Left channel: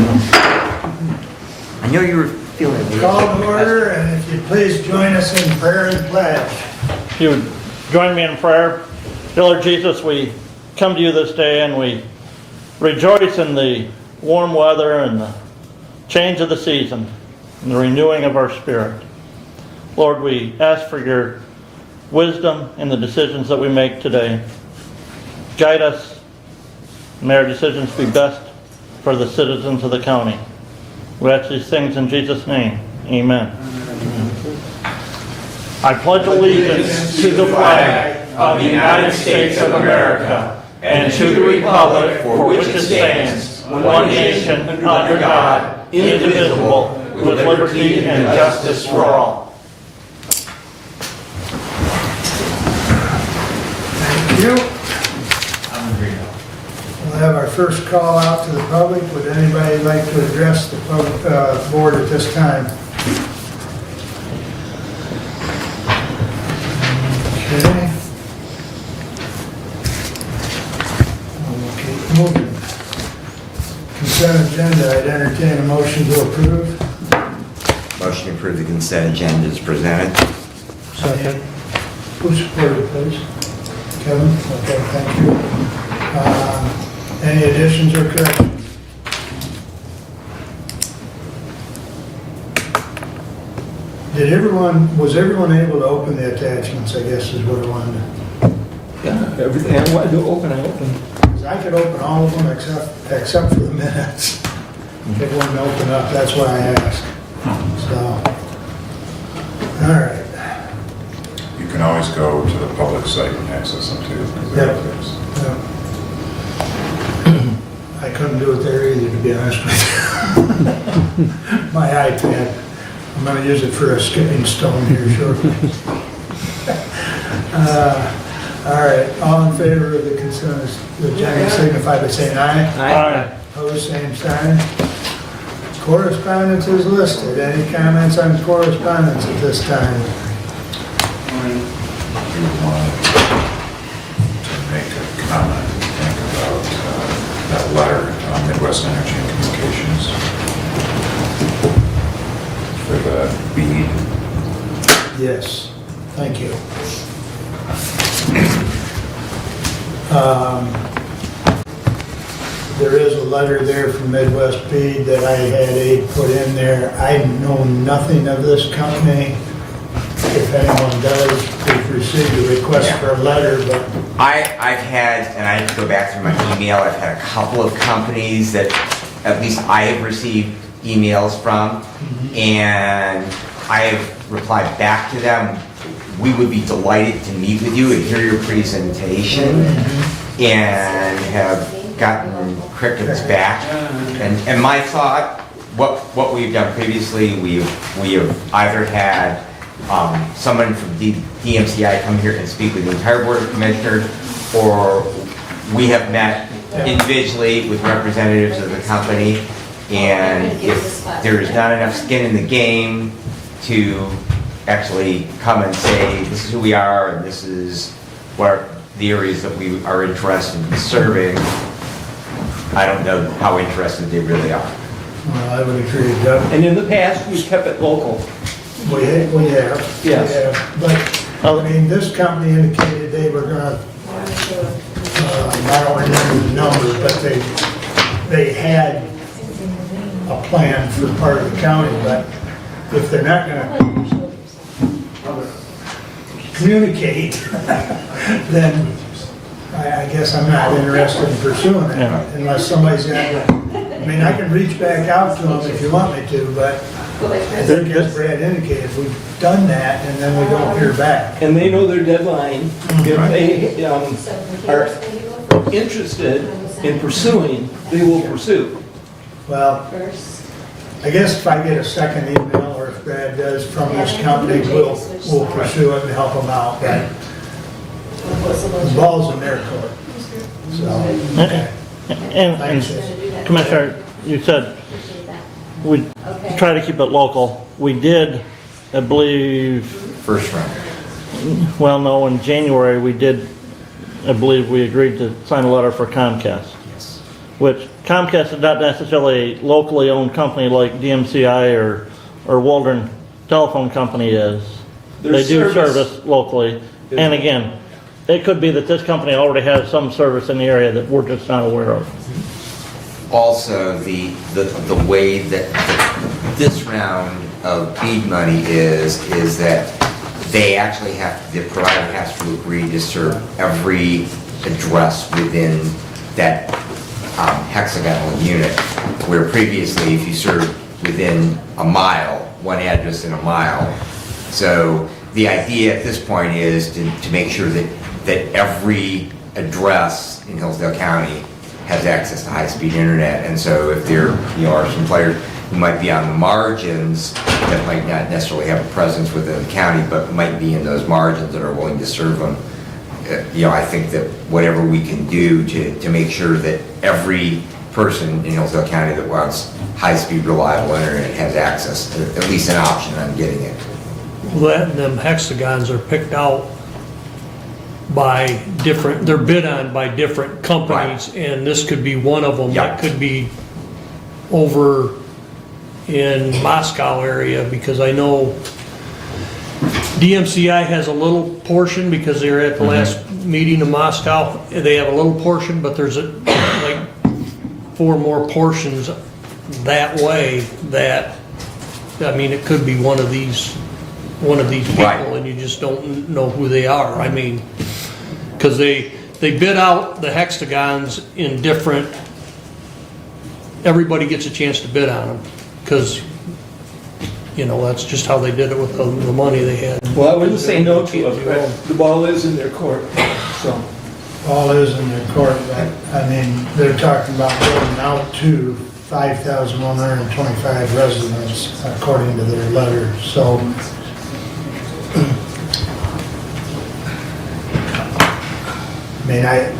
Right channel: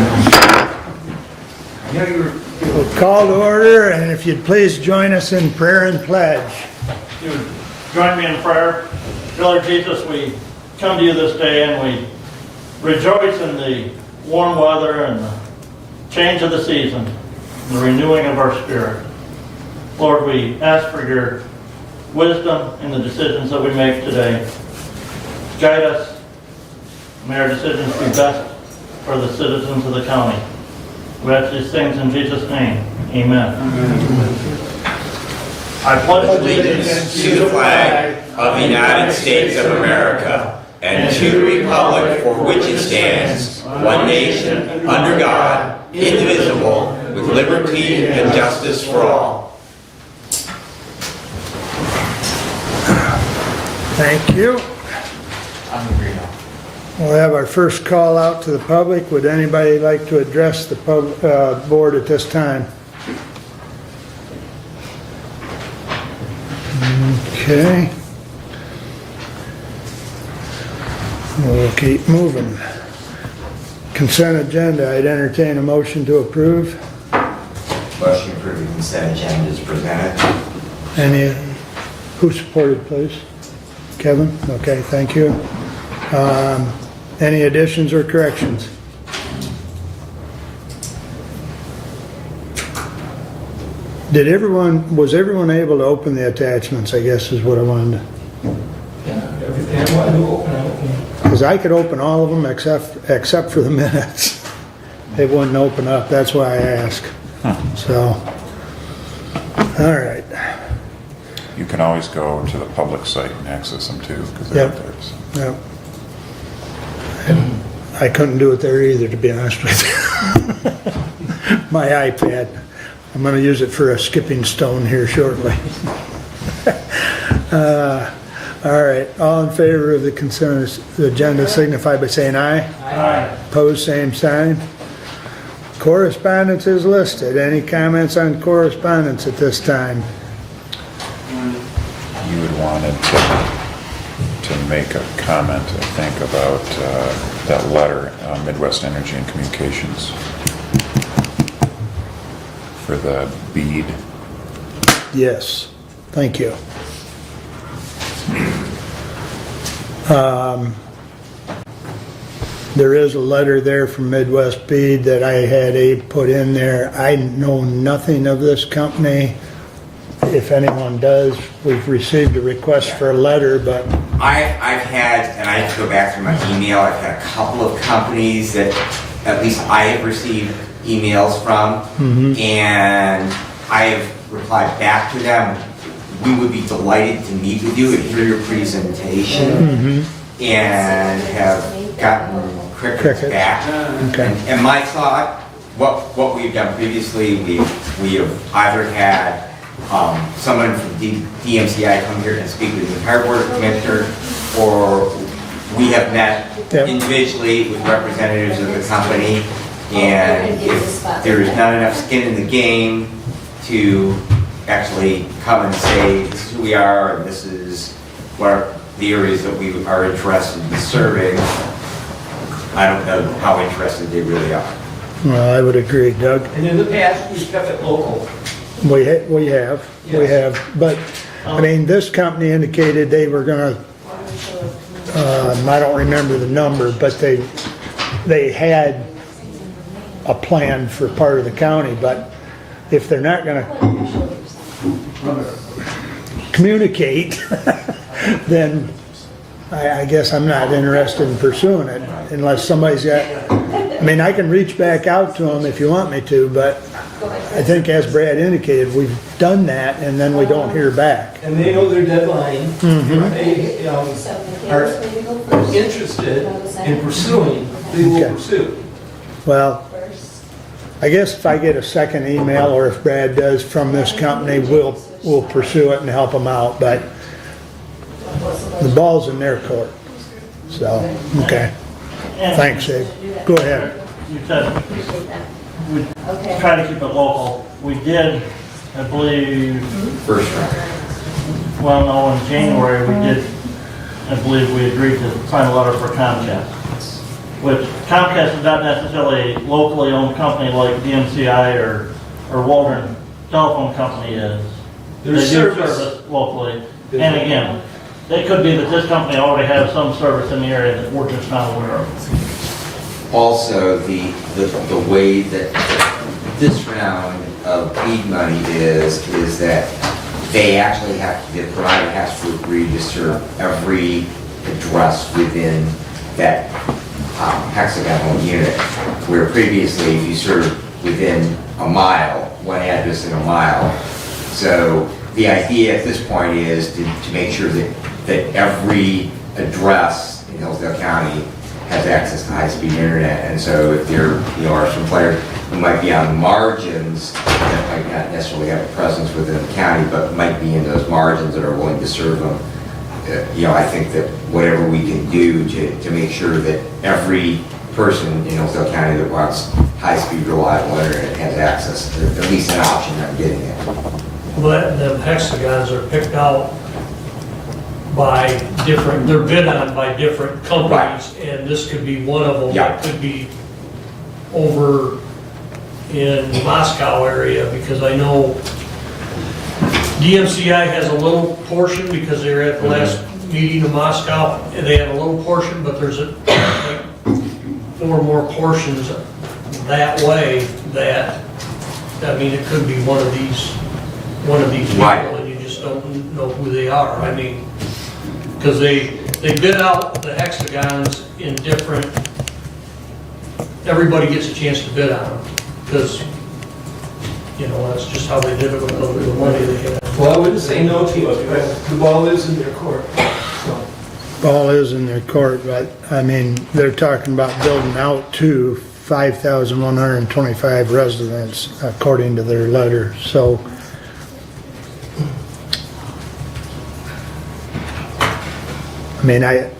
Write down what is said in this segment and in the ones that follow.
I know you were feeling. Call to order, and if you'd please join us in prayer and pledge. If you would join me in prayer. Dear Lord Jesus, we come to you this day and we rejoice in the warm weather and the change of the season and the renewing of our spirit. Lord, we ask for your wisdom in the decisions that we make today. Guide us. May our decisions be best for the citizens of the county. We ask these things in Jesus' name. Amen. I pledge allegiance To the flag of the United States of America and to the republic for which it stands, one nation, under God, indivisible, with liberty and justice for all. Thank you. We'll have our first call out to the public. Would anybody like to address the board at this time? Okay. We'll keep moving. Consent agenda, I'd entertain a motion to approve. Motion for the consent agenda is presented. Any, who supported, please? Kevin? Okay, thank you. Any additions or corrections? Was everyone able to open the attachments, I guess is what I wanted to. Yeah, everything I wanted to open, I opened. Because I could open all of them except for the minutes. They wouldn't open up, that's why I asked. So, all right. You can always go to the public site and access them too. 'Cause Yep. they're- Yep. I couldn't do it there either, to be honest with you. My iPad. I'm going to use it for a skipping stone here shortly. All right, all in favor of the consent agenda signify by saying aye. Aye. Opposed, same sign. Correspondence is listed. Any comments on correspondence at this time? You wanted to make a comment, I think, about that letter, Midwest Energy and Communications, for the bead. Yes, thank you. There is a letter there from Midwest Bead that I had Abe put in there. I know nothing of this company. If anyone does, we've received a request for a letter, but I've had, and I have to go back through my email, I've had a couple of companies that at least I have received emails from, and I have replied back to them. We would be delighted to meet with you and hear your presentation, and have gotten crickets back. okay. And my thought, what we've done previously, we have either had someone from DMCI come here and speak with the entire Board of Commissioners, or we have met individually with representatives of the company, and if there's not enough skin in the game to actually come and say, this is who we are, and this is what the areas that we are interested in serving, I don't know how interested they really are. Well, I would agree, Doug. And in the past, we kept it local. We have, Yes. but, I mean, this company indicated they were gonna, I don't remember the numbers, but they had a plan for part of the county, but if they're not gonna communicate, then I guess I'm not interested in pursuing it unless somebody's got, I mean, I can reach back out to them if you want me to, but I think as Brad indicated, we've done that and then we don't hear back. And they know their deadline. If they are interested in pursuing, they will pursue. Well, I guess if I get a second email or if Brad does from this company, we'll pursue it and help them out, but the ball's in their court. So, okay. And Thanks, Dave. Commissioner, you said we try to keep it local. We did, I believe, First round. well, no, in January, we did, I believe we agreed to sign a letter for Comcast. which Comcast is not necessarily a locally owned company like DMCI or Waldron Telephone Company is. They There's do service. service locally. And again, it could be that this company already has some service in the area that we're just not aware of. Also, the way that this round of BEAD money is that they actually the provider has to agree to serve every address within that hexagonal unit, where previously if you served within a mile, one address in a mile. So the idea at this point is to make sure that every address in Hillsdale County has access to high-speed internet. And so if there are some players who might be on the margins that might not necessarily have a presence within the county, but might be in those margins that are willing to serve them, I think that whatever we can do to make sure that every person in Hillsdale County that wants high-speed, reliable internet has access to at least an option on getting it. Well, them hexagons are picked out by different, they're bid on by different companies, and this could be one of them. Yeah. It could be over in Moscow area, because I know DMCI has a little portion, because they were at the last meeting in Moscow, and they have a little portion, but there's like 4 more portions that way that, I mean, it could be one of these people, Right. and you just don't know who they are. I mean, because they bid out the hexagons in different, everybody gets a chance to bid on them, because, that's just how they did it with the money they had. Well, I wouldn't say no to it, but the ball is in their court, so. Ball is in their court. I mean, they're talking about building out to 5,125 residents, according to their letter, so. I mean, I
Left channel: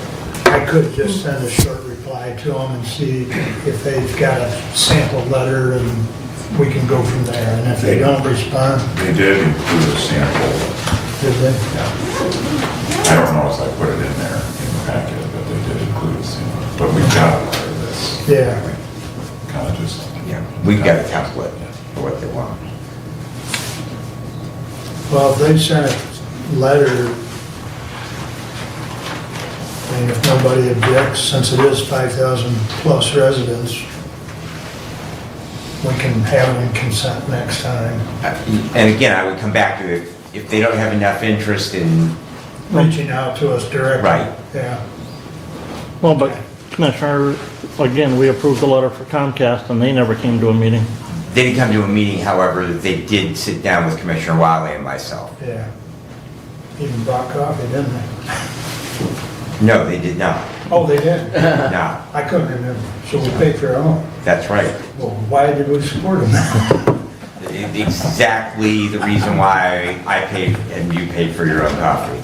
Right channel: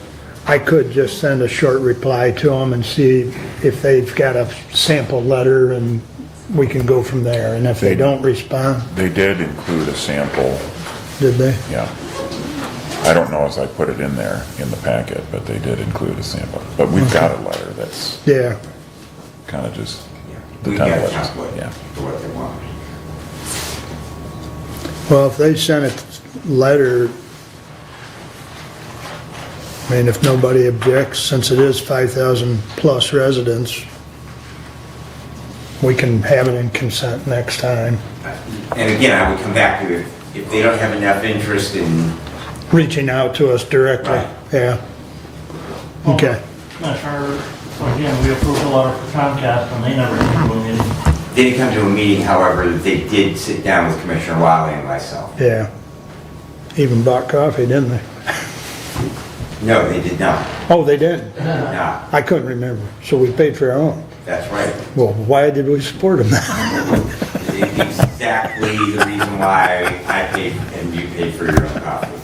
could just send a short reply to them and see if they've got a sample letter, and we can go from there. And if they don't respond, They did include a sample, did they? yeah. I don't know if I put it in there in the packet, but they did include a sample. But we've got a letter that's Yeah. kind of just. Yeah, we've got a template. template Yeah. for what they want. Well, if they sent a letter, I mean, if nobody objects, since it is 5,000 plus residents, we can have it in consent next time. And again, I would come back to if they don't have enough interest in, Reaching out to us directly. Right. Yeah. Well, Okay. but Commissioner, again, we approved a letter for Comcast and they never came to a meeting. they didn't come to a meeting, however, they did sit down with Commissioner Wiley and myself. Yeah. Even bought coffee, didn't they? No, they did not. Oh, they did? No, I couldn't remember. So we paid for our own. that's right. Well, why did we support them now? Exactly the reason why I paid and you paid for your own coffee.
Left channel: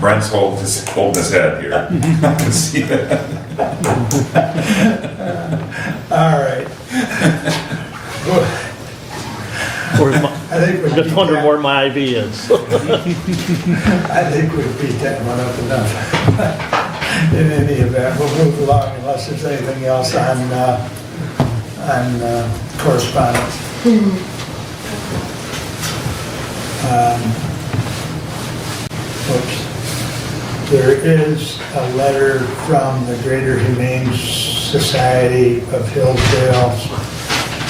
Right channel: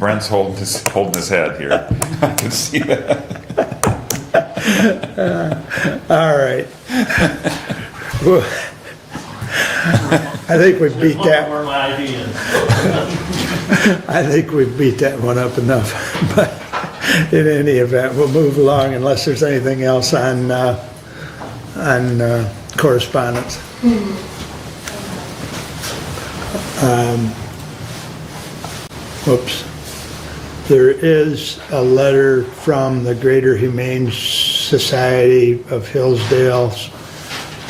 Brent's holding his head here. I can see that. All right. Well, I think we beat Just wondering that. where my IV is. I think we've beat that one up enough. But in any event, we'll move along unless there's anything else on correspondence. Oops. There is a letter from the Greater Humane Society of Hillsdale,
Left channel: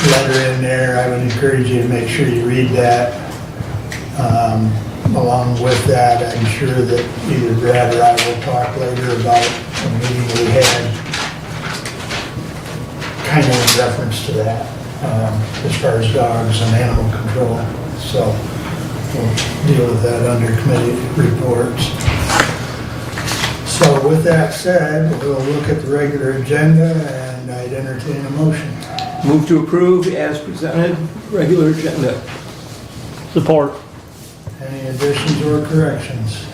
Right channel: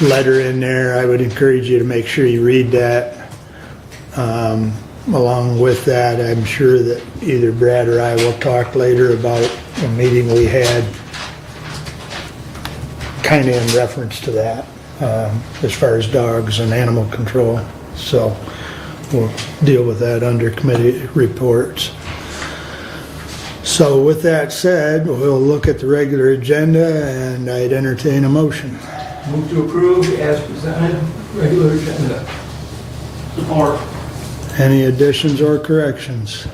letter in there. I would encourage you to make sure you read that. Along with that, I'm sure that either Brad or I will talk later about the meeting we had, kind of in reference to that, as far as dogs and animal control. So we'll deal with that under committee reports. So with that said, we'll look at the regular agenda and I'd entertain a motion. Move to approve as presented, regular agenda. Support. Any additions or corrections?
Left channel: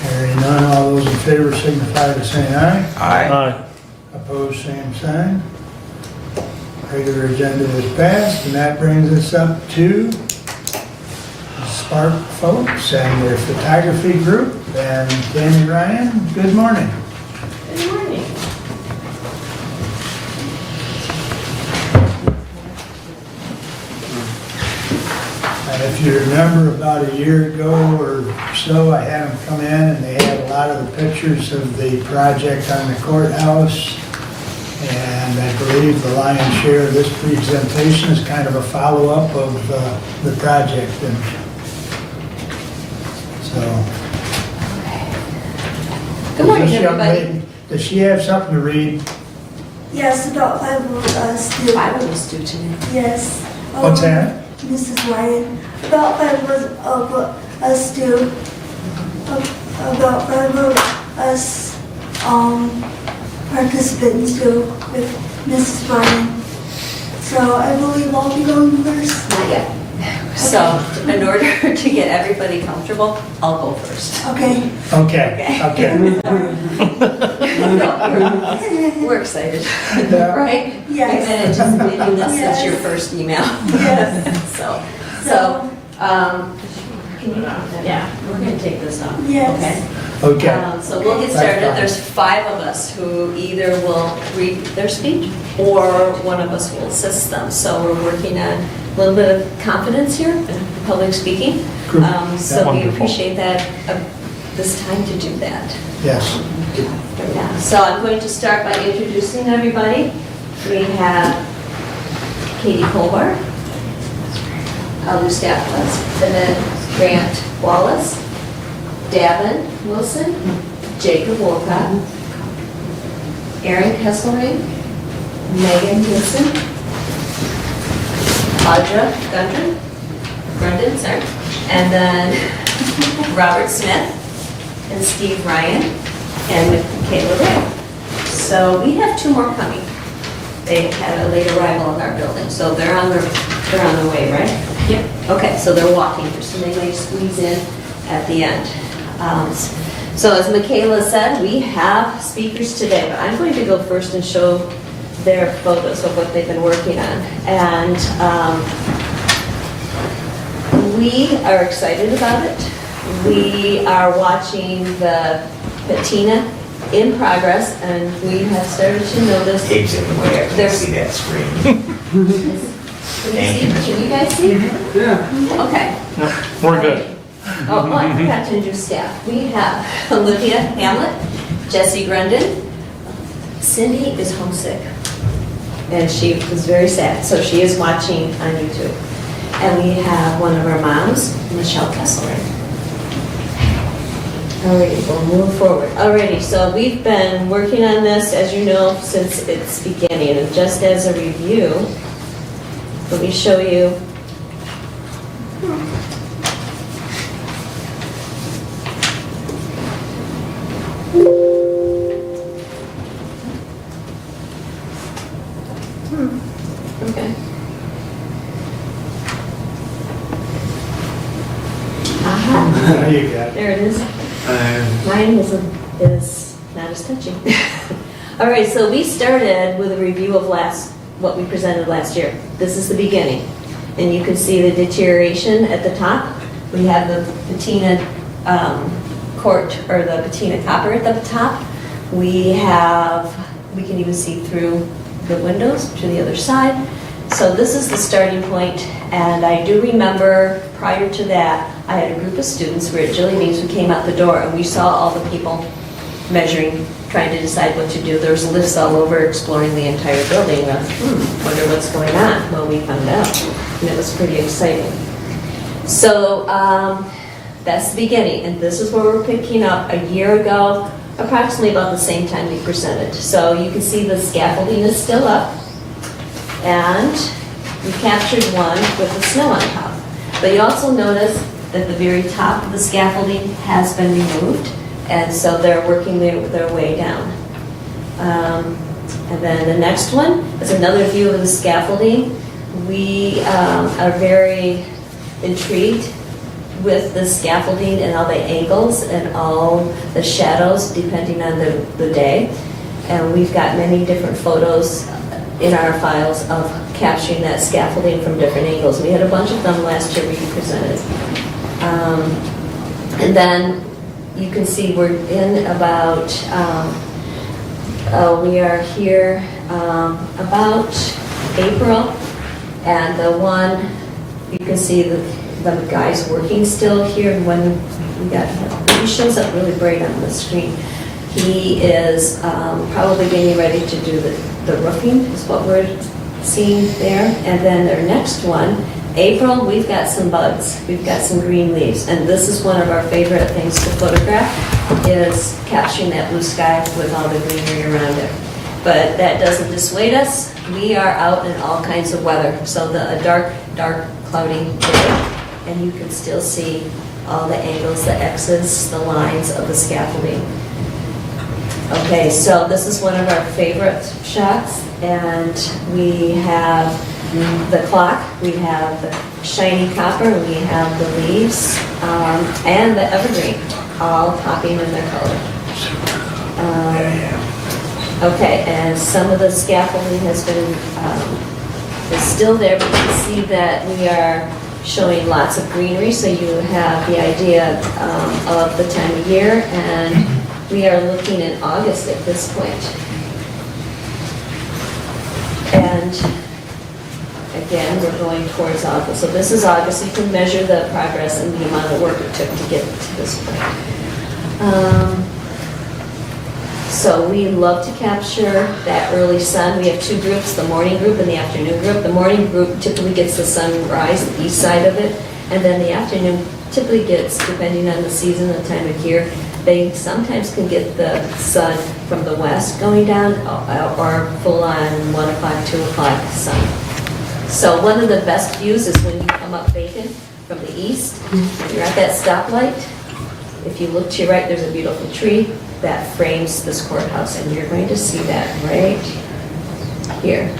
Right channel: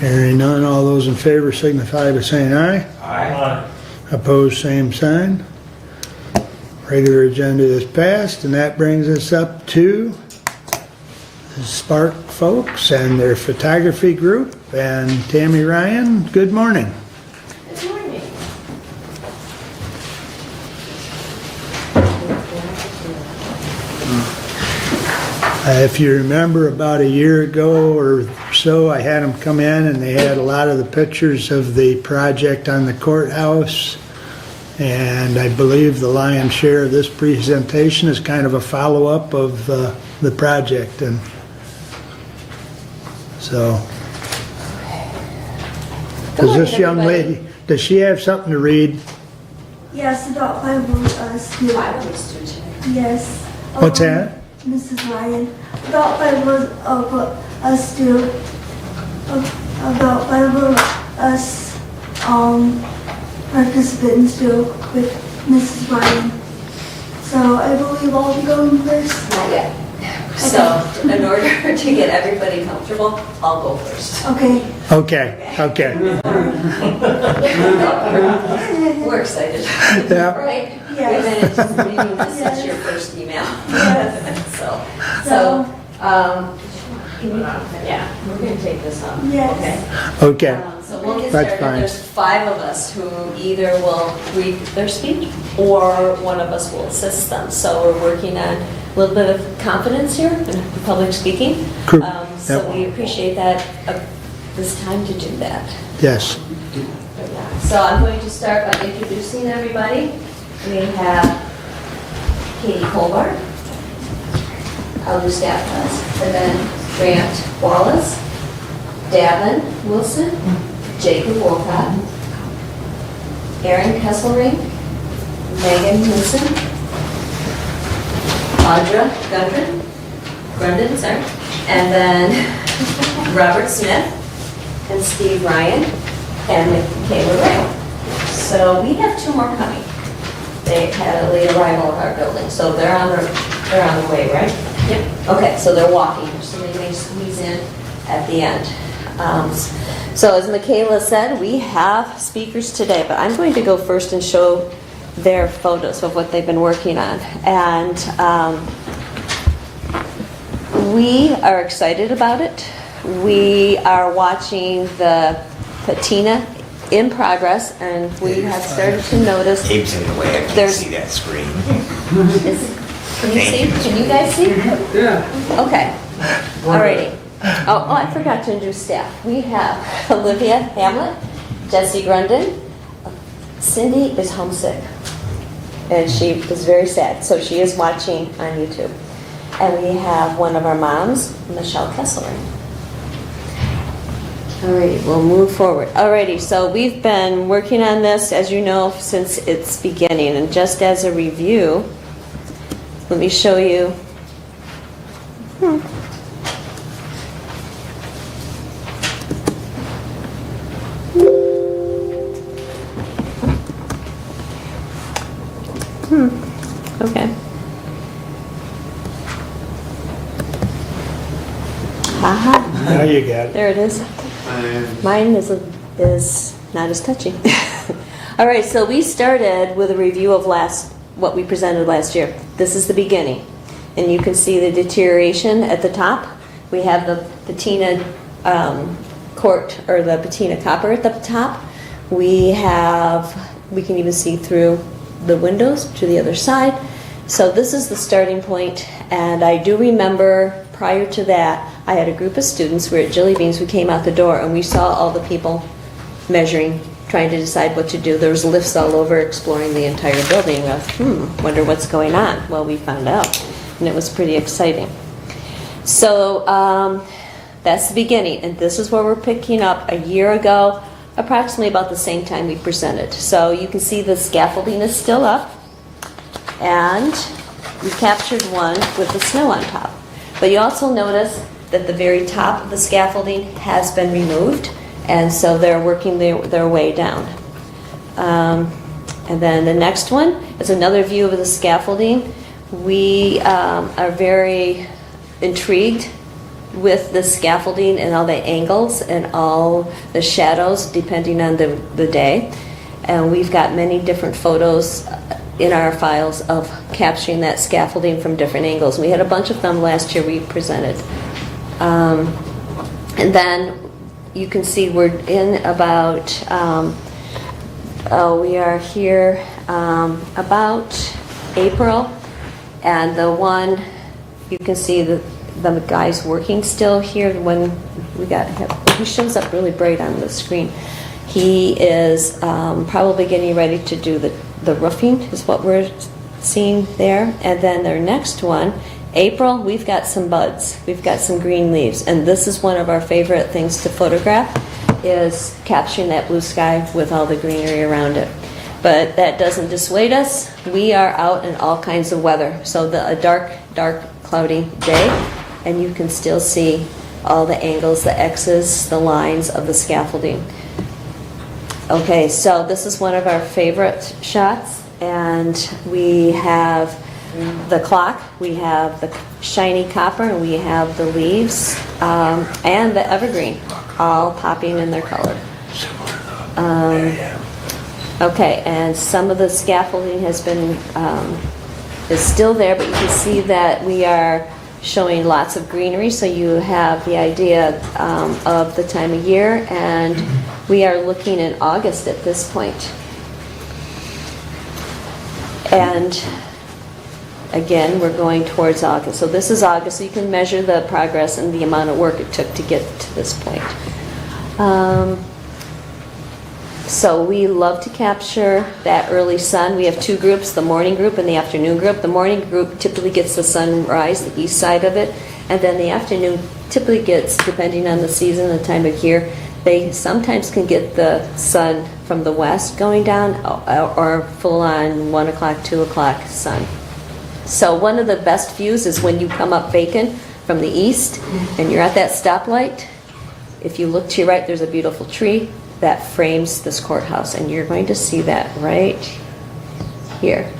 Hearing none, all those in favor signify by saying aye. Aye. Opposed, same sign. Regular agenda is passed, and that brings us up to Spark folks and their photography group. And Tammy Ryan, good morning. Good morning. If you remember, about a year ago or so, I had them come in and they had a lot of the pictures of the project on the courthouse. And I believe the lion's share of this presentation is kind of a follow-up of the project. And so, Good morning, is this young everybody. lady, does she have something to read? Yes, about five of us do. I will just do today. Yes. What's that? Mrs. Ryan. About five of us do. About five of us participants do with Mrs. Ryan. So I believe I'll be going first. Not yet. So in order to get everybody comfortable, I'll go first. Okay. Okay. We're excited, Yeah. right? Yes. We've been anticipating this since Yes. your first email. Yes. Can you, yeah, we're gonna take this off. Yes. Okay? Okay. So we'll get That's started. fine. There's 5 of us who either will read their speech or one of us will assist them. So we're working on a little bit of confidence here in public speaking. Cool. So we Wonderful. appreciate that, this time to do that. Yes. Yeah. So I'm going to start by introducing everybody. We have Katie Colbart, Lou Staples, and then Grant Wallace, Davin Wilson, Jacob Wolcott, Aaron Kesselring, Megan Nissen, Audra Grundon, sorry, and then Robert Smith, and Steve Ryan, and Michaela Royal. So we have 2 more coming. They had a late arrival at our building, so they're on their way, right? Yep. Okay, so they're walking, so they may squeeze in at the end. So as Michaela said, we have speakers today, but I'm going to go first and show their photos of what they've been working on. And we are excited about it. We are watching the patina in progress, and we have started to notice. Abe's in the way, I can't There's- see that screen. Can you see? Can you guys see? Yeah. Okay. We're good. Alrighty. Oh, I forgot to introduce staff. We have Olivia Hamlet, Jesse Grundon. Cindy is homesick, and she is very sad, so she is watching on YouTube. And we have one of our moms, Michelle Kesselring. Alrighty, we'll move forward. Alrighty, so we've been working on this, as you know, since its beginning. And just as a review, let me show you. Okay. Aha. Now you got it. There it is. Mine is not as touchy. All right, so we started with a review of what we presented last year. This is the beginning. And you can see the deterioration at the top. We have the patina the patina copper at the top. We can even see through the windows to the other side. So this is the starting point, and I do remember prior to that, I had a group of students, we were at Jilly Beans, we came out the door and we saw all the people measuring, trying to decide what to do. There was lifts all over exploring the entire building of, wonder what's going on. Well, we found out, and it was pretty exciting. So that's the beginning, and this is where we're picking up a year ago, approximately about the same time we presented. So you can see the scaffolding is still up, and we captured one with the snow on top. But you also notice that the very top of the scaffolding has been removed, and so they're working their way down. And then the next one is another view of the scaffolding. We are very intrigued with the scaffolding and all the angles and all the shadows depending on the day. And we've got many different photos in our files of capturing that scaffolding from different angles. We had a bunch of them last year we presented. And then you can see we're in about, we are here about April, and the one, you can see the guys working still here when we got, he shows up really bright on the screen. He is probably getting ready to do the roofing, is what we're seeing there. And then their next one, April, we've got some buds. We've got some green leaves. And this is one of our favorite things to photograph, is capturing that blue sky with all the greenery around it. But that doesn't dissuade us. We are out in all kinds of weather. So a dark, cloudy day, and you can still see all the angles, the X's, the lines of the scaffolding. Okay, so this is one of our favorite shots, and we have the clock, we have the shiny copper, we have the leaves, and the evergreen, all popping in their color. Okay, and some of the scaffolding has been, is still there, but you can see that we are showing lots of greenery, so you have the idea of the time of year, and we are looking in August at this point. And again, we're going towards August. So this is August. You can measure the progress and the amount of work it took to get to this point. So we love to capture that early sun. We have two groups, the morning group and the afternoon group. The morning group typically gets the sunrise, the east side of it, and then the afternoon typically gets, depending on the season, the time of year, they sometimes can get the sun from the west going down, or full on 1 o'clock, 2 o'clock sun. So one of the best views is when you come up Bacon from the east and you're at that stoplight. If you look to your right, there's a beautiful tree that frames this courthouse, and you're going to see that right here.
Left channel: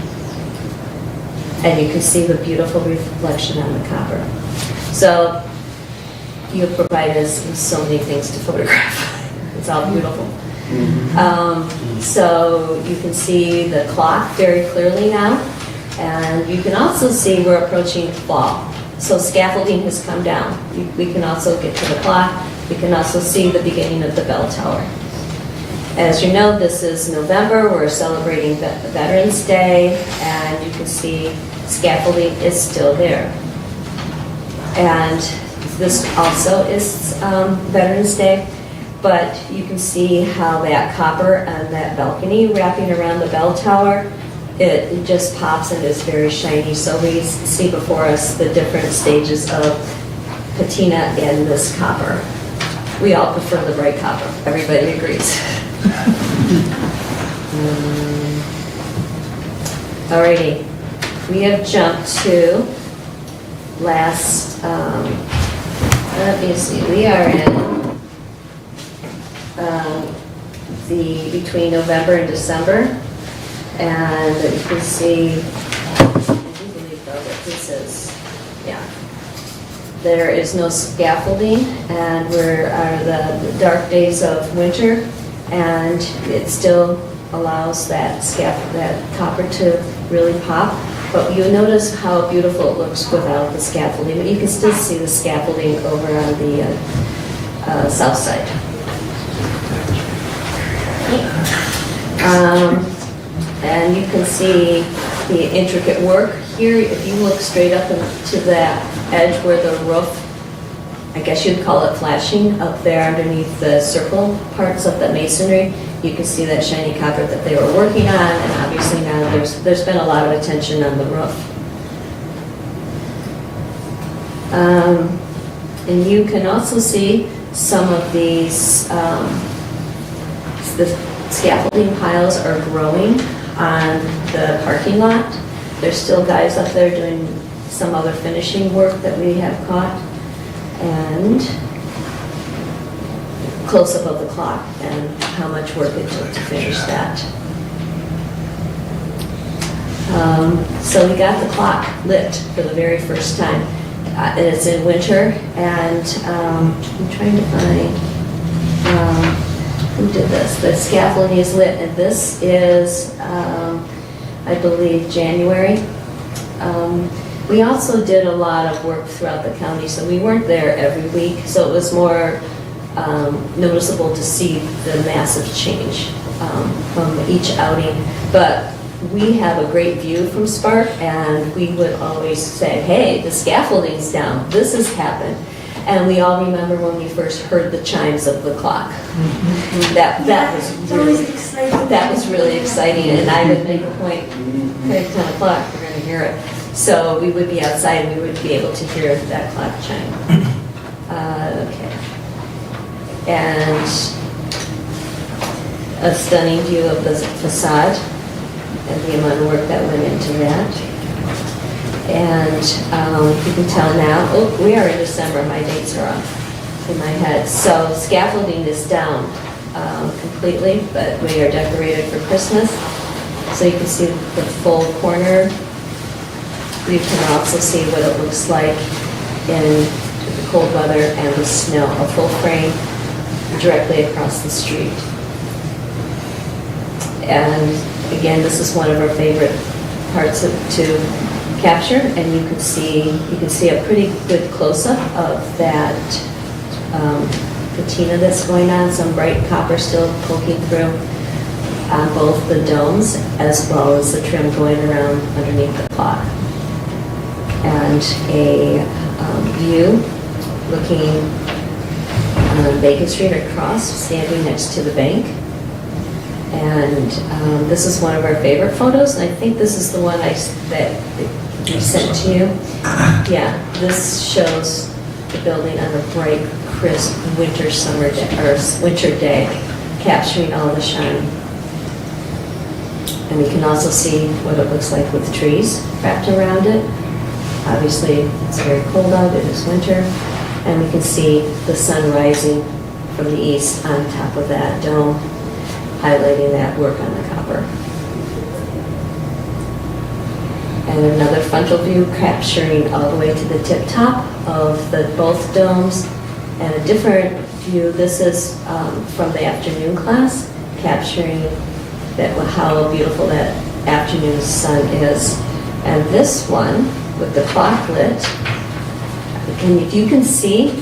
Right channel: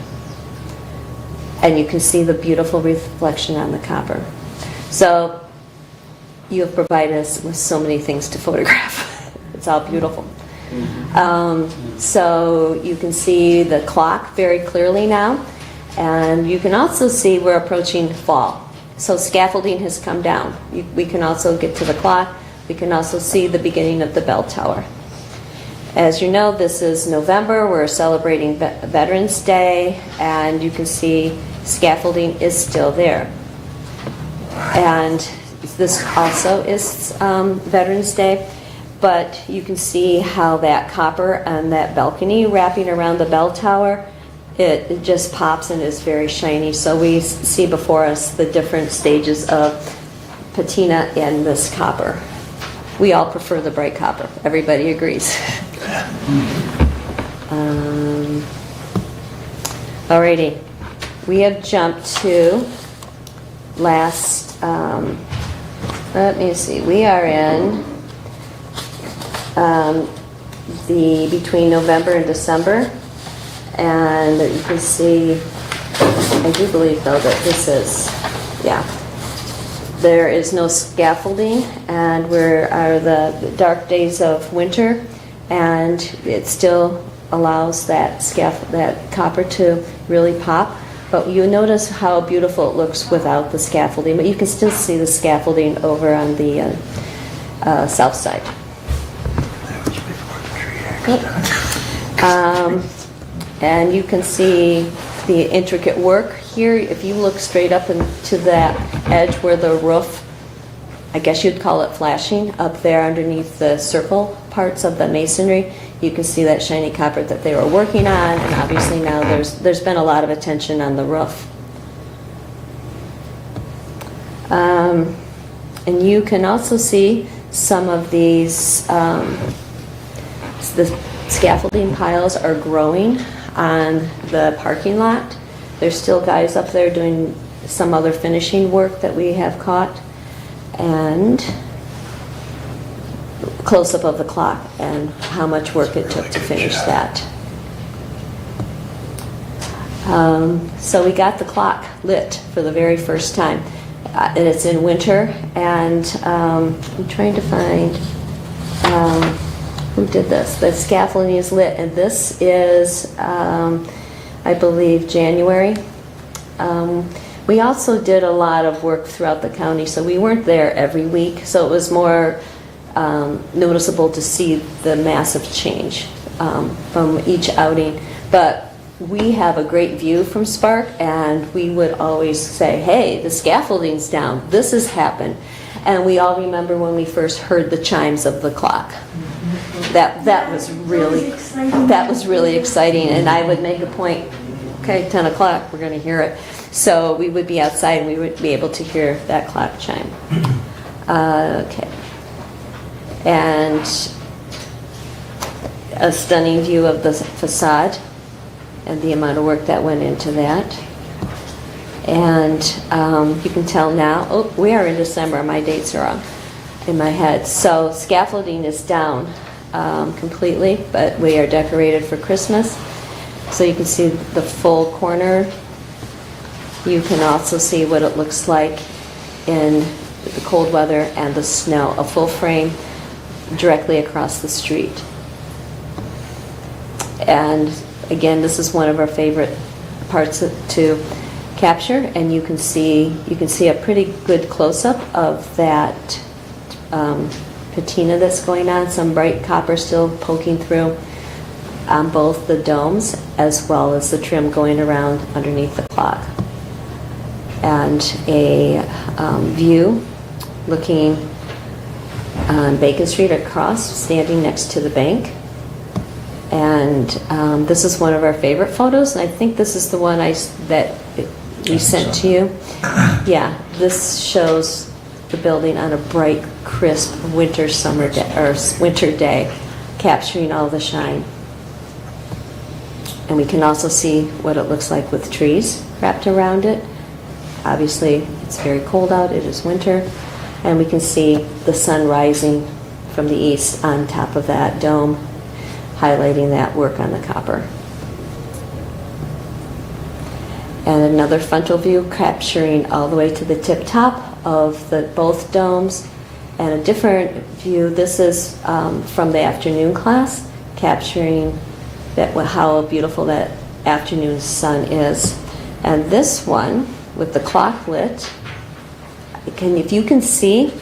And you can see the beautiful reflection on the copper. So you have provided us with so many things to photograph. It's all beautiful. So you can see the clock very clearly now, and you can also see we're approaching fall. So scaffolding has come down. We can also get to the clock. We can also see the beginning of the bell tower. As you know, this is November. We're celebrating Veterans Day, and you can see scaffolding is still there. And this also is Veterans Day, but you can see how that copper and that balcony wrapping around the bell tower, it just pops and is very shiny. So we see before us the different stages of patina in this copper. We all prefer the bright copper. Everybody agrees. Alrighty, we have jumped to last, let me see, we are in between November and December, and you can see, I do believe though that this is, yeah, there is no scaffolding, and we're the dark days of winter, and it still allows that copper to really pop. But you notice how beautiful it looks without the scaffolding, but you can still see the scaffolding over on the south side. And you can see the intricate work here. If you look straight up into that edge where the roof, I guess you'd call it flashing, up there underneath the circle parts of the masonry, you can see that shiny copper that they were working on, and obviously now there's been a lot of attention on the roof. And you can also see some of these, the scaffolding piles are growing on the parking lot. There's still guys up there doing some other finishing work that we have caught. And close-up of the clock and how much work it took to finish that. So we got the clock lit for the very first time. It's in winter, and I'm trying to find who did this. The scaffolding is lit, and this is, I believe, January. We also did a lot of work throughout the county, so we weren't there every week, so it was more noticeable to see the massive change from each outing. But we have a great view from Spark, and we would always say, hey, the scaffolding's down, this has happened. And we all remember when we first heard the chimes of the clock. That was really exciting, and I would make a point, okay, 10 o'clock, we're gonna hear it. So we would be outside and we would be able to hear that clock chime. Okay. And a stunning view of the facade and the amount of work that went into that. And you can tell now, oh, we are in December, my dates are off in my head. So scaffolding is down completely, but we are decorated for Christmas. So you can see the full corner. You can also see what it looks like in the cold weather and the snow, a full frame directly across the street. And again, this is one of our favorite parts to capture, and you can see a pretty good close-up of that patina that's going on, some bright copper still poking through on both the domes as well as the trim going around underneath the clock. And a view looking on Bacon Street across, standing next to the bank. And this is one of our favorite photos. I think this is the one that we sent to you. Yeah, this shows the building on a bright, crisp winter day, capturing all the shine. And we can also see what it looks like with trees wrapped around it. Obviously, it's very cold out, it is winter, and we can see the sun rising from the east on top of that dome, highlighting that work on the copper. And another frontal view capturing all the way to the tip top of both domes, and a different view. This is from the afternoon class, capturing how beautiful that afternoon sun is. And this one, with the clock lit, if you can see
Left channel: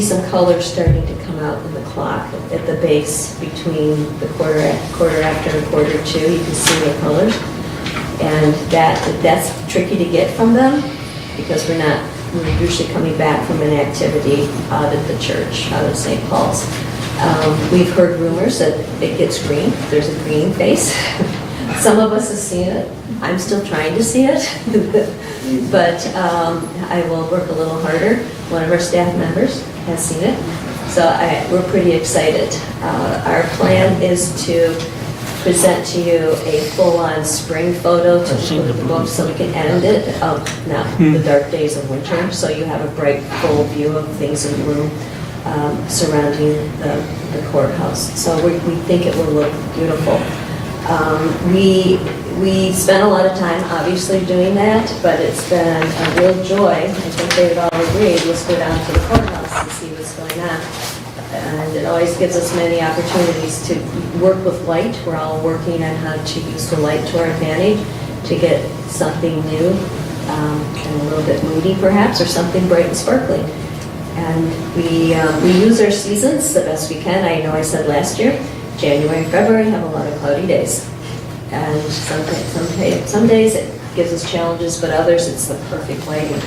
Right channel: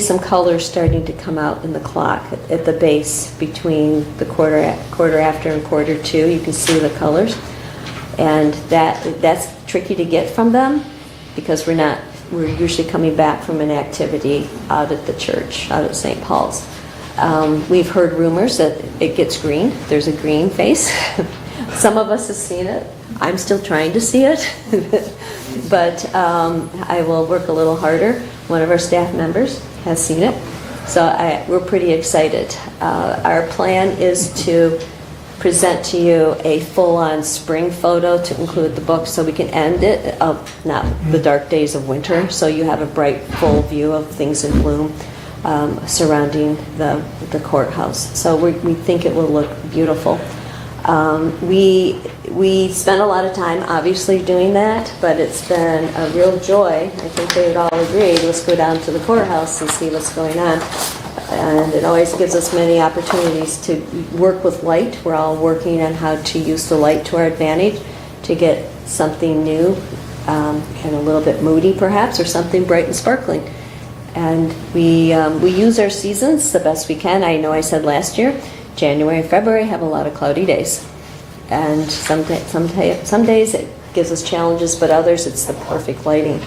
some colors starting to come out in the clock at the base between the quarter after and quarter two. You can see the colors, and that's tricky to get from them because we're usually coming back from an activity out at the church, out of St. Paul's. We've heard rumors that it gets green. There's a green face. Some of us have seen it. I'm still trying to see it, but I will work a little harder. One of our staff members has seen it, so we're pretty excited. Our plan is to present to you a full-on spring photo to include the book, so we can end it the dark days of winter, so you have a bright, full view of things in bloom surrounding the courthouse. So we think it will look beautiful. We spent a lot of time obviously doing that, but it's been a real joy. I think they would all agree. Let's go down to the courthouse and see what's going on. And it always gives us many opportunities to work with light. We're all working on how to use the light to our advantage to get something new and a little bit moody perhaps, or something bright and sparkling. And we use our seasons the best we can. I know I said last year, January and February have a lot of cloudy days. And some days it gives us challenges, but others it's the perfect lighting.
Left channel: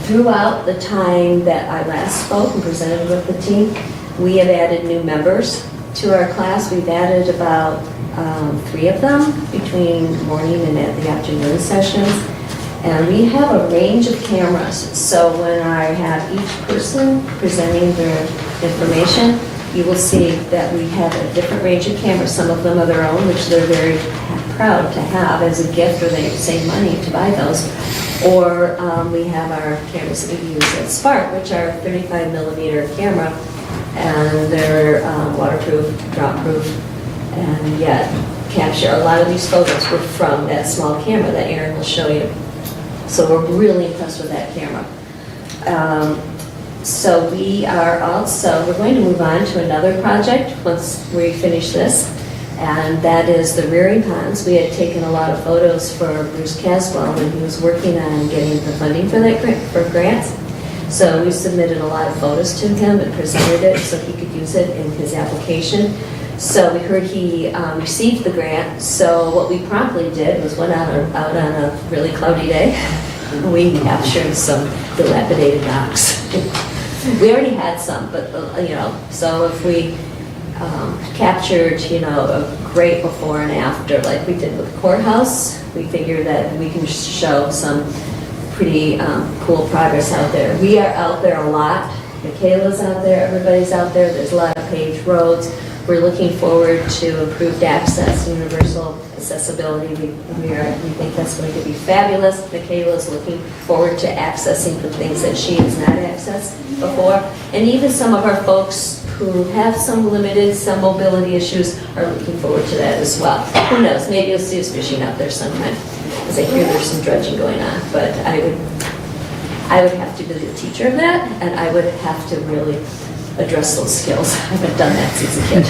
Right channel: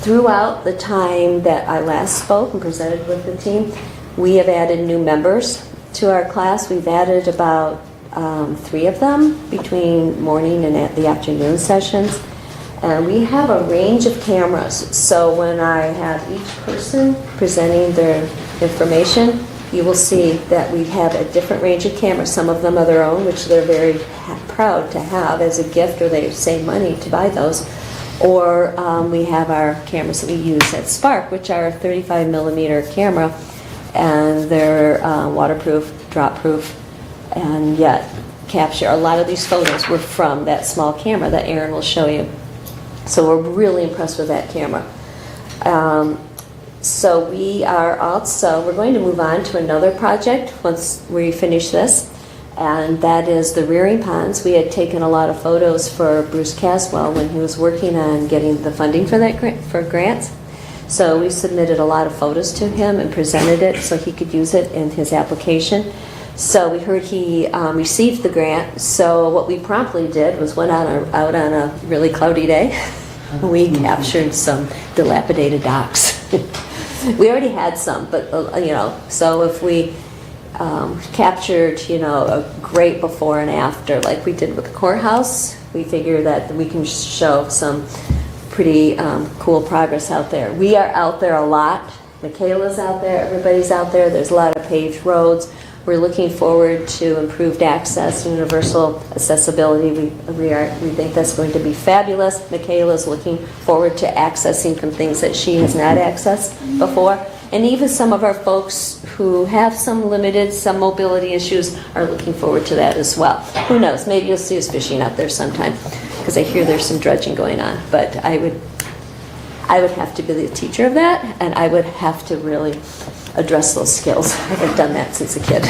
Throughout the time that I last spoke and presented with the team, we have added new members to our class. We've added about 3 of them between morning and at the afternoon sessions. And we have a range of cameras. So when I have each person presenting their information, you will see that we have a different range of cameras. Some of them are their own, which they're very proud to have as a gift, or they save money to buy those. Or we have our cameras that we use at Spark, which are a 35 millimeter camera, and they're waterproof, drop-proof, and yet capture. A lot of these photos were from that small camera that Aaron will show you. So we're really impressed with that camera. So we're going to move on to another project once we finish this, and that is the rearing ponds. We had taken a lot of photos for Bruce Caswell when he was working on getting the funding for that for grants. So we submitted a lot of photos to him and presented it so he could use it in his application. So we heard he received the grant, so what we promptly did was went out on a really cloudy day. We captured some dilapidated docks. We already had some, but, so if we captured, a great before and after, like we did with the courthouse, we figure that we can show some pretty cool progress out there. We are out there a lot. Michaela's out there, everybody's out there. There's a lot of paved roads. We're looking forward to improved access, universal accessibility. We think that's going to be fabulous. Michaela's looking forward to accessing some things that she has not accessed before. And even some of our folks who have some mobility issues are looking forward to that as well. Who knows, maybe you'll see us fishing out there sometime, because I hear there's some dredging going on. But I would have to be the teacher of that, and I would have to really address those skills. I haven't done that since a kid.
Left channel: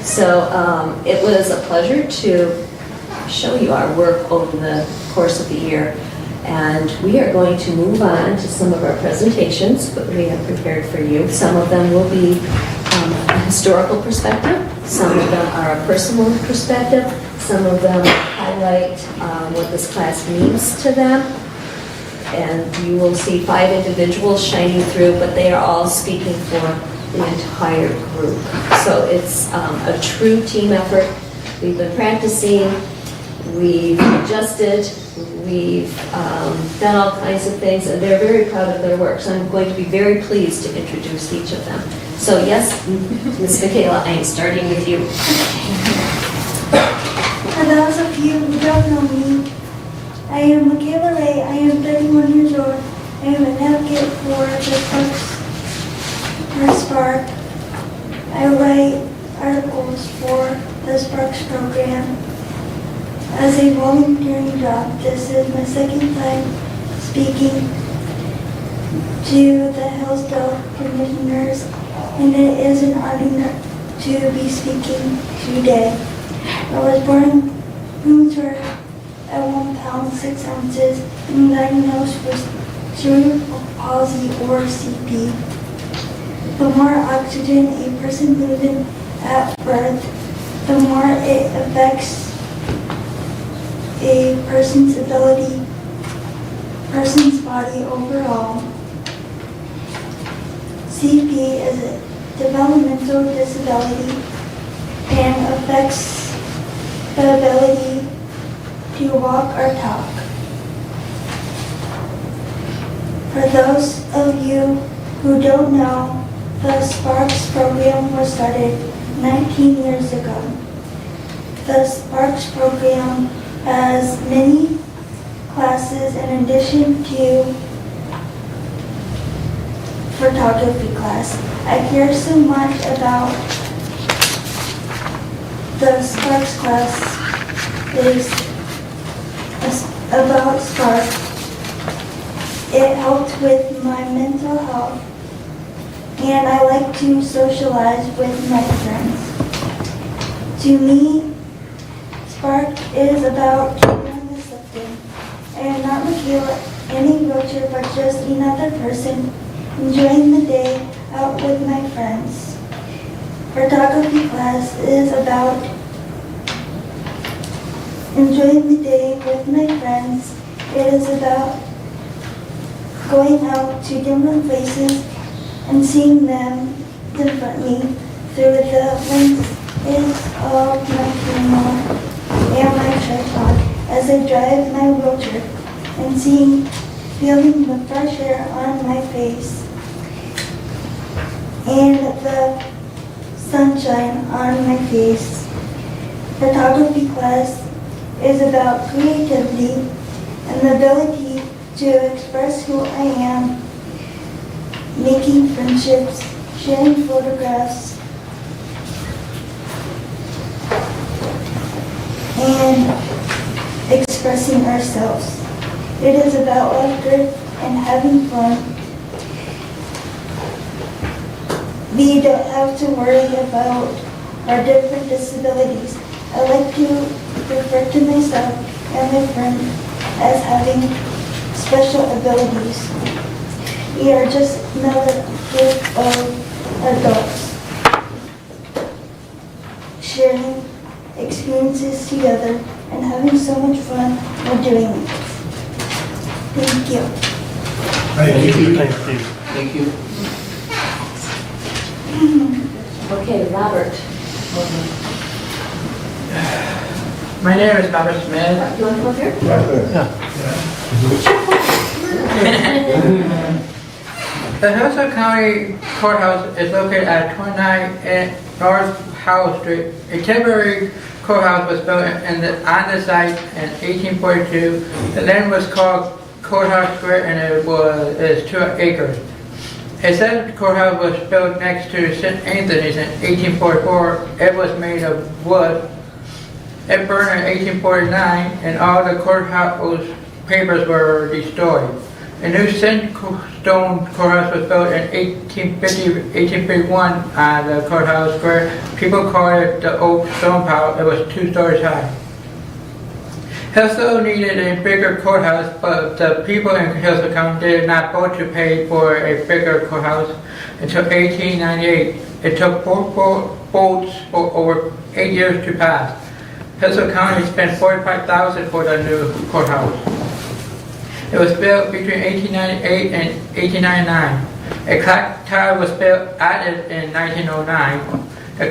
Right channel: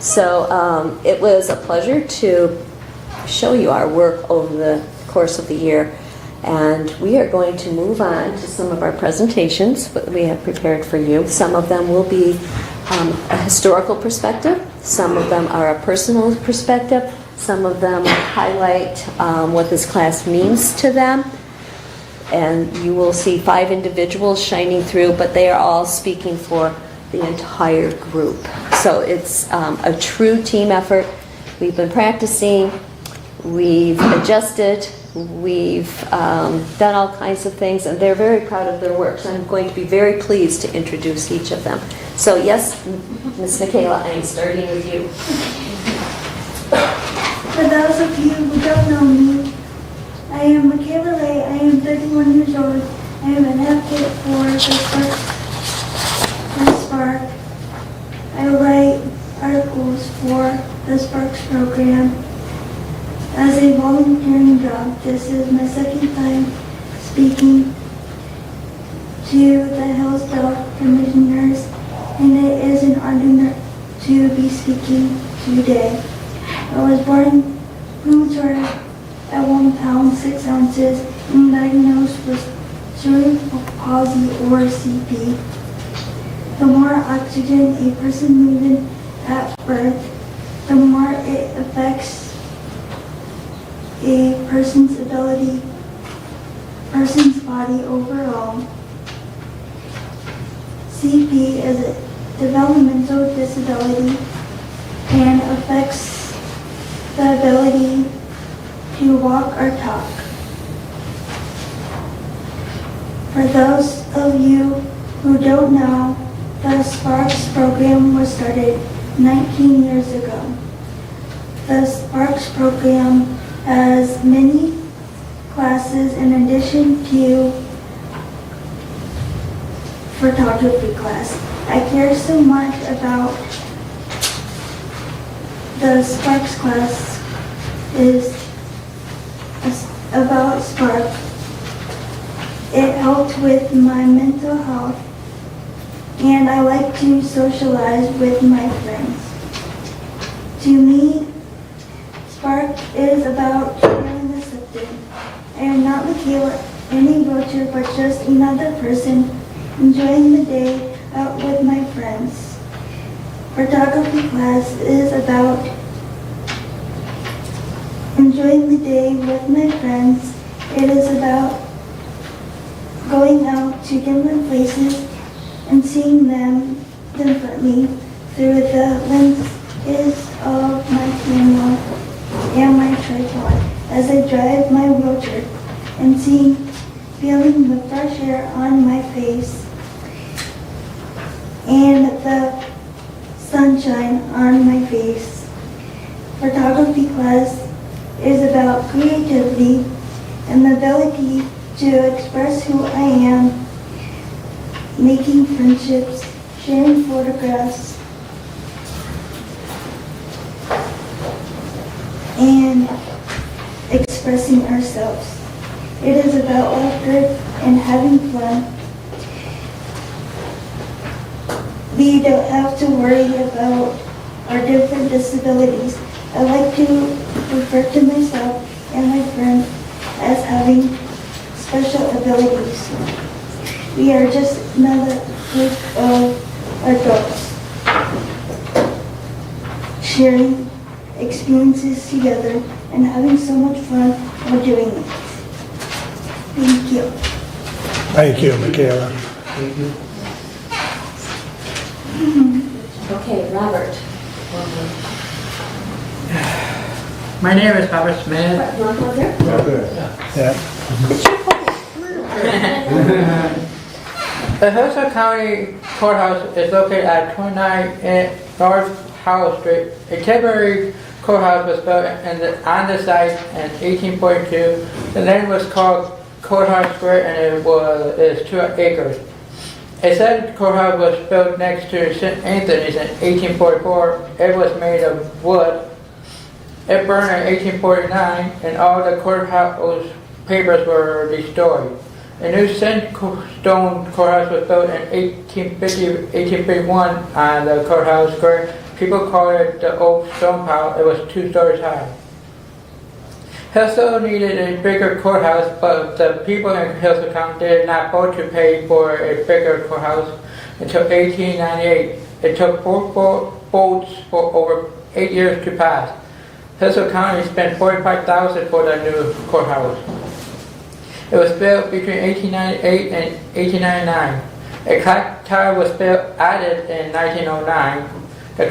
So it was a pleasure to show you our work over the course of the year. And we are going to move on to some of our presentations that we have prepared for you. Some of them will be a historical perspective. Some of them are a personal perspective. Some of them highlight what this class means to them. And you will see 5 individuals shining through, but they are all speaking for the entire group. So it's a true team effort. We've been practicing, we've adjusted, we've done all kinds of things, and they're very proud of their work. So I'm going to be very pleased to introduce each of them. So yes, Ms. Michaela, I am starting with you. For those of you who don't know me, I am Michaela Ray. I am 31 years old. I am an advocate for the Spark. I write articles for the Sparks program. As a volunteering job, this is my second time speaking to the Hillsdale Commissioners, and it is an honor to be speaking today. I was born premature at 1 pound 6 ounces and diagnosed with cerebral palsy or CP. The more oxygen a person loses at birth, the more it affects a person's body overall. CP is a developmental disability and affects the ability to walk or talk. For those of you who don't know, the Sparks program was started 19 years ago. The Sparks program has many classes in addition to photography class. I care so much about the Sparks class is about Spark. It helped with my mental health, and I like to socialize with my friends. To me, Spark is about being accepted. I am not Michaela, any wheelchair, but just another person enjoying the day out with my friends. Photography class is about enjoying the day with my friends. It is about going out to different places and seeing them differently through the lenses of my camera and my tripod as I drive my wheelchair and feeling the fresh air on my face and the sunshine on my face. Photography class is about creativity and the ability to express who I am, making friendships, sharing photographs, and expressing ourselves. It is about laughter and having fun. We don't have to worry about our different disabilities. I like to refer to myself and my friend as having special abilities. We are just another group of adults sharing experiences together and having so much fun while doing it. Thank you. Thank you, Michaela. Thank you. Okay, Robert. My name is Robert Smith. You want to come here? Yeah. The Hillsdale County Courthouse is located at 29 North Howell Street. A temporary courthouse was built on the site in 1842. The land was called Courthouse Square and is 2 acres. A second courthouse was built next to St. Anthony's in 1844. It was made of wood. It burned in 1849 and all the courthouse papers were destroyed. A new sandstone courthouse was built in 1851 on the courthouse square. People called it the old stone pile. It was 2 stories high. Hillsdale needed a bigger courthouse, but the people in Hillsdale County did not vote to pay for a bigger courthouse until 1898. It took 4 votes for over 8 years to pass. Hillsdale County spent $45,000 for the new courthouse. It was built between 1898 and 1899. A clock tower was added in 1909. The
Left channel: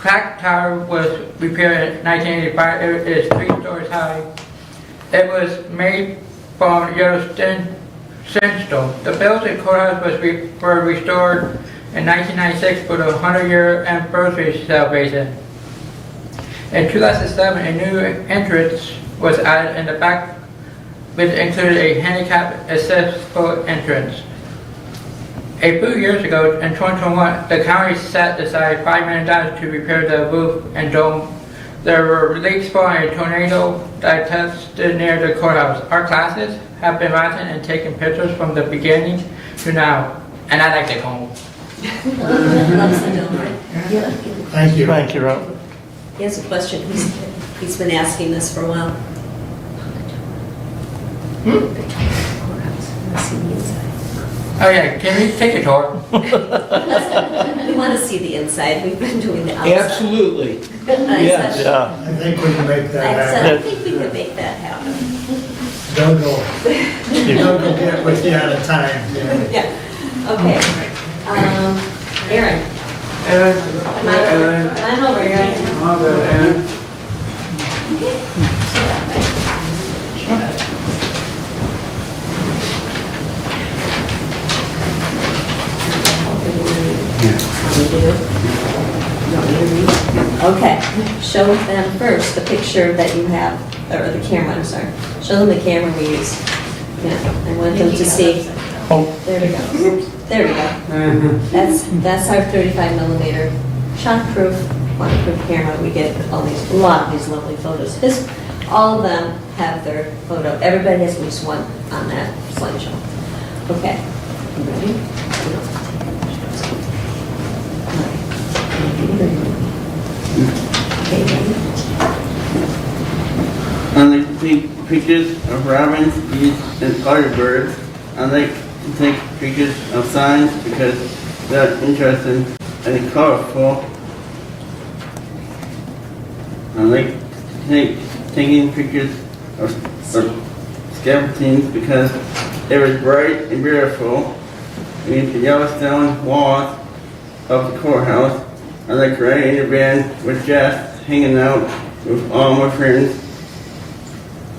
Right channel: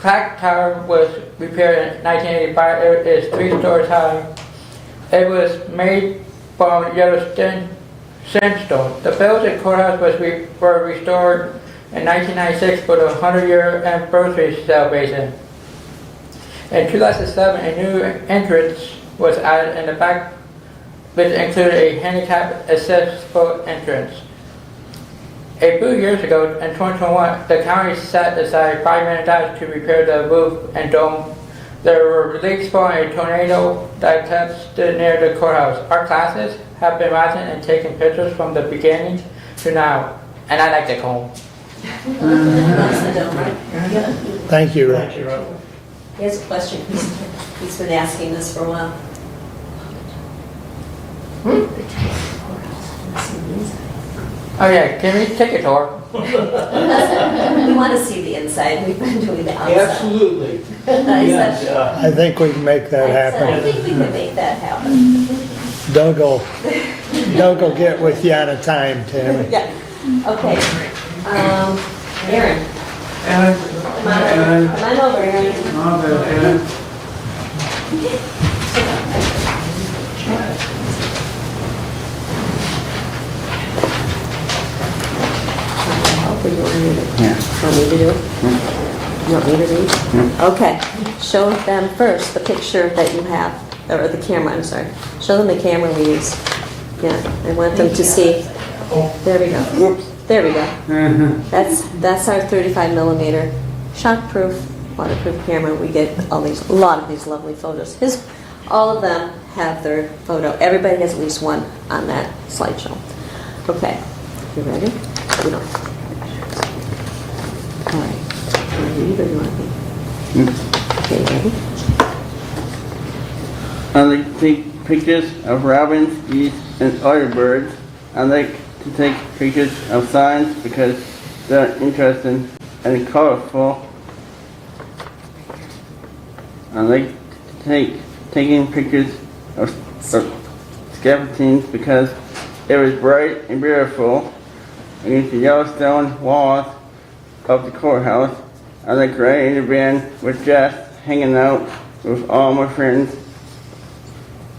clock tower was repaired in 1985. It is 3 stories high. It was made from yellow sandstone. The bells and courthouse were restored in 1996 for the 100-year anniversary celebration. In 2007, a new entrance was added in the back, which included a handicap accessible entrance. A few years ago, in 2021, the county set aside $5 million to repair the roof and dome. There were leaks from a tornado that tested near the courthouse. Our classes have been watching and taking pictures from the beginning to now, and I like to go home. Thank you. Thank you, Rob. He has a question. He's been asking this for a while. Oh yeah, can we take a tour? We want to see the inside. We've been doing the outside. Absolutely. Yes. Yeah. I think we can make that I happen. think we can make that happen. Don't go get with you out of time there. Yeah. Okay. Aaron. Come on over, Aaron. Okay, show them first the picture that you have, or the camera, I'm sorry. Show them the camera we use. Yeah, I want them to see. Oh, there we go. There we go. That's our 35 millimeter shock-proof, waterproof camera. We get a lot of these lovely photos. All of them have their photo. Everybody has at least one on that slideshow. Okay, you ready? We don't have to. All right. Okay, ready? I like to take pictures of robins, bees, and other birds. I like to take pictures of signs because they're interesting and colorful. I like to taking pictures of skeletons because it was bright and beautiful. And the Yellowstone walls of the courthouse. I like riding in the van with Jeff, hanging out with all my friends.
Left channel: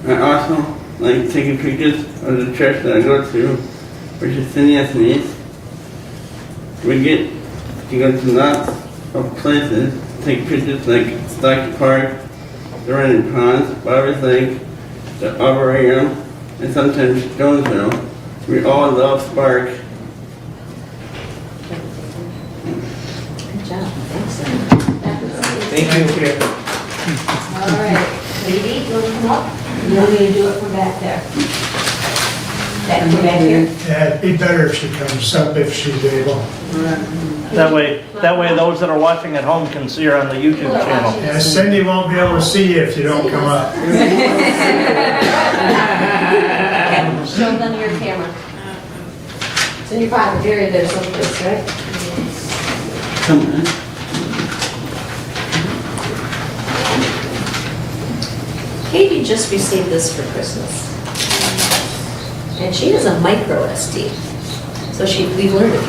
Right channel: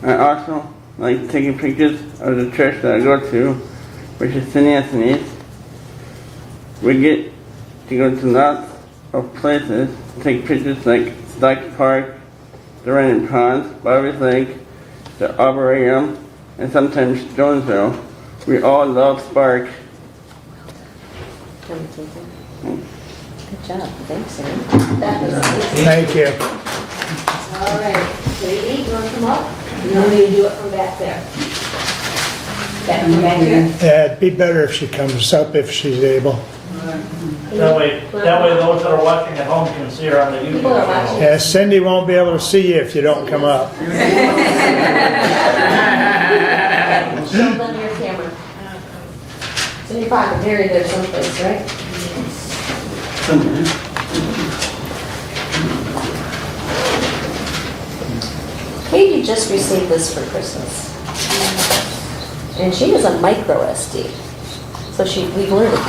I also like taking pictures of the church that I go to, which is St. Anthony's. We get to go to lots of places, take pictures like Stockton Park, the Running Ponds, Barbers Lake, the Arboretum, and sometimes Jonesville. We all love Spark. Good job, thanks. That was Thank you. all right. Katie, you want to come up? You want me to do it from back there? Back here? Yeah, it'd be better if she comes up if she's able. That way those that are watching at home can see her on the YouTube channel. Yeah, Cindy won't be able to see you if you don't come up. in your pocket, buried there someplace, right? Katie just received this for Christmas. And she has a micro SD. So we've learned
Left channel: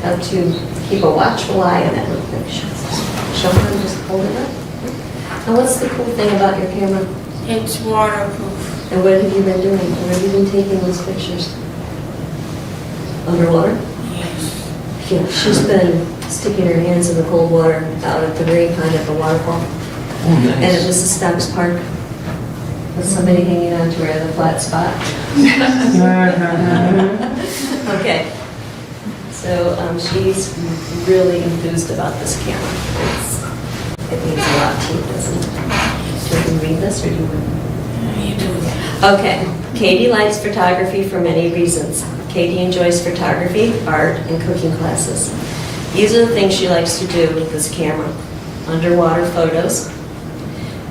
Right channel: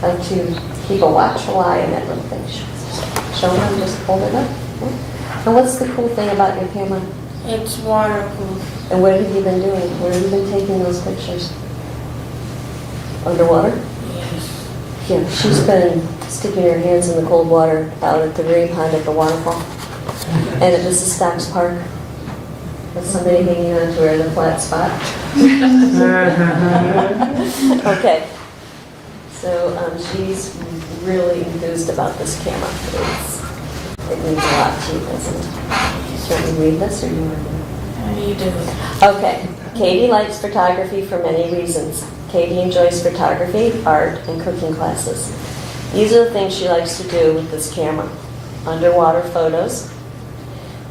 how to keep a watchful eye on it when it finishes. Show her and just hold it up. And what's the cool thing about your camera? It's waterproof. And what have you been doing? Where have you been taking those pictures? Underwater? Yes. Yeah, she's been sticking her hands in the cold water out at the very pond at the waterfall. And it was the Stamps Park. With somebody hanging on to her in a flat spot. Okay. So she's really enthused about this camera. It needs a lot of teeth, doesn't it? Do you read this or do you want to? You do it. Okay. Katie likes photography for many reasons. Katie enjoys photography, art, and cooking classes. These are the things she likes to do with this camera. Underwater photos,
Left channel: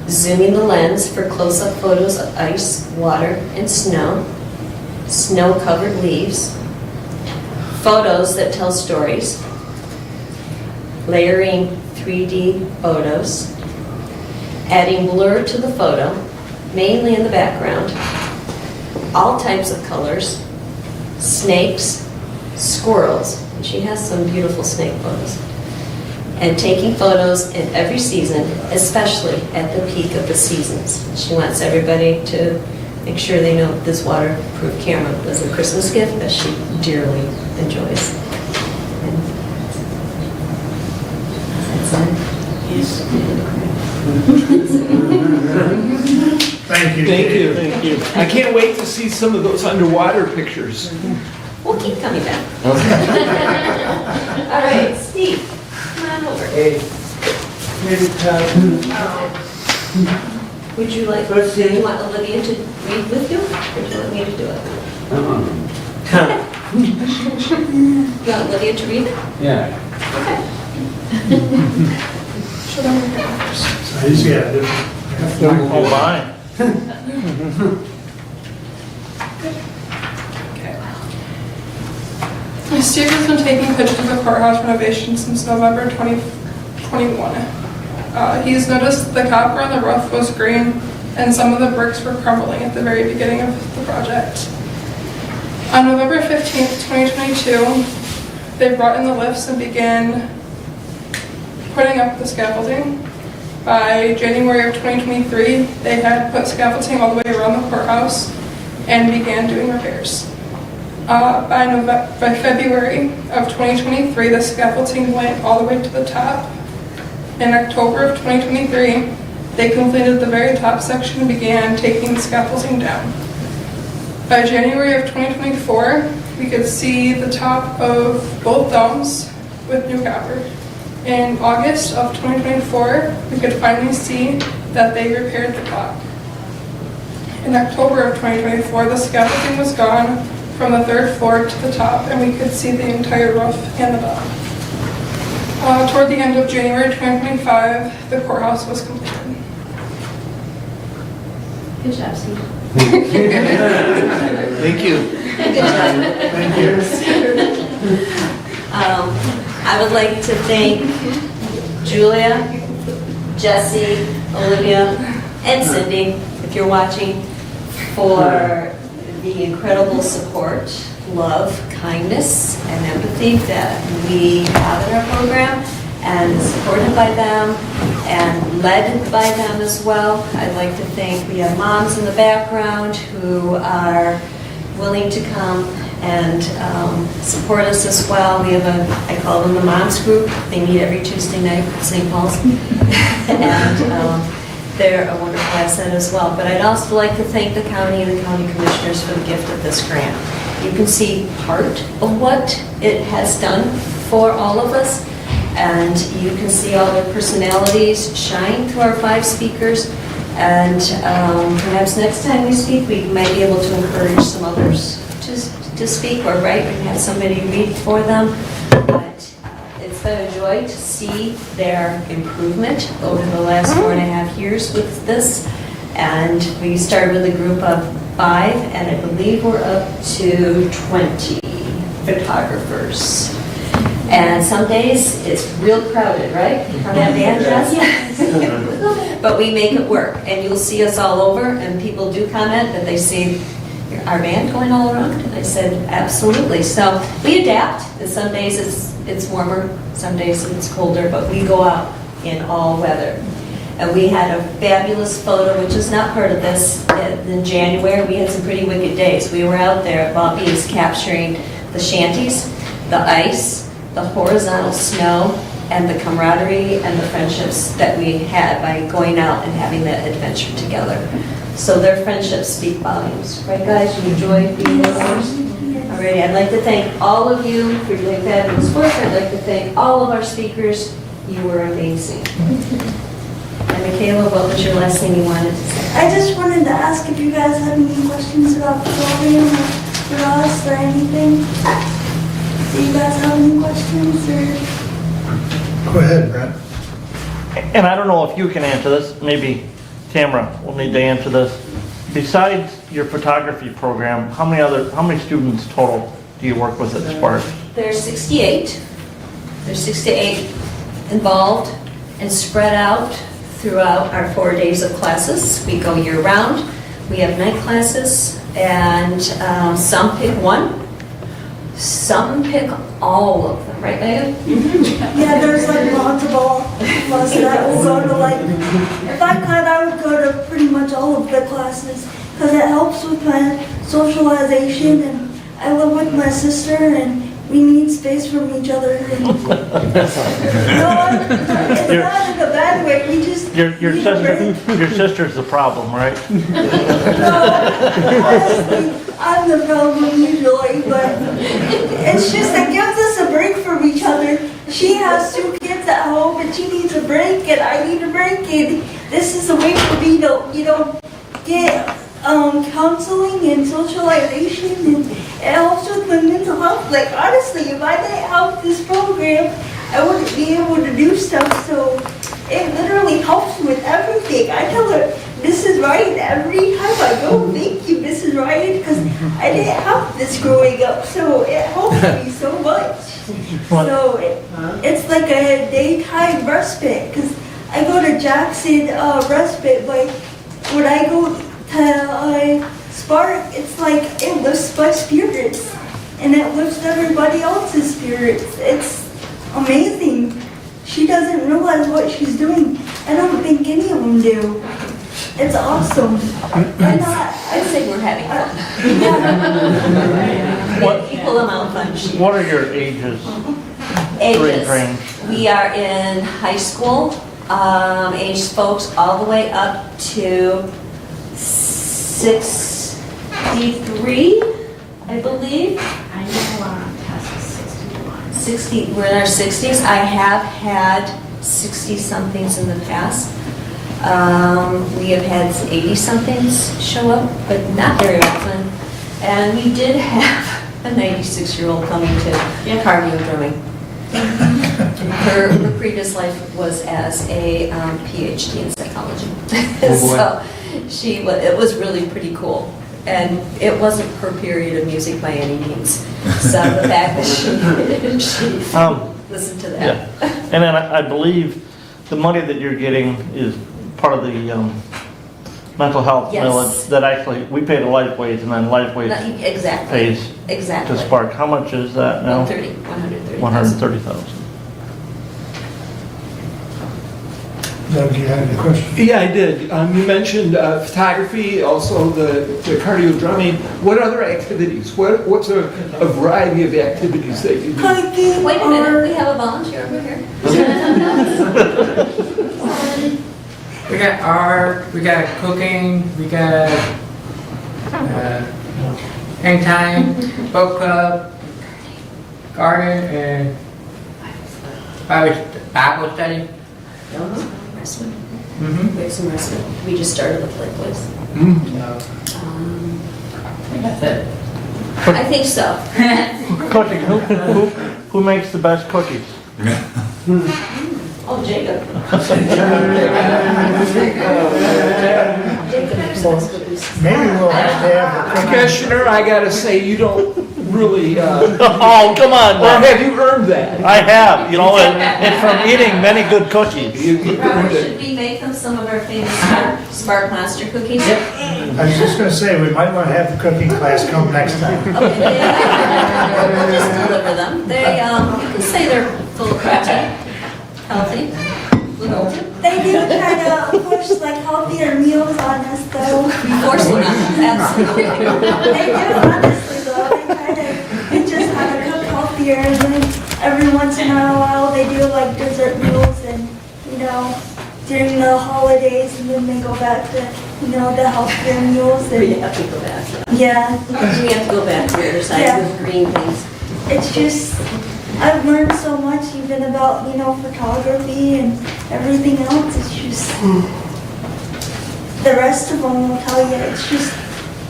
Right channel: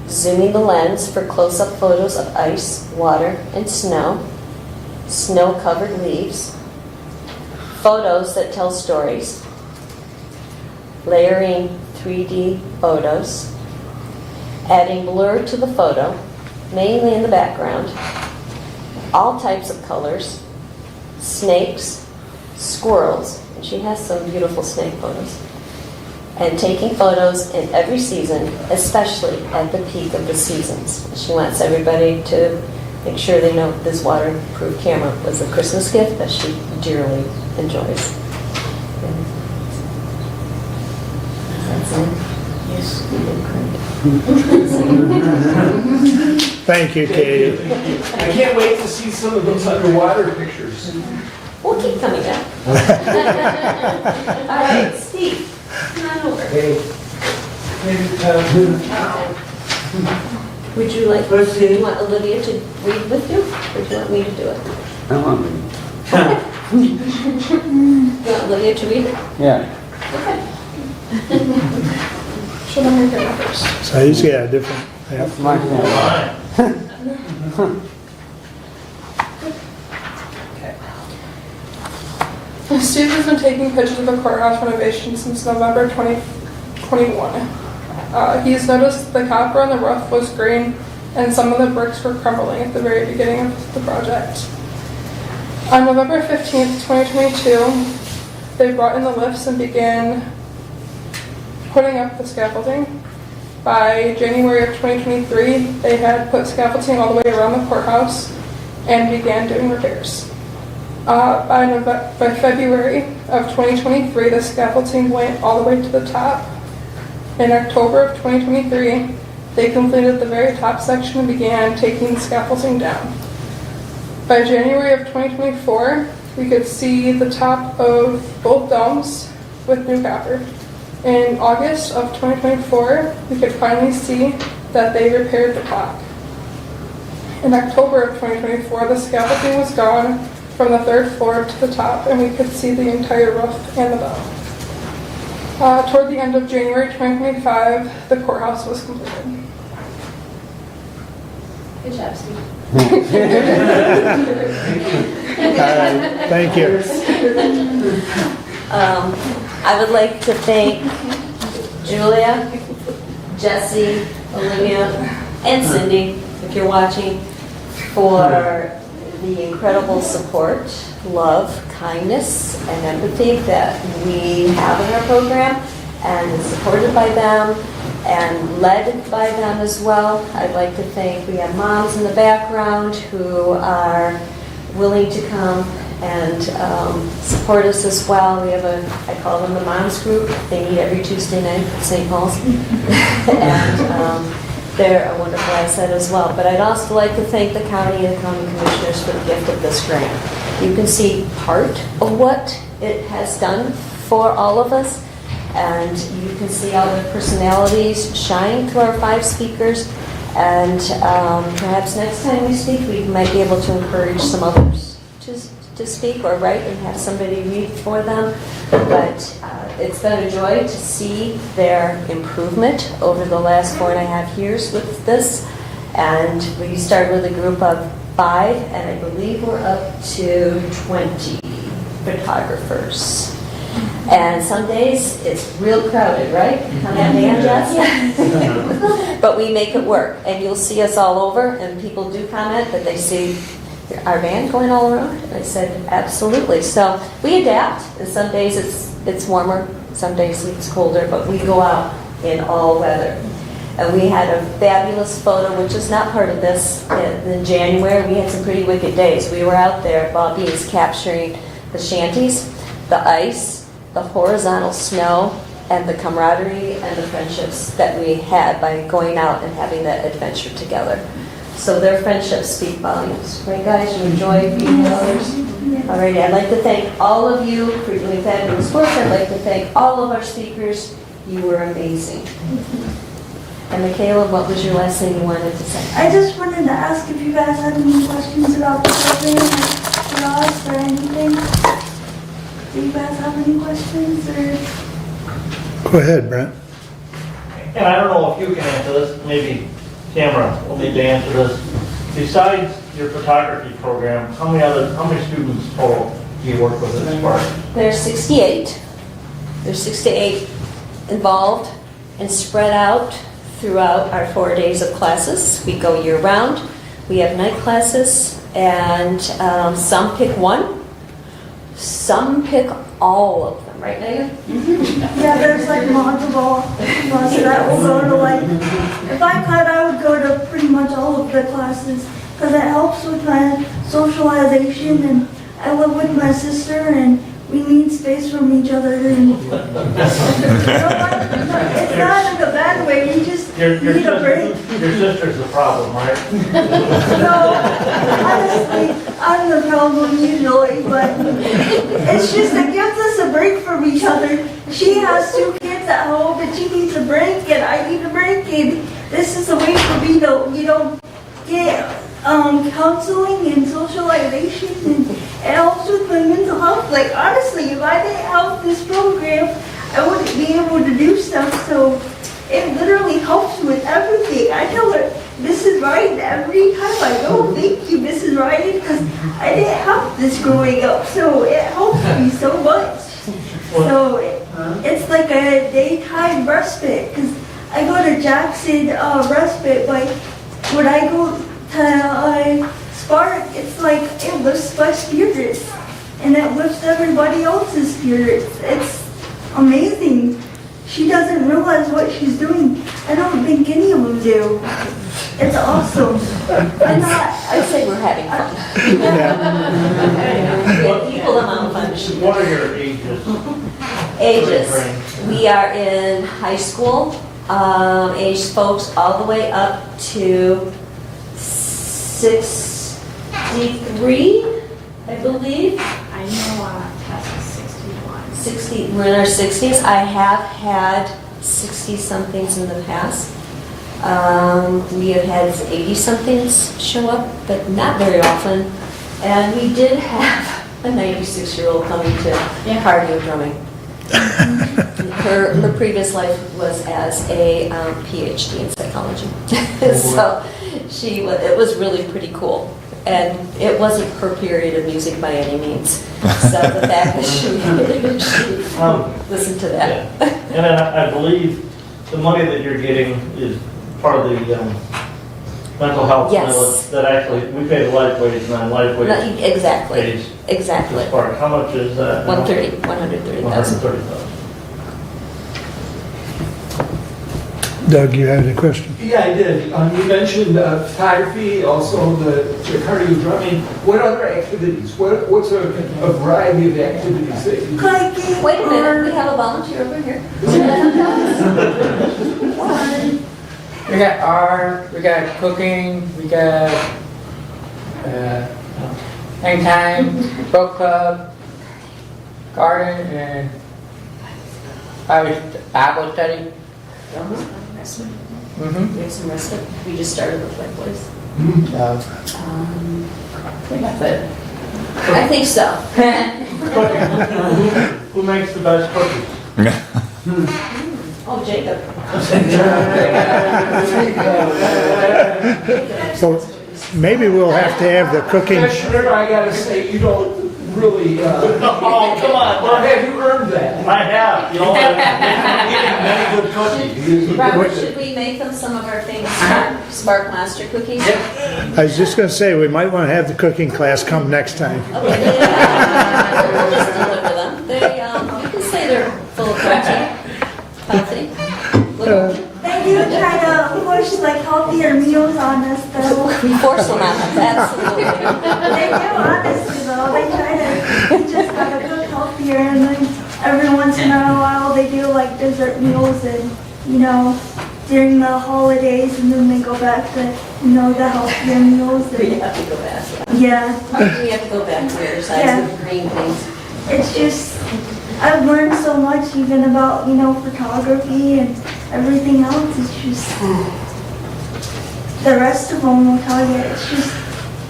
zooming the lens for close-up photos of ice, water, and snow-covered leaves, photos that tell stories, layering 3D photos, adding blur to the photo, mainly in the background, all types of colors, snakes, squirrels, and she has some beautiful snake photos, and taking photos in every season, especially at the peak of the seasons. She wants everybody to make sure they know this waterproof camera was a Christmas gift that she dearly enjoys. And that's it. Yes. Thank you, Katie. Thank you. I can't wait to see some of those underwater pictures. We'll keep coming down. All right, Steve, come on over. Would you like, do you want Olivia to read with you, or do you want me to do it? You want Olivia to read it? Yeah. Okay. Show them your camera first. Size, yeah, different. Oh, my. Steve has been taking pictures of the courthouse renovation since November 2021. He's noticed the copper on the roof was green and some of the bricks were crumbling at the very beginning of the project. On November 15th, 2022, they brought in the lifts and began putting up the scaffolding. By January of 2023, they had put scaffolding all the way around the courthouse and began doing repairs. By February of 2023, the scaffolding went all the way to the top. In October of 2023, they completed the very top section and began taking the scaffolding down. By January of 2024, we could see the top of both domes with new copper. In August of 2024, we could finally see that they repaired the clock. In October of 2024, the scaffolding was gone from the third floor to the top, and we could see the entire roof and the bottom. Toward the end of January 2025, the courthouse was completed. Good job, Steve. Thank you. Thank you. I would like to thank Julia, Jesse, Olivia, and Cindy, if you're watching, for the incredible support, love, kindness, and empathy that we have in our program, and is supported by them and led by them as well. I'd like to thank, we have moms in the background who are willing to come and support us as well. We have I call them the moms group. They meet every Tuesday night at St. Paul's. And they're a wonderful asset as well. But I'd also like to thank the county and the county commissioners for the gift of this grant. You can see part of what it has done for all of us, and you can see all their personalities shine through our 5 speakers. And perhaps next time we speak, we might be able to encourage some others to speak or write and have somebody read for them. But it's been a joy to see their improvement over the last 4.5 years with this. And we started with a group of 5, and I believe we're up to 20 photographers. And some days it's real crowded, right? On that van, Jess? But we make it work, and you'll see us all over, and people do comment that they see our van going all around. And I said, absolutely. So we adapt, and some days it's warmer, some days it's colder, but we go out in all weather. And we had a fabulous photo, which is not part of this. In January, we had some pretty wicked days. We were out there at Bobby's capturing the shanties, the ice, the horizontal snow, and the camaraderie and the friendships that we had by going out and having that adventure together. So their friendships speak volumes. Right, guys? You enjoy being ours? All right, I'd like to thank all of you for doing fabulous work. I'd like to thank all of our speakers. You were amazing. And Michaela, what was your last thing you wanted to say? I just wanted to ask if you guys had any questions about the program for us or anything. Do you guys have any questions or? Go ahead, Brent. And I don't know if you can answer this, maybe Tamara will need to answer this. Besides your photography program, how many students total do you work with at Spark? There's 68. There's 68 involved and spread out throughout our 4 days of classes. We go year round. We have night classes, and some pick one, some pick all of them, right, Megan? Yeah, there's like multiple classes. I will go to like, if I could, I would go to pretty much all of the classes because it helps with my socialization, and I live with my sister and we need space from each other. And, you know what? It's not in a bad way. We just Your need a break. sister's the problem, right? No, honestly, I'm the problem usually, but it's just it gives us a break from each other. She has 2 kids at home and she needs a break and I need a break, and this is a way for me to, get counseling and socialization, and it helps with my mental health. Like honestly, if I didn't have this program, I wouldn't be able to do stuff. So it literally helps with everything. I tell her, Mrs. Ryan, every time I go, thank you, Mrs. Ryan, because I didn't have this growing up. So it helps me so much. So it's like a daytime respite, because I go to Jackson respite, but when I go to Spark, it's like it lifts my spirits, and it lifts everybody else's spirits. It's amazing. She doesn't realize what she's doing. I don't think any of them do. It's awesome. And I'd say we're having fun. Equal amount of fun. What are your ages? Ages. Range? We are in high school, age folks all the way up to 63, I believe. I know Tess is 61. 60, we're in our 60s. I have had 60-somethings in the past. We have had 80-somethings show up, but not very often. And we did have a 96-year-old coming to cardio drumming. Her previous life was as a PhD in psychology. So it was really pretty cool. And it wasn't her period of music by any means. So the fact that she listened to that. Yeah. And then I believe the money that you're getting is part of the mental health Yes. millage that actually, we pay the life wage and then life wage Exactly. pays Exactly. to Spark. How much is that now? 130,000. 130,000. Doug, you had any questions? Yeah, I did. You mentioned photography, also the cardio drumming. What other activities? What's a variety of activities that you do? hiking. Wait a minute, we have a volunteer over here. We got art, we got cooking, we got hang time, book club, garden, and Bible study. Investment. Mm-hmm. We have some investment. We just started the play place. I think that's it. I think so. Cooking. Who makes the best cookies? Oh, Jacob. produce. Maybe we'll have to have the cooking. Commissioner, I gotta say, you don't really, Oh, come on, or man. have you earned that? I have, you know, and from eating many good cookies. Robert, should we make them some of our famous Spark Master cookies? I was just gonna say, we might wanna have the cooking class come next time. Okay, yeah. We'll just deliver them. They, you can say they're full of protein, healthy, little, They do try to push like healthier meals on us though. we force them on them, absolutely. They do, honestly though. They try to teach us how to cook healthier and then every once in a while they do like dessert meals and, you know, during the holidays and then they go back to, you know, the healthier meals We and, have to go back. yeah. We have to go back to the other side, Yeah. the green things. It's just, I've learned so much even about, you know, photography and everything else. It's just, the rest of them will tell you, it's just,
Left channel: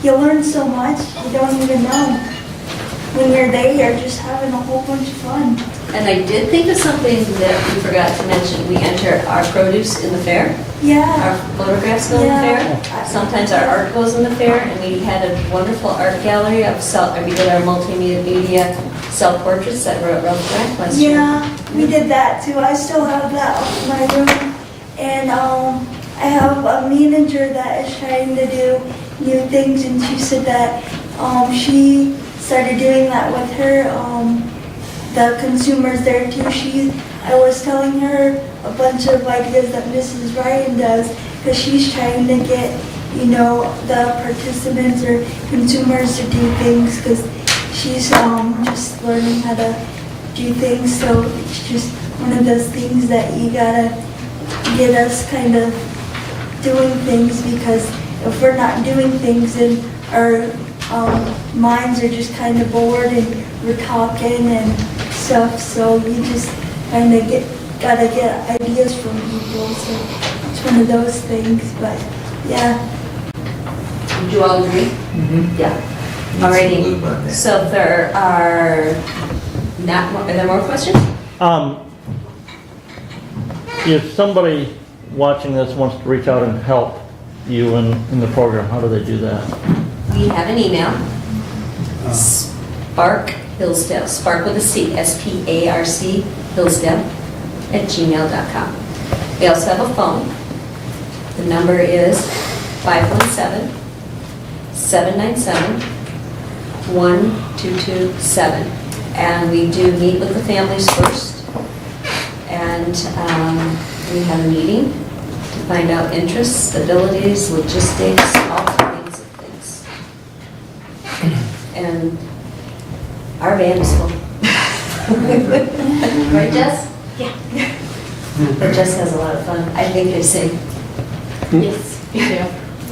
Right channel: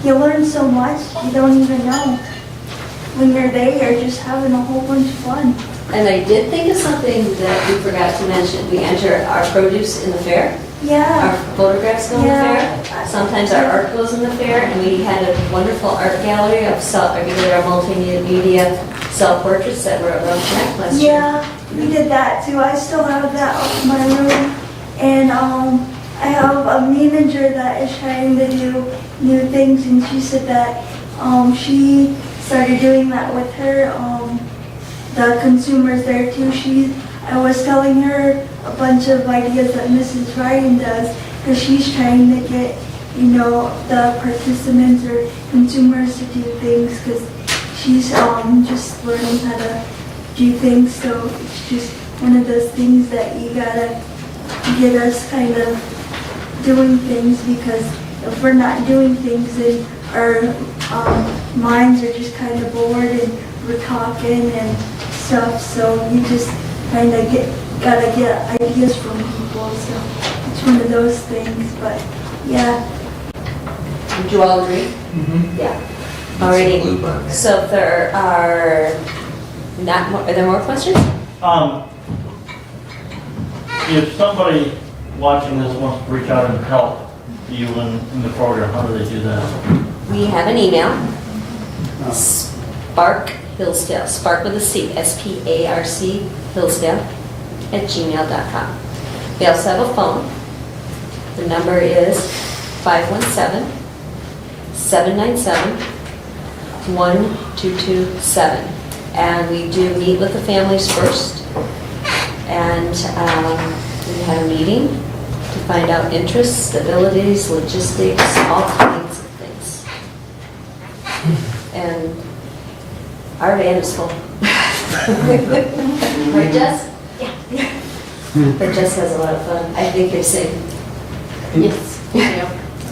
you learn so much, you don't even know. When you're there, you're just having a whole bunch of fun. And I did think of something that we forgot to mention. We enter our produce in the fair. Yeah, Our photographs go in the Yeah. fair. Sometimes our art goes in the fair, and we had a wonderful art gallery of we did our multimedia self-portraits that were at Rough Track last year. yeah, we did that too. I still have that up in my room. And I have a manager that is trying to do new things and she said that she started doing that with her, the consumers there too. I was telling her a bunch of ideas that Mrs. Ryan does because she's trying to get, you know, the participants or consumers to do things because she's just learning how to do things. So it's just one of those things that you gotta get us kind of doing things because if we're not doing things then our minds are just kind of bored and we're talking and stuff. So you just kind of gotta get ideas from people. So it's one of those things. But yeah. Would you all agree? Mm-hmm. Yeah. Alrighty. So if there are not more, are there more questions? If somebody watching this wants to reach out and help you in the program, how do they do that? We have an email, Spark Hillsdale, Spark with a C, SPARC Hillsdale @gmail.com. We also have a phone. The number is 517-797-1227. And we do meet with the families first. And we have a meeting to find out interests, abilities, logistics, all kinds of things. And our van is full. Right, Jess? Yeah. But Jess has a lot of fun. I think you sing. Yes, we do.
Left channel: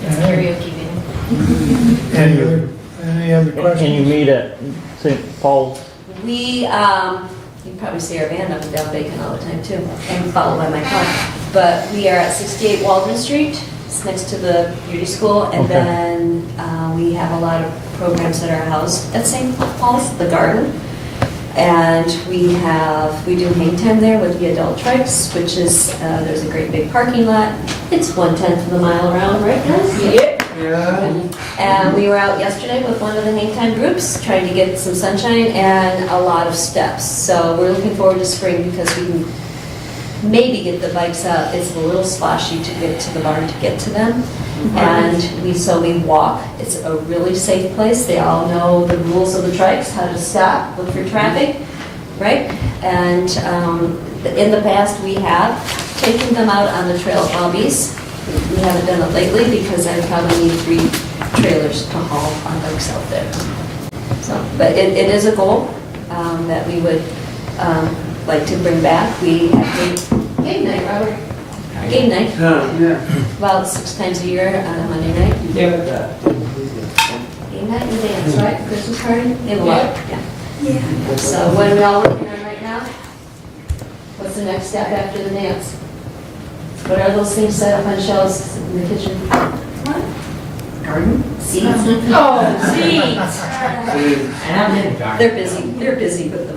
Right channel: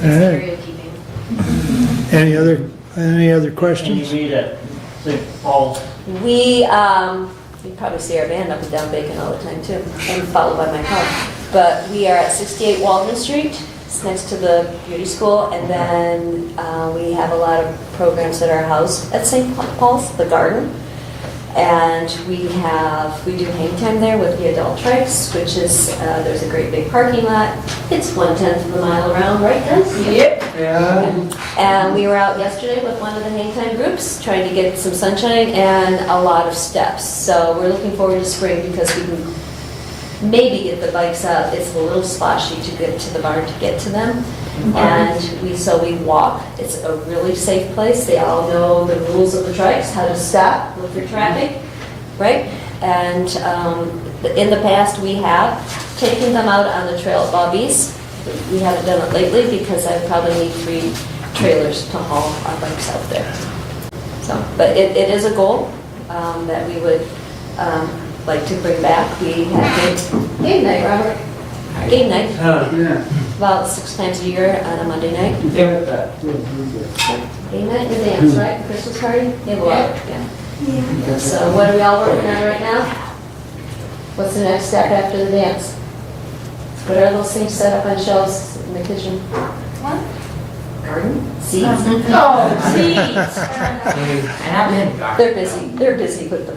It's Alright. karaoke band. Any other Can you questions? meet at St. Paul's? We, you probably see our band up at Del Bacon all the time too, and followed by my car. But we are at 68 Walden Street. It's next to the beauty school, and Okay. then we have a lot of programs at our house at St. Paul's, the garden. And we do hang time there with the adult tricks, which is, there's a great big parking lot. It's 1/10 of the mile around, right guys? Yep. Yeah. And we were out yesterday with one of the hang time groups, trying to get some sunshine and a lot of steps. So we're looking forward to spring because we can maybe get the bikes out. It's a little sloshy to get to the barn to get to them. And we walk. It's a really safe place. They all know the rules of the trikes, how to stop, look for traffic, right? And in the past, we have taken them out on the trail at Bobby's. We haven't done it lately because I probably need 3 trailers to haul our bikes out there. So, but it is a goal that we would like to bring back. We have game night, Robert. Game night. About 6 times a year on a Monday night. Game night and a dance, right? Christmas party? Yeah. Yeah. So what are we all working on right now? What's the next step after the dance? What are those things set up on shelves in the kitchen? What? Garden? Seeds? Oh, seeds! They're busy with the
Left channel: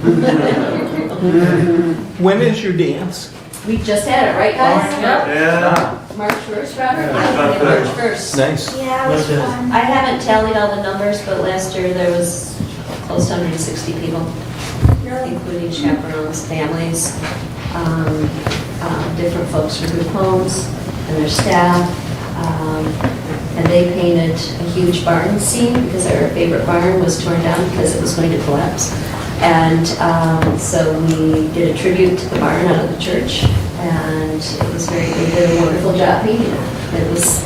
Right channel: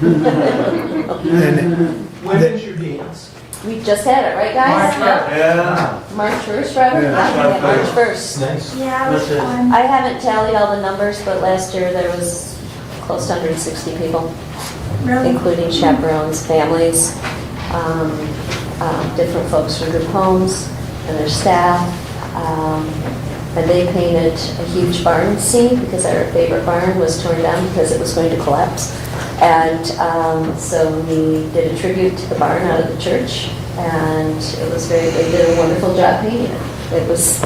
food. When is your dance? We just had it, right guys? Yeah. March 1st, Robert? Yeah, that's about March fair. 1st. Nice. Yeah, it was That's it. fun. I haven't tallied all the numbers, but last year there was close to 160 people, Really? including chaperones, families, different folks from group homes and their staff. And they painted a huge barn scene because our favorite barn was torn down because it was going to collapse. And so we did a tribute to the barn out of the church, and they did a wonderful job painting it. It was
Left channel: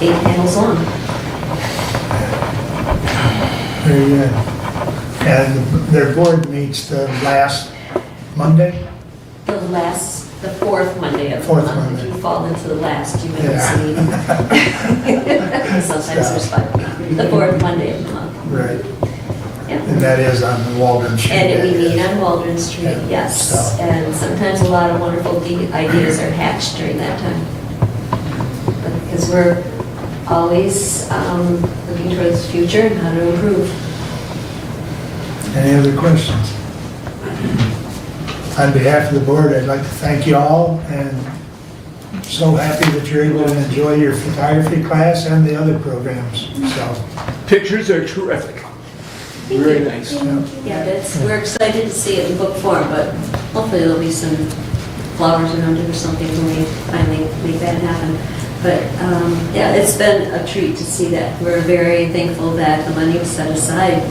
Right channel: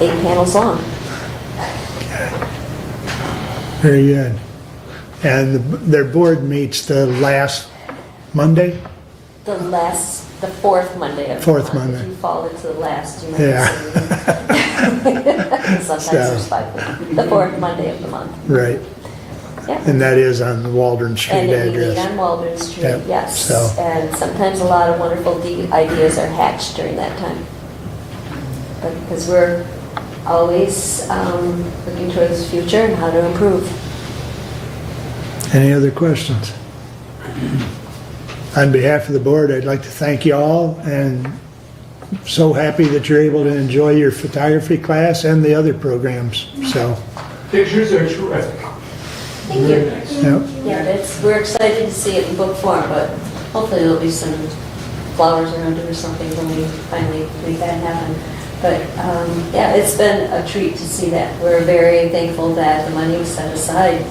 8 panels long. Very good. And their board meets the last Monday? The fourth Monday of the Fourth month. Monday. If you fall into the last, you might Yeah. miss a meeting. Sometimes there's 5. The fourth Monday of the month. Right. Yep. And that is on the Waldron Street And we meet address. on Waldron Street, Yeah, yes. so. And sometimes a lot of wonderful ideas are hatched during that time. Because we're always looking towards the future and how to improve. Any other questions? On behalf of the board, I'd like to thank you all, and so happy that you're able to enjoy your photography class and the other programs, so. Pictures are terrific. Thank Very you. nice. Yeah. Yeah, we're excited to see it in book form, but hopefully there'll be some flowers around it or something when we finally make that happen. But yeah, it's been a treat to see that. We're very thankful that the money was set aside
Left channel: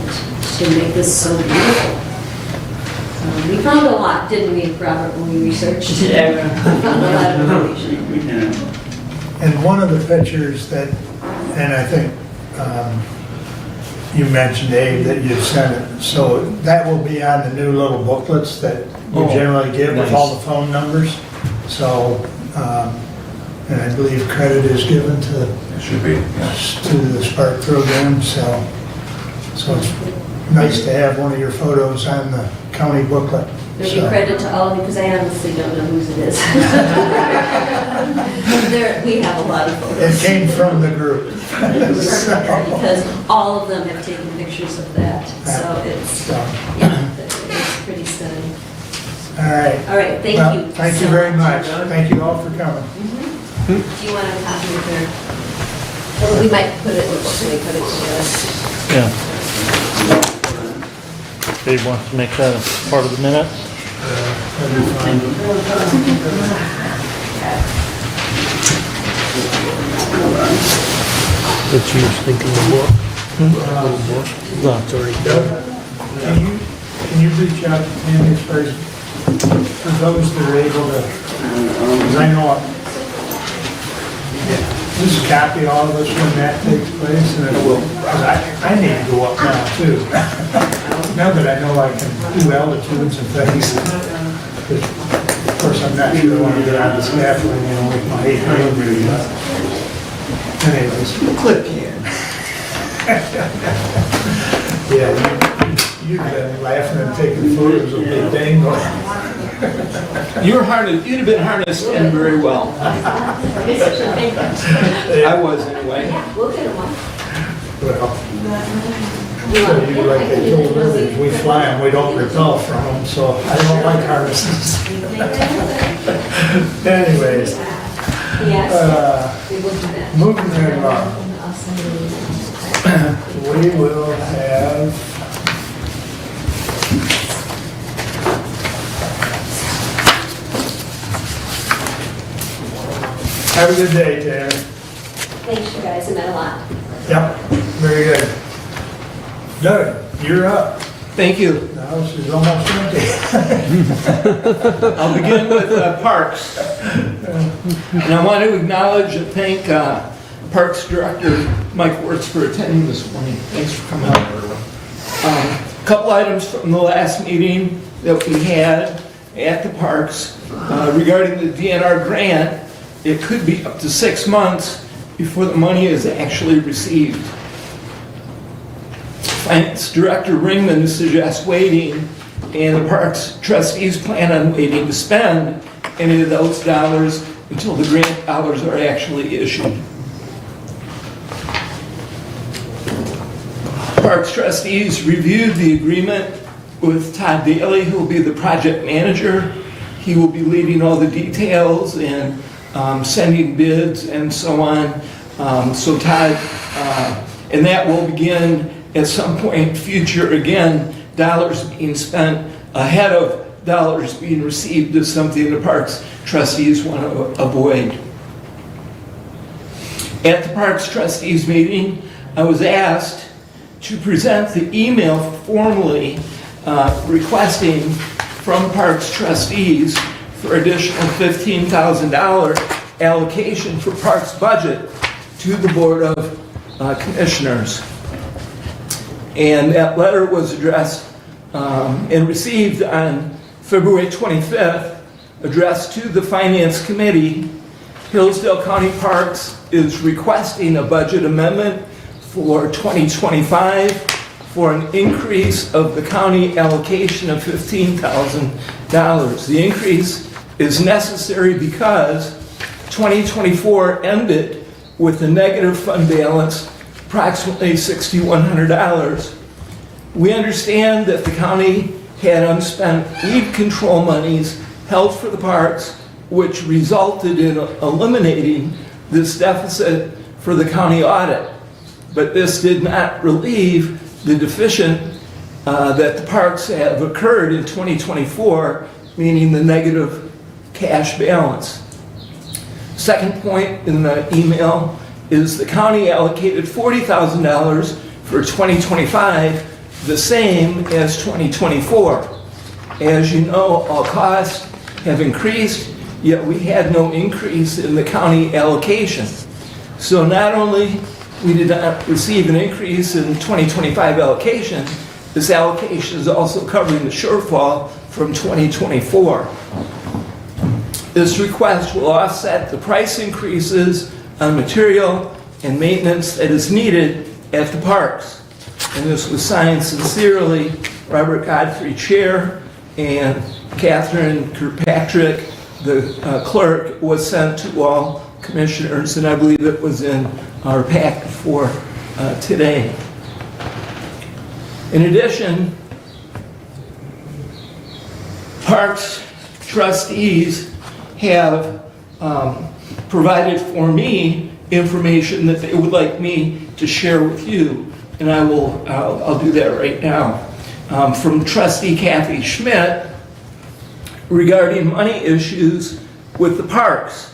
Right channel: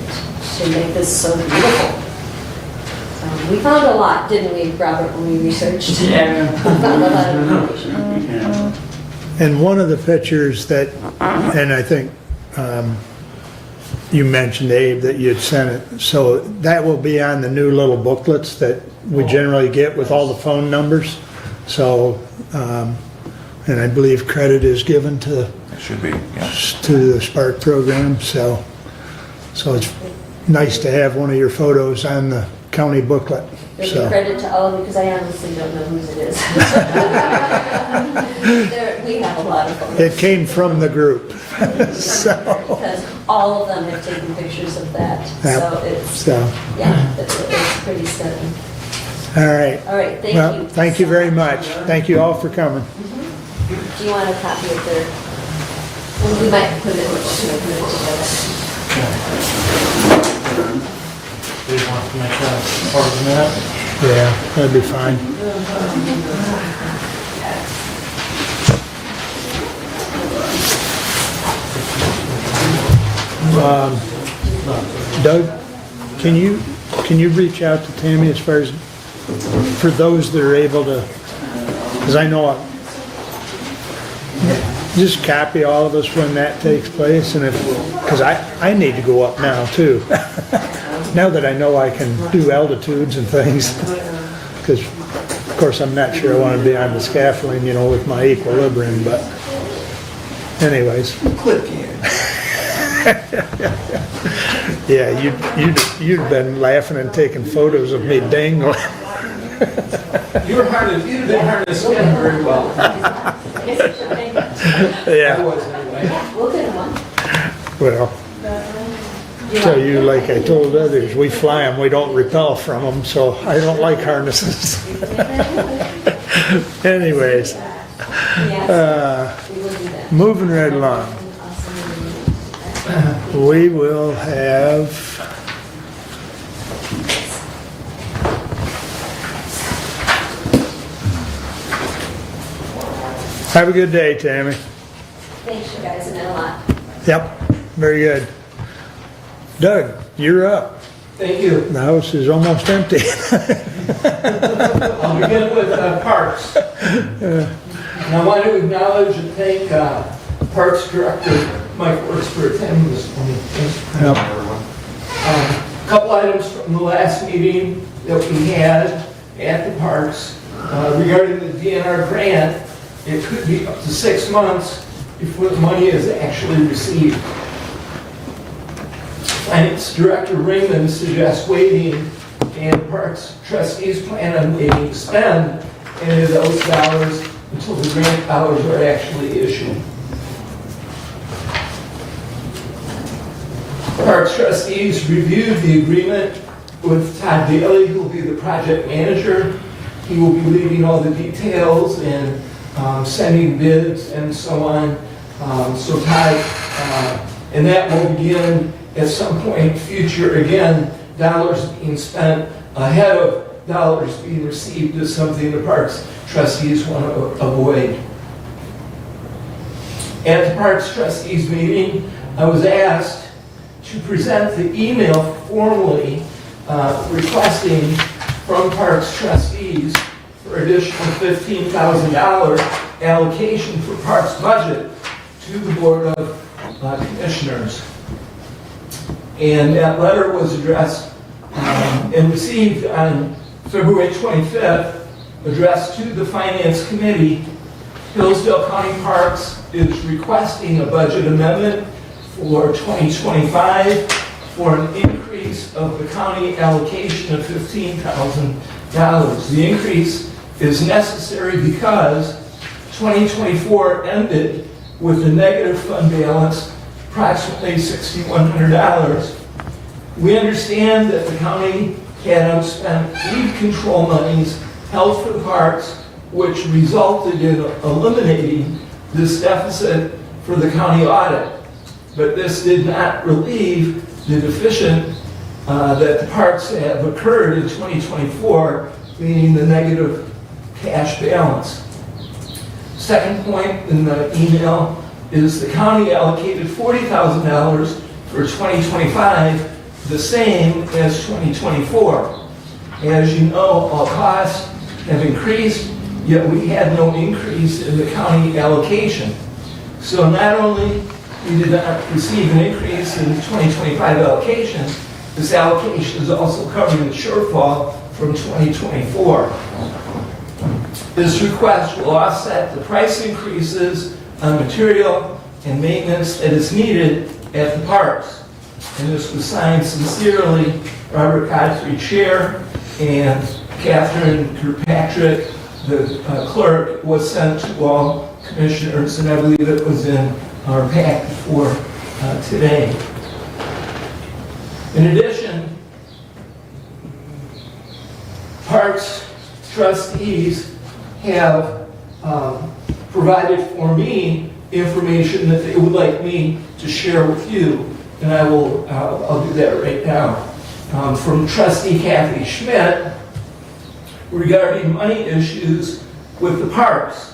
to make this so beautiful. We found a lot, didn't we, Robert, when we researched? Yeah. We found a lot of information. Yeah. And one of the pictures that, and I think you mentioned, Dave, that you'd sent it, so that will be on the new little booklets that we Oh, generally get with all nice. the phone numbers. So, and I believe credit is given to It should be, yeah. the Spark program, so it's nice to have one of your photos on the county booklet. There'll be So, credit to all of you, because I honestly don't know whose it is. We have a lot of photos. it came from the group. So, Because all of them have taken pictures of that, so it's, so, yeah, it's pretty stunning. all right. All right, thank Well, you. thank you very much. Thank you all for coming. Do you want a copy of your, well, we might put it together. Yeah. Dave wants to make that part of the minute. Yeah, that'd be fine. Doug, can you reach out to Tammy as far as, for those that are able to, because I know, just copy all of us when that takes place, and it will, because I need to go up now too. Now that I know I can do altitudes and things, because of course I'm not sure I want to be on the scaffolding, with my equilibrium, but anyways. Clip can. Yeah, you'd been laughing and taking photos of me dangling. You'd have been harnessed in very well. I was anyway. We'll get one. Well, so you, like I told others, we fly them, we don't repel from them, so I don't like harnesses. Anyways, Yes, we will do that. moving right along, we will have have a good day, Tammy. Thanks, you guys, it meant a lot. Yep, very good. Doug, you're up. Thank you. The house is almost empty. I'll begin with parks. And I want to acknowledge and thank Parks Director Mike Works for attending this morning. Thanks for coming out, everyone. Couple items from the last meeting that we had at the parks regarding the DNR grant. It could be up to 6 months before the money is actually received. Finance Director Ringman suggests waiting, and the Parks trustees plan on waiting to spend any of those dollars until the grant dollars are actually issued. Parks trustees reviewed the agreement with Todd Daly, who will be the project manager, He will be leading all the details and sending bids and so on. So Todd, and that will begin at some point future. Again, dollars being spent ahead of dollars being received is something the Parks trustees want to avoid. At the Parks trustees meeting, I was asked to present the email formally requesting from Parks trustees for additional $15,000 allocation for Parks budget to the Board of Commissioners. And that letter was addressed and received on February 25th, addressed to the Finance Committee. Hillsdale County Parks is requesting a budget amendment for 2025 for an increase of the county allocation of $15,000. The increase is necessary because 2024 ended with a negative fund balance, approximately $6,100. We understand that the county had unspent weed control monies held for the parks, which resulted in eliminating this deficit for the county audit. But this did not relieve the deficit that the parks have occurred in 2024, meaning the negative cash balance. Second point in the email is the county allocated $40,000 for 2025, the same as 2024. As you know, all costs have increased, yet we had no increase in the county allocation. So not only we did not receive an increase in 2025 allocation, this allocation is also covering the shortfall from 2024. This request will offset the price increases on material and maintenance that is needed at the parks. And this was signed sincerely, Robert Godfrey, Chair, and Catherine Kirkpatrick, the clerk, was sent to all commissioners, and I believe it was in our packet for today. In addition, Parks trustees have provided for me information that they would like me to share with you, and I'll do that right now. From Trustee Kathy Schmidt regarding money issues with the parks.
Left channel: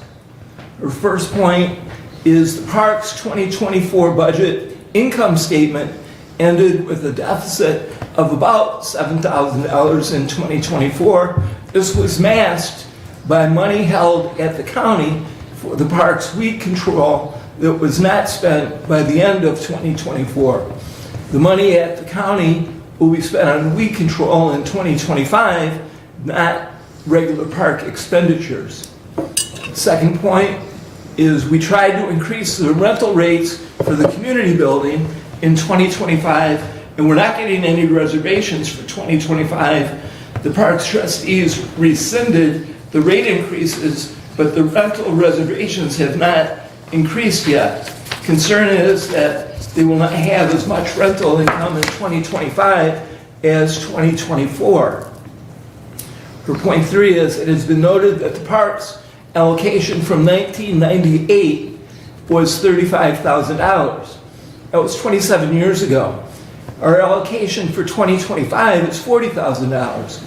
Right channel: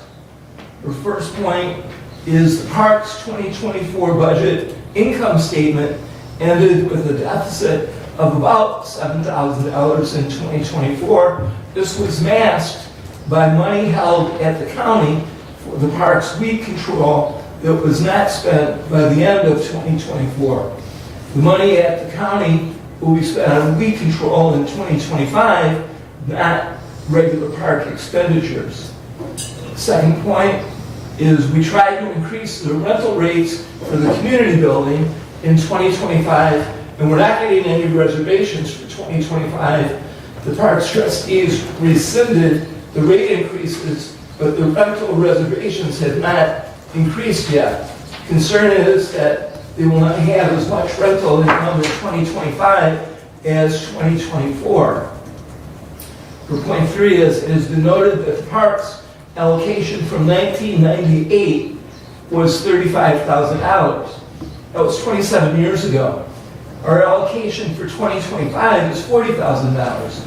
Her first point is the parks 2024 budget income statement ended with a deficit of about $7,000 in 2024. This was masked by money held at the county for the parks weed control that was not spent by the end of 2024. The money at the county will be spent on weed control in 2025, not regular park expenditures. Second point is we tried to increase the rental rates for the community building in 2025, and we're not getting any reservations for 2025. The Parks trustees rescinded the rate increases, but the rental reservations have not increased yet. Concern is that they will not have as much rental income in 2025 as 2024. For point 3 is, it has been noted that the parks allocation from 1998 was $35,000. That was 27 years ago. Our allocation for 2025 is $40,000.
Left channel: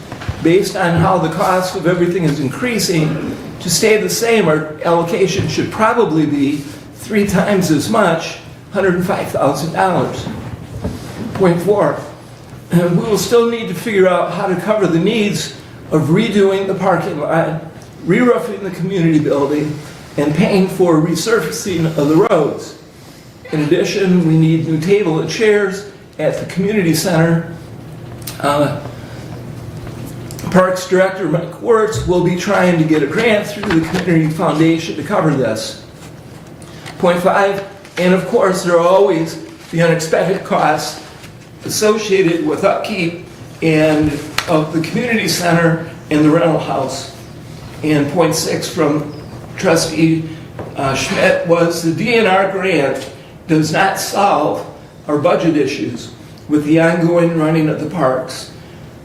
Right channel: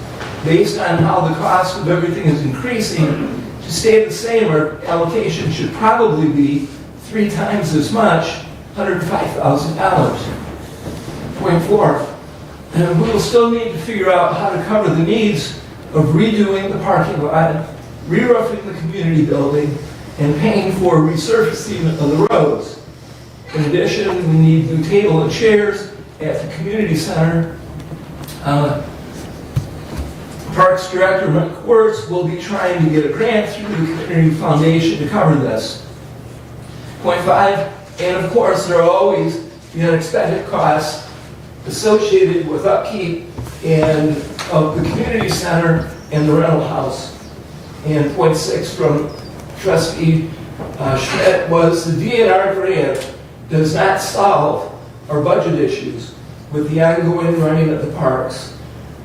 Based on how the cost of everything is increasing, to stay the same, our allocation should probably be 3 times as much, $105,000. Point 4, we will still need to figure out how to cover the needs of redoing the parking lot, re-roofing the community building, and paying for resurfacing of the roads. In addition, we need new table and chairs at the community center. Parks Director Mike Wertz will be trying to get a grant through the Community Foundation to cover this. Point 5, and of course there are always the unexpected costs associated with upkeep and of the community center and the rental house. And point 6 from Trustee Schmidt was the DNR grant does not solve our budget issues with the ongoing running of the parks.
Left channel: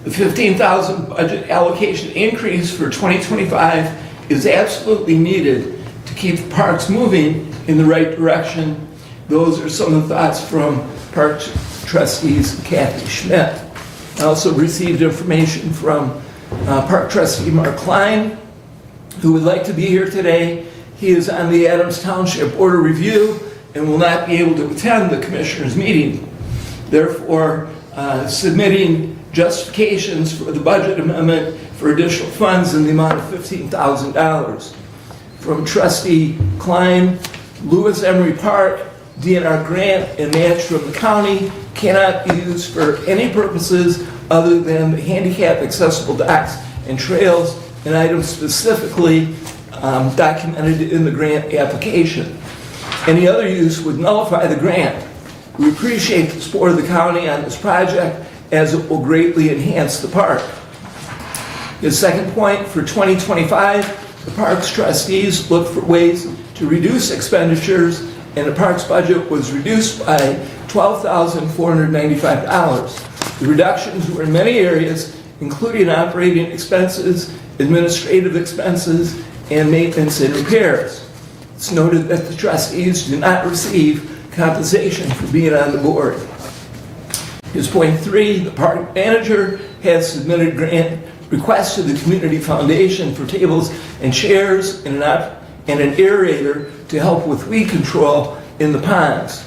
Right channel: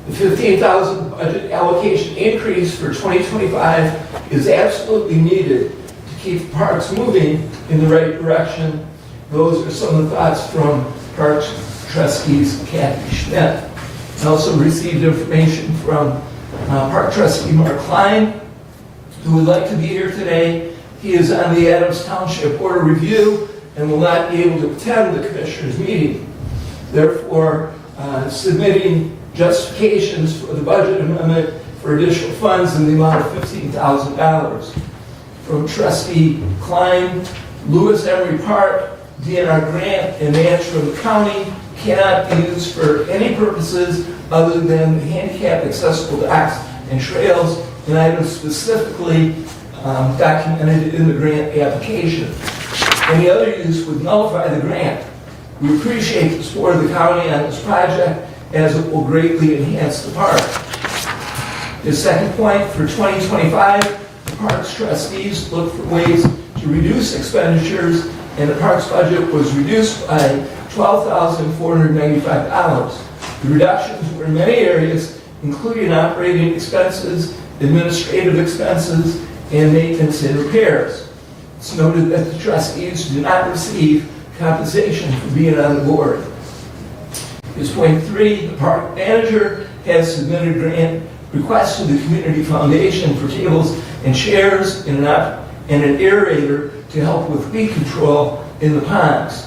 The $15,000 budget allocation increase for 2025 is absolutely needed to keep the parks moving in the right direction. Those are some of the thoughts from Parks Trustees Kathy Schmidt. I also received information from Park Trustee Mark Klein, who would like to be here today. He is on the Adams Township Board of Review and will not be able to attend the Commissioners' meeting. Therefore, submitting justifications for the budget amendment for additional funds in the amount of $15,000. From Trustee Klein, Lewis Emery Park, DNR grant and match from the county cannot be used for any purposes other than the handicap accessible docks and trails and items specifically documented in the grant application. Any other use would nullify the grant. We appreciate the support of the county on this project as it will greatly enhance the park. His second point, for 2025, the Parks trustees look for ways to reduce expenditures, and the Parks budget was reduced by $12,495. The reductions were in many areas, including operating expenses, administrative expenses, and maintenance and repairs. It's noted that the trustees do not receive compensation for being on the board. Here's point 3, the park manager has submitted grant requests to the Community Foundation for tables and chairs and an aerator to help with weed control in the ponds.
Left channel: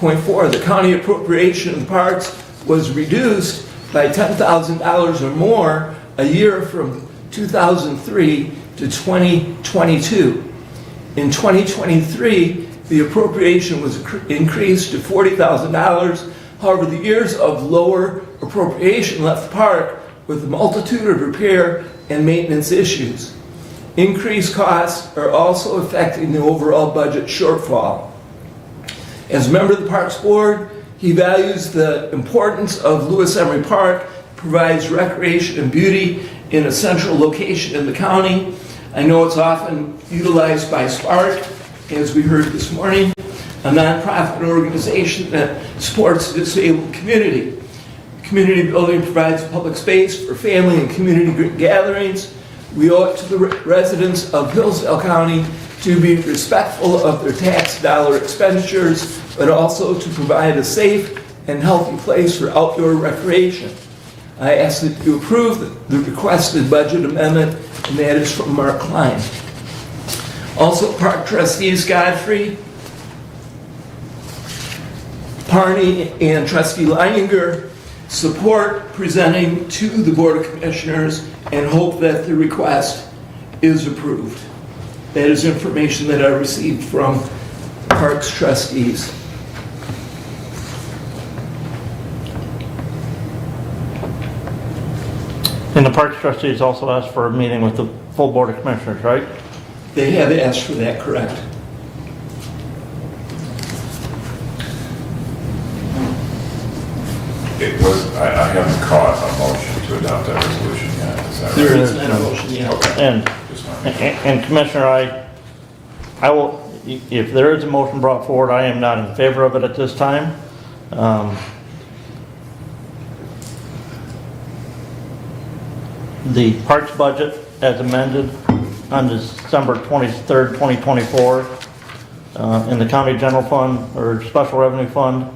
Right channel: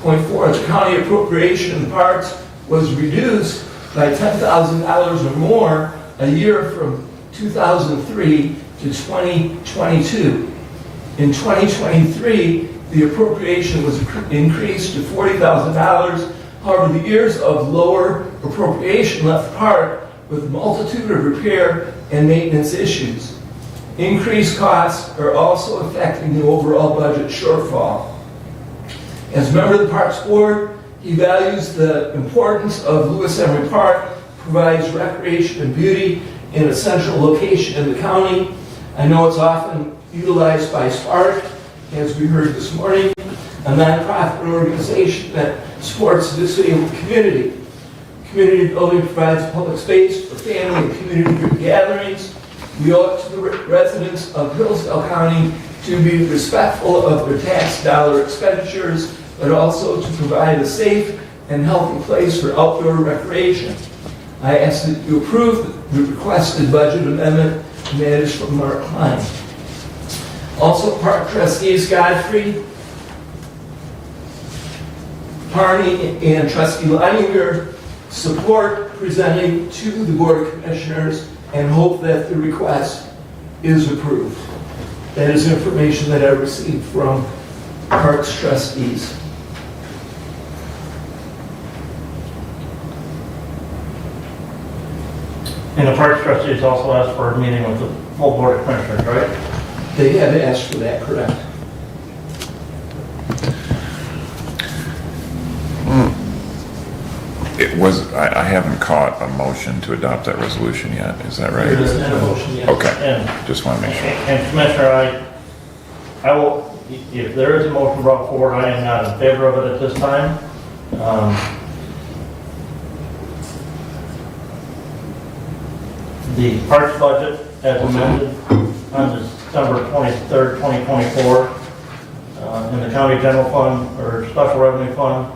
Point 4, the county appropriation in the parks was reduced by $10,000 or more a year from 2003 to 2022. In 2023, the appropriation was increased to $40,000. However, the years of lower appropriation left the park with a multitude of repair and maintenance issues. Increased costs are also affecting the overall budget shortfall. As a member of the Parks Board, he values the importance of Lewis Emery Park, provides recreation and beauty in a central location in the county. I know it's often utilized by Spark, as we heard this morning, a nonprofit organization that supports the disabled community. Community building provides public space for family and community group gatherings. We owe it to the residents of Hillsdale County to be respectful of their tax dollar expenditures, but also to provide a safe and healthy place for outdoor recreation. I ask that you approve the requested budget amendment, and that is from Mark Klein. Also, Park Trustees Godfrey, Parney, and Trustee Leininger support presenting to the Board of Commissioners and hope that the request is approved. That is information that I received from Parks trustees. And the Parks trustees also asked for a meeting with the full Board of Commissioners, right? They have asked for that, correct? It was, I haven't caught a motion to adopt that resolution yet, is that right? There is no motion yet. Okay, And, just want to make sure. and Commissioner, I will, if there is a motion brought forward, I am not in favor of it at this time. The Parks budget as amended on December 23rd, 2024, in the county general fund or special revenue fund,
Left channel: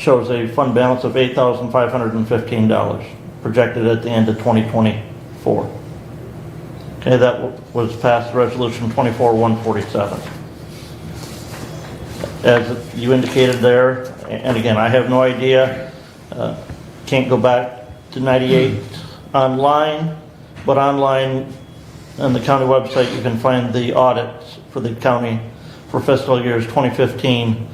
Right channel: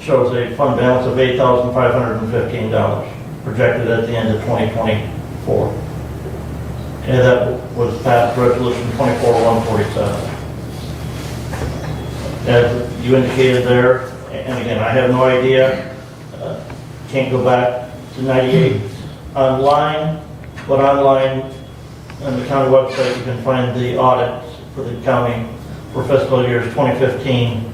shows a fund balance of $8,515 projected at the end of 2024. Okay, that was passed resolution 24-147. As you indicated there, and again, I have no idea, can't go back to 98 online, but online on the county website you can find the audits for the county for fiscal years 2015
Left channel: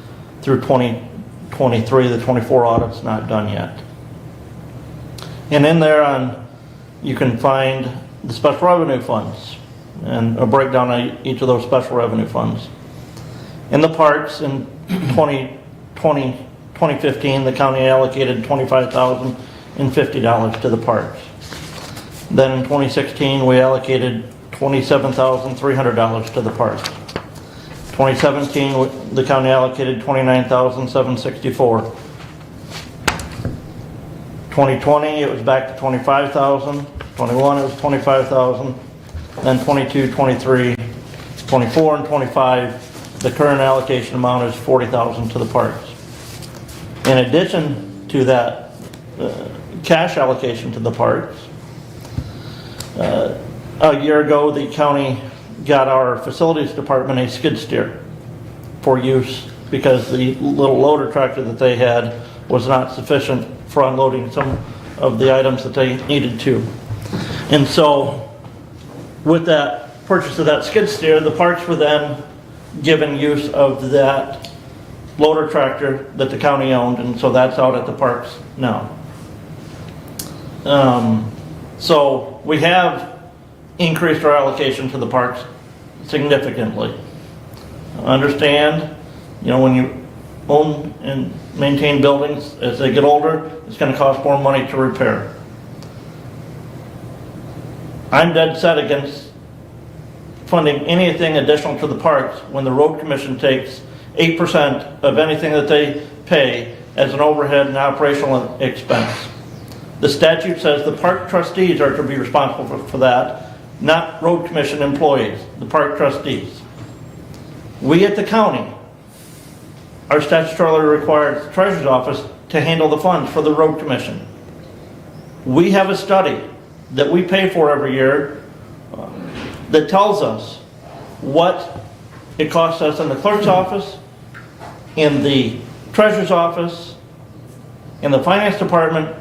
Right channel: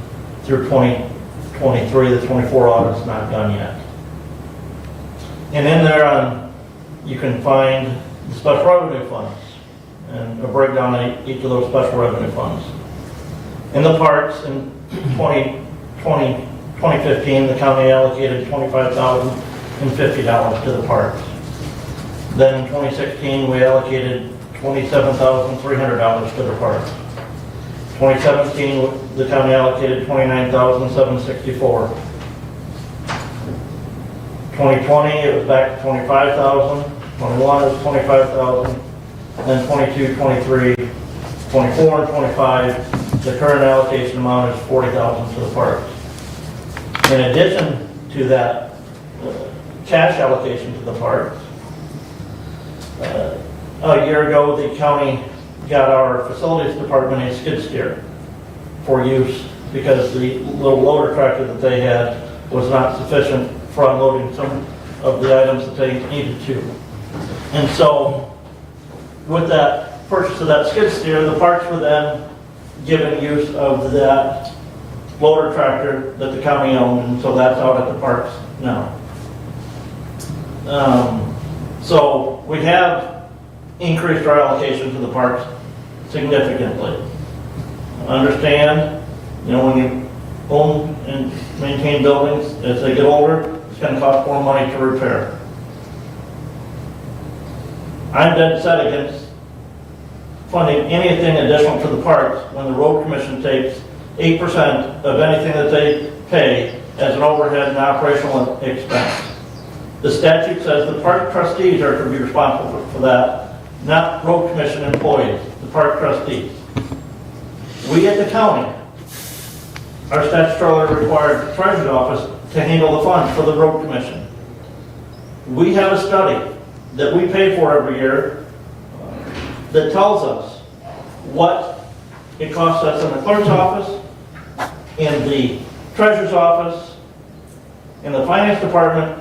through 2023. The 24 audit's not done yet. And in there you can find the special revenue funds and a breakdown of each of those special revenue funds. In the parks in 2015, the county allocated $25,050 to the parks. Then in 2016, we allocated $27,300 to the parks. 2017, the county allocated $29,764. 2020, it was back to 25,000. 21 is 25,000. Then 22, 23, 24, and 25, the current allocation amount is 40,000 to the parks. In addition to that cash allocation to the parks, a year ago, the county got our facilities department a skid steer for use because the little loader tractor that they had was not sufficient for unloading some of the items that they needed to. And so with that purchase of that skid steer, the parks were then given use of that loader tractor that the county owned, and so that's out at the parks now. So we have increased our allocation to the parks significantly. Understand, when you own and maintain buildings, as they get older, it's going to cost more money to repair. I'm dead set against funding anything additional to the parks when the road commission takes 8% of anything that they pay as an overhead and operational expense. The statute says the park trustees are to be responsible for that, not road commission employees, the park trustees. We at the county are statutorily required, treasurer's office, to handle the funds for the road commission. We have a study that we pay for every year that tells us what it costs us in the clerk's office, in the treasurer's office, in the finance department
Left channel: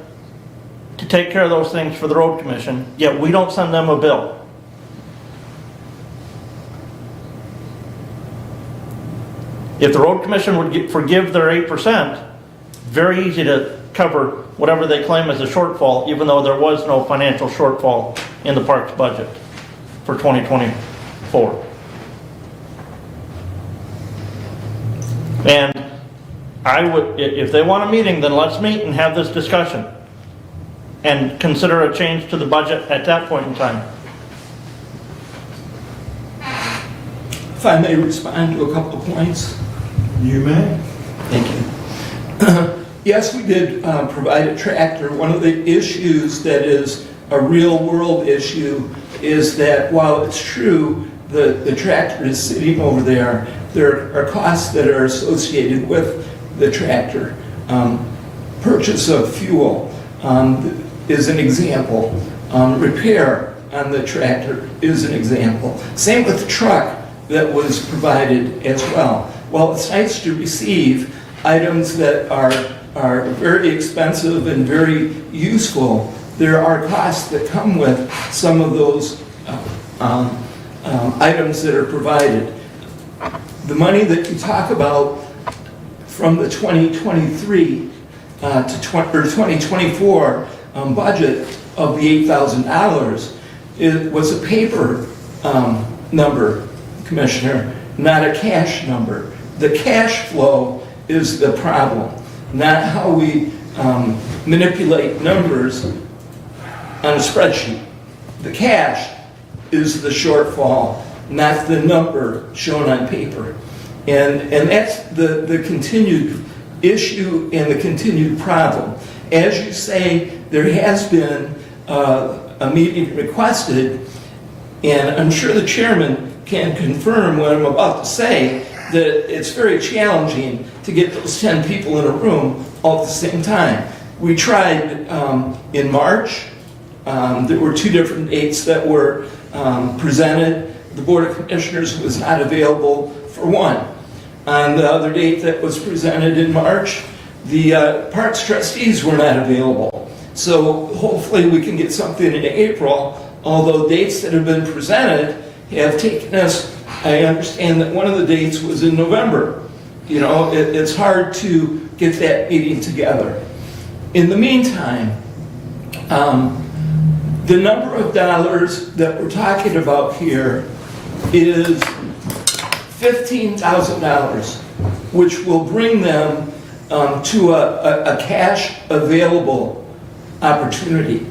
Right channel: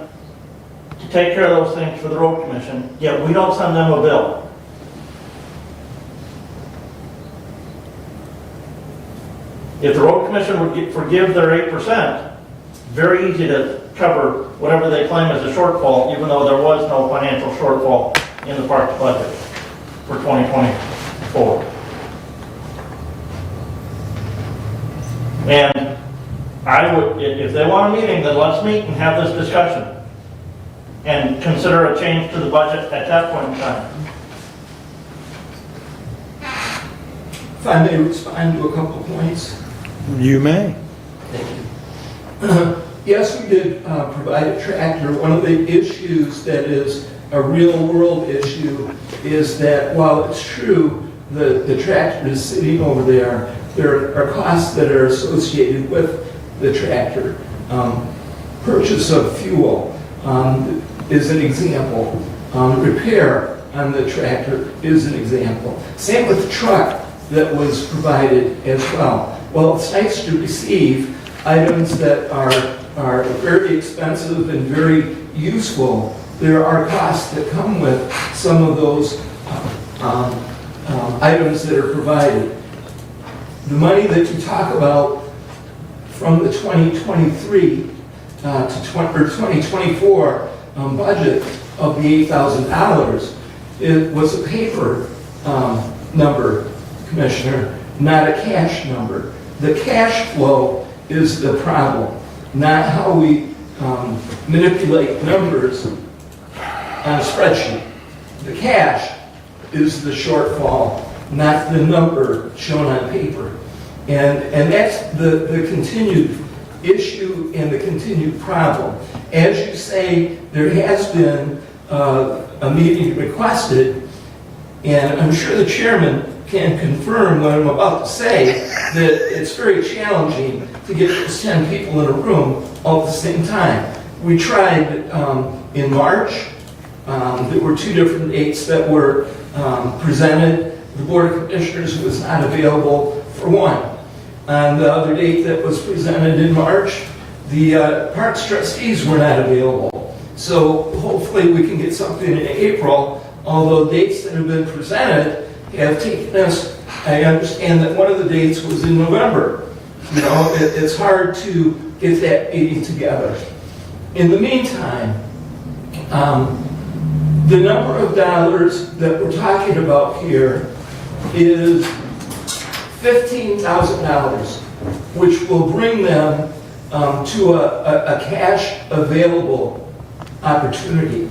to take care of those things for the road commission, yet we don't send them a bill. If the road commission would forgive their 8%, very easy to cover whatever they claim as a shortfall, even though there was no financial shortfall in the parks budget for 2024. And I would, if they want a meeting, then let's meet and have this discussion and consider a change to the budget at that point in time. If I may respond to a couple of points. You may. Thank you. Yes, we did provide a tractor. One of the issues that is a real world issue is that while it's true the tractor is sitting over there are costs that are associated with the tractor. Purchase of fuel is an example. Repair on the tractor is an example. Same with the truck that was provided as well. While it's nice to receive items that are very expensive and very useful, there are costs that come with some of those items that are provided. The money that you talk about from the 2023 to 2024 budget of the $8,000, it was a paper number, Commissioner, not a cash number. The cash flow is the problem, not how we manipulate numbers on a spreadsheet. The cash is the shortfall, not the number shown on paper. And that's the continued issue and the continued problem. As you say, there has been a meeting requested, and I'm sure the chairman can confirm what I'm about to say, that it's very challenging to get those 10 people in a room all at the same time. We tried in March. There were 2 different dates that were presented. The Board of Commissioners was not available for one. On the other date that was presented in March, the Parks trustees were not available. So hopefully we can get something in April, although dates that have been presented have taken us, I understand that one of the dates was in November. You know, it's hard to get that meeting together. In the meantime, the number of dollars that we're talking about here is $15,000, which will bring them to a cash available opportunity.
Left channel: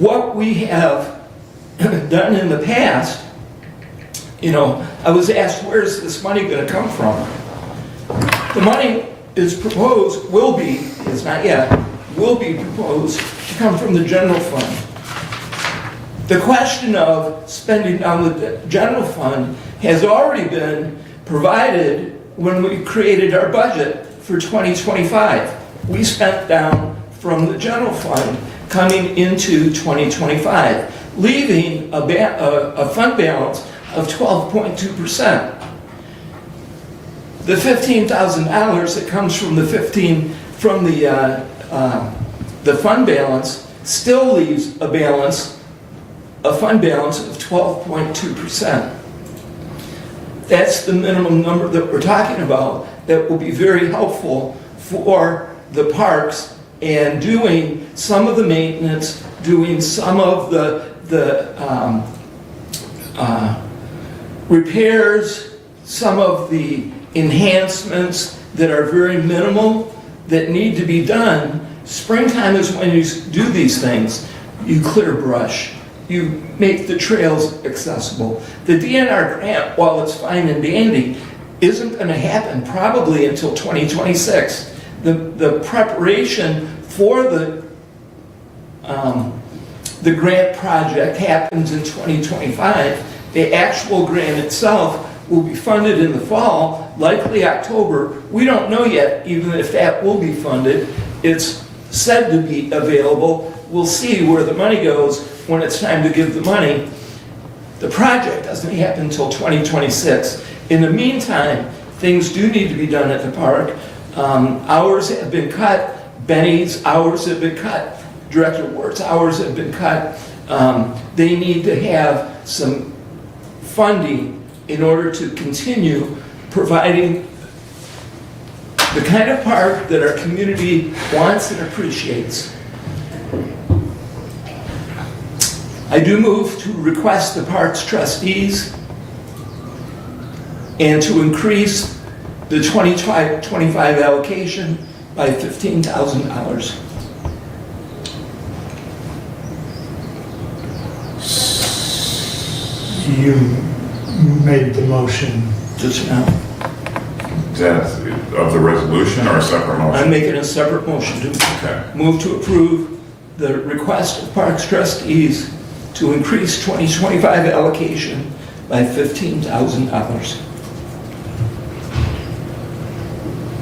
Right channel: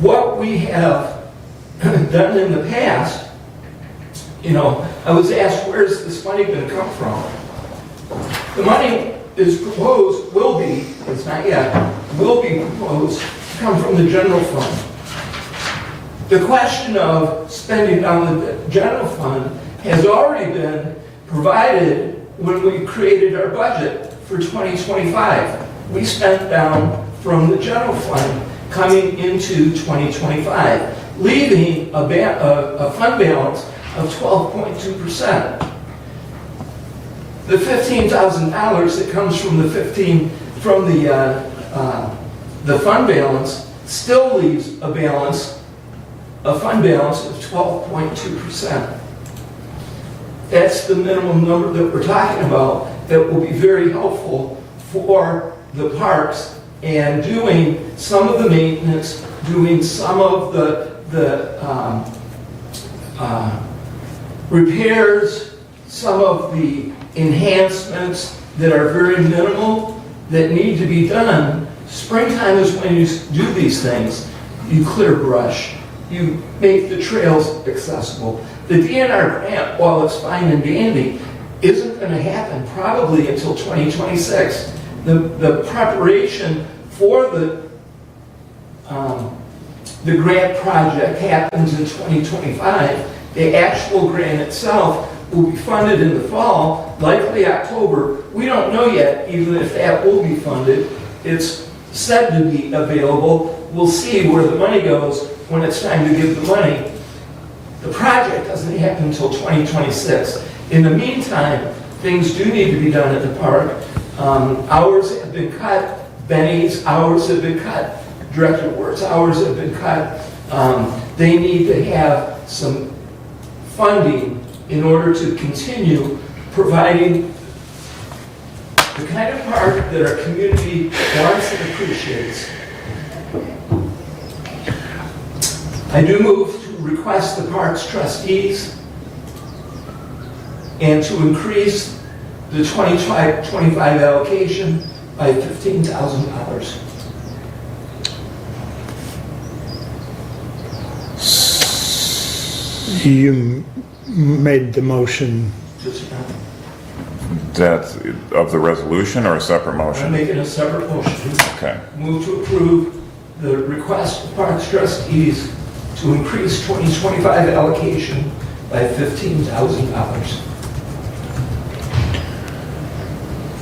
What we have done in the past, you know, I was asked, where's this money going to come from? The money is proposed, will be, it's not yet, will be proposed to come from the general fund. The question of spending on the general fund has already been provided when we created our budget for 2025. We spent down from the general fund coming into 2025, leaving a fund balance of 12.2%. The $15,000 that comes from the fund balance still leaves a fund balance of 12.2%. That's the minimum number that we're talking about that will be very helpful for the parks and doing some of the maintenance, doing some of the repairs, some of the enhancements that are very minimal that need to be done. Springtime is when you do these things. You clear brush. You make the trails accessible. The DNR grant, while it's fine and dandy, isn't going to happen probably until 2026. The preparation for the grant project happens in 2025. The actual grant itself will be funded in the fall, likely October. We don't know yet, even if that will be funded. It's said to be available. We'll see where the money goes when it's time to give the money. The project doesn't happen until 2026. In the meantime, things do need to be done at the park. Hours have been cut. Benny's hours have been cut. Director Wert's hours have been cut. They need to have some funding in order to continue providing the kind of park that our community wants and appreciates. I do move to request the park's trustees and to increase the 2025 allocation by $15,000. You made the motion. Just now. That of the resolution or a separate I'm motion? making a separate motion to Okay. move to approve the request of parks trustees to increase 2025 allocation by $15,000.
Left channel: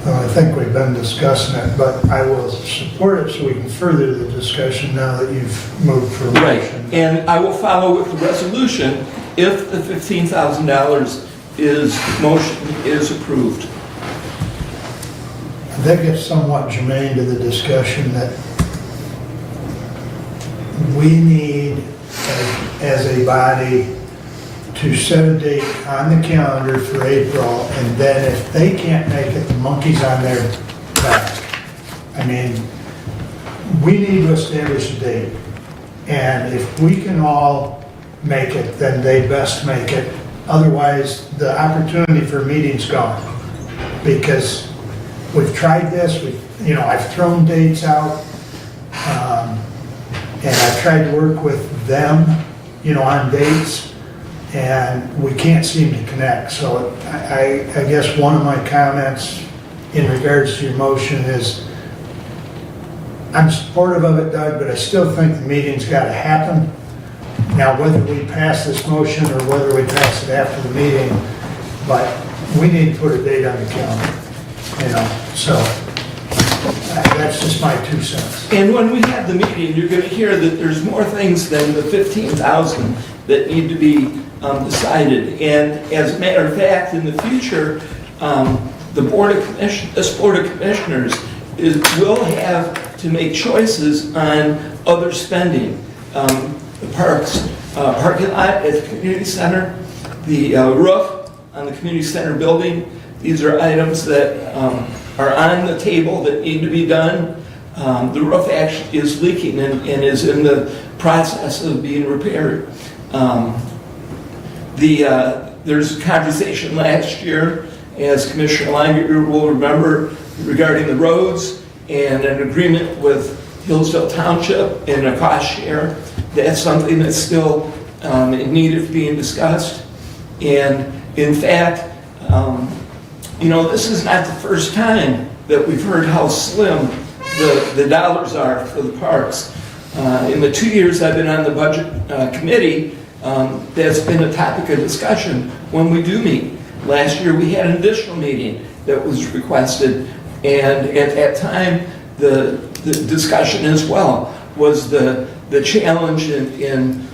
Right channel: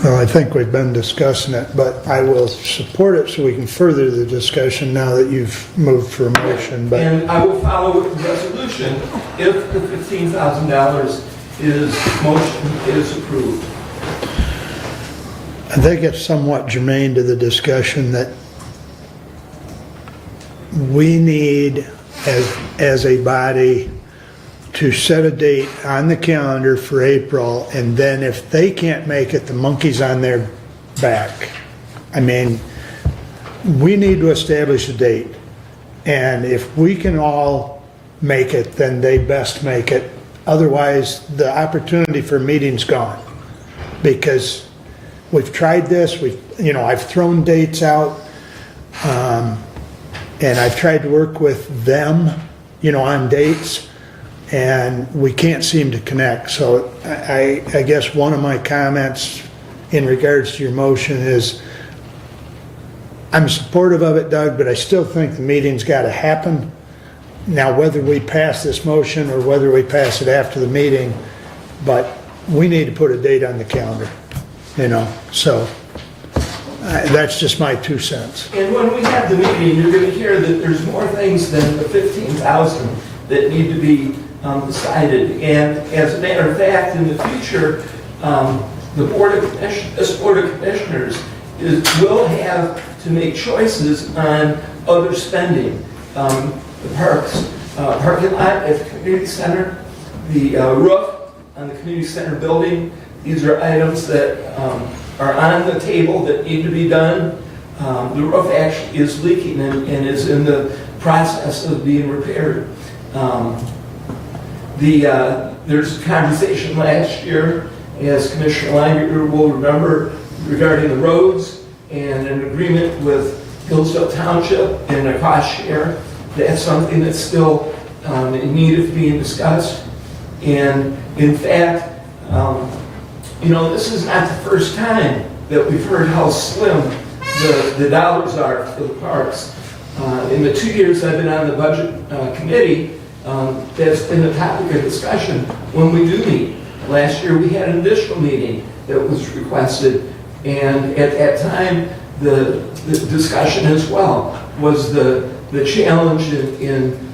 Well, I think we've been discussing it, but I will support it so we can further the discussion now that you've moved for a motion. But And I will follow with the resolution if the $15,000 motion is approved. I think it's somewhat germane to the discussion that we need, as a body, to set a date on the calendar for April, and then if they can't make it, the monkey's on their back. I mean, we need to establish a date, and if we can all make it, then they best make it. Otherwise, the opportunity for a meeting's gone, because we've tried this, I've thrown dates out, and I've tried to work with them, on dates, and we can't seem to connect. So I guess one of my comments in regards to your motion is, I'm supportive of it, Doug, but I still think the meeting's got to happen. Now, whether we pass this motion or whether we pass it after the meeting, but we need to put a date on the calendar, so that's just my 2 cents. And when we have the meeting, you're going to hear that there's more things than the $15,000 that need to be decided. And as a matter of fact, in the future, this Board of Commissioners will have to make choices on other spending. The parks, parking lot at the community center, the roof on the community center building. These are items that are on the table that need to be done. The roof actually is leaking and is in the process of being repaired. There's a conversation last year, as Commissioner Langer will remember, regarding the roads and an agreement with Hillsdale Township in a cost share. That's something that's still in need of being discussed. And in fact, this is not the first time that we've heard how slim the dollars are for the parks. In the 2 years I've been on the budget committee, that's been a topic of discussion when we do meet. Last year we had an additional meeting that was requested, and at that time the discussion as well was the challenge in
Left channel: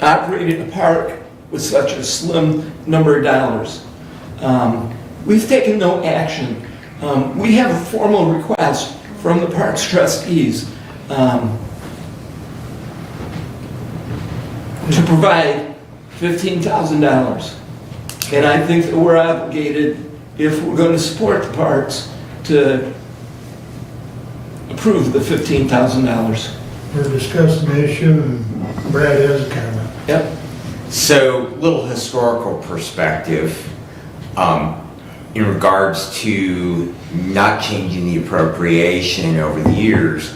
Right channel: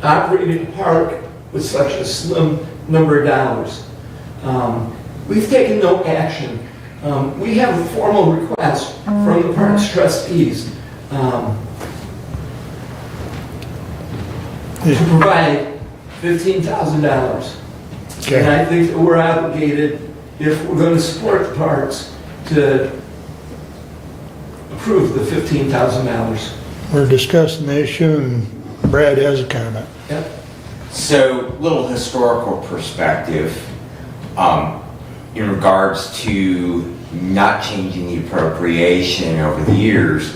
operating a park with such a slim number of dollars. We've taken no action. We have a formal request from the parks trustees to provide $15,000. And I think that we're obligated, if we're going to support the parks, to approve the $15,000. We're discussing the issue and Brad has a comment. Yep. So, little historical perspective in regards to not changing the appropriation over the years.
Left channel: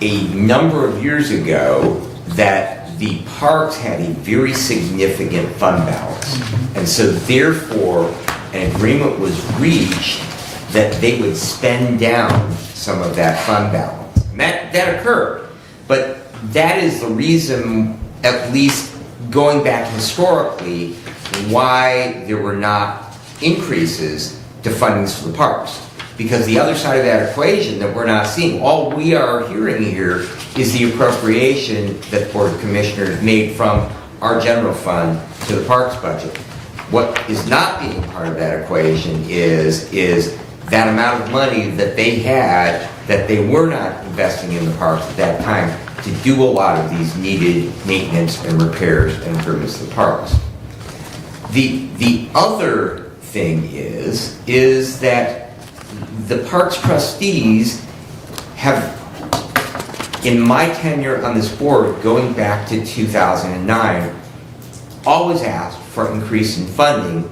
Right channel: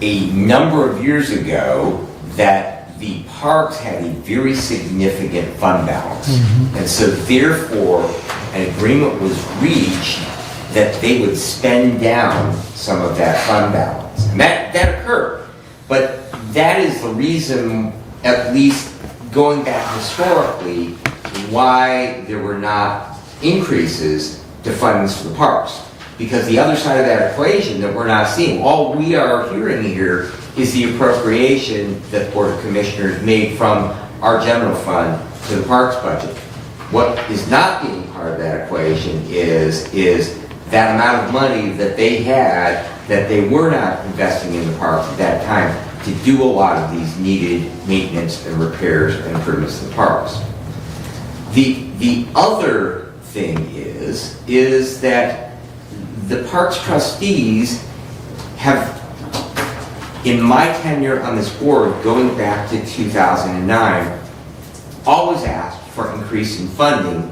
A number of years ago, that the parks had a very significant fund balance. And so therefore, an agreement was reached that they would spend down some of that fund balance. And that occurred. But that is the reason, at least going back historically, why there were not increases to funds for the parks. Because the other side of that equation that we're not seeing, all we are hearing here is the appropriation that the Board of Commissioners made from our general fund to the parks budget. What is not being part of that equation is that amount of money that they had that they were not investing in the parks at that time to do a lot of these needed maintenance and repairs and improvements to the parks. The other thing is that the parks trustees have, in my tenure on this board, going back to 2009, always asked for increasing funding,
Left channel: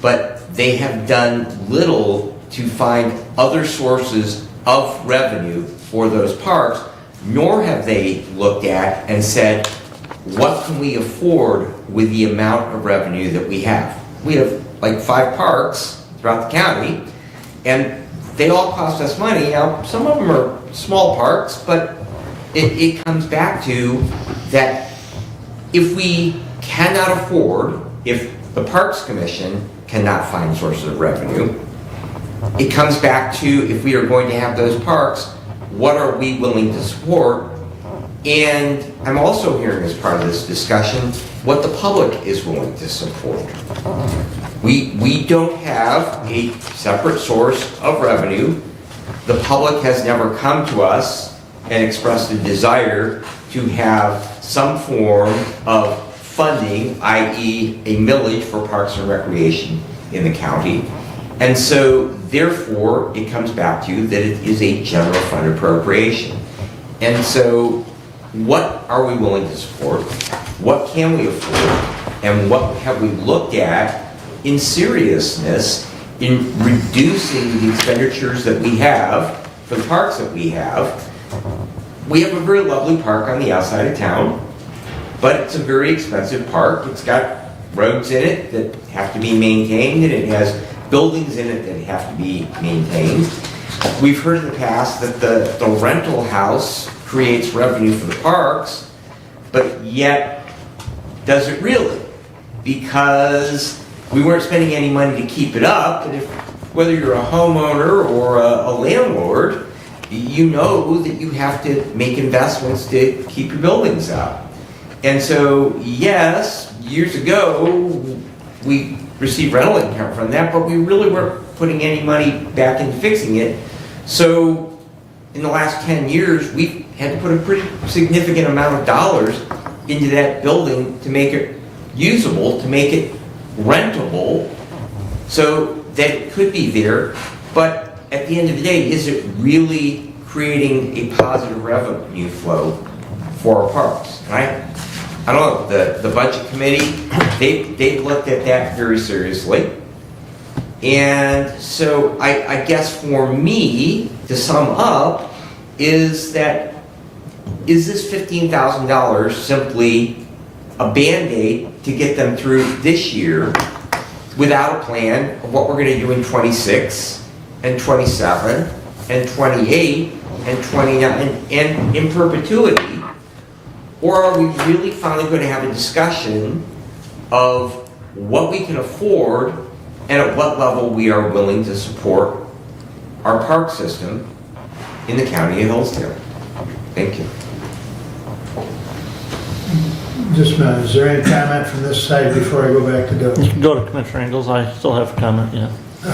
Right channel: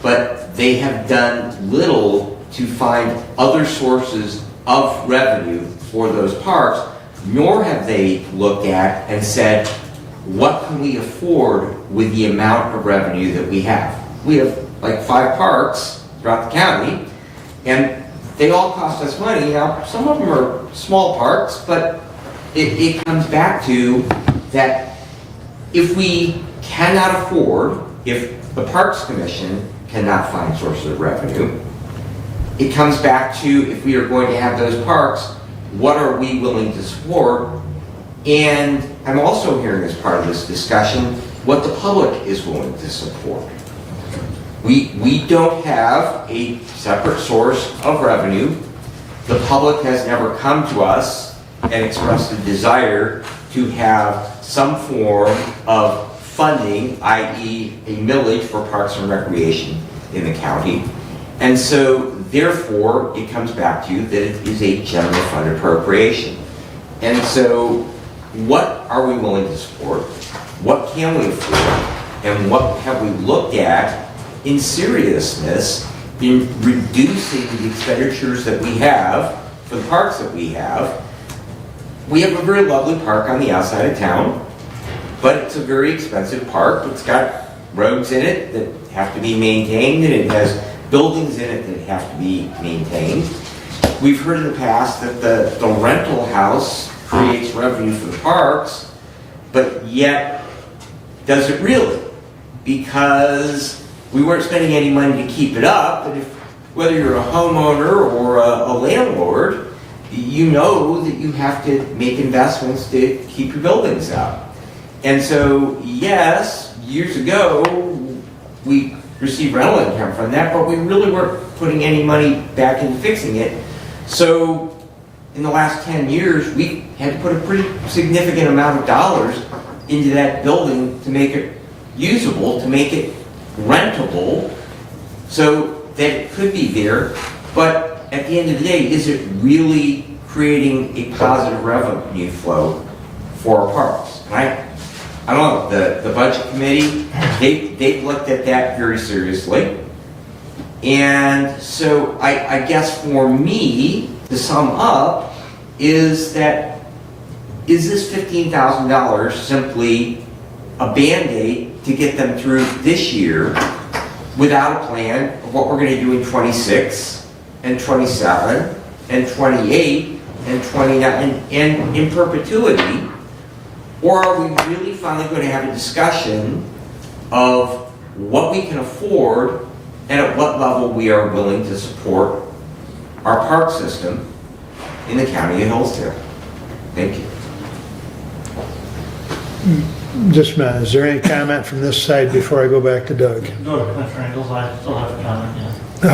but they have done little to find other sources of revenue for those parks, nor have they looked at and said, what can we afford with the amount of revenue that we have? We have like 5 parks throughout the county, and they all cost us money. Now, some of them are small parks, but it comes back to that if we cannot afford, if the Parks Commission cannot find sources of revenue, it comes back to, if we are going to have those parks, what are we willing to support? And I'm also hearing as part of this discussion what the public is willing to support. We don't have a separate source of revenue. The public has never come to us and expressed a desire to have some form of funding, i.e. a millage for parks and recreation in the county. And so, therefore, it comes back to that it is a general fund appropriation. And so, what are we willing to support? What can we afford? And what have we looked at in seriousness in reducing the expenditures that we have for the parks that we have? We have a very lovely park on the outside of town, but it's a very expensive park. It's got roads in it that have to be maintained, and it has buildings in it that have to be maintained. We've heard in the past that the rental house creates revenue for the parks, but yet, does it really? Because we weren't spending any money to keep it up, and whether you're a homeowner or a landlord, you know that you have to make investments to keep your buildings up. And so, yes, years ago, we received rental income from that, but we really weren't putting any money back into fixing it. So, in the last 10 years, we had to put a pretty significant amount of dollars into that building to make it usable, to make it rentable, so that it could be there. But at the end of the day, is it really creating a positive revenue flow for our parks? And I don't know, the budget committee, they've looked at that very seriously. And so I guess for me, to sum up, is this $15,000 simply a Band-Aid to get them through this year without a plan of what we're going to do in 26 and 27 and 28 and 29 and in perpetuity? Or are we really finally going to have a discussion of what we can afford and at what level we are willing to support our park system in the county of Hillsdale? Thank you. Just a minute, is there any comment from this side before I go back to Doug? Go to Commissioner Ingles, I still have a comment, yeah.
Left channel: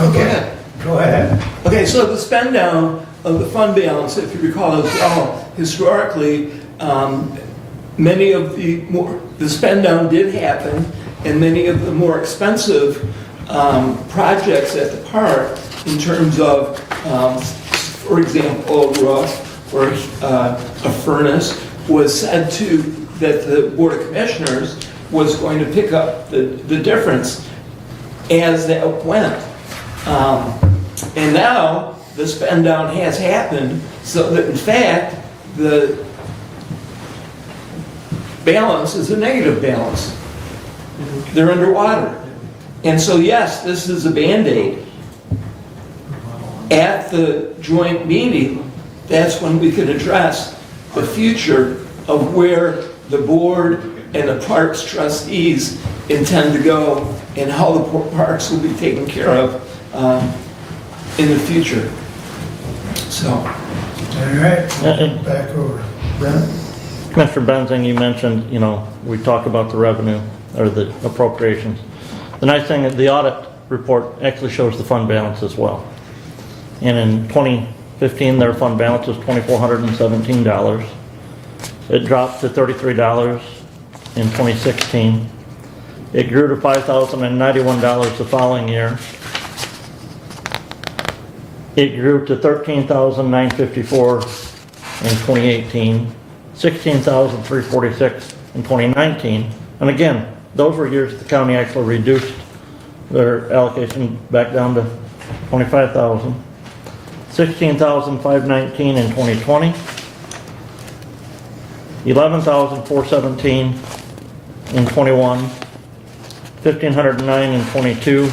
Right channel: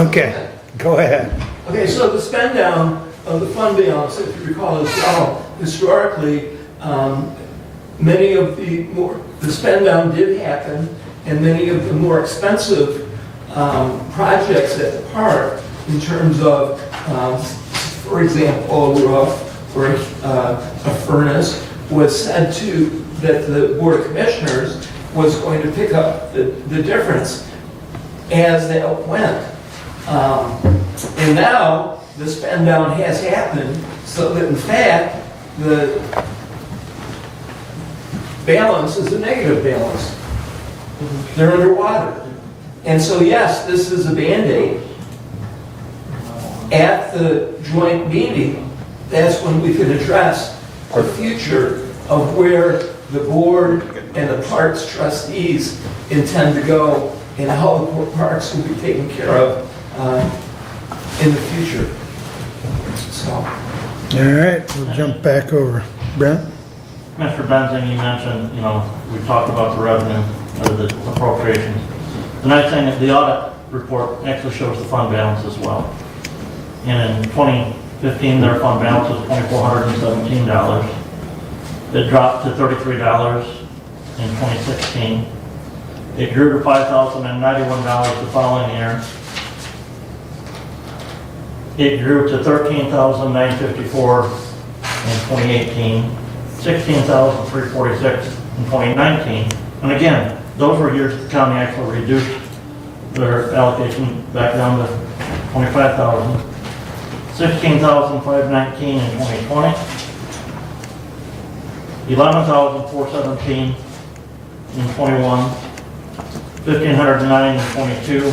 Okay, go ahead. Okay, so the spend down of the fund balance, if you recall as well, historically, many of the spend down did happen, and many of the more expensive projects at the park, in terms of, for example, a roof or a furnace, was said to that the Board of Commissioners was going to pick up the difference as that went. And now the spend down has happened, so that in fact the balance is a negative balance. They're underwater. And so yes, this is a Band-Aid. At the joint meeting, that's when we can address the future of where the board and the parks trustees intend to go and how the parks will be taken care of in the future. So. All right, we'll jump back over. Brent? Commissioner Benzing, you mentioned, we talked about the revenue or the appropriations. The nice thing is the audit report actually shows the fund balance as well. And in 2015, their fund balance was $2,417. It dropped to $33 in 2016. It grew to $5,091 the following year. It grew to $13,954 in 2018, $16,346 in 2019. And again, those were years the county actually reduced their allocation back down to $25,000. $16,519 in 2020. $11,417 in 21, $1,509 in 22,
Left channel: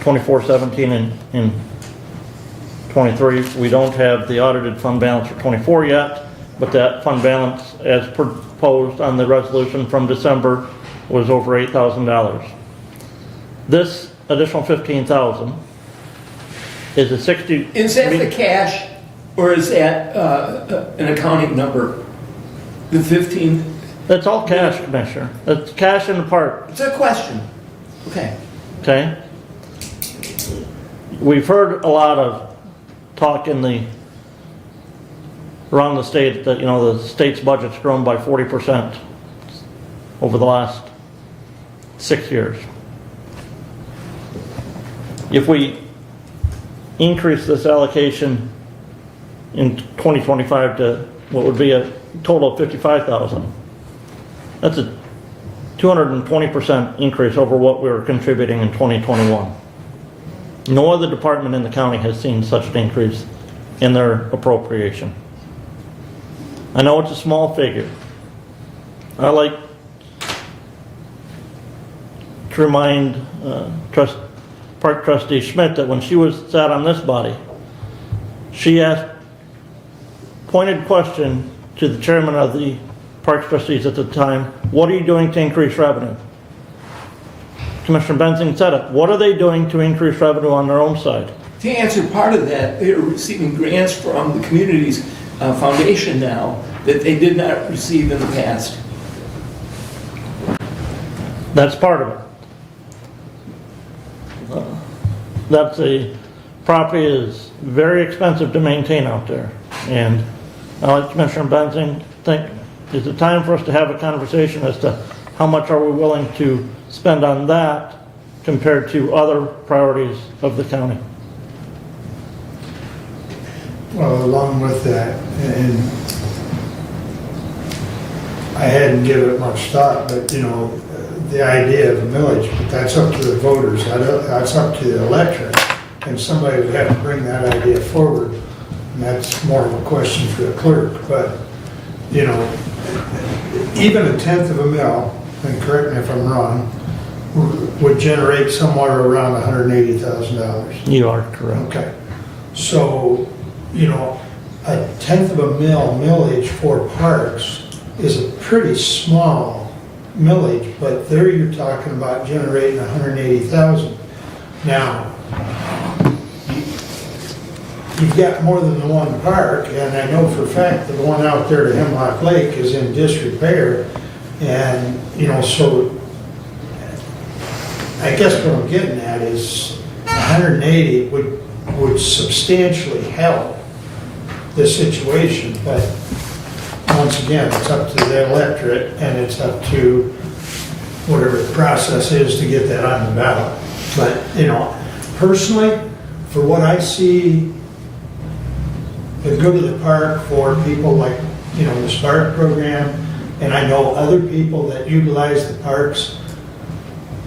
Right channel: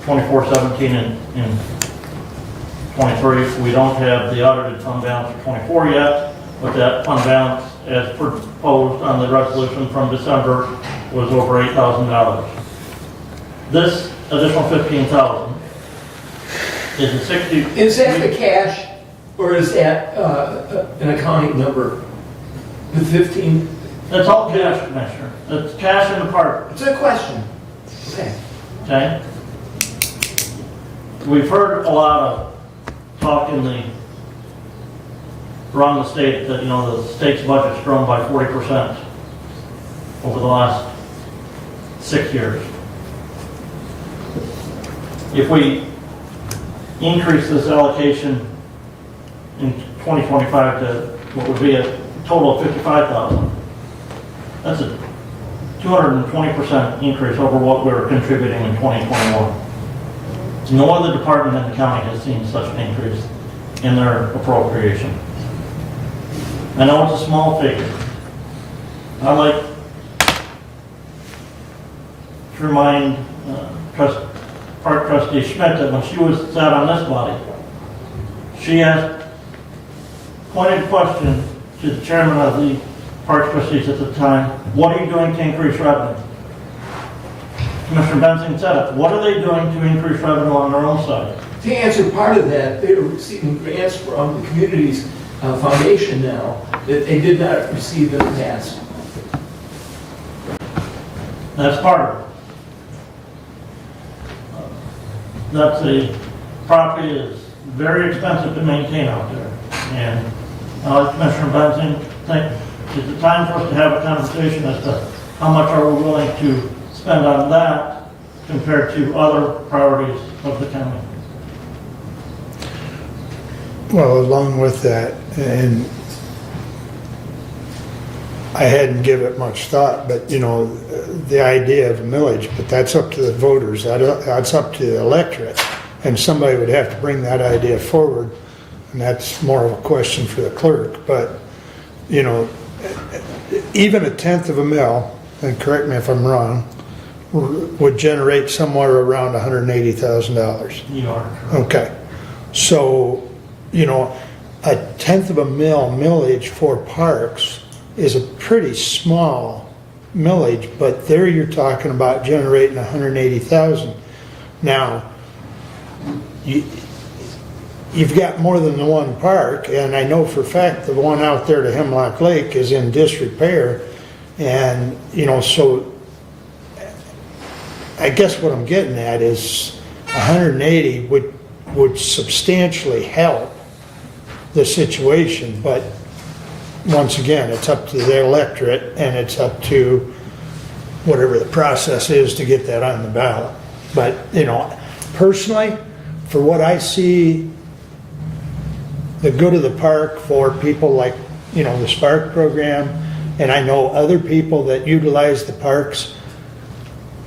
$2,417 in 23. We don't have the audited fund balance for 24 yet, but that fund balance, as proposed on the resolution from December, was over $8,000. This additional $15,000 is a 60. Is that the cash, or is that an accounting number? The 15? That's all cash, Commissioner. It's cash in the park. It's a question. Okay. Okay? We've heard a lot of talk around the state that, the state's budget's grown by 40% over the last 6 years. If we increase this allocation in 2025 to what would be a total of $55,000, that's a 220% increase over what we were contributing in 2021. No other department in the county has seen such an increase in their appropriation. I know it's a small figure. I like to remind Park Trustee Schmidt that when she sat on this body, she asked pointed question to the chairman of the Park Trustees at the time, what are you doing to increase revenue? Commissioner Benzing said it. What are they doing to increase revenue on their own side? To answer part of that, they are receiving grants from the community's foundation now that they did not receive in the past. That's part of it. That the property is very expensive to maintain out there. And I let Commissioner Benzing think it's a time for us to have a conversation as to how much are we willing to spend on that compared to other priorities of the county. Well, along with that, and I hadn't given it much thought, but the idea of a millage, but that's up to the voters, that's up to the electorate, and somebody would have to bring that idea forward, and that's more of a question for the clerk, but, even a tenth of a mil, and correct me if I'm wrong, would generate somewhere around $180,000. You are correct. Okay. So, you know, a tenth of a millage for parks is a pretty small millage, but there you're talking about generating 180,000. Now, you've got more than the one park, and I know for a fact the one out there to Hemlock Lake is in disrepair, and, you know, so I guess what I'm getting at is 180 would substantially help the situation, but once again, it's up to the electorate, and it's up to whatever the process is to get that on the ballot. But, you know, personally, for what I see, the good of the park for people like, you know, the Spark program, and I know other people that utilize the parks,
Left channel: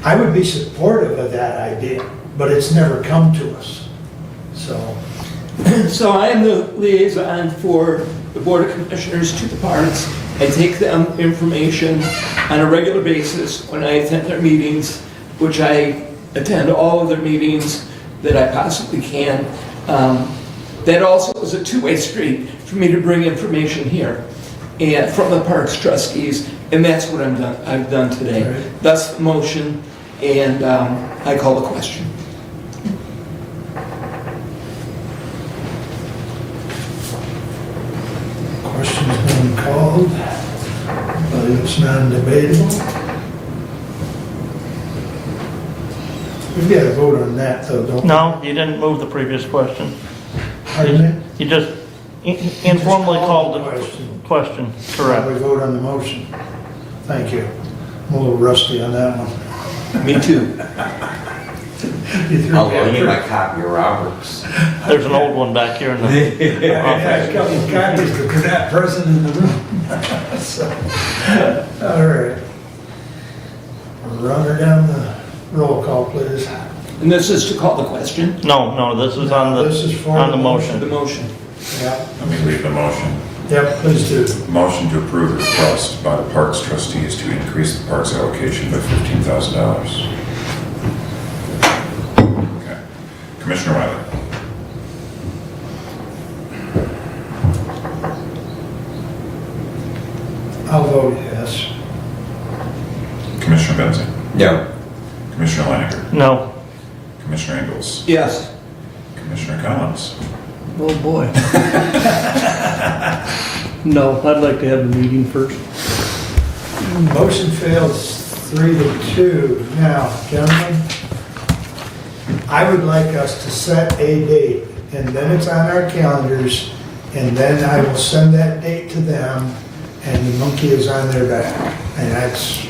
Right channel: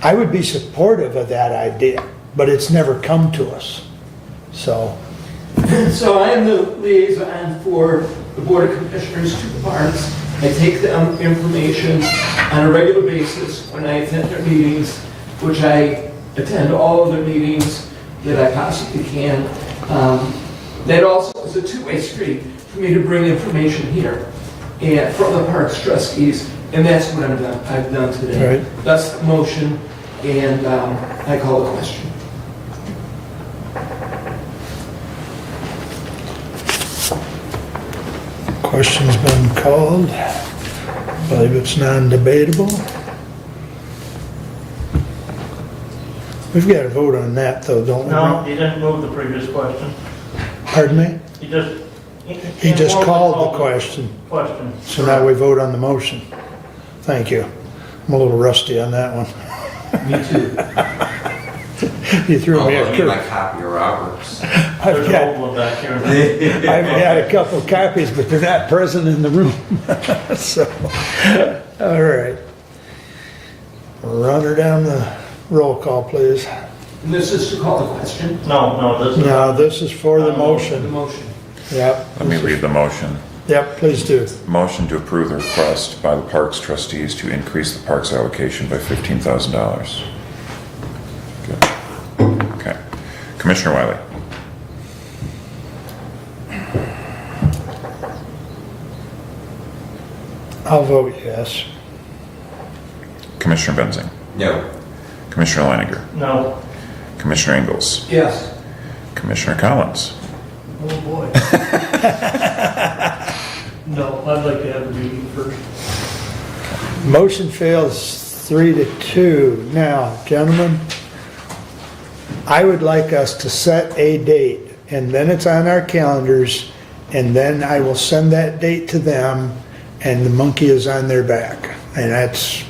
I would be supportive of that idea, but it's never come to us. So I'm the liaison for the Board of Commissioners to the parks. I take them information on a regular basis when I attend their meetings, which I attend all of their meetings that I possibly can. That also is a two-way street for me to bring information here and from the parks trustees, and that's what I've done today. Right. That's the motion, and I call the question. question's been called. I believe it's non-debatable. We've got to vote on that though, don't we? No, you didn't move the previous question. Pardon me? You just He just informally called the called question. the question. So now we vote on the motion. Thank you. I'm a little rusty on that one. Me too. You threw I'll me get my off. copy of Roberts. There's an old one back here in the. I've had a couple of copies, but they're not present in the room. So, all right. Run her down the roll call, please. And this is to call the question, No, this is No, on the. this is for on the the motion. the motion. Yeah. Let me read the motion. Yep, please do. Motion to approve the request by the Parks trustees to increase the parks allocation by $15,000. Okay. Commissioner Wiley. I'll vote yes. Commissioner Benzing. No. Commissioner Leininger. No, Commissioner Ingalls. Yes. Commissioner Collins. Oh, boy. No, I'd like to have a meeting first. Motion fails 3-2. Now, gentlemen, I would like us to set a date, and then it's on our calendars, and then I will send that date to them, and the monkey is on their back. And that's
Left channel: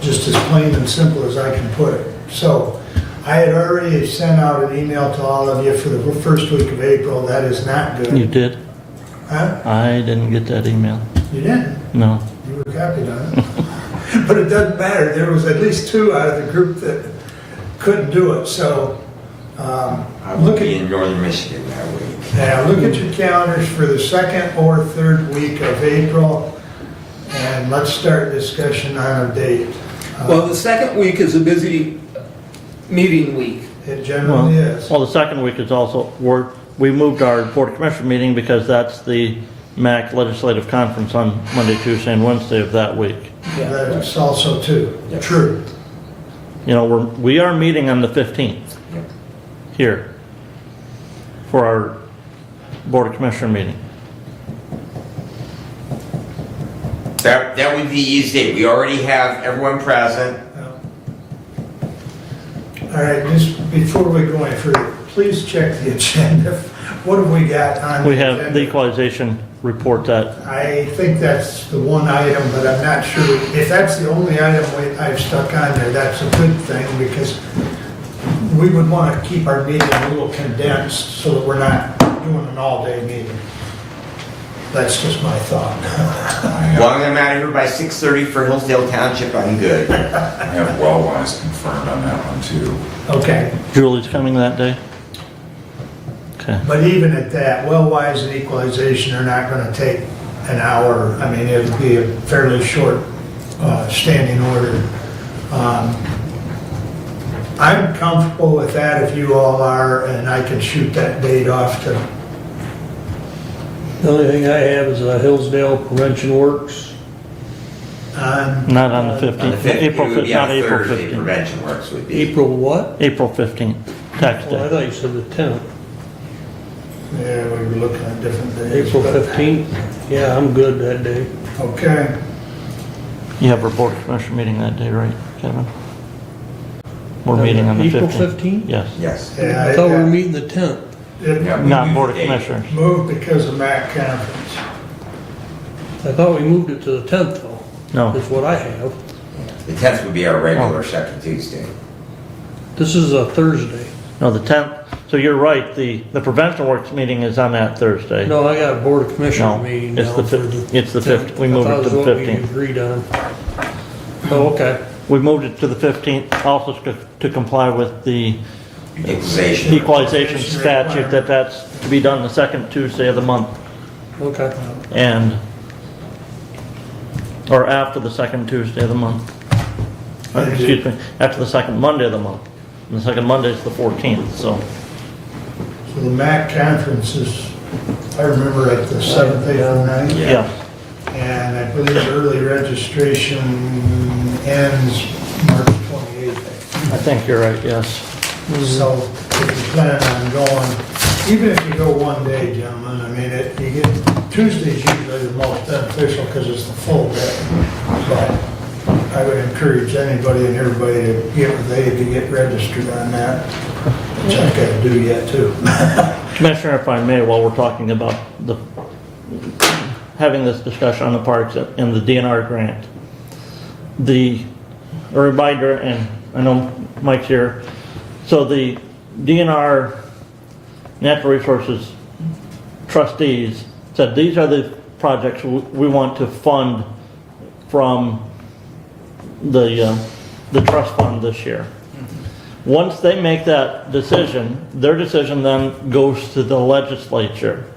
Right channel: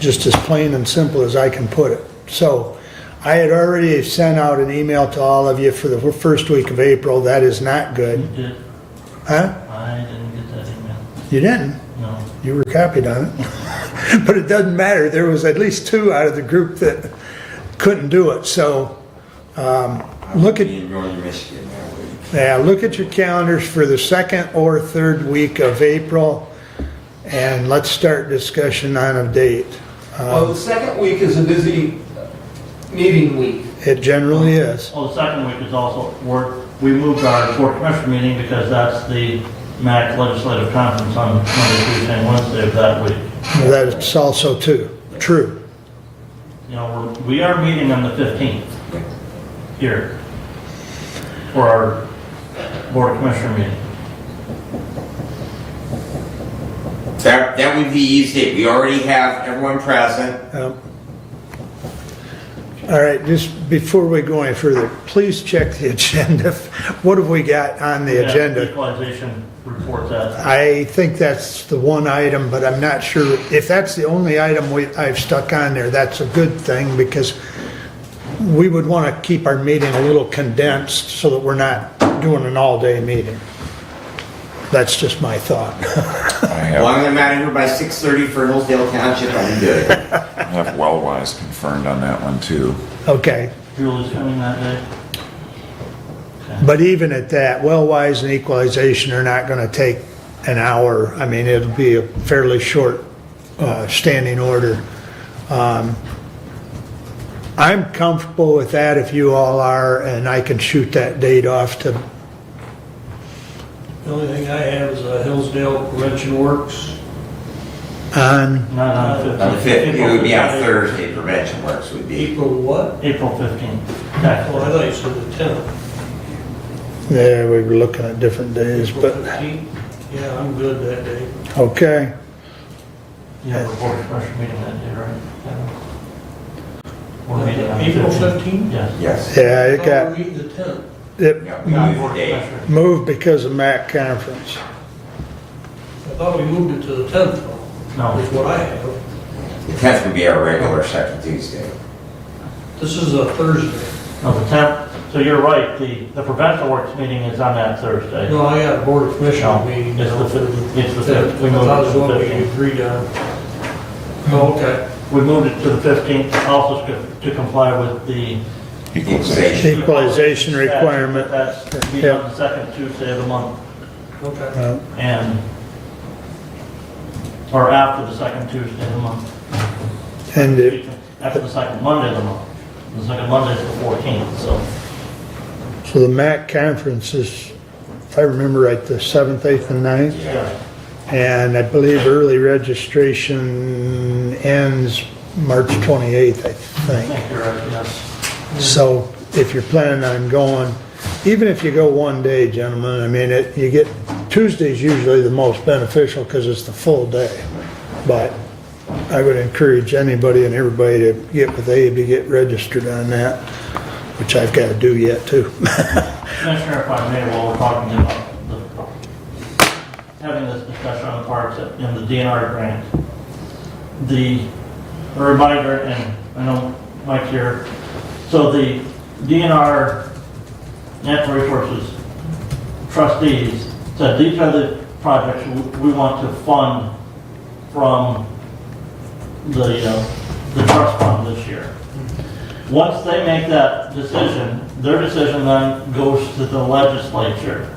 just as plain and simple as I can put it. So, I had already sent out an email to all of you for the first week of April. That is not you good. did. Huh? I didn't get that email. You didn't? No. You were copied on it. But it doesn't matter. There was at least 2 out of the group that couldn't do it. So, I look will be at, in northern Michigan that week. yeah, look at your calendars for the 2nd or 3rd week of April, and let's start discussion on a date. Well, the second week is a busy meeting week. It generally is. Well, the second week is also, we moved our Board of Commissioner meeting because that's the MAC Legislative Conference on Monday, Tuesday, and Wednesday of that week. Well, that's also true. You know, we are meeting on the 15th here for our Board of Commissioner meeting. That would be the easy date. We already have everyone present. All right, just before we go any further, please check the agenda. What have we got on We the have the agenda? equalization report that, I think that's the one item, but I'm not sure. If that's the only item I've stuck on there, that's a good thing, because we would want to keep our meeting a little condensed so that we're not doing an all-day meeting. That's just my thought. As long as I'm out of here by 6:30 for Hillsdale Township, I'm good. I have Wellwise confirmed on that one too. Okay, Julie's coming that day? Okay. but even at that, well-wise and equalization are not going to take an hour. I mean, it would be a fairly short standing order. I'm comfortable with that if you all are, and I can shoot that date off to, The only thing I have is Hillsdale Prevention Works. on, Not on the On the 15th. 15th, it would be on April Thursday, 15th. prevention works would be. April what? April 15th. Tax Well, I day. thought you said the 10th. yeah, we were looking at different days. April but- 15th? Yeah, I'm good that day. Okay, You have our board of commissioner meeting that day, right, Kevin? We're meeting on the 15th. April 15th? Yes. Yes. yeah, I it thought we were got, meeting the 10th. it Yeah, we Not moved board of the date. commissioners. moved because of MAC conference. I thought we moved it to the 10th though, No, is what I have. The 10th would be our regular second Tuesday. This is a Thursday. no, the 10th. So you're right, the prevention works meeting is on that Thursday. No, I got a Board of Commissioner No, meeting. it's now the for 15th. It's the 10th. 15th. We I moved thought it was to the what we 15th. agreed on. Oh, okay. We moved it to the 15th, also to comply with the Equalization. equalization statute, requirement. that's to be done the second Tuesday of the month, Okay. and, or after the second Tuesday of the month. And Excuse me, after the second Monday of the month. And the second Monday is the 14th, so. So the MAC conference is, I remember right, the 7th, 8th, and 9th. Yeah. And I believe early registration ends March 28th, I I think. think you're right, yes. So if you're planning on going, even if you go one day, gentlemen, I mean, you get, Tuesday's usually the most beneficial because it's the full day. But I would encourage anybody and everybody to get with Abe to get registered on that, which I've got to do yet too. Commissioner, if I may, while we're talking about having this discussion on the parks and the DNR grant, a reminder, and I know Mike's here, so the DNR Natural Resources trustees said these are the projects we want to fund from the trust fund this year. Once they make that decision, their decision then goes to the legislature.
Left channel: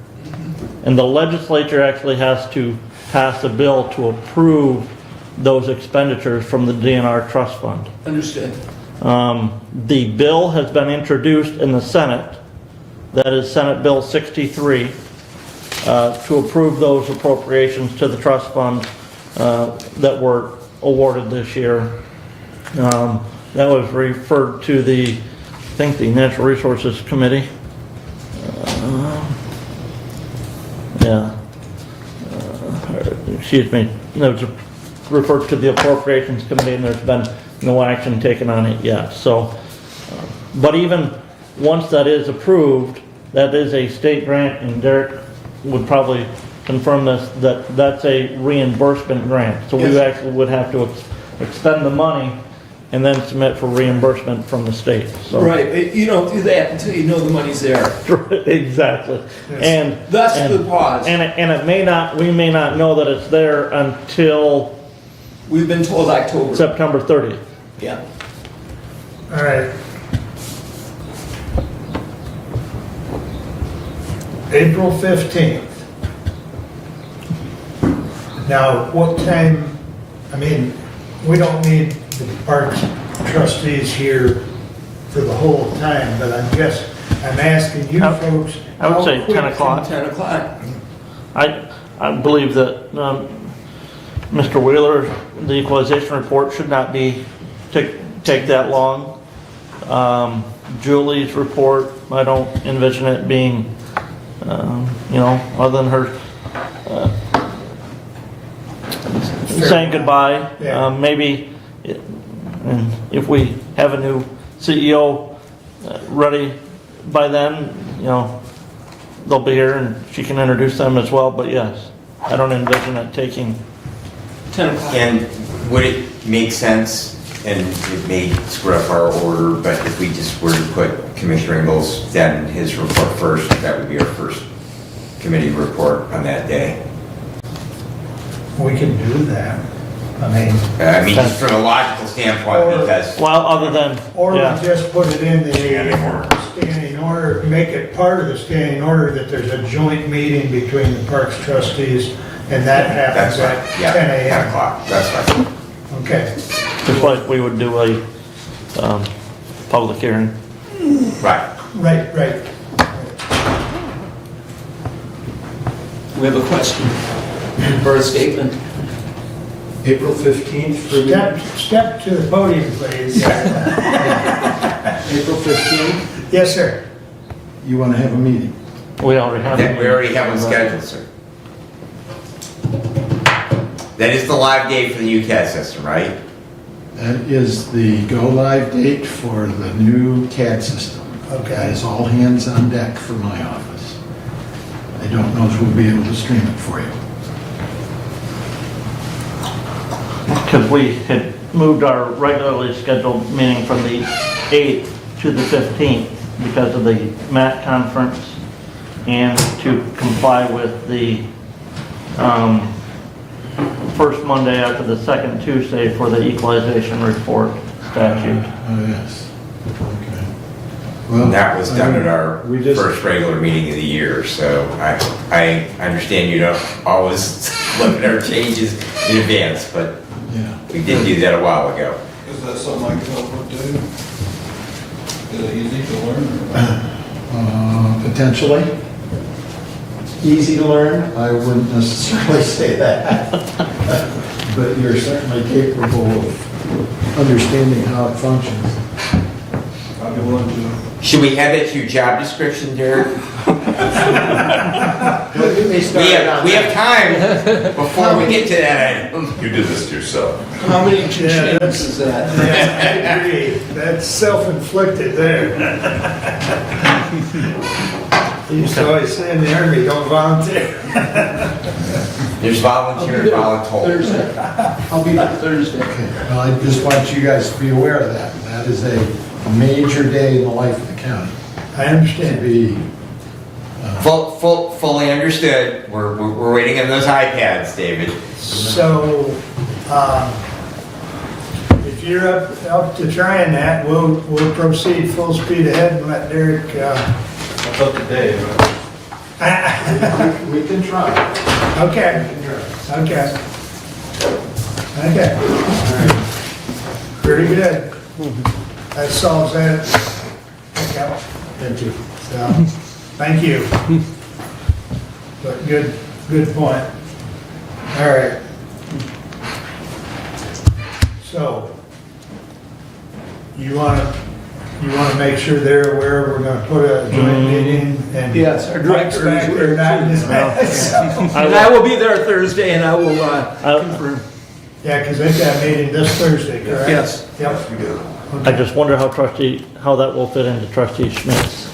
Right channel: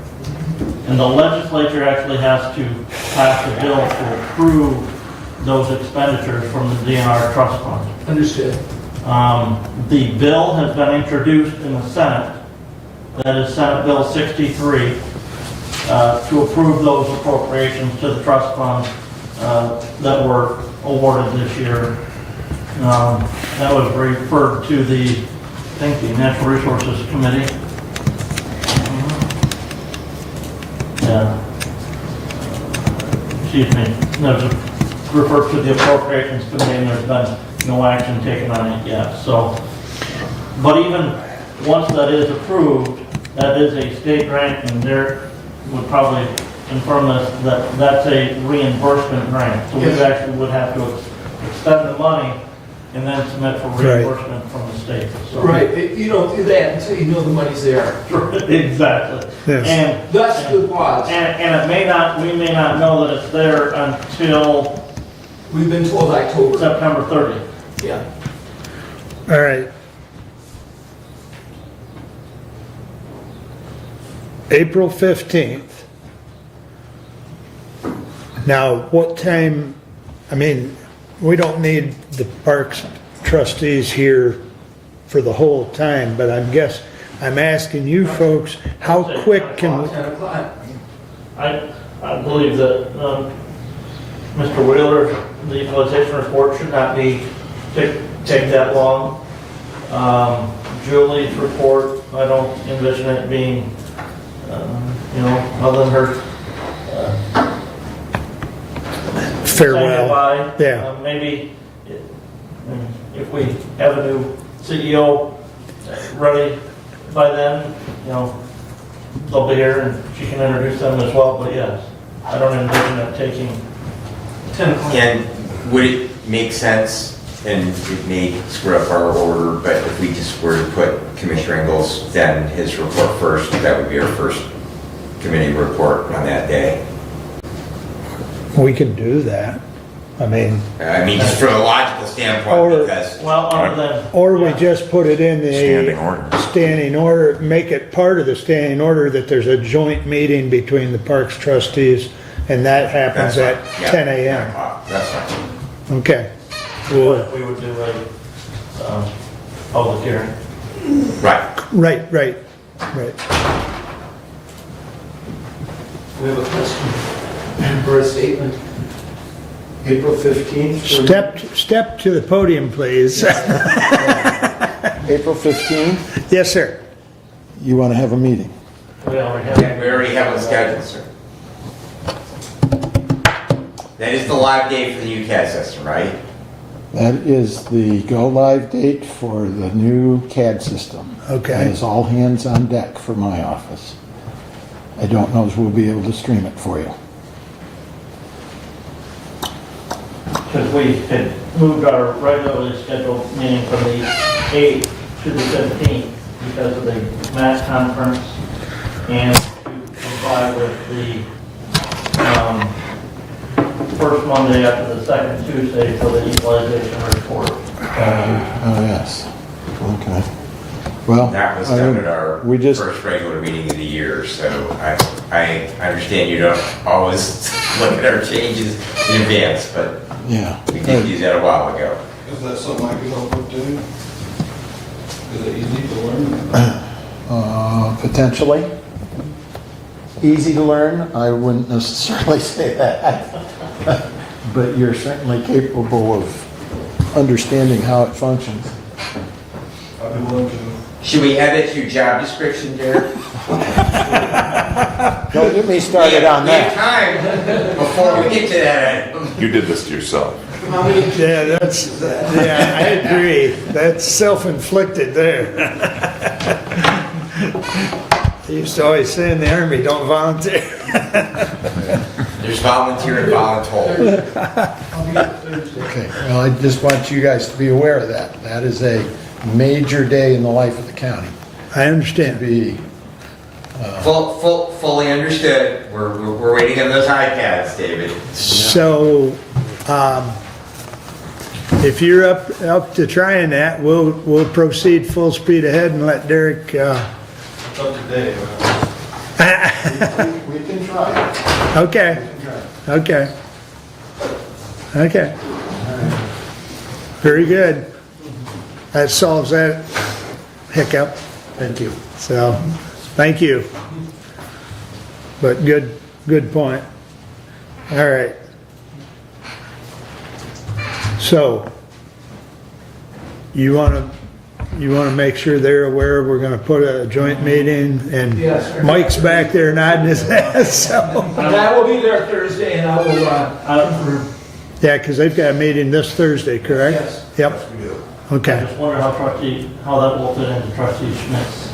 And the legislature actually has to pass a bill to approve those expenditures from the DNR trust fund. Understood. The bill has been introduced in the Senate. That is Senate Bill 63, to approve those appropriations to the trust funds that were awarded this year. That was referred to the, I think, the Natural Resources Committee. Yeah. Excuse me. That was referred to the Appropriations Committee, and there's been no action taken on it yet. So, but even once that is approved, that is a state grant, and Derek would probably confirm this, that that's a reimbursement grant. So we Yes. actually would have to extend the money and then submit for reimbursement from the state. So- Right, you don't do that until you know the money's there. Exactly. Yes. And That's the pause. and it may not, we may not know that it's there until We've been told October. September 30th. Yeah. All right. April 15th. Now, what time, I mean, we don't need the parks trustees here for the whole time, but I'm asking you folks, I would how say 10 quick o'clock. can, 10 o'clock. I believe that Mr. Wheeler, the equalization report should not take that long. Julie's report, I don't envision it being, other than her saying Farewell. goodbye. Yeah. Maybe if we have a new CEO ready by then, they'll be here and she can introduce them as well. But yes, I don't envision it taking. 10 o'clock. And would it make sense, and it may screw up our order, but if we just were to put Commissioner Ingles, then his report first, that would be our first committee report on that day. we can do that. I mean, Just from a logical standpoint, Or- because. Well, other than or we yeah. just put it in Standing the order. standing order, make it part of the standing order that there's a joint meeting between the parks trustees, and that happens That's at fine, yeah, 10 10 a.m. o'clock, that's fine. Okay, Just like we would do a public hearing. Right. Right. We have a question for a statement. April 15th. Step to the podium, please. April 15th, Yes, sir. you want to have a meeting? We already have. We already have one scheduled, sir. That is the live date for the UCAS system, right? That is the go-live date for the new CAD system. Okay. That is all hands on deck for my office. I don't know if we'll be able to stream it for you. Because we had moved our regularly scheduled meeting from the 8th to the 15th because of the MAC conference and to comply with the first Monday after the second Tuesday for the equalization report statute. Oh, yes. Okay. Well, That was done at our we just- first regular meeting of the year, so I understand you don't always look at our changes in advance, but Yeah. we did do that a while ago. Is that something I could help with too? Is it easy to learn? Potentially. Easy to learn, I wouldn't necessarily say that. But you're certainly capable of understanding how it functions. I'd be willing to. Should we add that to your job description, Derek? Don't get me We started have, on we have that. time before we get to that item. You did this to yourself. How many Yeah, changes is that? Yeah, I agree. That's self-inflicted there. I used to always say in the Army, don't volunteer. There's volunteer and voluntold. I'll be there Thursday. Okay, well, I just want you guys to be aware of that. That is a major day in the life of the county. I To understand. be, Fully understood. We're waiting on those iPads, David. So, if you're up to trying that, we'll proceed full speed ahead and let Derek, That's up to Dave. We can try. okay, okay. Okay. Very good. That solves that hiccup. thank you. So, thank you. But good point. All right. So, you want to make sure they're aware we're going to put a joint meeting and Yes. Mike's back there nodding his head. So, I will be there Thursday and I will, yeah, because they've got a meeting this Thursday, correct? Yes. Yep. We do. I Okay. just wonder how that will fit into trustee Schmidt's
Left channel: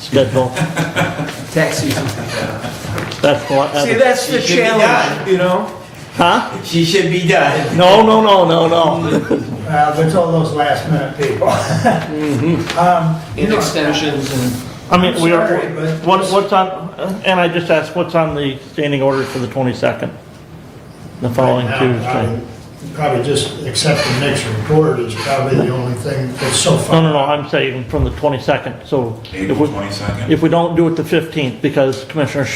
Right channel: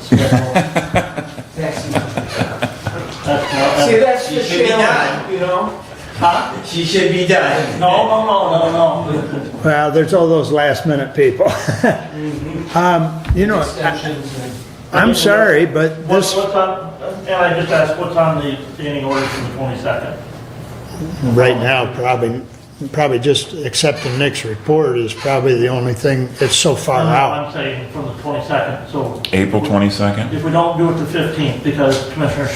schedule. taxi. That's what. See, that's the She should be done. challenge, you know? Huh? She should be done. No. Well, there's all those last minute people. You know, Extensions and. I'm sorry, but What's on, and I just asked, what's on the standing order for the 22nd? right now, probably just accepting Nick's report is probably the only thing that's so far out. I'm saying from the 22nd, so. April if we- 22nd? If we don't do it the 15th, because Commissioner,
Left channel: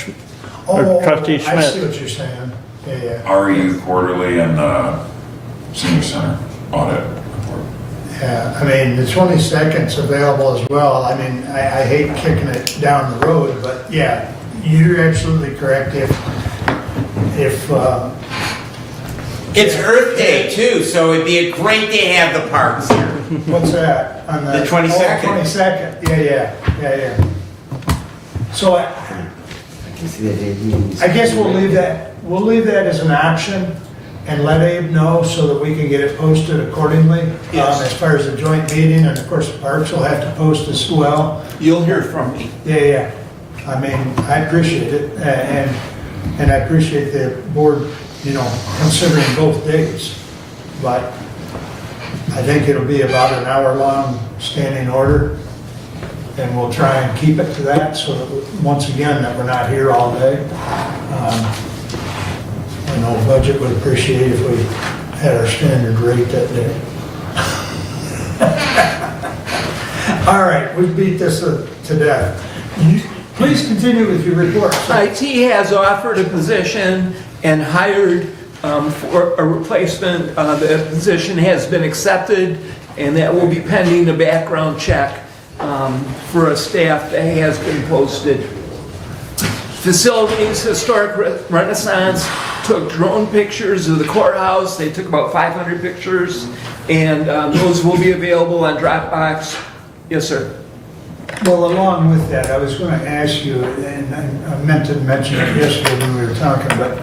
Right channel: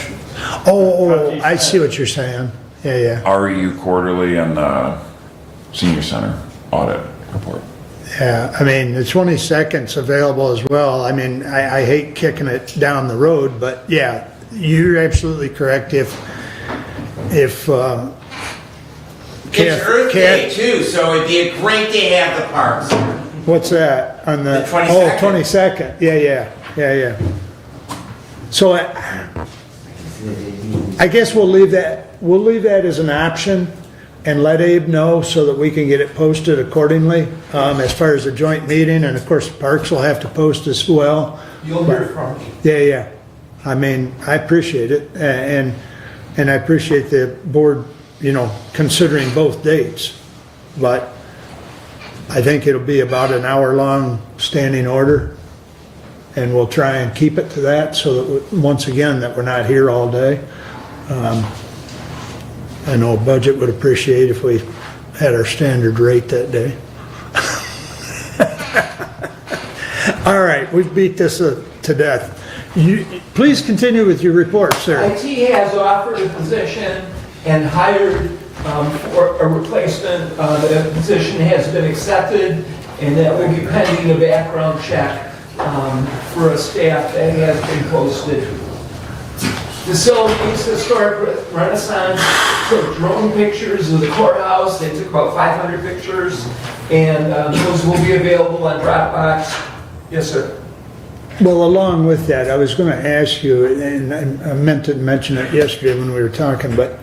Oh, Trustee I see Schmidt. what you're saying. Yeah. REU quarterly and the senior center audit report. Yeah, I mean, the 22nd's available as well. I mean, I hate kicking it down the road, but yeah, you're absolutely correct. If It's Earth Day too, so it'd be a great day to have the parks here. what's that? On The 22nd. Oh, 22nd. Yeah. So I guess we'll leave that as an option and let Abe know so that we can get it posted accordingly. As far as the joint meeting, and of course, the parks will have to post as well. You'll hear from me. Yeah. I mean, I appreciate it, and I appreciate the board, considering both dates. But I think it'll be about an hour-long standing order, and we'll try and keep it to that, so that, once again, that we're not here all day. I know budget would appreciate if we had our standard rate that day. All right, we've beat this to death. Please continue with your report, sir. IT has offered a position and hired for a replacement. The position has been accepted and that will be pending a background check for a staff that has been posted. Facilities, Historic Renaissance took drone pictures of the courthouse. They took about 500 pictures, and those will be available on Dropbox. Yes, sir. Well, along with that, I was going to ask you, and I meant to mention it yesterday when we were talking, but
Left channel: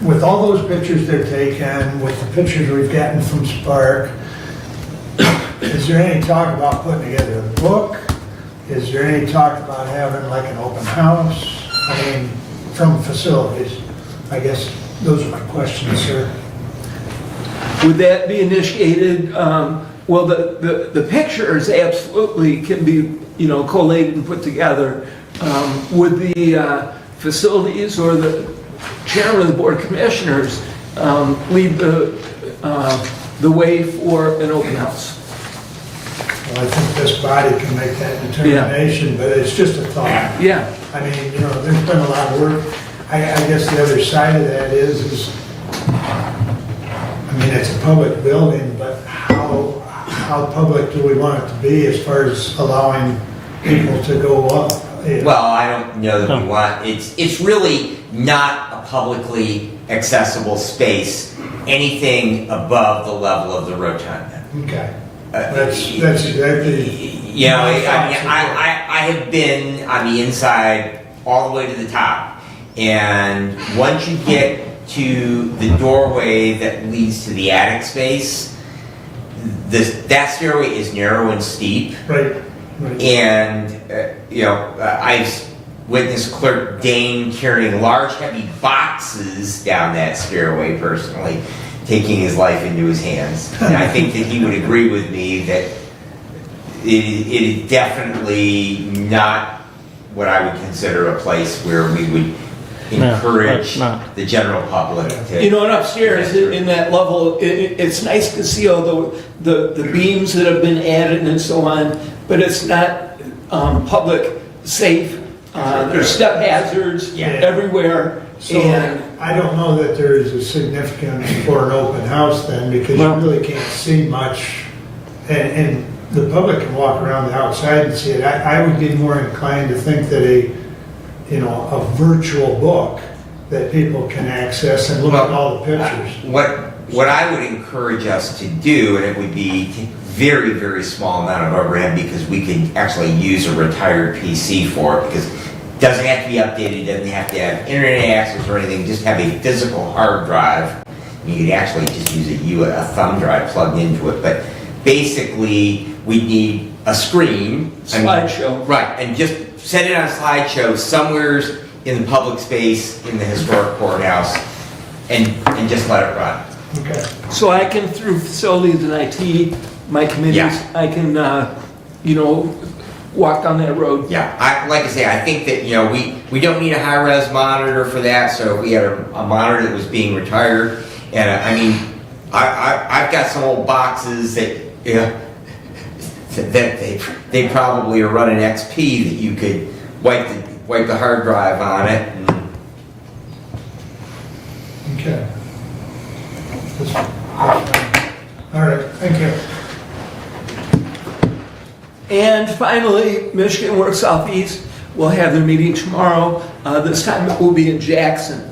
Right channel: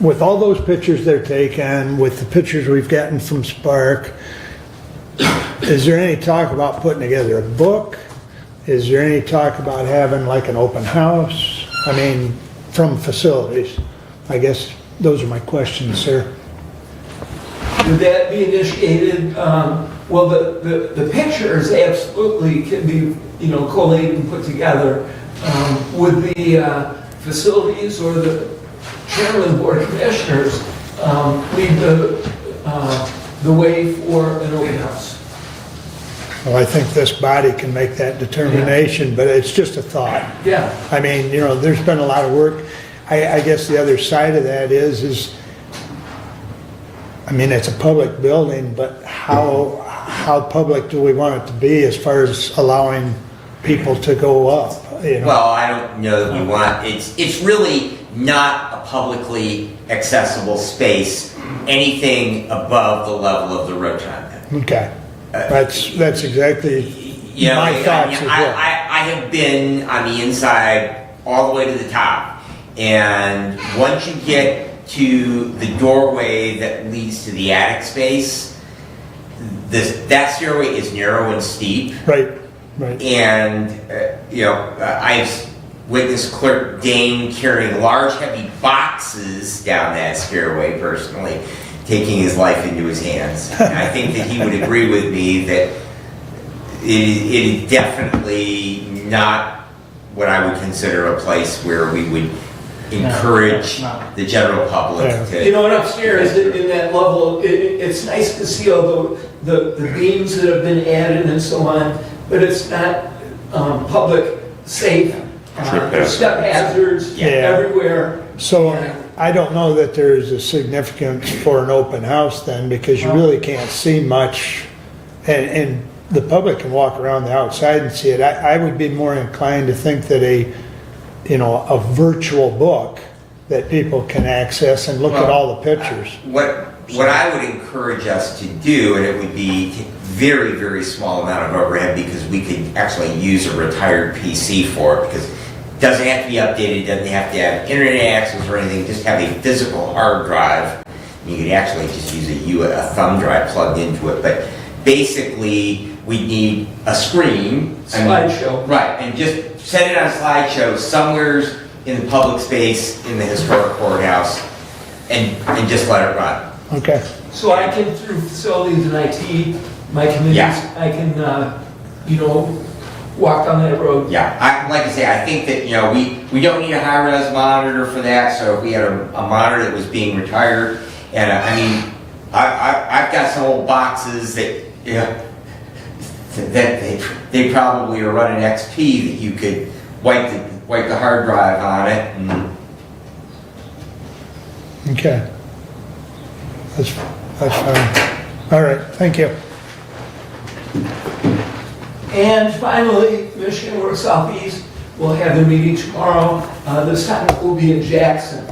with all those pictures they're taking, with the pictures we've gotten from Spark, is there any talk about putting together a book? Is there any talk about having like an open house? I mean, from facilities? I guess those are my questions, sir. Would that be initiated? Well, the pictures absolutely can be, collated and put together. Would the facilities or the chairman of the board of commissioners lead the way for an open house? Well, I think this body can make that determination, but it's just a thought. Yeah. I mean, there's been a lot of work. I guess the other side of that is, I mean, it's a public building, but how public do we want it to be as far as allowing people to go up? Well, I don't know that we want, it's really not a publicly accessible space, anything above the level of the rotunda. Okay. That's exactly my thoughts as well. I have been on the inside all the way to the top, and once you get to the doorway that leads to the attic space, that stairway is narrow and steep. Right. And I've witnessed Clerk Dane carrying large, heavy boxes down that stairway personally, taking his life into his hands. And I think that he would agree with me that it is definitely not what I would consider a place where we would encourage the general public to... And upstairs in that level, it's nice to see all the beams that have been added and so on, but it's not public safe. There's step hazards everywhere. So I don't know that there is a significance for an open house then, because you really can't see much, and the public can walk around the outside and see it. I would be more inclined to think that a virtual book that people can access and look at all the pictures. What I would encourage us to do, and it would be very, very small amount of overhead, because we could actually use a retired PC for it, because it doesn't have to be updated, doesn't have to have internet access or anything, just have a physical hard drive. You could actually just use a thumb drive plugged into it, but basically we need a screen. Slideshow. Right, and just set it on a slideshow somewhere in the public space in the historic courthouse, and just let it run. Okay. So I can, through facilities and IT, my committees, I can, walk down that road. Yeah, like I say, I think that, we don't need a high-res monitor for that, so if we had a monitor that was being retired, and I mean, I've got some old boxes that, that they probably are running XP that you could wipe the hard drive on it. And Okay. That's fine. All right, thank you. And finally, Michigan Works Southeast will have their meeting tomorrow. This time it will be in Jackson.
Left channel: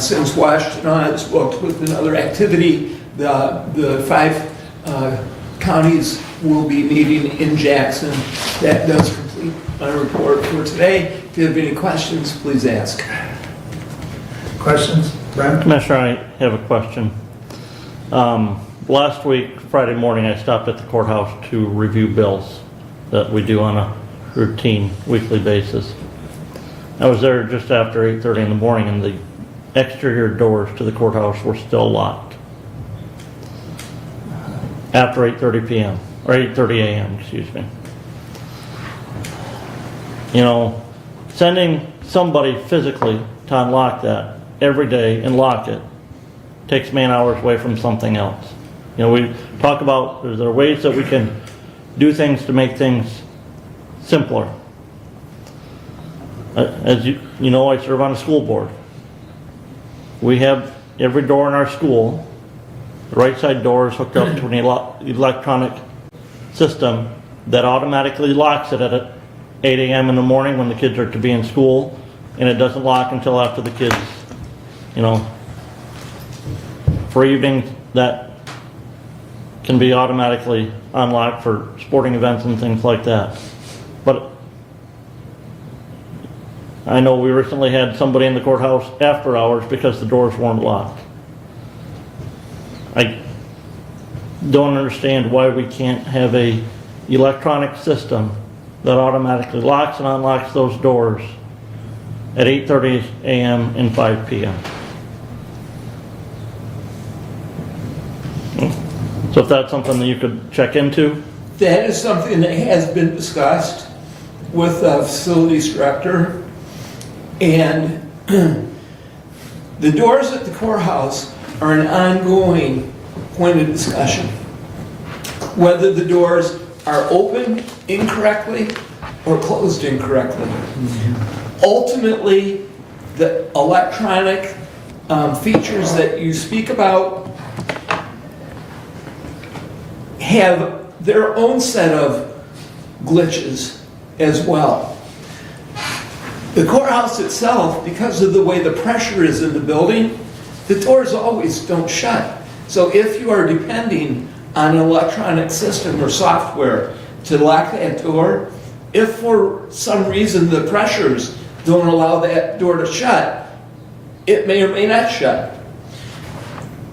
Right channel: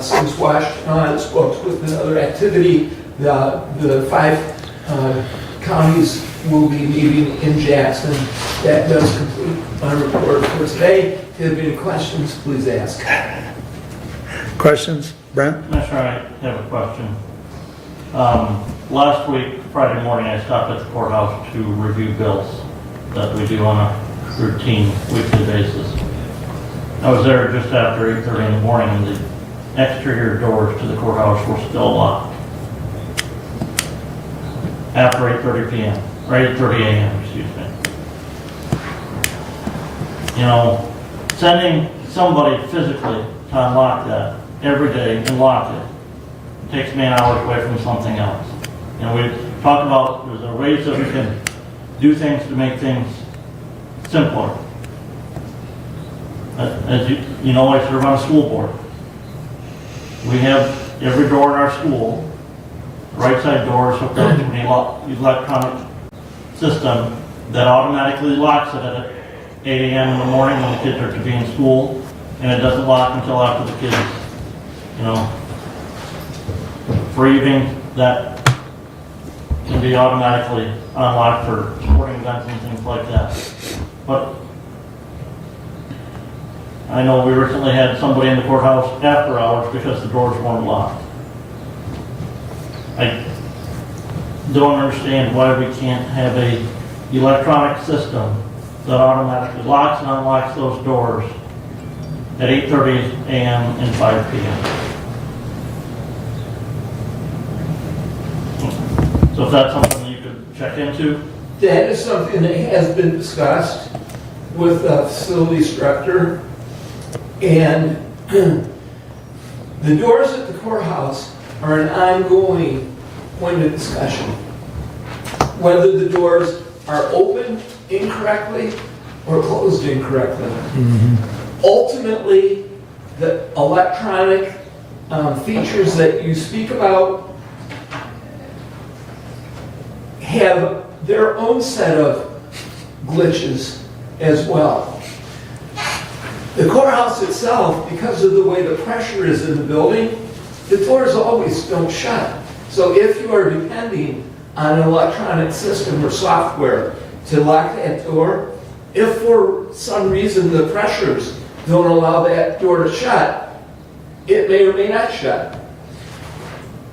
Since Washington is booked with another activity, the 5 counties will be meeting in Jackson. That does complete my report for today. If you have any questions, please ask. Questions? Brent? Commissioner, I have a question. Last week, Friday morning, I stopped at the courthouse to review bills that we do on a routine weekly basis. I was there just after 8:30 in the morning, and the exterior doors to the courthouse were still locked. After 8:30 p.m., or 8:30 a.m., excuse me. Sending somebody physically to unlock that every day and lock it takes man-hours away from something else. We talk about, is there ways that we can do things to make things simpler? As you know, I serve on a school board. We have every door in our school The right side door is hooked up to an electronic system that automatically locks it at 8 a.m. in the morning when the kids are to be in school, and it doesn't lock until after the kids, for evening, that can be automatically unlocked for sporting events and things like that. But I know we recently had somebody in the courthouse after hours because the doors weren't locked. I don't understand why we can't have a electronic system that automatically locks and unlocks those doors at 8:30 a.m. and 5 p.m. So if that's something that you could check into. That is something that has been discussed with the facilities director. And the doors at the courthouse are an ongoing point of discussion. Whether the doors are open incorrectly or closed incorrectly. Ultimately, the electronic features that you speak about have their own set of glitches as well. The courthouse itself, because of the way the pressure is in the building, the doors always don't shut. So if you are depending on an electronic system or software to lock that door, if for some reason the pressures don't allow that door to shut, it may or may not shut.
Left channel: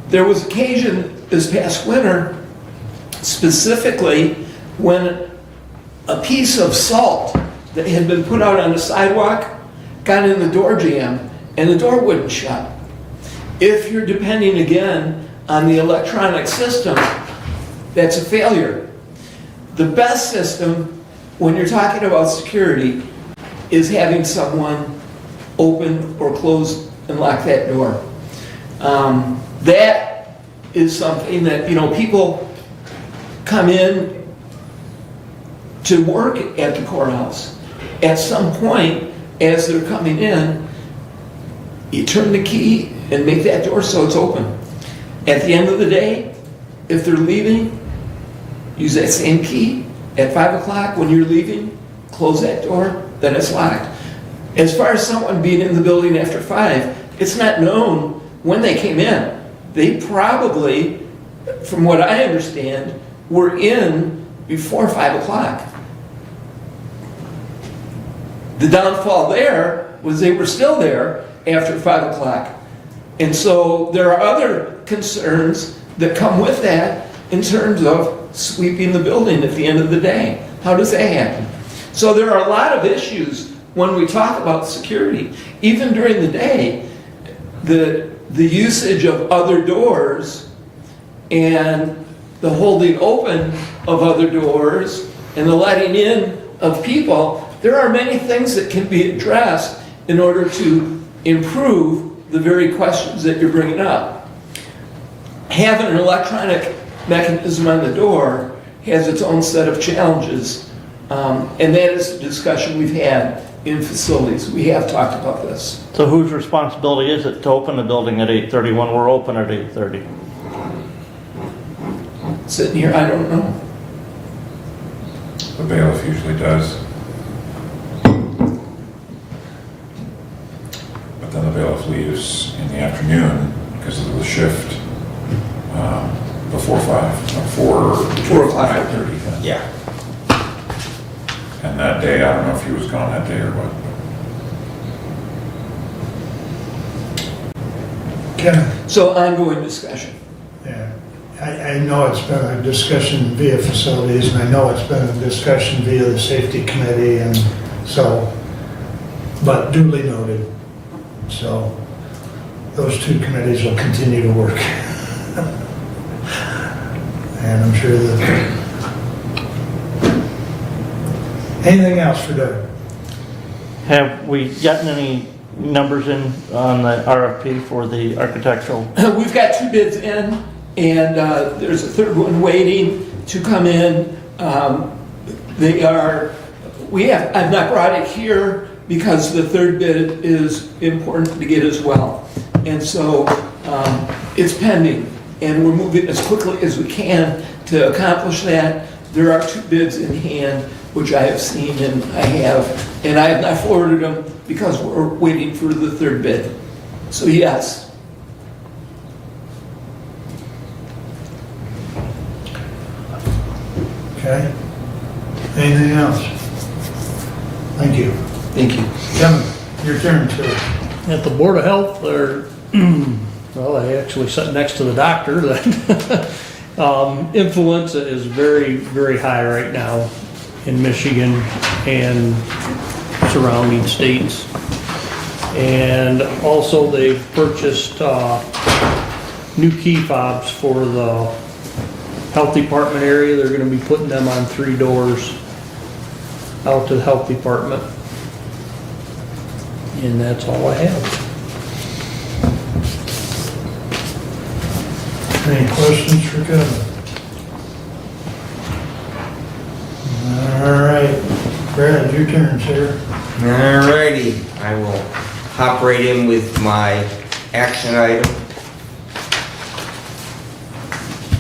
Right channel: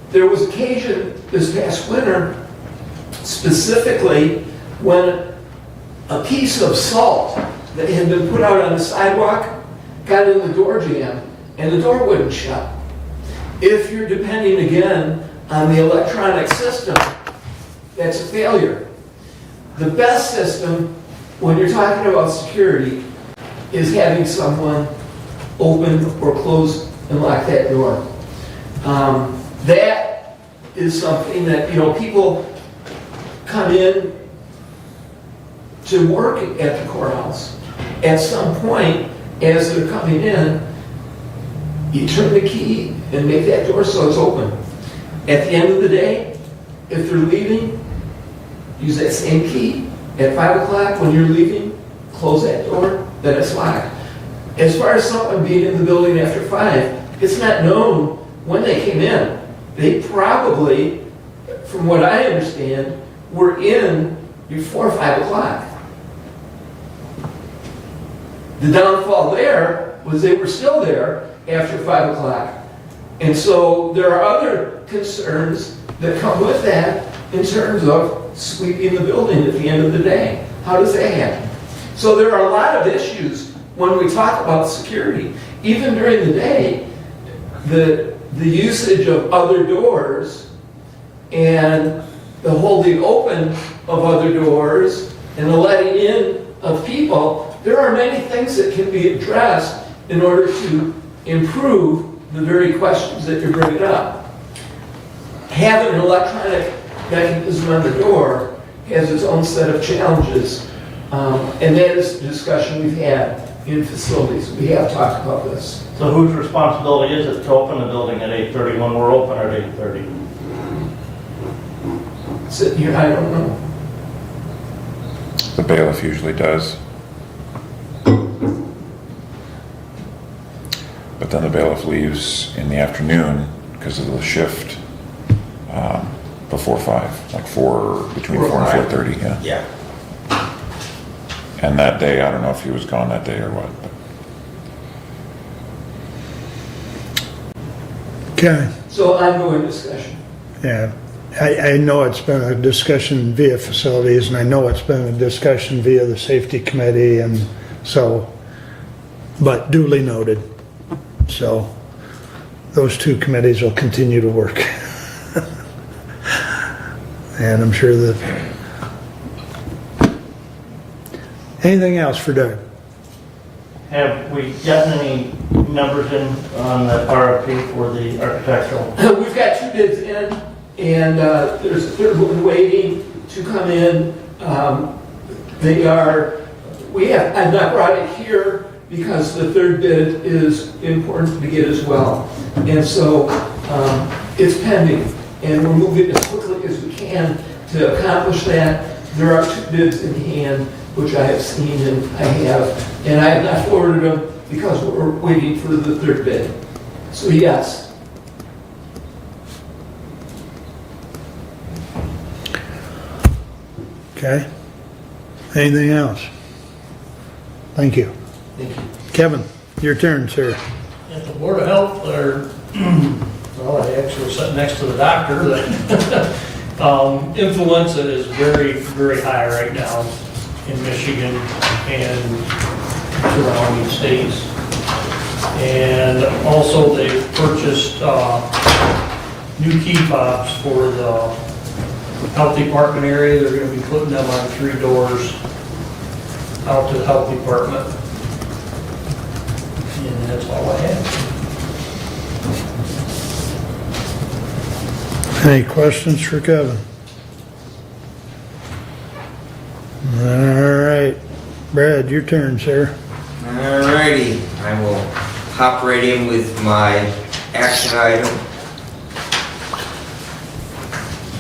There was occasion this past winter, specifically when a piece of salt that had been put out on the sidewalk got in the door jamb and the door wouldn't shut. If you're depending again on the electronic system, that's a failure. The best system when you're talking about security is having someone open or close and lock that door. That is something that, people come in to work at the courthouse. At some point, as they're coming in, you turn the key and make that door so it's open. At the end of the day, if they're leaving, use that same key. At 5 o'clock when you're leaving, close that door, then it's locked. As far as someone being in the building after 5, it's not known when they came in. They probably, from what I understand, were in before 5 o'clock. The downfall there was they were still there after 5 o'clock. And so there are other concerns that come with that in terms of sweeping the building at the end of the day. How does that happen? So there are a lot of issues when we talk about security. Even during the day, the usage of other doors and the holding open of other doors and the letting in of people, there are many things that can be addressed in order to improve the very questions that you're bringing up. Having an electronic mechanism on the door has its own set of challenges, and that is a discussion we've had in facilities. We have talked about this. So whose responsibility is it to open the building at 8:30 when we're open at 8:30? Sitting here, I don't know. The bailiff usually does. But then the bailiff leaves in the afternoon because of the shift before 5, like 4 o'clock, 4:30, yeah. Yeah. And that day, I don't know if he was gone that day or what. Ken, So ongoing discussion. yeah, I know it's been a discussion via facilities, and I know it's been a discussion via the safety committee, and so, but duly noted. So those two committees will continue to work. And I'm sure that... Anything else for Doug? Have we gotten any numbers in on the RFP for the architectural? We've got 2 bids in, and there's a third one waiting to come in. I've not brought it here because the third bid is important to get as well. And so it's pending. and we're moving as quickly as we can to accomplish that. There are 2 bids in hand, which I have seen and I have not forwarded them because we're waiting for the 3rd bid. So yes. Okay. Anything else? Thank you. Thank you. Kevin, your turn, sir. At the Board of Health, they're, well, I actually sat next to the doctor. Influenza is very, very high right now in Michigan and surrounding states. And also they've purchased new key fobs for the health department area. They're going to be putting them on 3 doors out to the health department. And that's all I have. Any questions for Kevin? All right, Brad, your turn, sir. Alrighty, I will hop right in with my action item.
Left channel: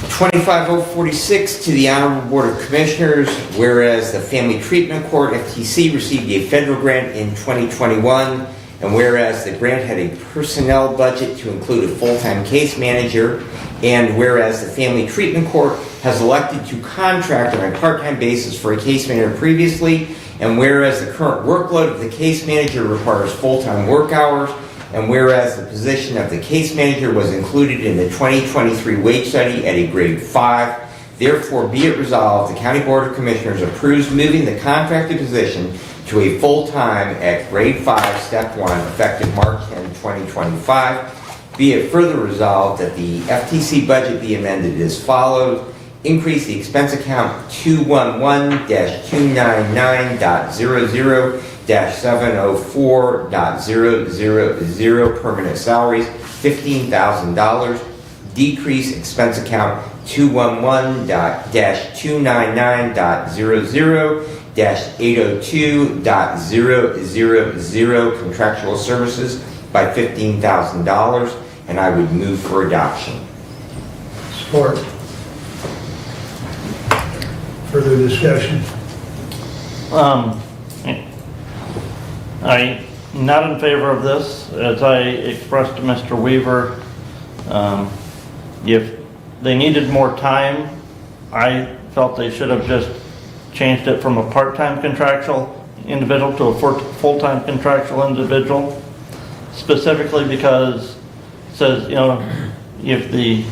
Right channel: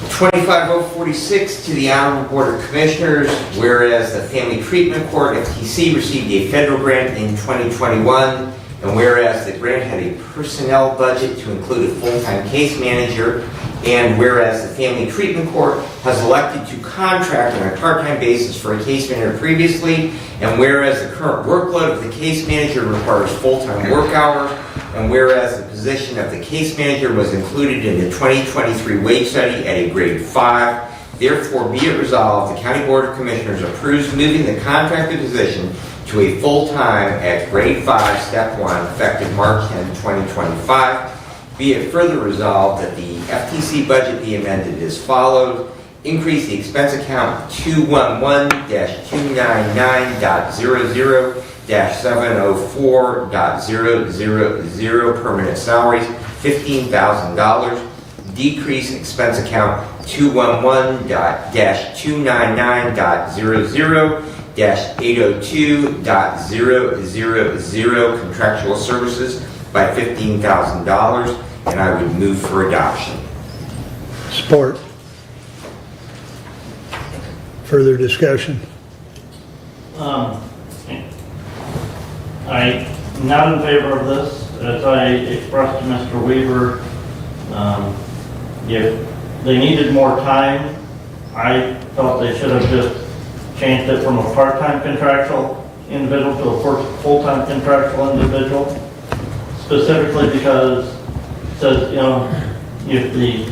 25046 to the Honorable Board of Commissioners, whereas the Family Treatment Court, FTC, received a federal grant in 2021, and whereas the grant had a personnel budget to include a full-time case manager, and whereas the Family Treatment Court has elected to contract on a part-time basis for a case manager previously, and whereas the current workload of the case manager requires full-time work hours, and whereas the position of the case manager was included in the 2023 wage study at a grade 5, therefore be it resolved, the County Board of Commissioners approves moving the contracted position to a full-time at grade 5, step 1, effective March 10, 2025. Be it further resolved that the FTC budget be amended as follows. Increase the expense account 211-299.00-704.000 permanent salaries, $15,000. Decrease expense account 211-299.00-802.000 contractual services by $15,000, and I would move for adoption. Support. Further discussion? I'm not in favor of this. As I expressed to Mr. Weaver, if they needed more time, I felt they should have just changed it from a part-time contractual individual to a full-time contractual individual, specifically because it says, if the,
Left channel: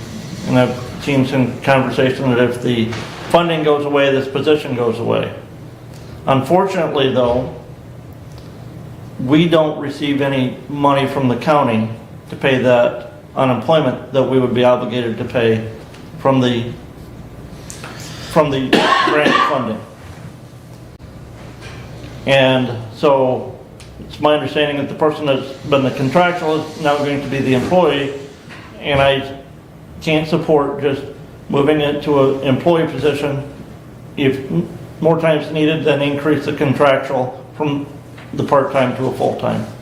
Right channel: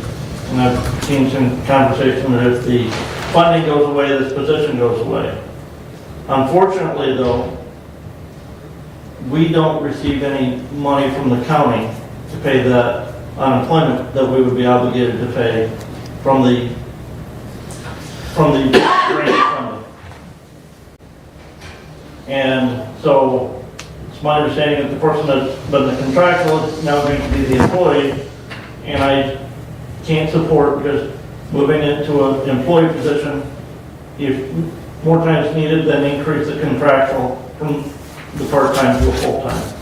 and I've seen some conversation that if the funding goes away, this position goes away. Unfortunately, though, we don't receive any money from the county to pay that unemployment that we would be obligated to pay from the grant funding. And so it's my understanding that the person that's been the contractual is now going to be the employee, and I can't support just moving it to an employee position. If more time is needed, then increase the contractual from the part-time to a full-time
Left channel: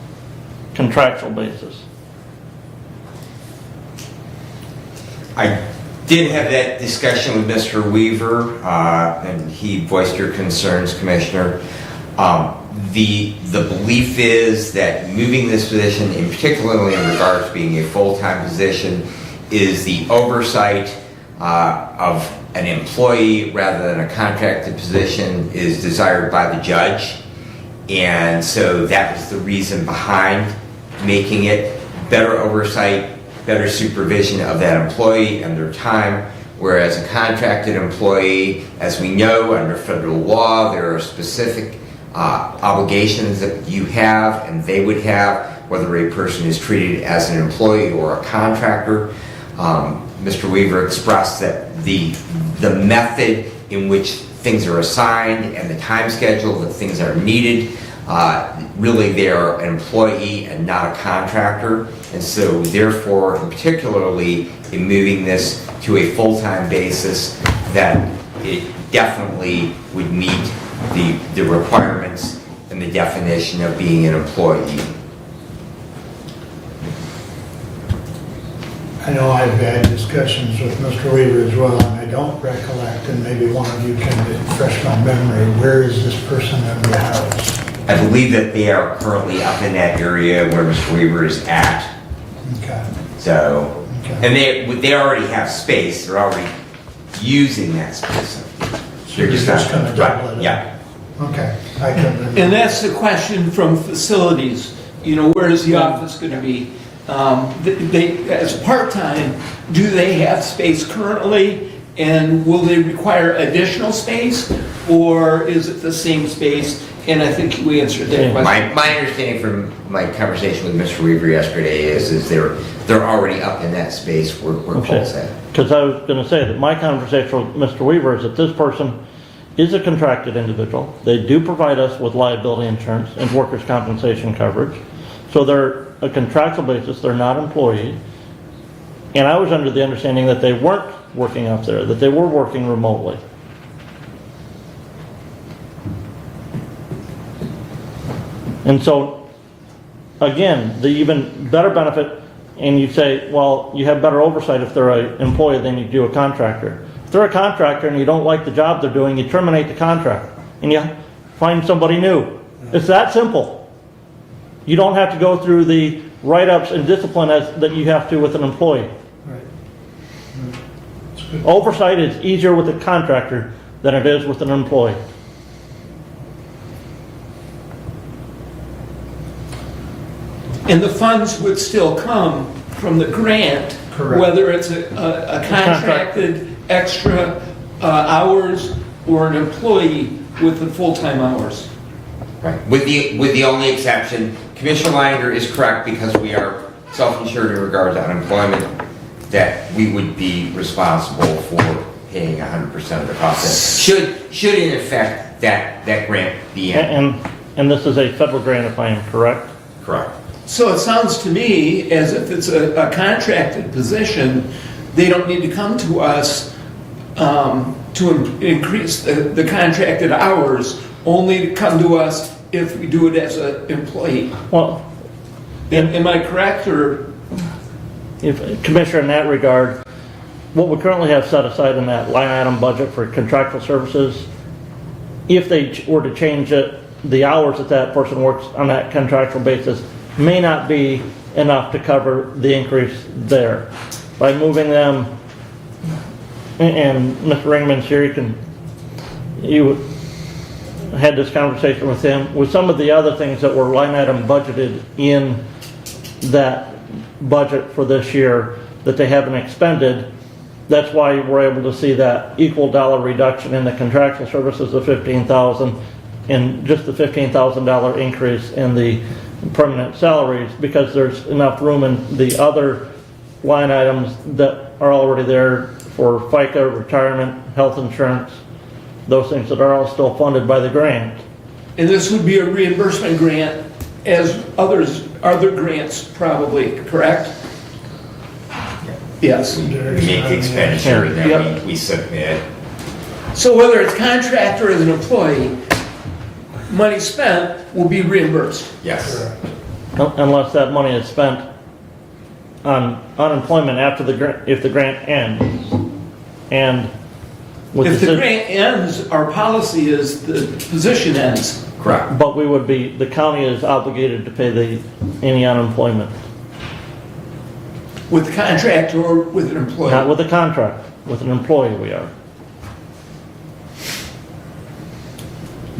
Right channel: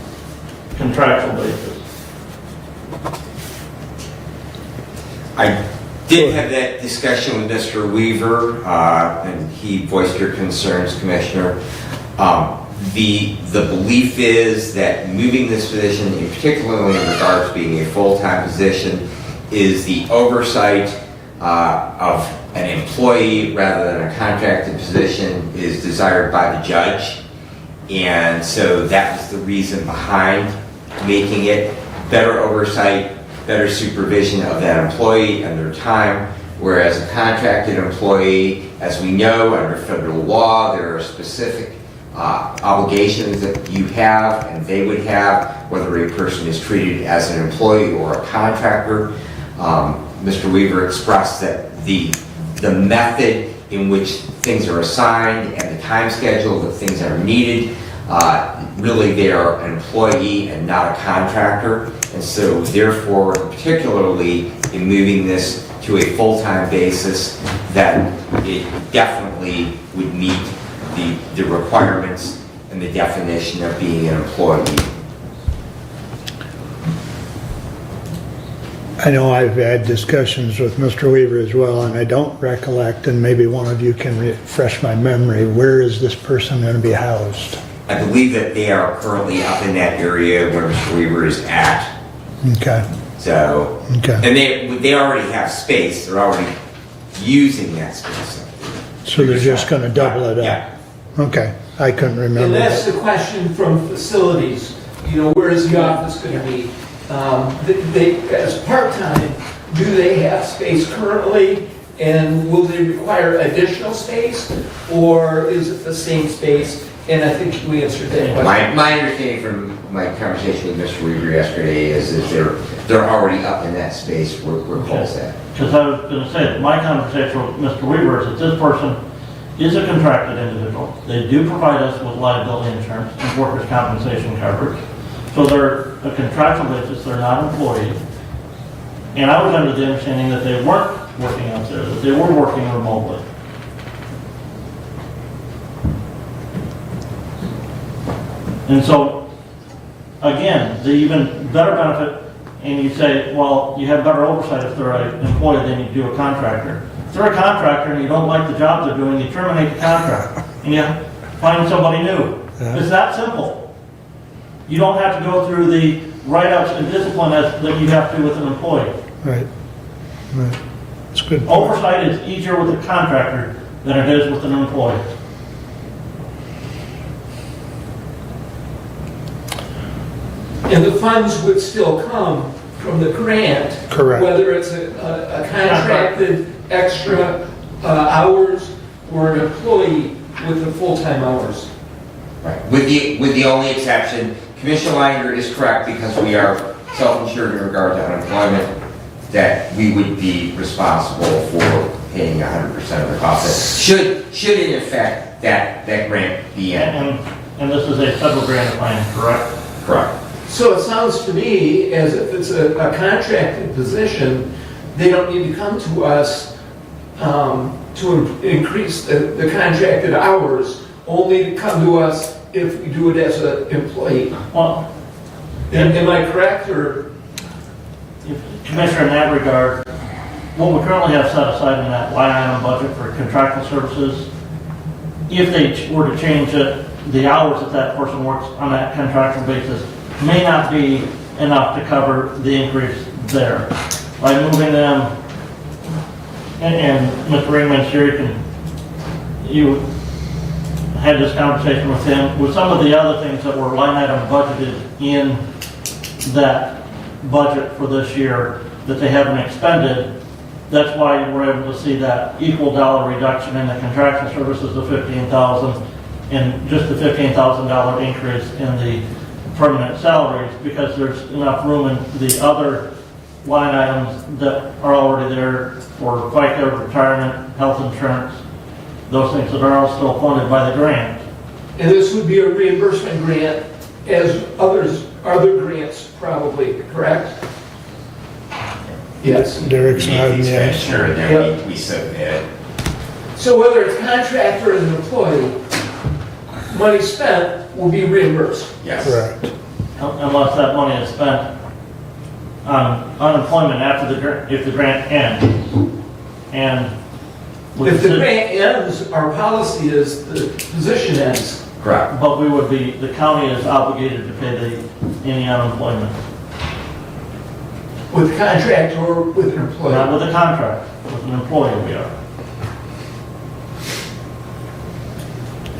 contractual basis. I did have that discussion with Mr. Weaver, and he voiced your concerns, Commissioner. The belief is that moving this position, in particularly in regards to being a full-time position, is the oversight of an employee rather than a contracted position is desired by the judge. And so that was the reason behind making it better oversight, better supervision of that employee and their time, whereas a contracted employee, as we know under federal law, there are specific obligations that you have and they would have, whether a person is treated as an employee or a contractor. Mr. Weaver expressed that the method in which things are assigned and the time schedule that things are needed, really they are an employee and not a contractor. And so therefore, particularly in moving this to a full-time basis, that it definitely would meet the requirements and the definition of being an employee. I know I've had discussions with Mr. Weaver as well, and I don't recollect, and maybe one of you can refresh my memory, where is this person going to be housed? I believe that they are currently up in that area where Mr. Weaver is at. Okay, So, okay. and they already have space, they're already using that space. So you're just going to double it up? Yeah. Okay, I couldn't remember. And that's that. the question from facilities, you know, where is the office gonna be? They, as part-time, do they have space currently? And will they require additional space, or is it the same space? And I think we answered that question. My understanding from my conversation with Mr. Weaver yesterday is they're already up in that space where Cole's at. Because I was gonna say, that my conversation with Mr. Weaver is that this person is a contracted individual. They do provide us with liability insurance and workers' compensation coverage. So they're a contractual basis, they're not employees. And I was under the understanding that they weren't working up there, that they were working remotely. And so, again, the even better benefit, and you say, well, you have better oversight if they're an employee than you do a contractor. If they're a contractor and you don't like the job they're doing, you terminate the contract and you find somebody new. It's that simple. You don't have to go through the write-ups and discipline that you have to with an employee. Right, right. It's good. Oversight is easier with a contractor than it is with an employee. And the funds would still come from the grant. Correct. Whether it's a contracted extra hours or an employee with the full-time hours. Right. With the only exception, Commissioner Lander is correct because we are self-insured in regard to unemployment, that we would be responsible for paying 100% of the cost. Should in effect that grant be in. And this is a federal grant, if I am correct? Correct. So it sounds to me as if it's a contracted position, they don't need to come to us to increase the contracted hours, only to come to us if we do it as an employee. Well, am I correct, or? If Commissioner, in that regard, what we currently have set aside in that line item budget for contractual services, if they were to change it, the hours that that person works on that contractual basis may not be enough to cover the increase there. By moving them, and Mr. Ringman's here, you had this conversation with him, with some of the other things that were line item budgeted in that budget for this year that they haven't expended. That's why we're able to see that equal dollar reduction in the contractual services of $15,000 and just the $15,000 increase in the permanent salaries, because there's enough room in the other line items that are already there for FICA, retirement, health insurance, those things that are all still funded by the grant. And this would be a reimbursement grant as other grants probably, correct? Yes. Derek's We need the nodding yes. expenditure, and then Yep. we submit. So whether it's contract or as an employee, money spent will be reimbursed. Yes. Correct. Unless that money is spent on unemployment after if the grant ends. And with If the ci- grant ends, our policy is the position ends. Correct. But the county is obligated to pay any unemployment. With contract or with an employee? Not with a contract, with an employee we are.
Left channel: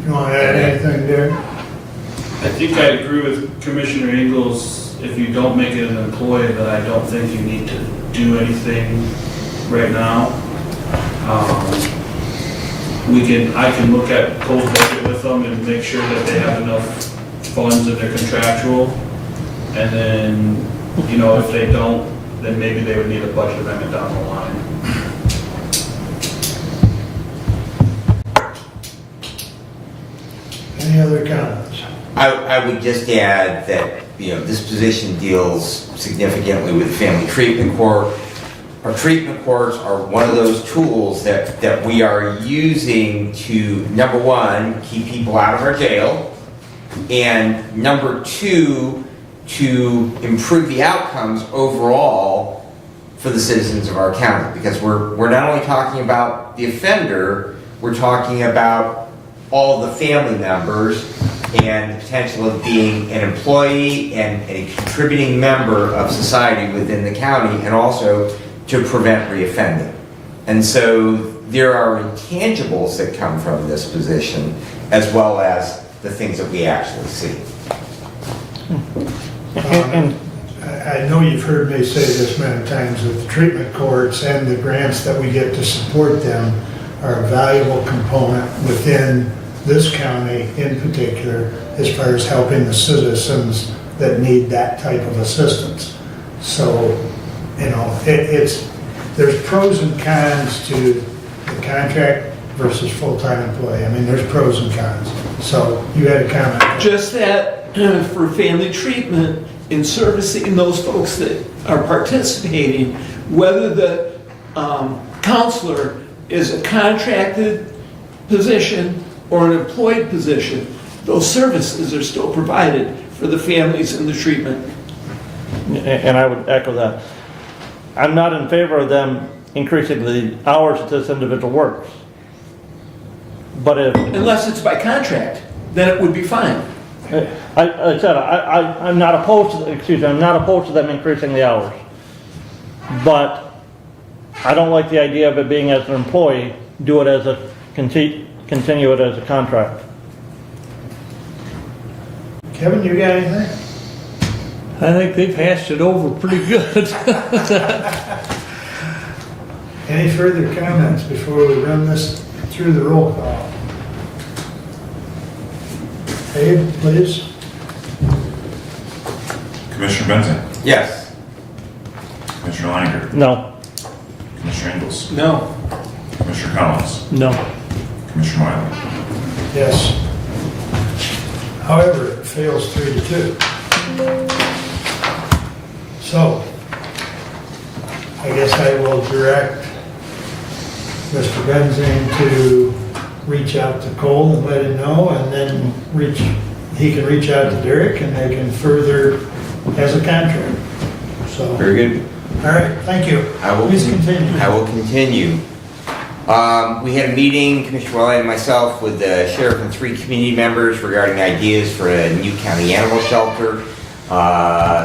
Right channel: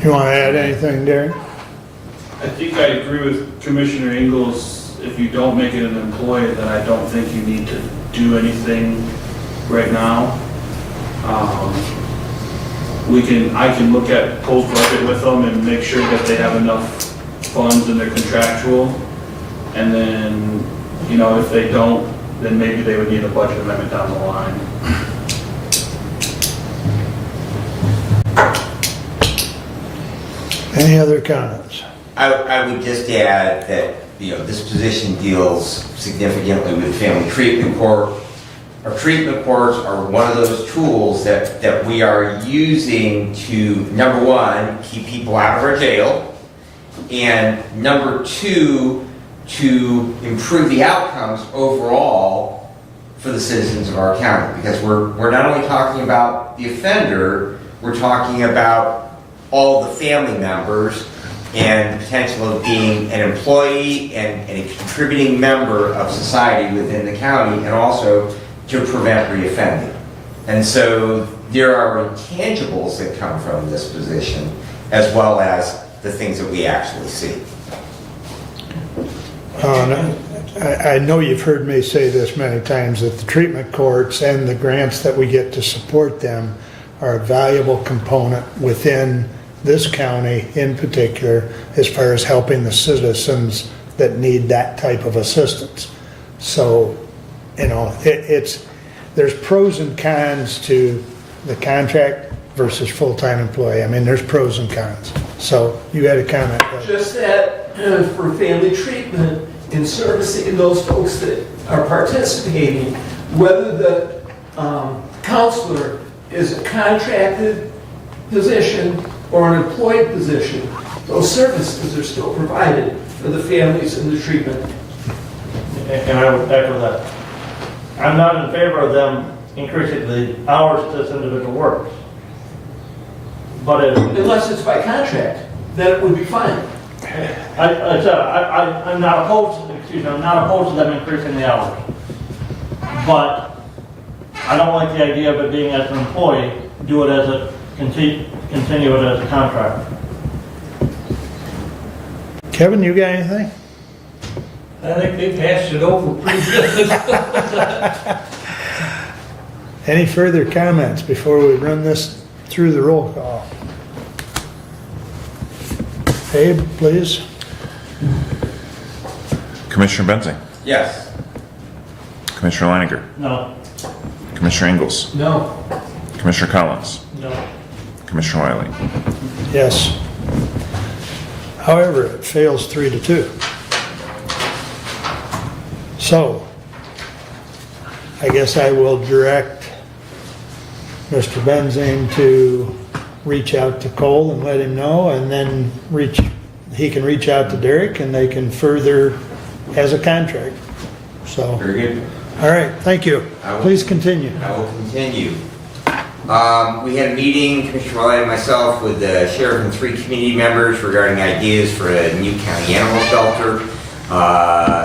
You want to add anything, Derek? I think I agree with Commissioner Ingles. If you don't make it an employee, then I don't think you need to do anything right now. I can look at Cole's budget with them and make sure that they have enough funds in their contractual. And then, if they don't, then maybe they would need a budget amendment down the line. Any other comments? I would just add that, this position deals significantly with family treatment court. Our treatment courts are one of those tools that we are using to, number one, keep people out of our jail, and number two, to improve the outcomes overall for the citizens of our county. Because we're not only talking about the offender, we're talking about all the family members and the potential of being an employee and a contributing member of society within the county, and also to prevent reoffending. And so there are intangibles that come from this position, as well as the things that we actually see. I know you've heard me say this many times, that the treatment courts and the grants that we get to support them are a valuable component within this county in particular, as far as helping the citizens that need that type of assistance. So, you know, there's pros and cons to the contract versus full-time employee. I mean, there's pros and cons. So you had a comment. Just that for family treatment in servicing those folks that are participating, whether the counselor is a contracted position or an employed position, those services are still provided for the families in the treatment. And I would echo that. I'm not in favor of them increasing the hours that this individual works. But if... Unless it's by contract, then it would be fine. I'm not opposed to, I'm not opposed to them increasing the hours. But I don't like the idea of it being as an employee, do it as a, continue it as a contract. Kevin, you got anything? I think they've hashed it over pretty good. Any further comments before we run this through the roll call? Abe, please. Commissioner Benzing, Yes. Commissioner Leininger, No. Commissioner Ingles, No. Commissioner Collins, No. Commissioner Wiley. Yes. However, it fails 3-2. So, I guess I will direct Mr. Benzing to reach out to Cole and let him know, and then he can reach out to Derek and they can further as a contract. So, Very good. all right, thank you. Please continue. I will continue. We had a meeting, Commissioner Wiley and myself, with the sheriff and 3 community members regarding ideas for a new county animal shelter.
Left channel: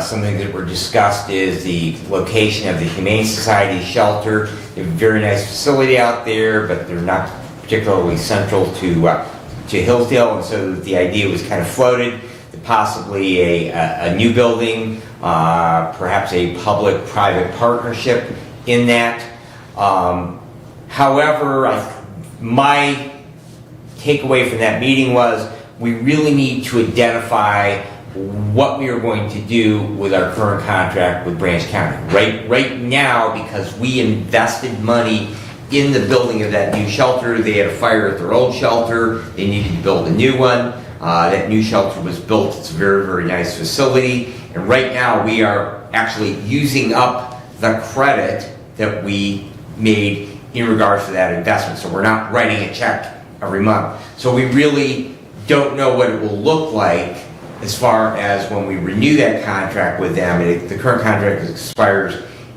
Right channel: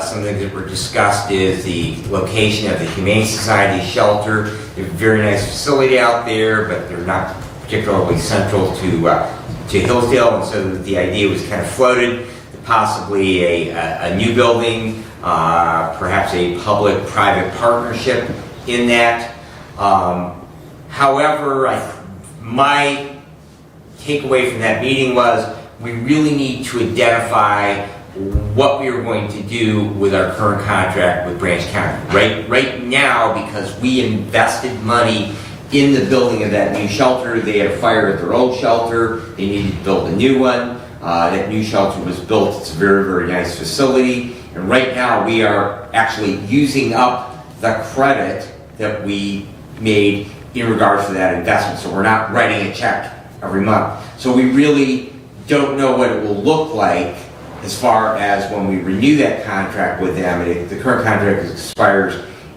Some things that were discussed is the location of the Humane Society shelter. They have a very nice facility out there, but they're not particularly central to Hillsdale, and so the idea was kind of floated that possibly a new building, perhaps a public-private partnership in that. However, my takeaway from that meeting was we really need to identify what we are going to do with our current contract with Branch County. Right now, because we invested money in the building of that new shelter, they had a fire at their old shelter, they needed to build a new one. That new shelter was built, it's a very, very nice facility, and right now we are actually using up the credit that we made in regards to that investment, so we're not writing a check every month. So we really don't know what it will look like as far as when we renew that contract with them. The current contract expires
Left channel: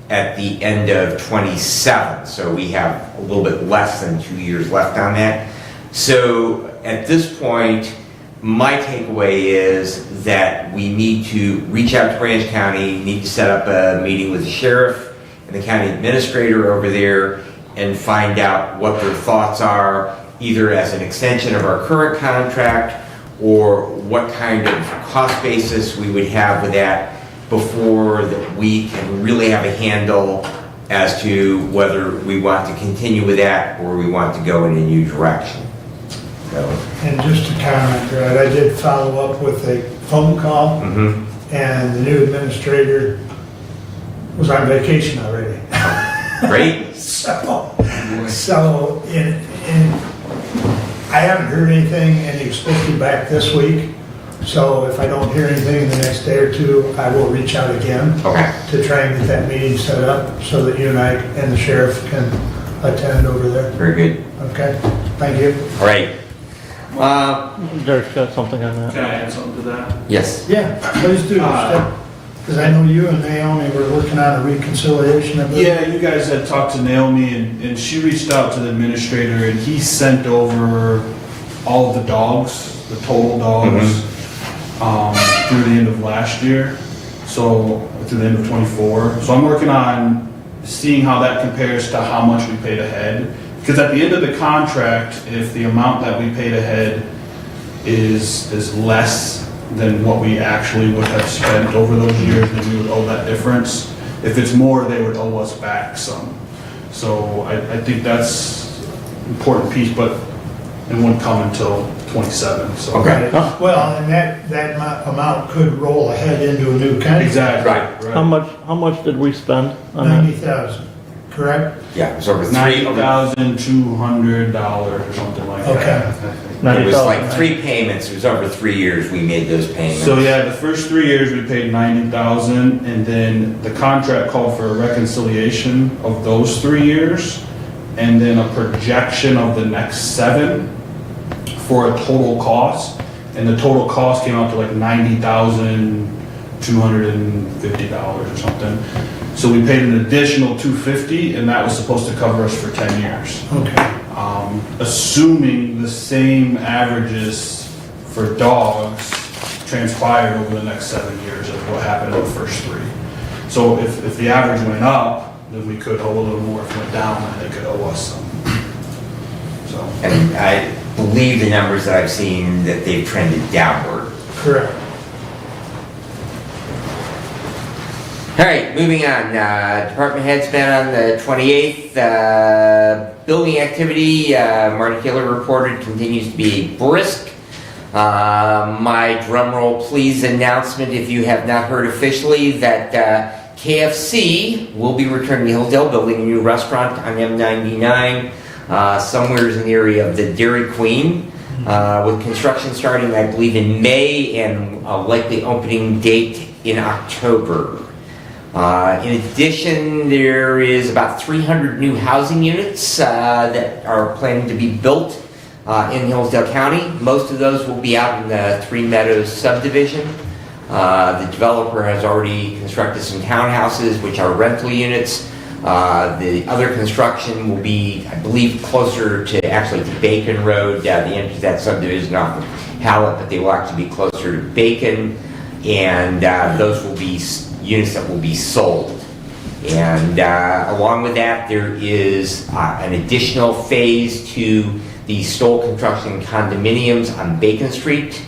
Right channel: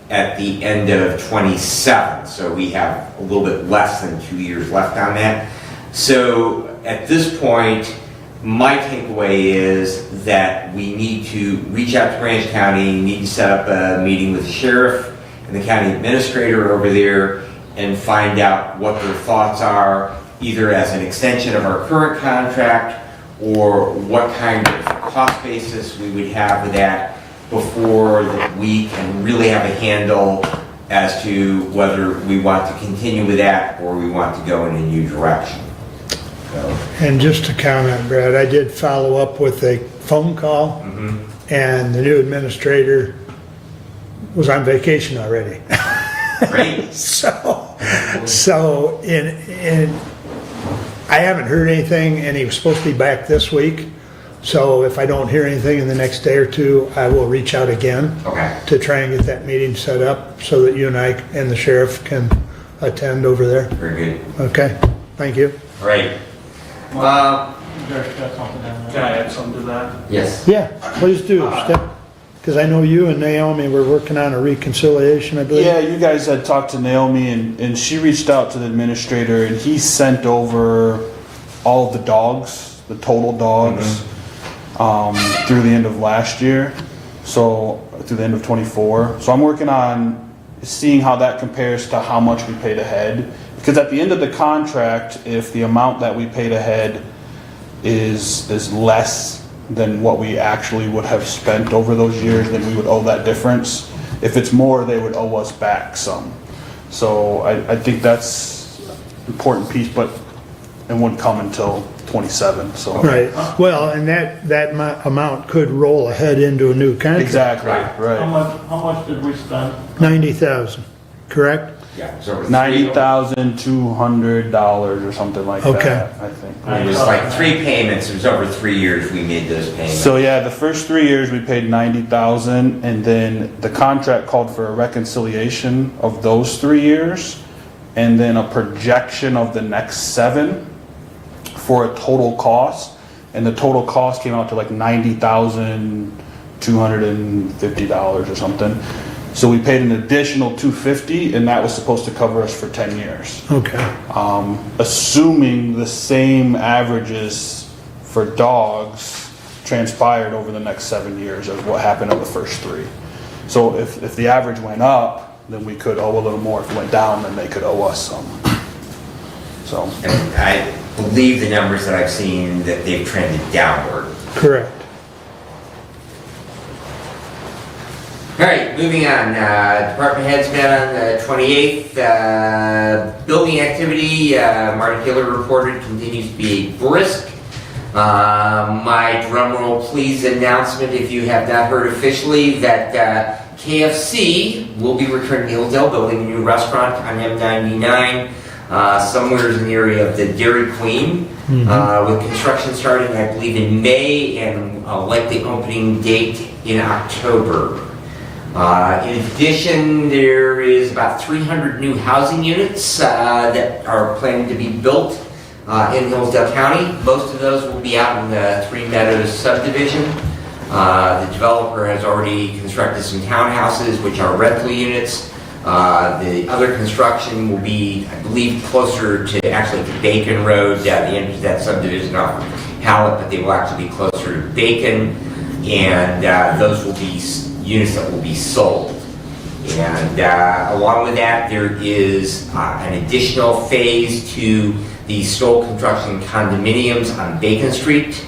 at the end of 27, so we have a little bit less than 2 years left on that. So at this point, my takeaway is that we need to reach out to Branch County, need to set up a meeting with the sheriff and the county administrator over there and find out what their thoughts are, either as an extension of our current contract or what kind of cost basis we would have with that before we can really have a handle as to whether we want to continue with that or we want to go in a new direction. So. And just to comment, Brad, I did follow up with a phone call, and the new administrator was on vacation already. Great. So I haven't heard anything, and he was supposed to be back this week. So if I don't hear anything in the next day or two, I will reach out again to try and get that meeting set up so that you and I and the sheriff can attend over there. Very good. Okay, thank you. All right. Derek's got something on that. Can I add something to that? Yes. Yeah, please do. Because I know you and Naomi were working on a reconciliation, I believe. Yeah, you guys had talked to Naomi and she reached out to the administrator and he sent over all of the dogs, the total dogs, through the end of last year. So, through the end of 24. So I'm working on seeing how that compares to how much we paid ahead. Because at the end of the contract, if the amount that we paid ahead is less than what we actually would have spent over those years, then we would owe that difference. If it's more, they would owe us back some. So I think that's an important piece, but it wouldn't come until 27, so. Right, well, and that amount could roll ahead into a new contract. Exactly, How right. much did we spend? 90,000, correct? Yeah, it was over $90,200 or something like Okay. that, I think. It was like 3 payments, it was over 3 years we made those payments. So yeah, the first 3 years we paid 90,000, and then the contract called for a reconciliation of those 3 years, and then a projection of the next 7 for a total cost, and the total cost came out to like $90,250 or something. So we paid an additional $250, and that was supposed to cover us for 10 years. Okay. Assuming the same averages for dogs transpired over the next 7 years of what happened in the first 3. So if the average went up, then we could owe a little more. If it went down, then they could owe us some. So. And I believe the numbers that I've seen that they've trended downward. Correct. All right, moving on. Department heads met on the 28th. Building activity, Marty Keeler reported, continues to be brisk. My drum roll please announcement, if you have not heard officially, that KFC will be returning to Hillsdale, building a new restaurant on M99, somewhere in the area of the Dairy Queen, with construction starting, I believe, in May and likely opening date in October. In addition, there is about 300 new housing units that are planning to be built in Hillsdale County. Most of those will be out in the Three Meadows subdivision. The developer has already constructed some townhouses, which are rental units. The other construction will be, I believe, closer to actually to Bacon Road, the end of that subdivision off of Hallett, but they will actually be closer to Bacon, and those will be units that will be sold. And along with that, there is an additional phase to the Stoll Construction condominiums on Bacon Street.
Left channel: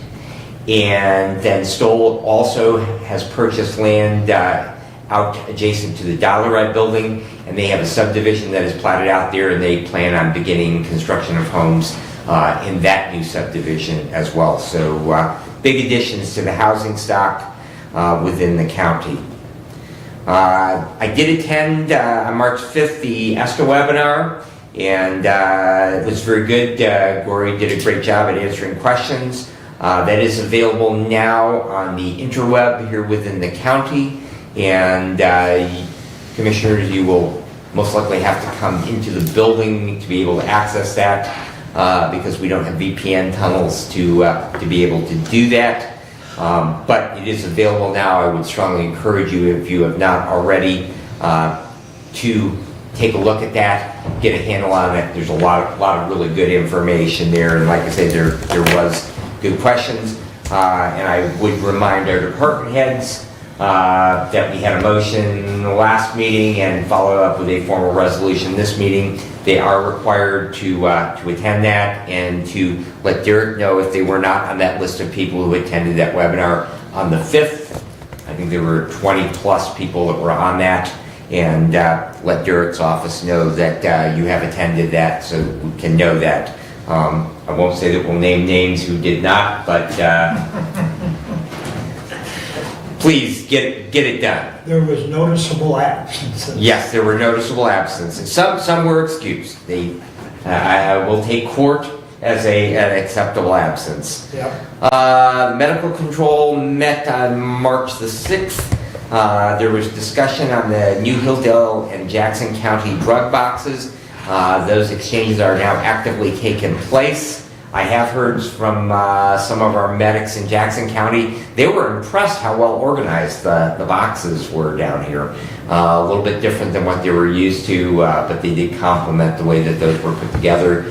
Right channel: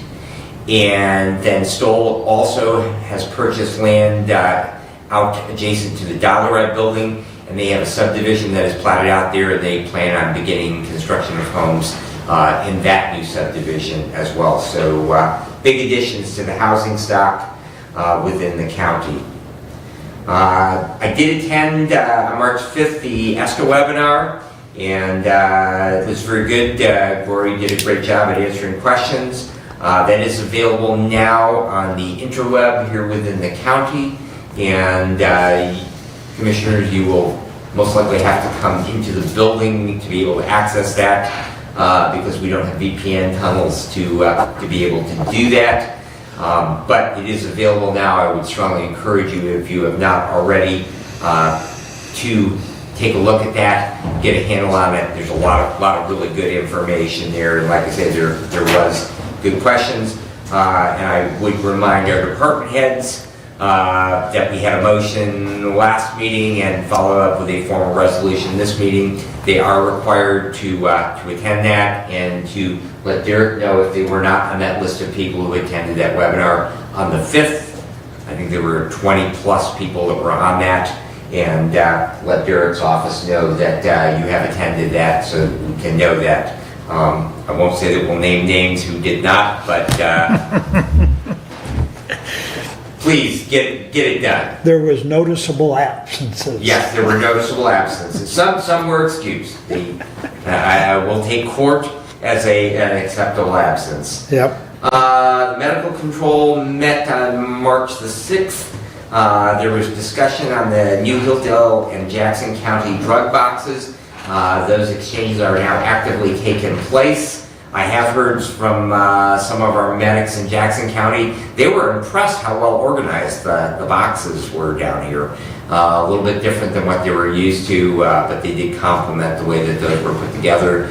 And then Stoll also has purchased land out adjacent to the Dollarite building, and they have a subdivision that is platted out there, and they plan on beginning construction of homes in that new subdivision as well. So big additions to the housing stock within the county. I did attend on March 5th the ESTA webinar, and it was very good. Gloria did a great job at answering questions. That is available now on the interweb here within the county, and commissioners, you will most likely have to come into the building to be able to access that because we don't have VPN tunnels to be able to do that. But it is available now. I would strongly encourage you, if you have not already, to take a look at that, get a handle on it. There's a lot of really good information there, and like I say, there was good questions. And I would remind our department heads that we had a motion in the last meeting and follow up with a formal resolution this meeting. They are required to attend that and to let Derek know if they were not on that list of people who attended that webinar on the 5th. I think there were 20 plus people that were on that, and let Derek's office know that you have attended that so we can know that. I won't say that we'll name names who did not, but please get it done. There was noticeable absences. Yes, there were noticeable absences. Some were excused. I will take court as an acceptable absence. Yep. The medical control met on March the 6th. There was discussion on the new Hillsdale and Jackson County drug boxes. Those exchanges are now actively taking place. I have heard from some of our medics in Jackson County. They were impressed how well organized the boxes were down here. A little bit different than what they were used to, but they did compliment the way that those were put together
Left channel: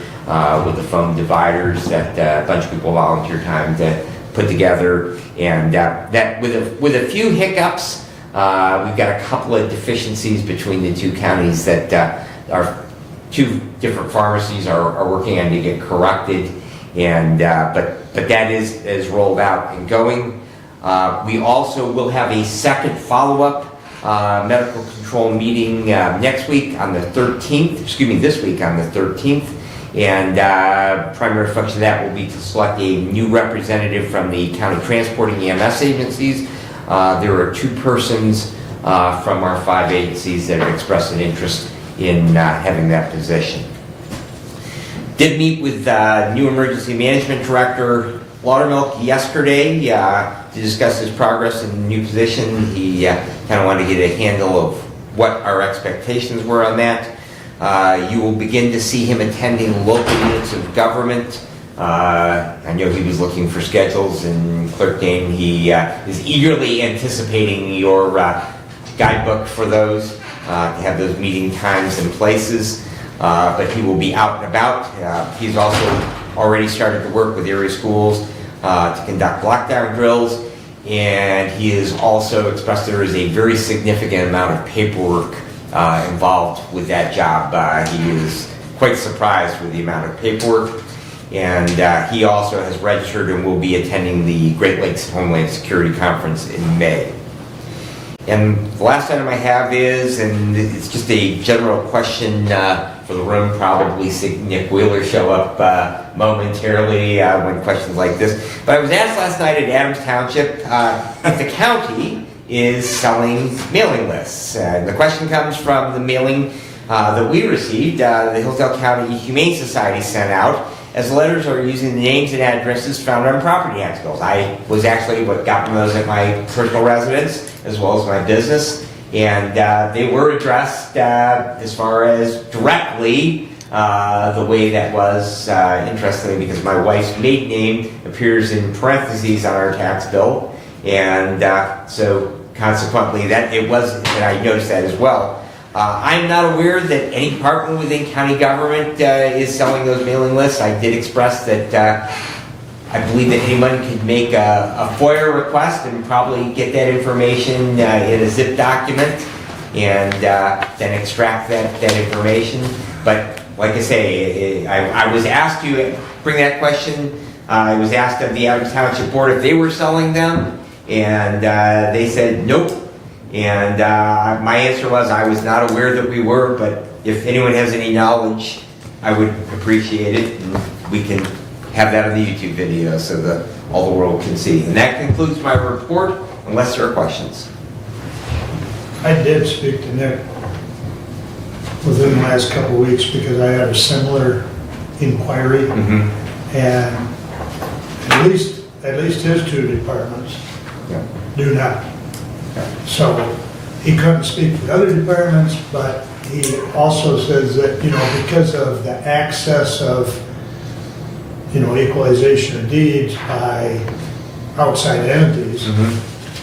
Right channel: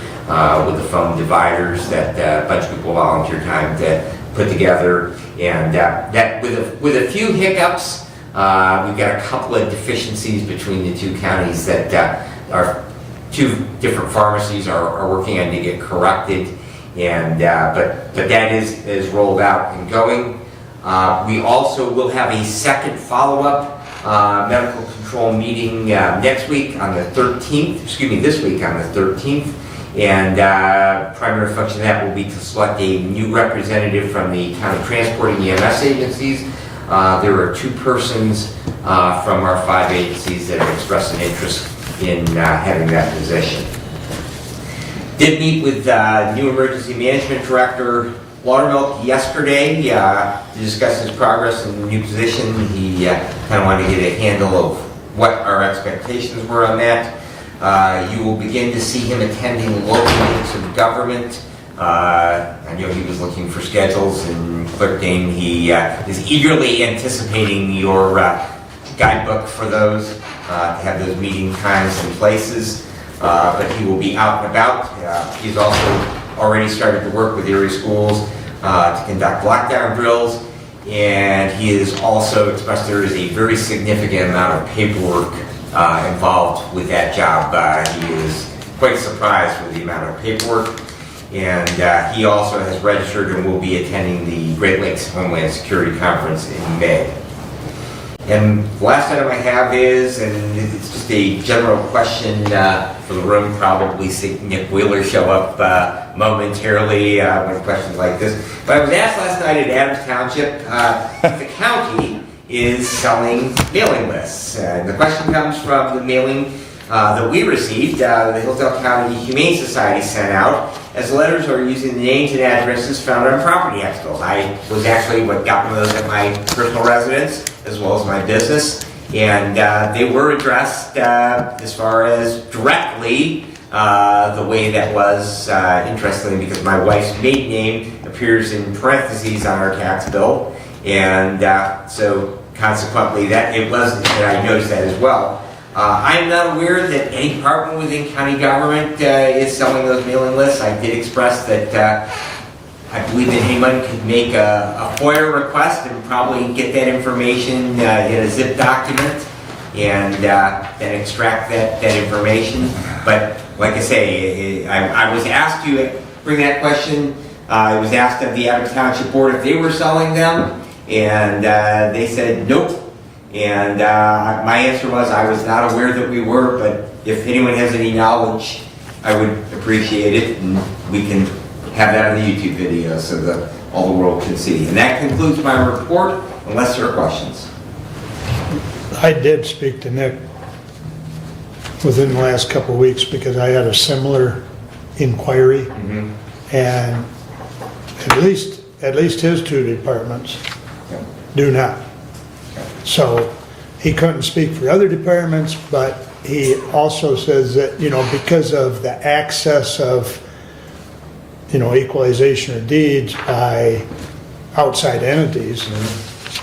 with the foam dividers that a bunch of people volunteered time to put together. And that with a few hiccups, we've got a couple of deficiencies between the two counties that our two different pharmacies are working on to get corrected. And but that is rolled out and going. We also will have a second follow-up medical control meeting next week on the 13th. Excuse me, this week on the 13th. And primary function of that will be to select a new representative from the county transport and EMS agencies. There are 2 persons from our 5 agencies that have expressed an interest in having that position. Did meet with new emergency management director Laudermilk yesterday to discuss his progress in the new position. He kind of wanted to get a handle of what our expectations were on that. You will begin to see him attending local meetings of the government. I know he was looking for schedules and clicking. He is eagerly anticipating your guidebook for those, to have those meeting times and places. But he will be out and about. He's also already started to work with area schools to conduct lockdown drills. And he has also expressed there is a very significant amount of paperwork involved with that job. He was quite surprised with the amount of paperwork. And he also has registered and will be attending the Great Lakes Homeland Security Conference in May. And the last item I have is, and it's just a general question for the room, probably see Nick Wheeler show up momentarily when questions like this. But I was asked last night at Adams Township if the county is selling mailing lists. And the question comes from the mailing that we received, the Hillsdale County Humane Society sent out, as letters are using the names and addresses found on property tax bills. I was actually what got one of those at my personal residence as well as my business, and they were addressed as far as directly the way that was interesting, because my wife's maiden name appears in parentheses on our tax bill, and so consequently that it wasn't, and I noticed that as well. I'm not aware that any department within county government is selling those mailing lists. I did express that I believe that anyone can make a FOIA request and probably get that information in a zip document and then extract that information. But like I say, I was asked to bring that question. I was asked of the Adams Township Board if they were selling them, and they said nope. And my answer was I was not aware that we were, but if anyone has any knowledge, I would appreciate it, and we can have that on the YouTube video so that all the world can see. And that concludes my report, unless there are questions. I did speak to Nick within the last couple of weeks because I had a similar inquiry, and at least his 2 departments do not. So he couldn't speak for other departments, but he also says that, because of the access of, equalization of deeds by outside entities,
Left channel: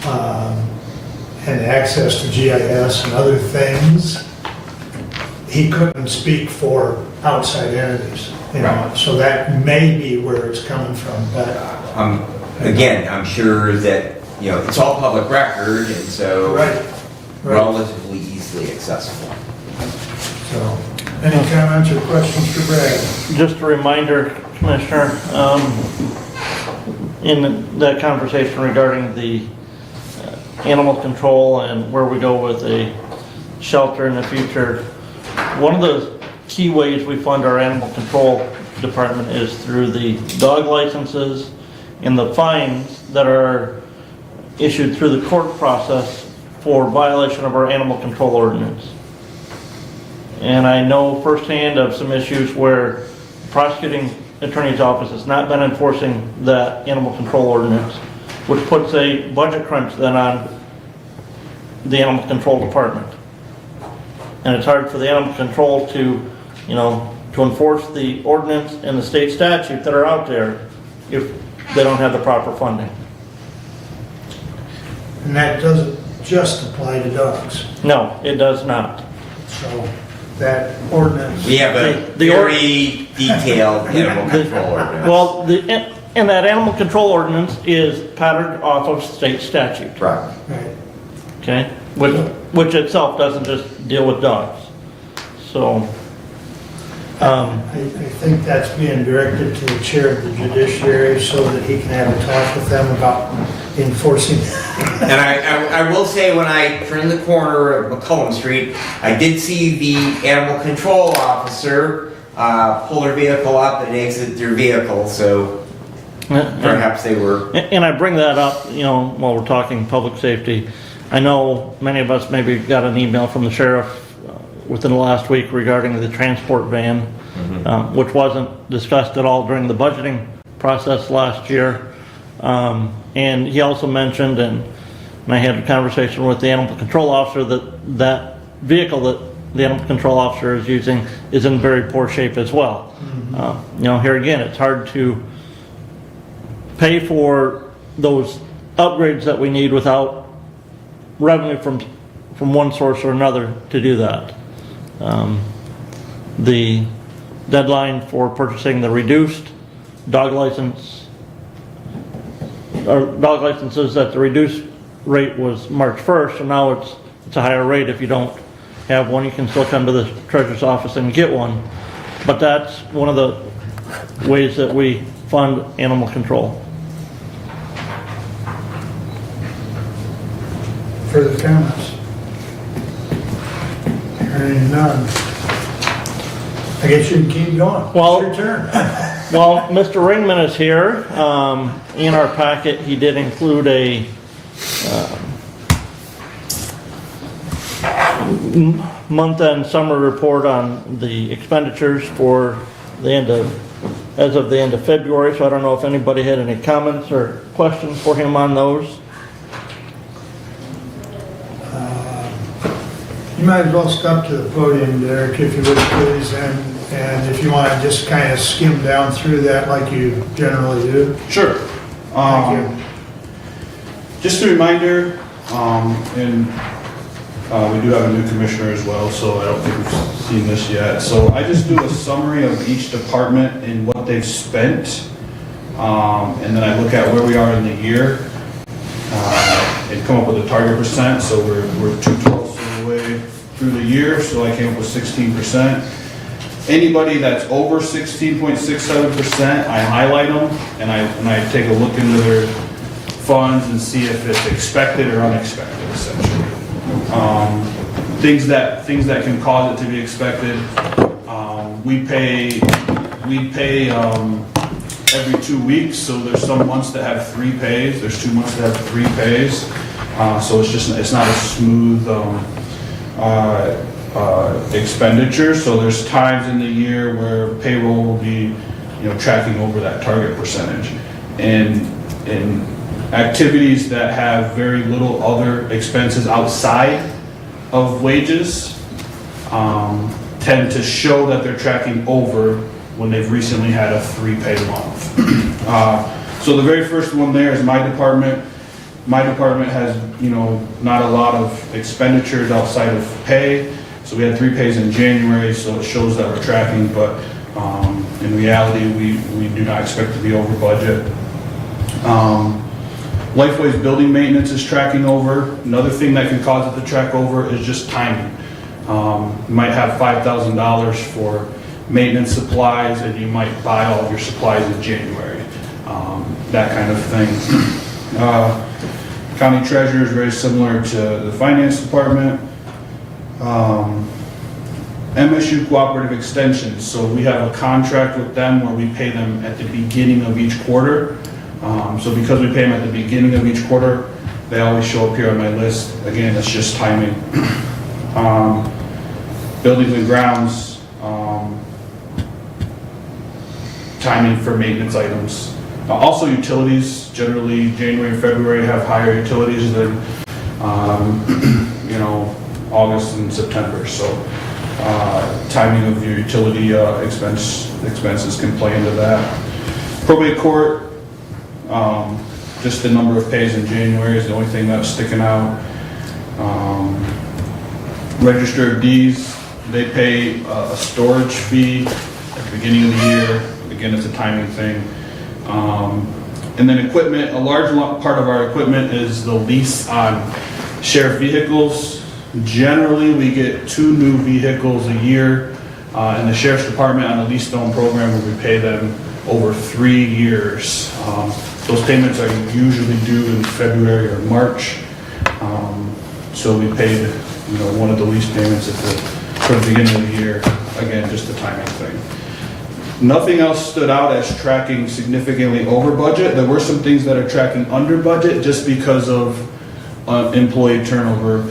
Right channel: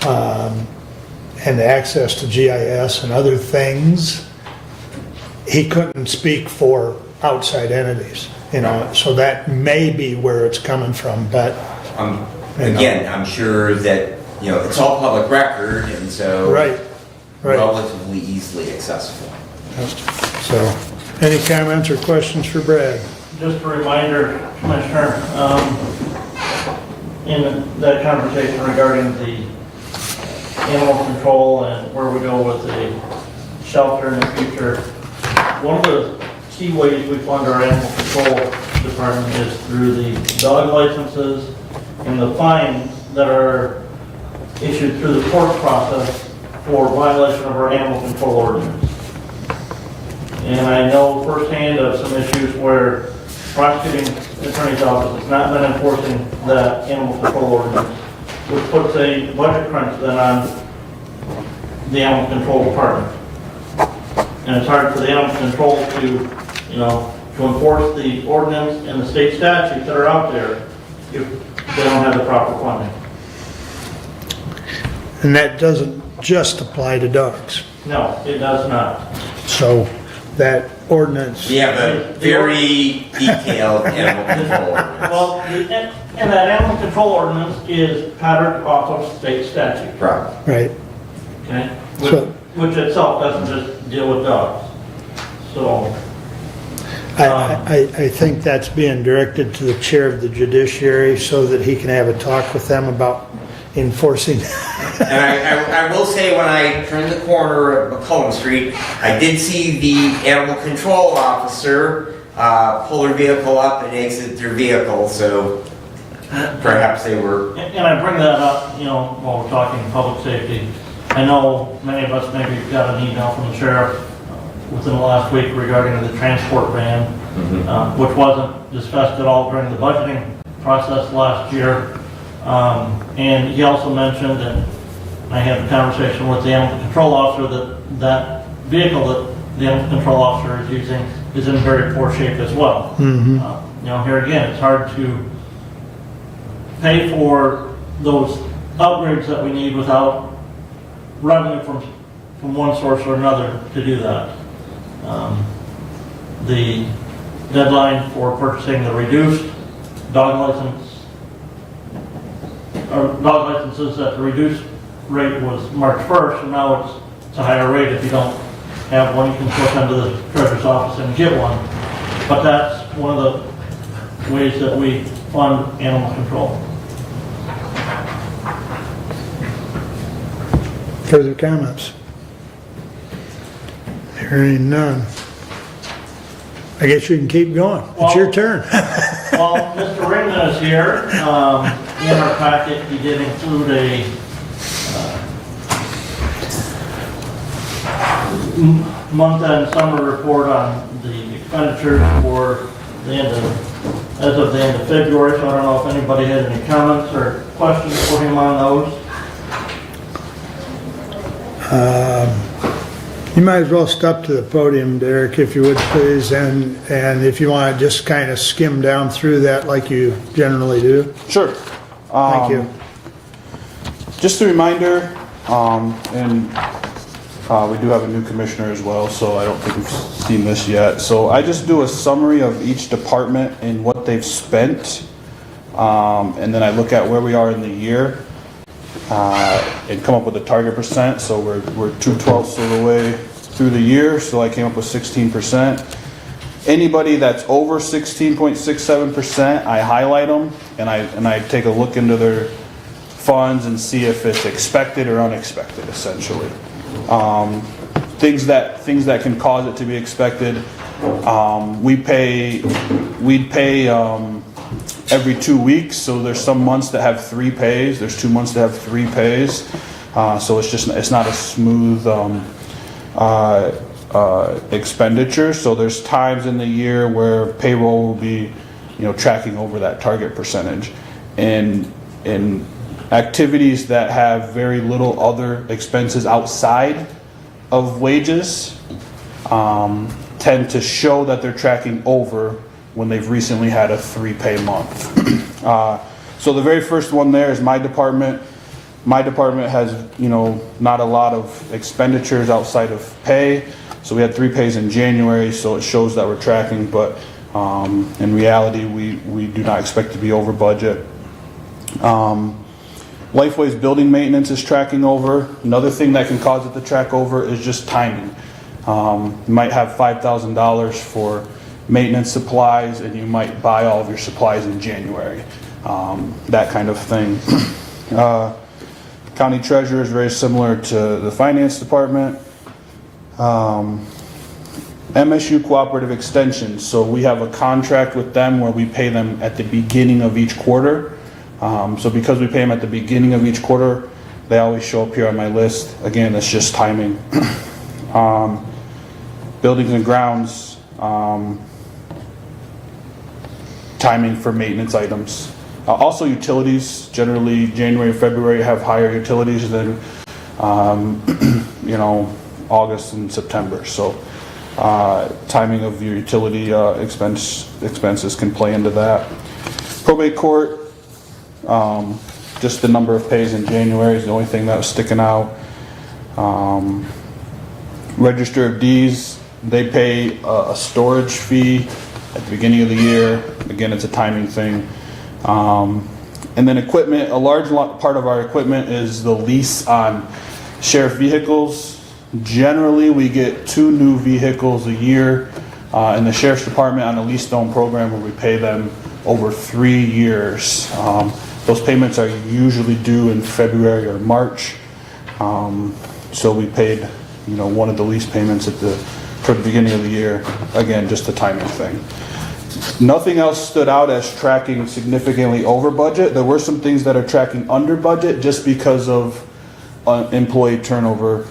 and the access to GIS and other things, he couldn't speak for outside entities, so that may be where it's coming from, but. Again, I'm sure that it's all public record, and so relatively easily accessible. So, any comments or questions for Brad? Just a reminder, Commissioner, in that conversation regarding the animal control and where we go with the shelter in the future, one of the key ways we fund our animal control department is through the dog licenses and the fines that are issued through the court process for violation of our animal control ordinance. And I know firsthand of some issues where prosecuting attorney's office has not been enforcing that animal control ordinance, which puts a budget crunch then on the animal control department. And it's hard for the animal control to to enforce the ordinance and the state statute that are out there if they don't have the proper funding. And that doesn't just apply to dogs. No, it does not. So that ordinance. We have a very detailed animal control ordinance. Well, and that animal control ordinance is patterned off of state statute, Right. Right. okay? So- Which itself doesn't just deal with dogs. So, I think that's being directed to the chair of the judiciary so that he can have a talk with them about enforcing. And I will say, when I turned the corner of McCollum Street, I did see the animal control officer pull their vehicle up and exit their vehicle, so perhaps they were... and I bring that up, you know, while we're talking public safety. I know many of us maybe got an email from the sheriff within the last week regarding the transport van, which wasn't discussed at all during the budgeting process last year. And he also mentioned, and I had a conversation with the animal control officer, that vehicle that the animal control officer is using is in very poor shape as well. You know, here again, it's hard to pay for those upgrades that we need without revenue from one source or another to do that. The deadline for purchasing the reduced dog license, or dog licenses at the reduced rate was March 1st, and now it's a higher rate. If you don't have one, you can still come to the treasurer's office and get one. But that's one of the ways that we fund animal control. Further comments? Hearing none. I guess you can keep going. Well- It's your turn. Well, Mr. Raymond is here. In our packet, he did include a month-end summer report on the expenditures for the end of, as of the end of February. So I don't know if anybody had any comments or questions for him on those. You might as well step to the podium, Derek, if you would please, and if you want to just kind of skim down through that like you generally do. Sure. Thank you. Just a reminder, and we do have a new commissioner as well, so I don't think we've seen this yet. So I just do a summary of each department and what they've spent, and then I look at where we are in the year, and come up with a target percent. So we're 2/12 of the way through the year, so I came up with 16%. Anybody that's over 16.67%, I highlight them, and I take a look into their funds and see if it's expected or unexpected, essentially. Things that can cause it to be expected. We pay every 2 weeks, so there's some months that have 3 pays. There's 2 months that have 3 pays. So it's not a smooth expenditure. So there's times in the year where payroll will be, tracking over that target percentage. And in activities that have very little other expenses outside of wages, tend to show that they're tracking over when they've recently had a 3-pay month. So the very first one there is my department. My department has, not a lot of expenditures outside of pay. So we had 3 pays in January, so it shows that we're tracking, but in reality, we do not expect to be over budget. Lifeway's building maintenance is tracking over. Another thing that can cause it to track over is just timing. You might have $5,000 for maintenance supplies, and you might buy all of your supplies in January. That kind of thing. County treasurer is very similar to the finance department. MSU Cooperative Extension. So we have a contract with them where we pay them at the beginning of each quarter. So because we pay them at the beginning of each quarter, they always show up here on my list. Again, it's just timing. Buildings and grounds, timing for maintenance items. Also utilities, generally January, February have higher utilities than, August and September. So Timing of your utility expenses can play into that. Probate court, just the number of pays in January is the only thing that was sticking out. Register of Deeds, they pay a storage fee at the beginning of the year. Again, it's a timing thing. And then equipment, a large part of our equipment is the lease on sheriff vehicles. Generally, we get 2 new vehicles a year in the sheriff's department on the lease loan program, where we pay them over 3 years. Those payments are usually due in February or March. So we paid, one of the lease payments for the beginning of the year. Again, just a timing thing. Nothing else stood out as tracking significantly over budget. There were some things that are tracking under budget just because of employee turnover,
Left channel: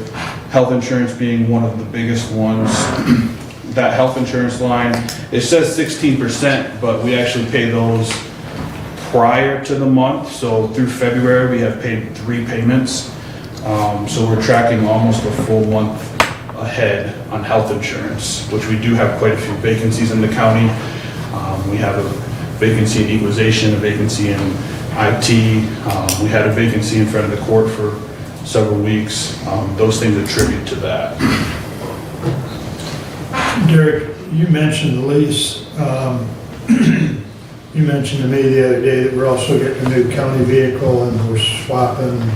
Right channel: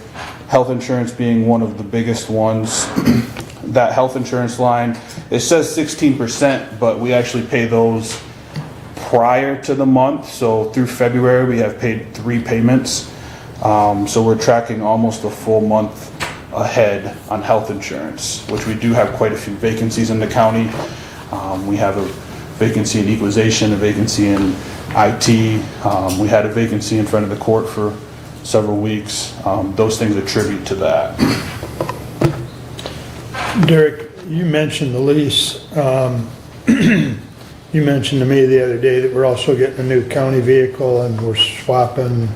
health insurance being one of the biggest ones. That health insurance line, it says 16%, but we actually pay those prior to the month. So through February, we have paid 3 payments. So we're tracking almost a full month ahead on health insurance, which we do have quite a few vacancies in the county. We have a vacancy in equalization, a vacancy in IT. We had a vacancy in front of the court for several weeks. Those things attribute to that. Derek, you mentioned the lease. You mentioned to me the other day that we're also getting a new county vehicle and we're swapping,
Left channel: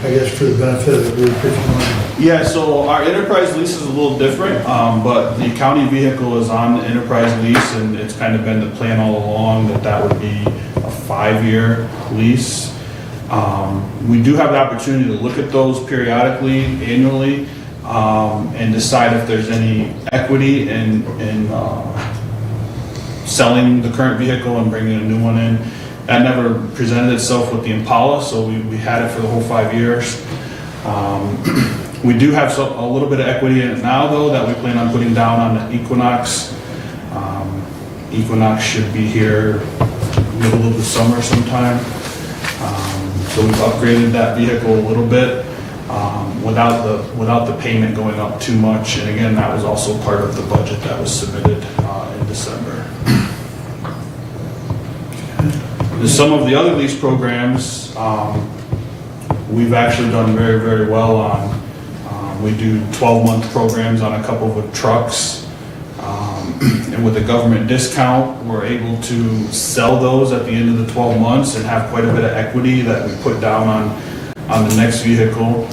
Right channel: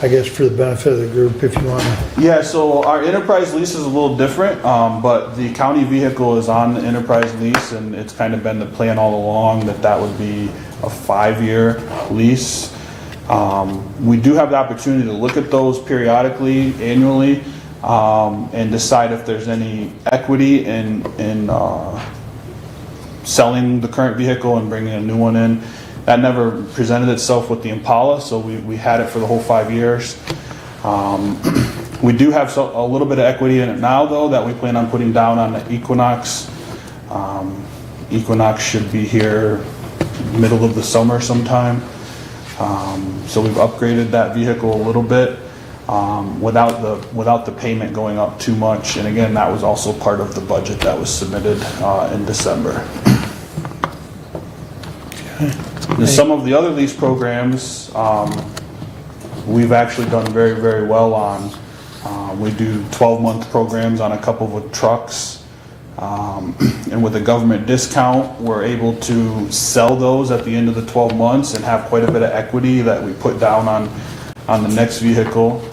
I guess, for the benefit of the group, if you want. Yeah, so our enterprise lease is a little different, but the county vehicle is on the enterprise lease, and it's kind of been the plan all along that would be a 5-year lease. We do have the opportunity to look at those periodically, annually, and decide if there's any equity in selling the current vehicle and bringing a new one in. That never presented itself with the Impala, so we had it for the whole 5 years. We do have a little bit of equity in it now, though, that we plan on putting down on the Equinox. Equinox should be here middle of the summer sometime. So we've upgraded that vehicle a little bit without the payment going up too much. And again, that was also part of the budget that was submitted in December. Some of the other lease programs we've actually done very, very well on. We do 12-month programs on a couple of trucks. And with the government discount, we're able to sell those at the end of the 12 months and have quite a bit of equity that we put down on the next vehicle.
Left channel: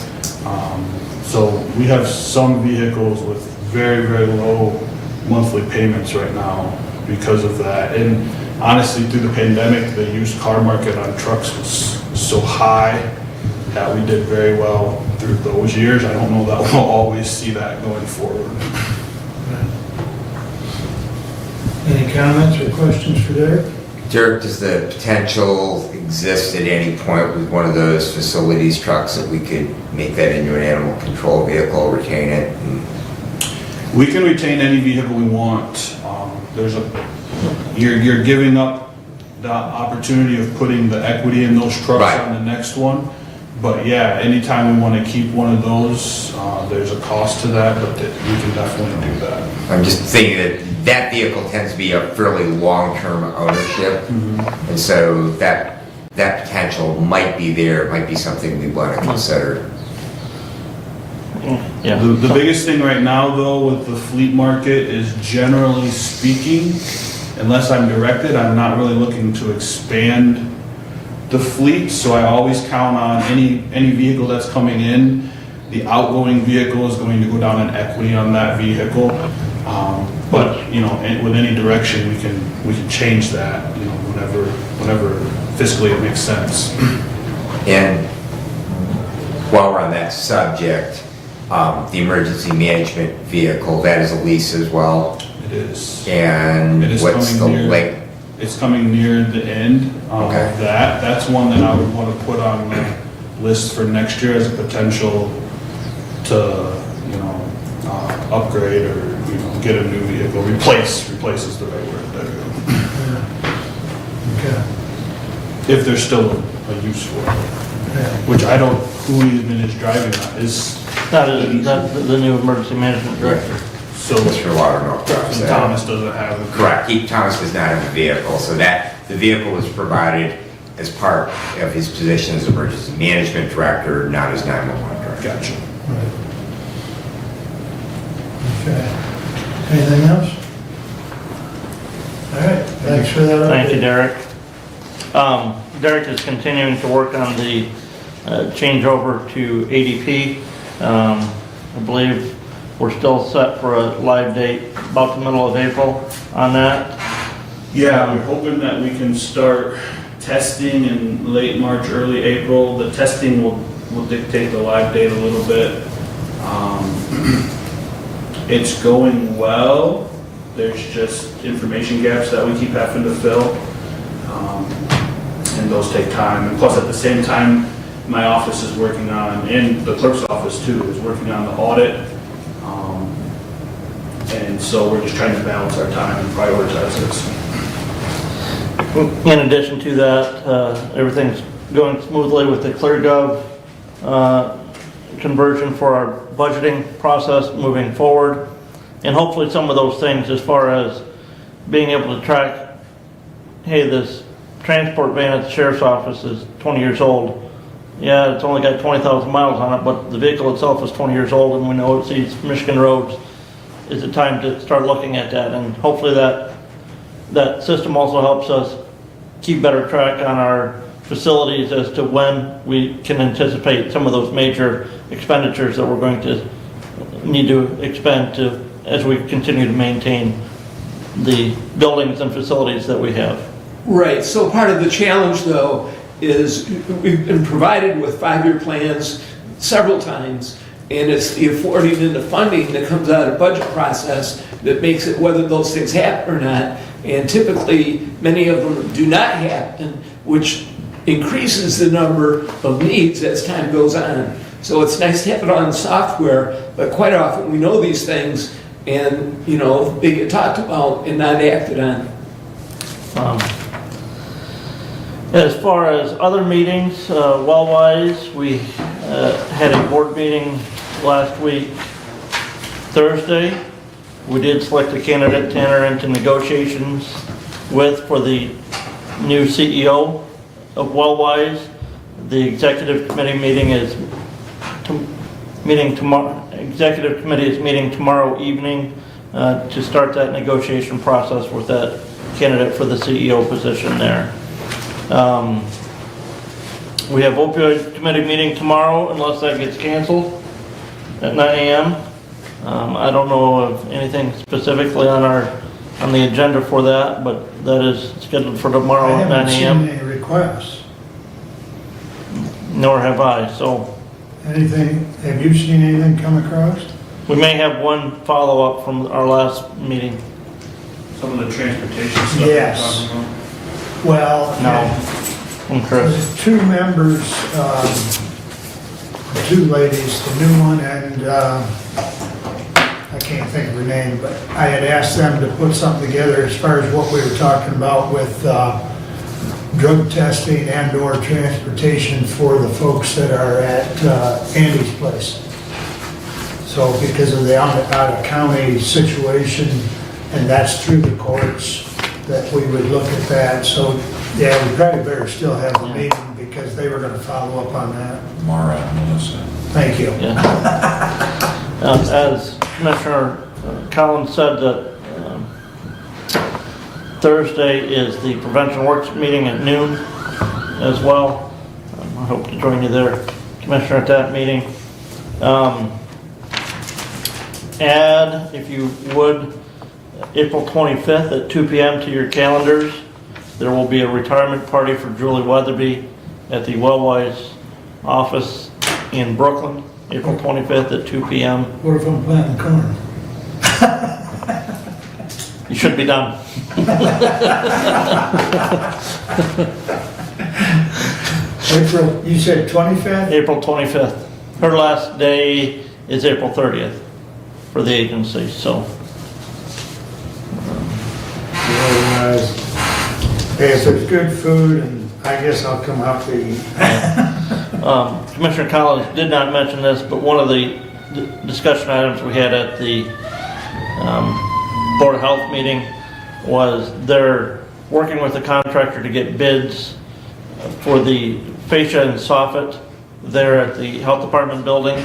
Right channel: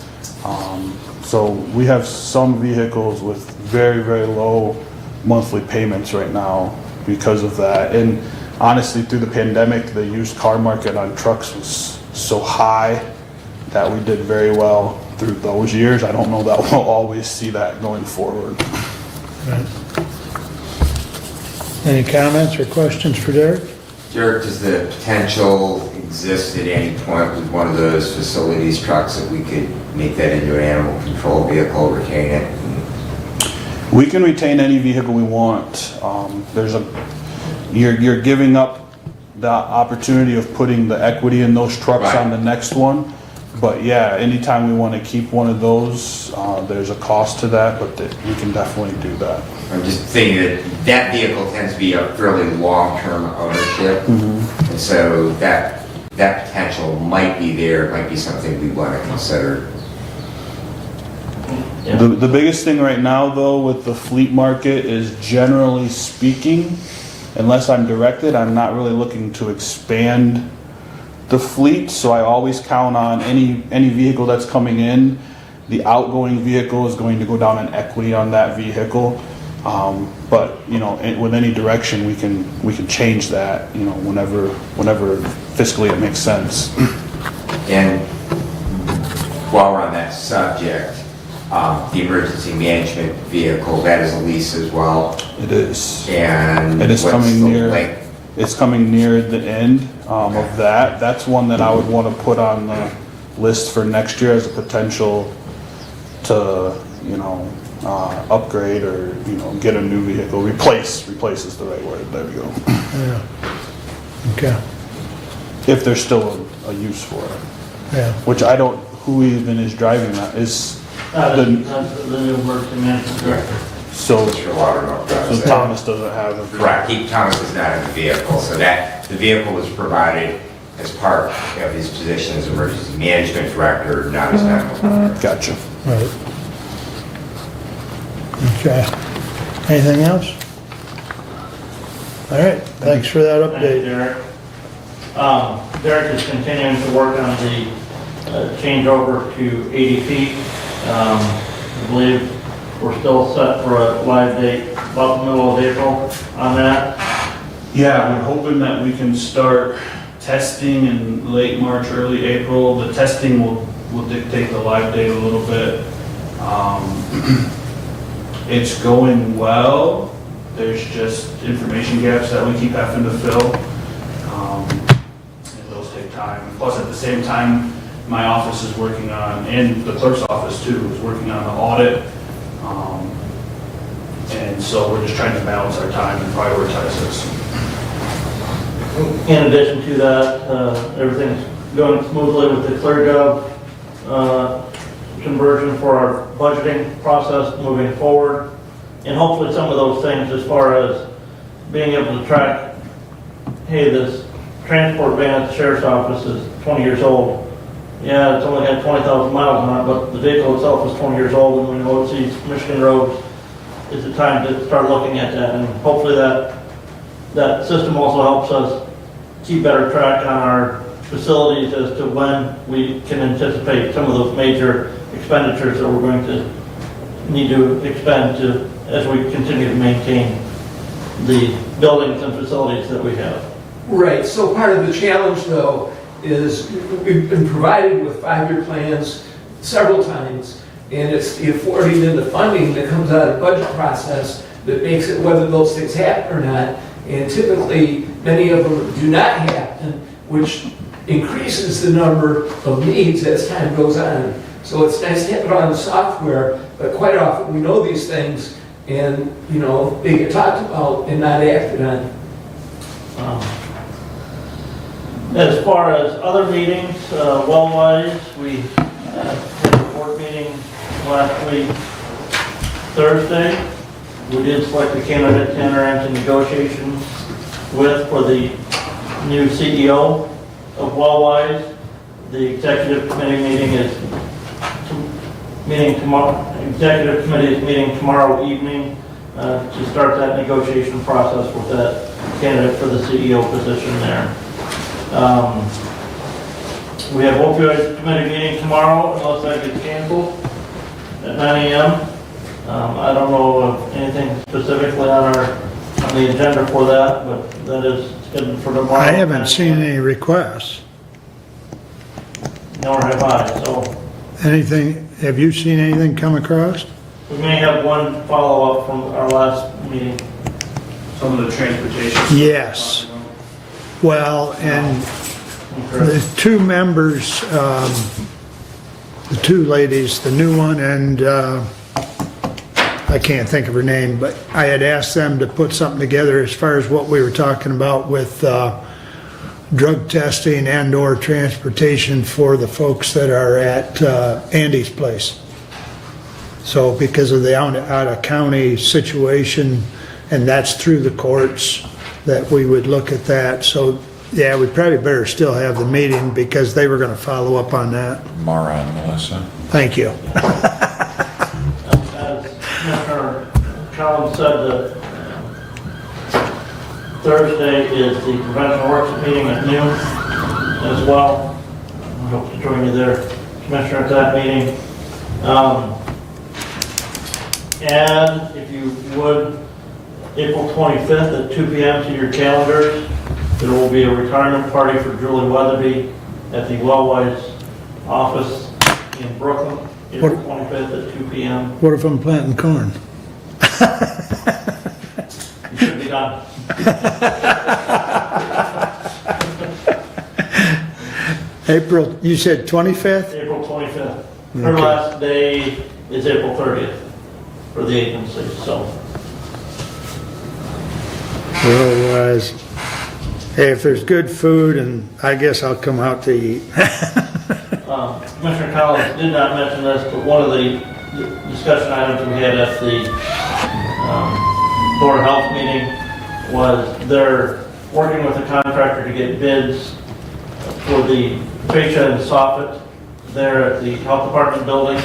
So we have some vehicles with very, very low monthly payments right now because of that. And honestly, through the pandemic, the used car market on trucks was so high that we did very well through those years. I don't know that we'll always see that going forward. Any comments or questions for Derek? Derek, does the potential exist at any point with one of those facilities trucks that we could make that into an animal control vehicle, retain it? We can retain any vehicle we want. You're giving up the opportunity of putting the equity in those trucks on the next one. But yeah, anytime we want to keep one of those, there's a cost to that, but we can definitely do that. I'm just thinking that vehicle tends to be a fairly long-term ownership, and so that potential might be there, might be something we want to consider. Yeah. The biggest thing right now, though, with the fleet market is, generally speaking, unless I'm directed, I'm not really looking to expand the fleet, so I always count on any vehicle that's coming in, the outgoing vehicle is going to go down in equity on that vehicle. But with any direction, we can change that, whenever fiscally it makes sense. And while we're on that subject, the emergency management vehicle, that is a lease as well. It is. And what's the length? It's coming near the end of that. That's one that I would want to put on the list for next year as a potential to, upgrade or, get a new vehicle. Replace is the right word. There you go. Yeah. Okay. If there's still a use for it. Yeah. Which I don't, who even is driving that is. That is the new emergency management director. So, Just for water milk trucks. so Thomas doesn't have a. Correct, Thomas is not in the vehicle, so that, the vehicle was provided as part of his position as emergency management director, not as 911. Gotcha. Right. Okay. Anything else? All right, thanks for that update. Thank you, Derek. Derek is continuing to work on the changeover to ADP. I believe we're still set for a live date about the middle of April on that. Yeah, we're hoping that we can start testing in late March, early April. The testing will dictate the live date a little bit. It's going well. There's just information gaps that we keep having to fill. And those take time. And plus, at the same time, my office is working on, and the clerk's office too, is working on the audit. And so we're just trying to balance our time and prioritize this. In addition to that, everything's going smoothly with the ClearGov conversion for our budgeting process moving forward. And hopefully some of those things as far as being able to track, hey, this transport van at the sheriff's office is 20 years old. Yeah, it's only got 20,000 miles on it, but the vehicle itself is 20 years old and we know it sees Michigan roads. Is it time to start looking at that? And hopefully that system also helps us keep better track on our facilities as to when we can anticipate some of those major expenditures that we're going to need to expend to as we continue to maintain the buildings and facilities that we have. Right, so part of the challenge though is we've been provided with 5-year plans several times, and it's the affording and the funding that comes out of budget process that makes it whether those things happen or not. And typically, many of them do not happen, which increases the number of needs as time goes on. So it's nice to have it on software, but quite often we know these things and, you know, they get talked about and not acted on. As far as other meetings, well-wise, we had a board meeting last week, Thursday. We did select a candidate to enter into negotiations with for the new CEO of Wellwise. The executive committee meeting is meeting tomorrow. Executive committee is meeting tomorrow evening to start that negotiation process with that candidate for the CEO position there. We have opioid committee meeting tomorrow unless that gets canceled at 9 a.m. I don't know of anything specifically on the agenda for that, but that is scheduled for tomorrow I at 9 haven't seen a.m. any requests. Nor have I, so Anything, have you seen anything come across? we may have one follow-up from our last meeting. Some of the transportation stuff. Yes. we're talking about. Well, and From Chris. the two members, the two ladies, the new one and I can't think of her name, but I had asked them to put something together as far as what we were talking about with drug testing and or transportation for the folks that are at Andy's place. So because of the out-of-county situation, and that's through the courts, that we would look at that. So, yeah, we probably better still have the meeting because they were gonna follow up on that. Mara and Melissa. Thank you. Yeah. As Commissioner Collins said, Thursday is the Prevention Works meeting at noon as well. I hope to join you there, Commissioner, at that meeting. Add, if you would, April 25th at 2 p.m. to your calendars. There will be a retirement party for Julie Weatherby at the Wellwise office in Brooklyn, April 25th at 2 p.m. What if I'm planting corn? You should be done. April, you said 25th? April 25th. Her Okay. last day is April 30th for the agency, so. Otherwise, hey, if there's good food, and I guess I'll come out to eat. Commissioner Collins did not mention this, but one of the discussion items we had at the Board of Health meeting was they're working with the contractor to get bids for the fascia and soffit there at the health department building.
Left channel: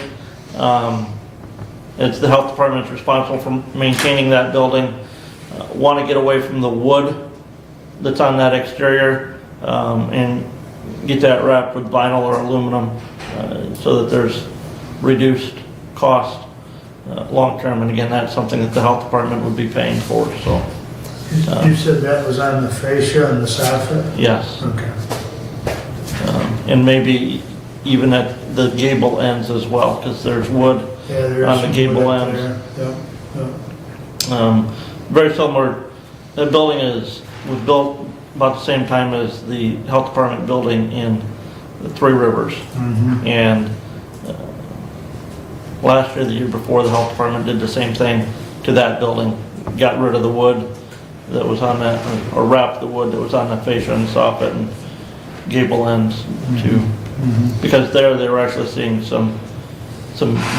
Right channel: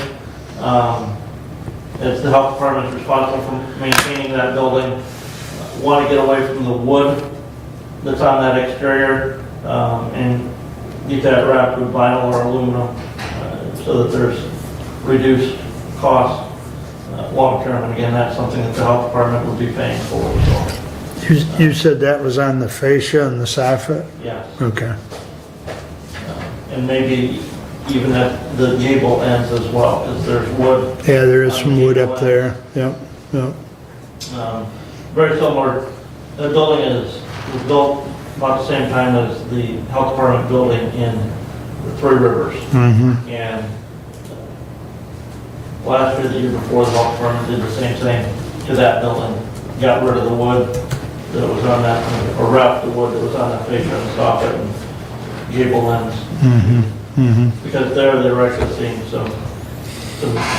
It's the health department's responsible for maintaining that building. Want to get away from the wood that's on that exterior and get that wrapped with vinyl or aluminum so that there's reduced cost long term. And again, that's something that the health department would be paying for. So You said that was on the fascia and the soffit? yes, Okay. and maybe even at the gable ends as well, because there's wood. Yeah, there is on the some wood gable up ends. there. Yep, yep. Very similar. The building was built about the same time as the health department building in the Three Rivers. Mhm. And last year, the year before, the health department did the same thing to that building. Got rid of the wood that was on that, or wrapped the wood that was on the fascia and soffit and gable ends too. Mhm. Because there, they were actually seeing some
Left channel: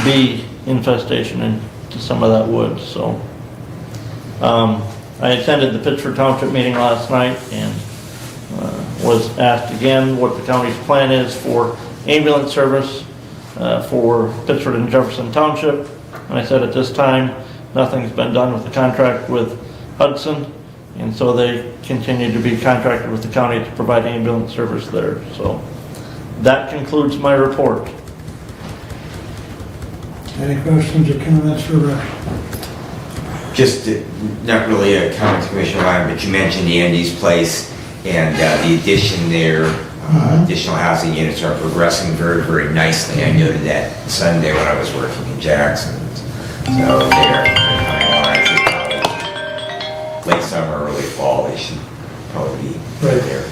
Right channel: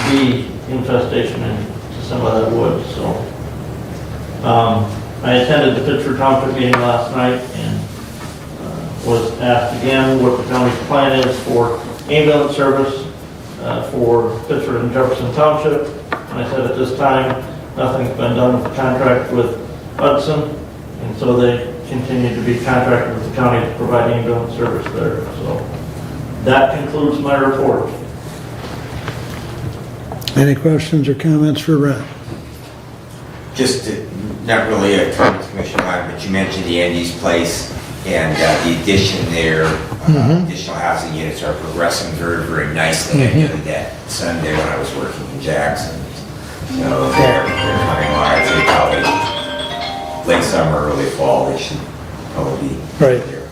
bee infestation into some of that wood, so. I attended the Pittsford Township meeting last night and was asked again what the county's plan is for ambulance service for Pittsford and Jefferson Township. And I said at this time, nothing's been done with the contract with Hudson, and so they continue to be contracted with the county to provide ambulance service there. So that concludes my report. Any questions or comments for Ron? Just, not really a comment, Commissioner Ryan, but you mentioned the Andy's Place and the addition there, additional housing units are progressing very, very nicely. I noted that Sunday when I was working in Jackson. So they're coming along, I think probably late summer, early fall, they should probably be Right. there.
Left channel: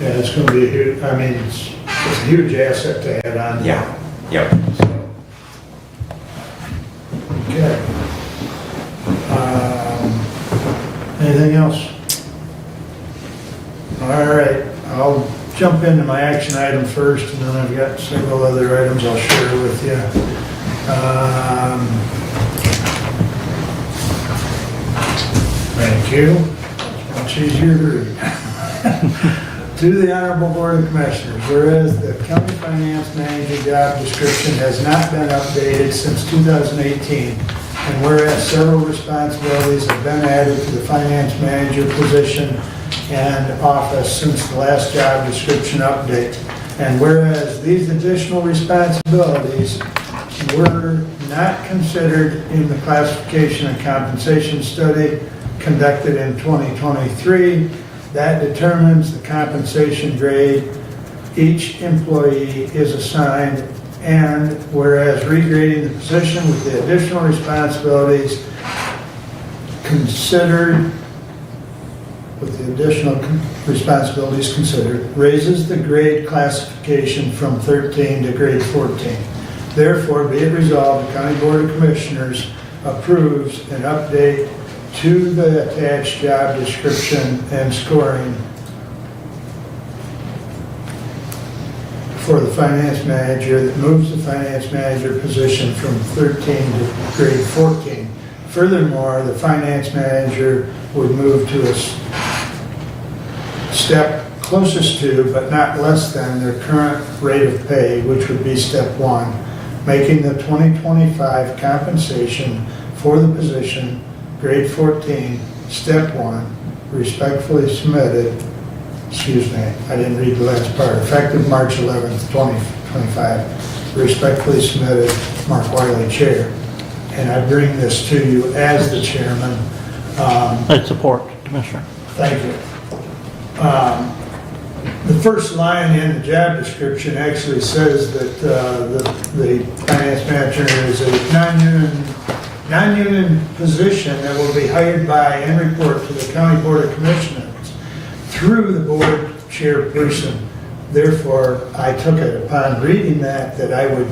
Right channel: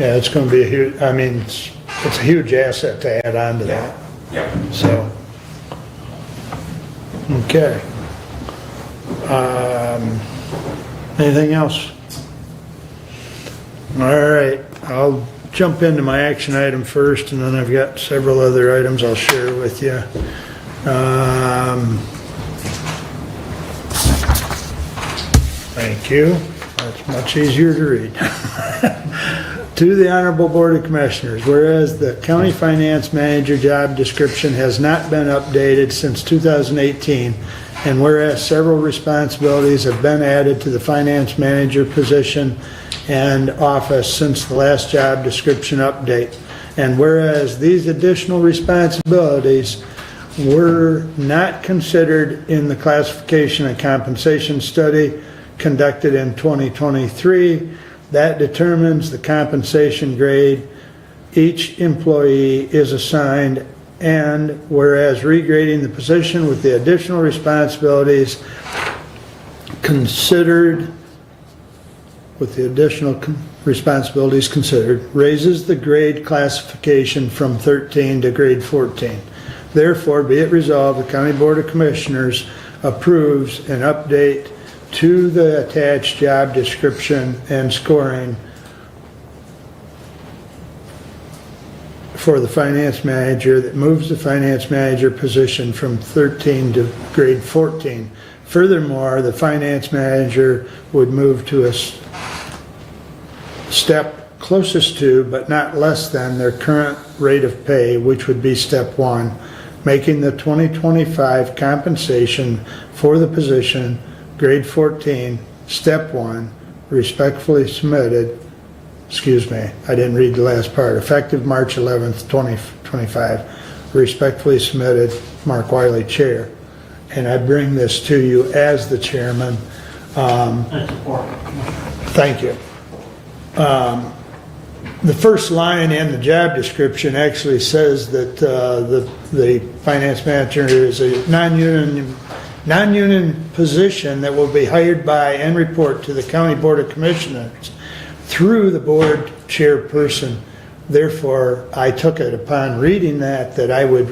Yeah, it's gonna be a huge, I mean, it's a huge asset to add on to Yeah, that, yep. so. Okay. Anything else? All right, I'll jump into my action item first, and then I've got several other items I'll share with you. Thank you. That's much easier to read. To the Honorable Board of Commissioners, whereas the County Finance Manager job description has not been updated since 2018, and whereas several responsibilities have been added to the Finance Manager position and office since the last job description update, and whereas these additional responsibilities were not considered in the classification and compensation study conducted in 2023, that determines the compensation grade each employee is assigned, and whereas regrading the position with the additional responsibilities considered, raises the grade classification from 13 to grade 14. Therefore, be it resolved, the County Board of Commissioners approves an update to the attached job description and scoring for the finance manager that moves the finance manager position from 13 to grade 14. Furthermore, the finance manager would move to a step closest to, but not less than, their current rate of pay, which would be step 1, making the 2025 compensation for the position grade 14, step 1, respectfully submitted, I didn't read the last part, effective March 11th, 2025, respectfully submitted, Mark Wiley, Chair. And I bring this to you as the chairman. I support, Commissioner. Thank you. The first line in the job description actually says that the finance manager is a non-union position that will be hired by and report to the County Board of Commissioners through the board chairperson. Therefore, I took it upon reading that I would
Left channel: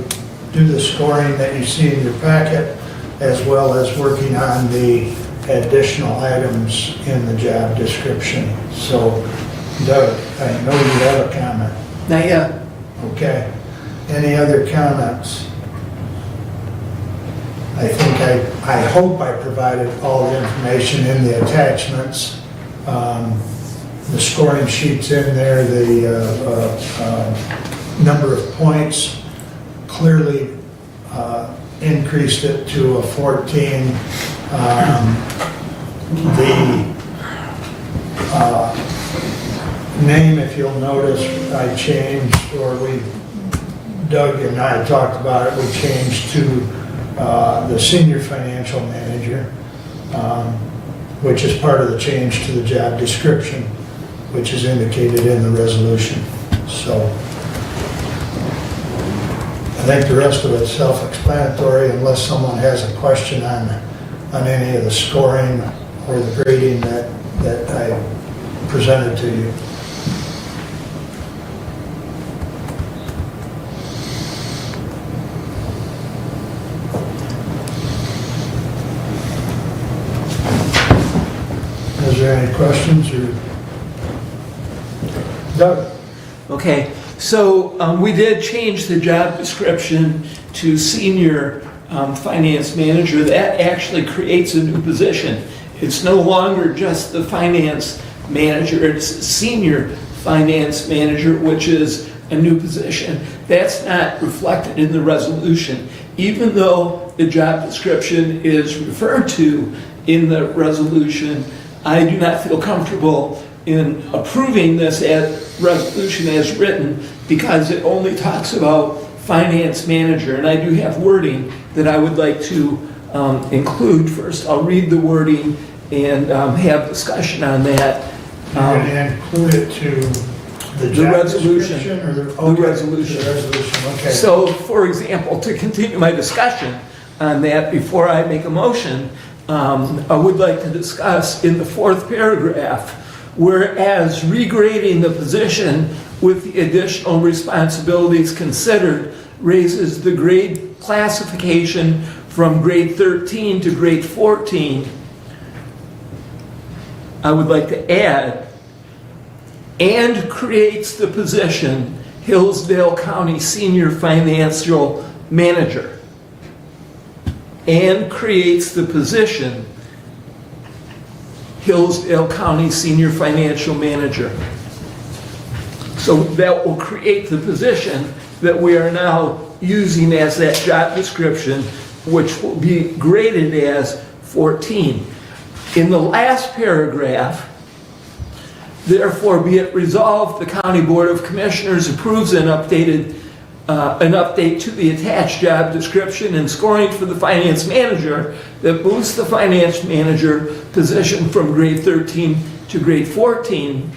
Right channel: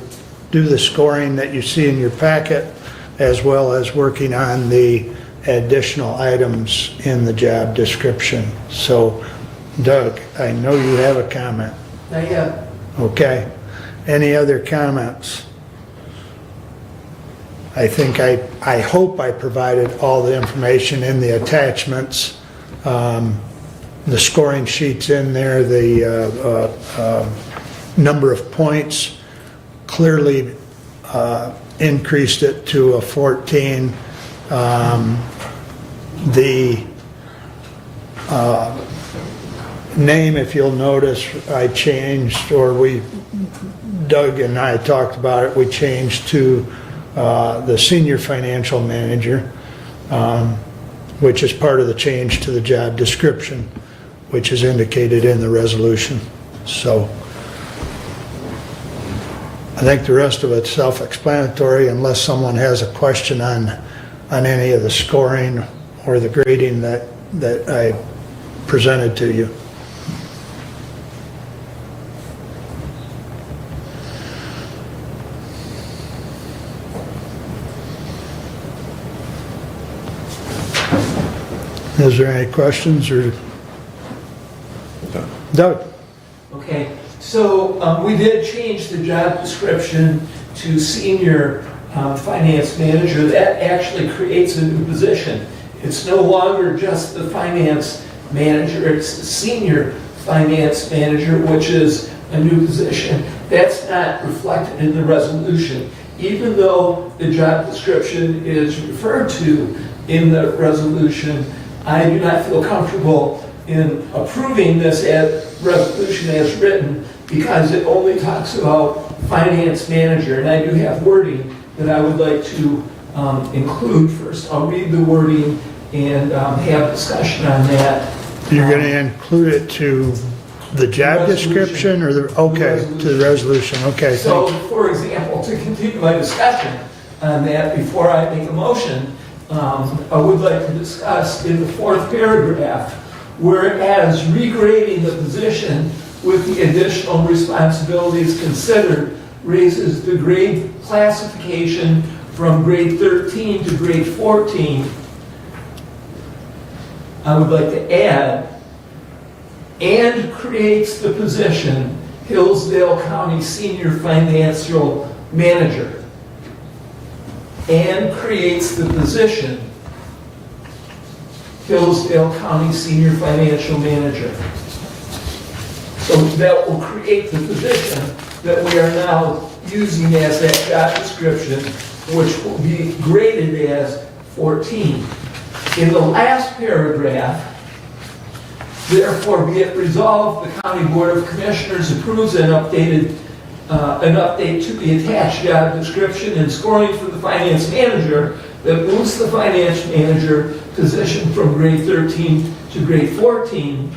do the scoring that you see in your packet, as well as working on the additional items in the job description. So, Doug, I know you have a comment. Not yet. Okay. Any other comments? I think I hope I provided all the information in the attachments. The scoring sheets in there, the number of points clearly increased it to a 14. The name, if you'll notice, I changed, or Doug and I talked about it, we changed to the senior financial manager, which is part of the change to the job description, which is indicated in the resolution. So I think the rest of it's self-explanatory unless someone has a question on any of the scoring or the grading that I presented to you. Is there any questions or? Doug? Okay, so we did change the job description to senior finance manager. That actually creates a new position. It's no longer just the finance manager, it's senior finance manager, which is a new position. That's not reflected in the resolution. Even though the job description is referred to in the resolution, I do not feel comfortable in approving this resolution as written because it only talks about finance manager, and I do have wording that I would like to include. First, I'll read the wording and have discussion on that. You're going to include it to the job description or okay, to the resolution, okay. So, for example, to continue my discussion on that before I make a motion, I would like to discuss in the fourth paragraph, whereas regrading the position with the additional responsibilities considered raises the grade classification from grade 13 to grade 14, I would like to add, and creates the position Hillsdale County Senior Financial Manager. And creates the position Hillsdale County Senior Financial Manager. So that will create the position that we are now using as that job description, which will be graded as 14. In the last paragraph, therefore be it resolved, the County Board of Commissioners approves an update to the attached job description and scoring for the finance manager that moves the finance manager position from grade 13 to grade 14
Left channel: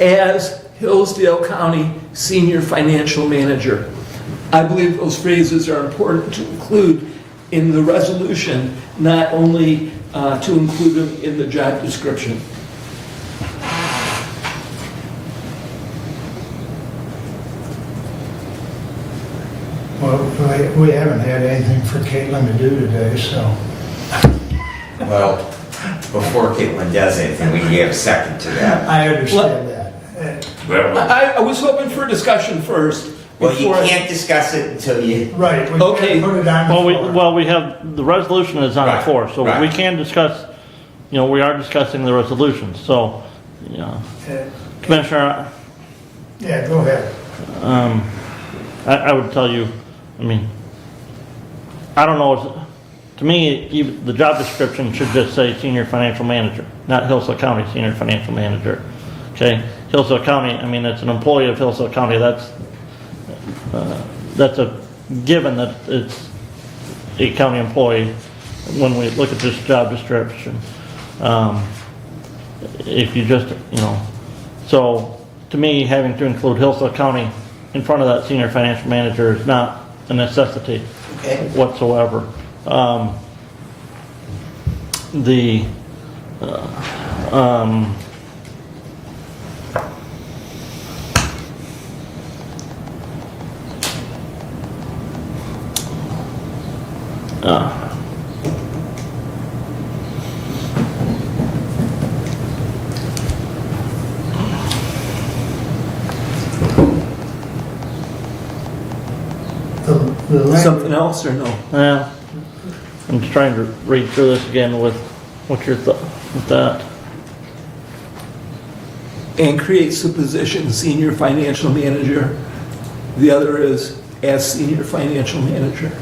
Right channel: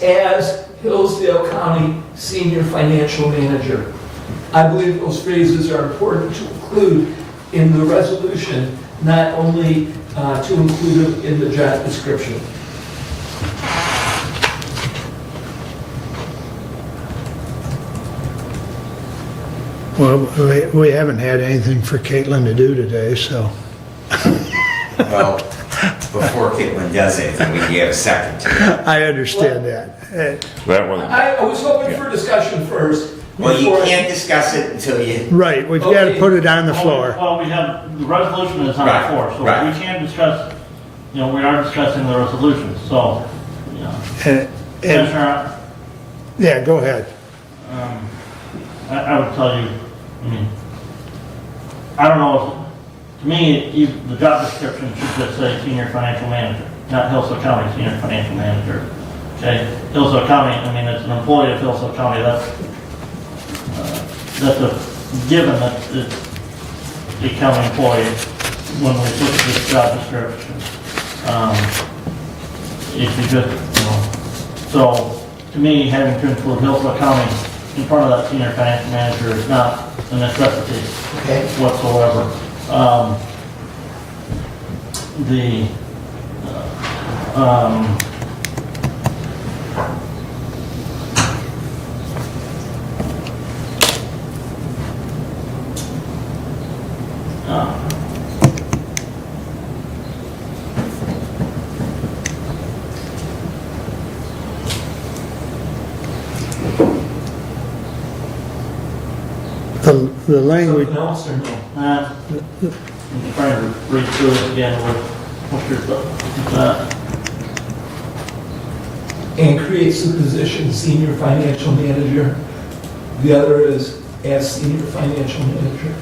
as Hillsdale County Senior Financial Manager. I believe those phrases are important to include in the resolution, not only to include them in the job description. Well, we haven't had anything for Caitlin to do today, so. Well, before Caitlin does anything, we can give a second to that. I understand that. I was hoping for discussion first. Well, you can't discuss it until you... Right, we've got to put it on the floor. Well, we have, the resolution is on the floor, so we can discuss, we are discussing the resolution, so, Commissioner. Yeah, go ahead. I would tell you, I don't know, to me, the job description should just say Senior Financial Manager, not Hillsdale County Senior Financial Manager. Okay, Hillsdale County, it's an employee of Hillsdale County, that's a given that it's a county employee when we look at this job description. If you just, so to me, having to include Hillsdale County in front of that Senior Financial Manager is not a necessity whatsoever. The the language, something else or no? I'm just trying to read through this again with what's your thought with that. And creates the position senior financial manager. The other is as senior financial manager.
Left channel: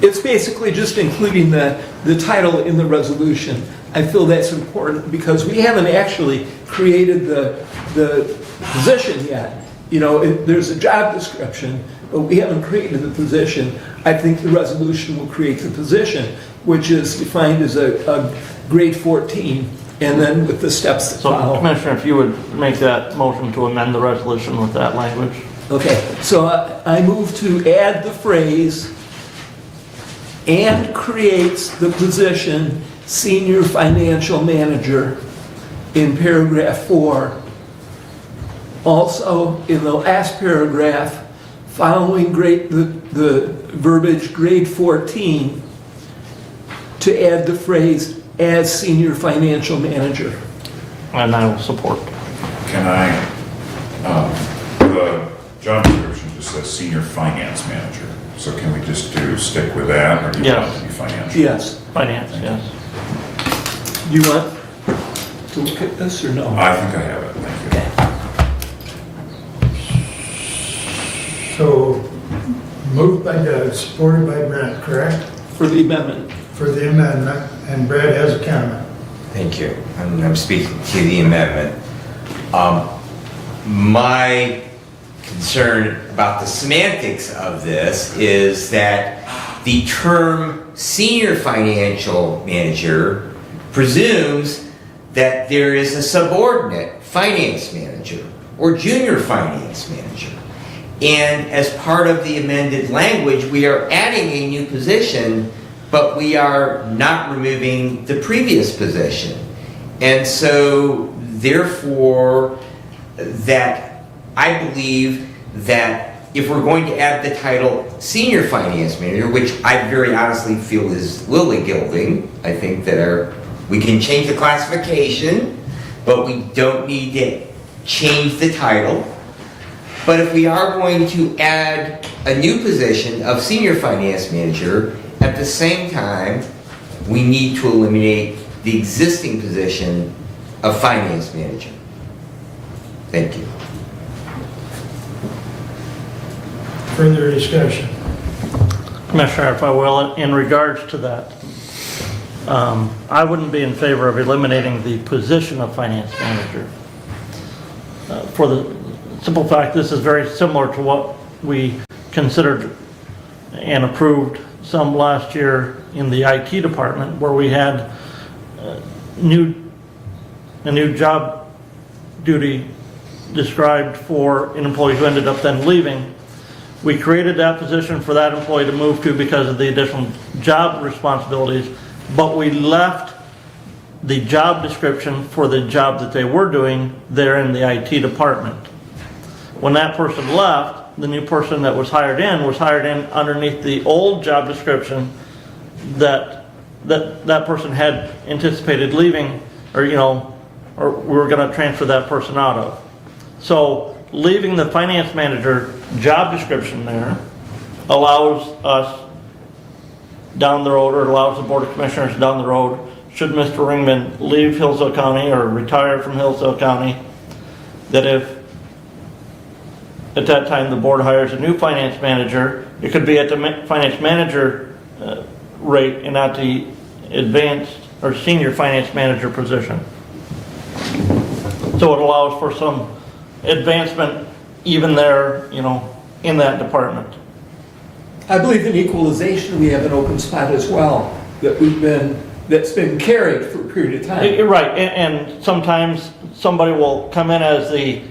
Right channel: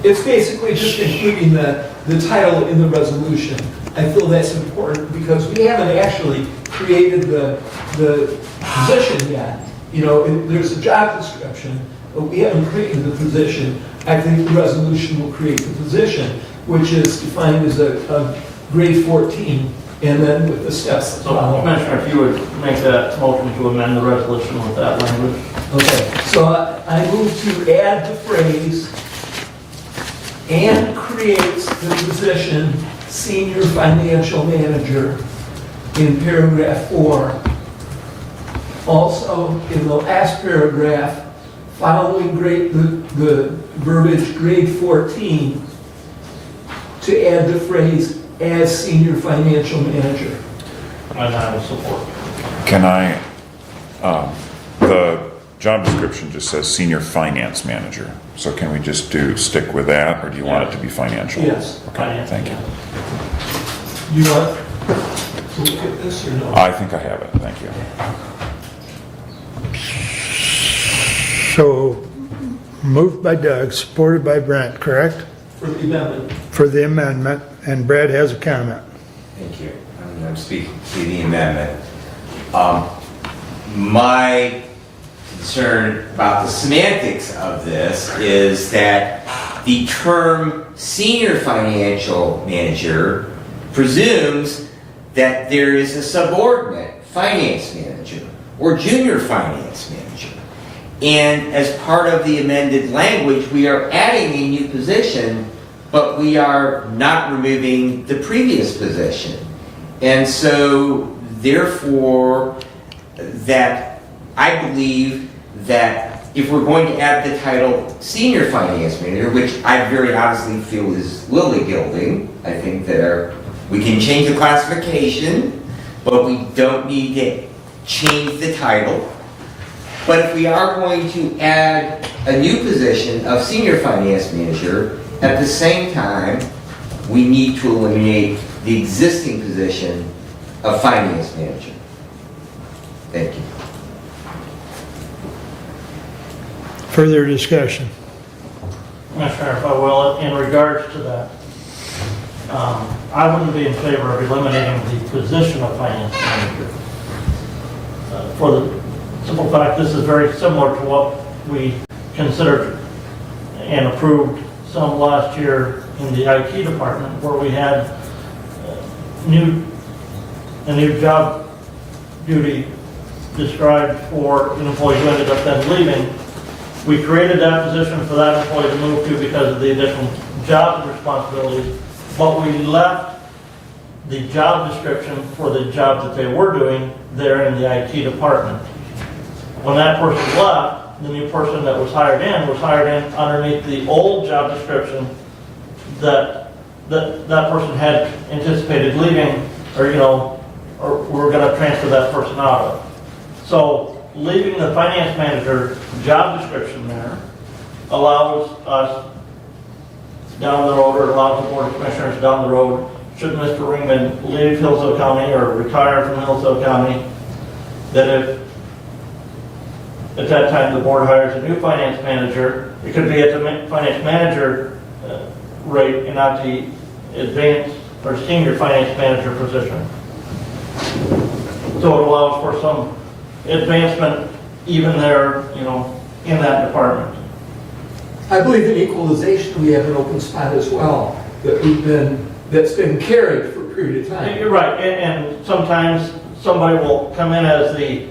It's basically just including the title in the resolution. I feel that's important because we haven't actually created the position yet. You know, there's a job description, but we haven't created the position. I think the resolution will create the position, which is defined as a grade 14, and then with the steps that So, follow. Commissioner, if you would make that motion to amend the resolution with that language. Okay, so I move to add the phrase, and creates the position senior financial manager in paragraph 4. Also, in the last paragraph, following the verbiage grade 14, to add the phrase as senior financial manager. And I will support. Can I, the job description just says senior finance manager, so can we just stick with that, or do you want it to be financial? Yes. Finance, Thank you. yes. You want to look at this or no? I think I have it, thank you. so moved by Doug, supported by Brent, correct? For the amendment. For the amendment, and Brad has a comment. Thank you. I'm speaking to the amendment. My concern about the semantics of this is that the term senior financial manager presumes that there is a subordinate finance manager or junior finance manager. And as part of the amended language, we are adding a new position, but we are not removing the previous position. And so, therefore, that I believe that if we're going to add the title senior finance manager, which I very honestly feel is lily gilding, I think that we can change the classification, but we don't need to change the title. But if we are going to add a new position of senior finance manager, at the same time, we need to eliminate the existing position of finance manager. Thank you. Further discussion. Commissioner, if I will, in regards to that, I wouldn't be in favor of eliminating the position of finance manager. For the simple fact, this is very similar to what we considered and approved some last year in the IT department, where we had a new job duty described for an employee who ended up then leaving. We created that position for that employee to move to because of the additional job responsibilities, but we left the job description for the job that they were doing there in the IT department. When that person left, the new person that was hired in underneath the old job description that person had anticipated leaving, or we were going to transfer that person out of. So leaving the finance manager job description there allows us down the road, or allows the Board of Commissioners down the road, should Mr. Ringman leave Hillsdale County or retire from Hillsdale County, that if at that time the board hires a new finance manager, it could be at the finance manager rate and not the advanced or senior finance manager position. So it allows for some advancement even there, in that department. I believe in equalization, we have an open spot as well that's been carried for a period of time. You're right, and sometimes somebody will come in as the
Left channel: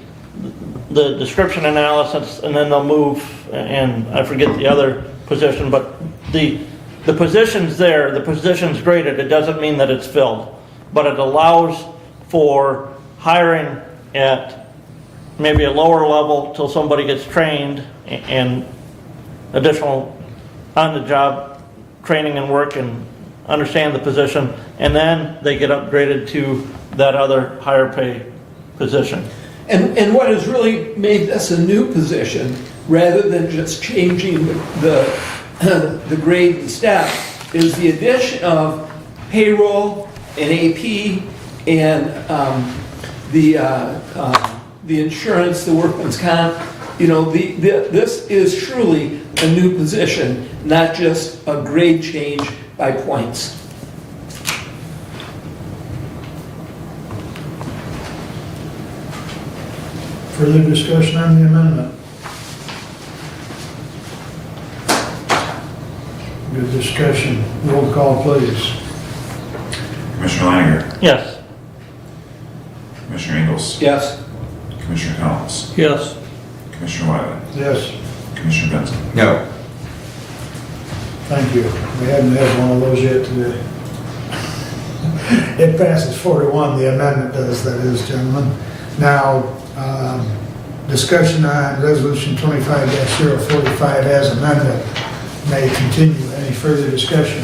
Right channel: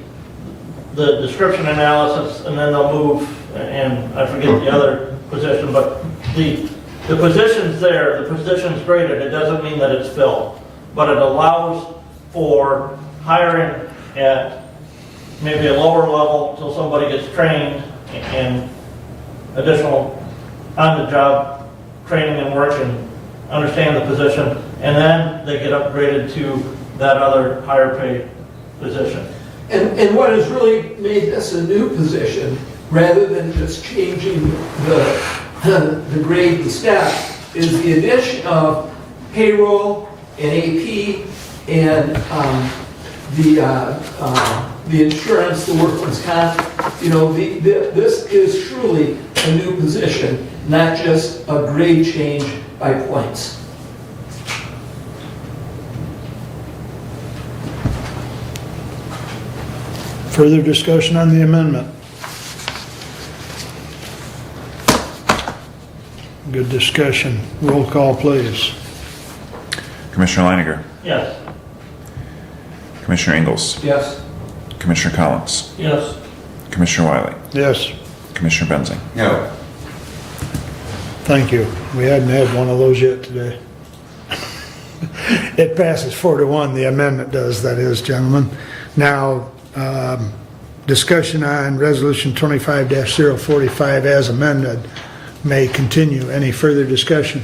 description analysis, and then they'll move, and I forget the other position, but the position's there, the position's graded, it doesn't mean that it's filled, but it allows for hiring at maybe a lower level till somebody gets trained and additional on-the-job training and work and understand the position, and then they get upgraded to that other higher paid position. And what has really made this a new position rather than just changing the grade and staff, is the addition of payroll and AP and the insurance, the workman's comp. You know, this is truly a new position, not just a grade change by points. Further discussion on the amendment? Good discussion. Roll call, please. Commissioner Leininger, Yes. Commissioner Ingles, Yes. Commissioner Collins, Yes. Commissioner Wiley, Yes, Commissioner Benzing. No. thank you. We haven't had one of those yet today. It passes 4-1, the amendment does, that is, gentlemen. Now, discussion on Resolution 25-045 as amended may continue. Any further discussion?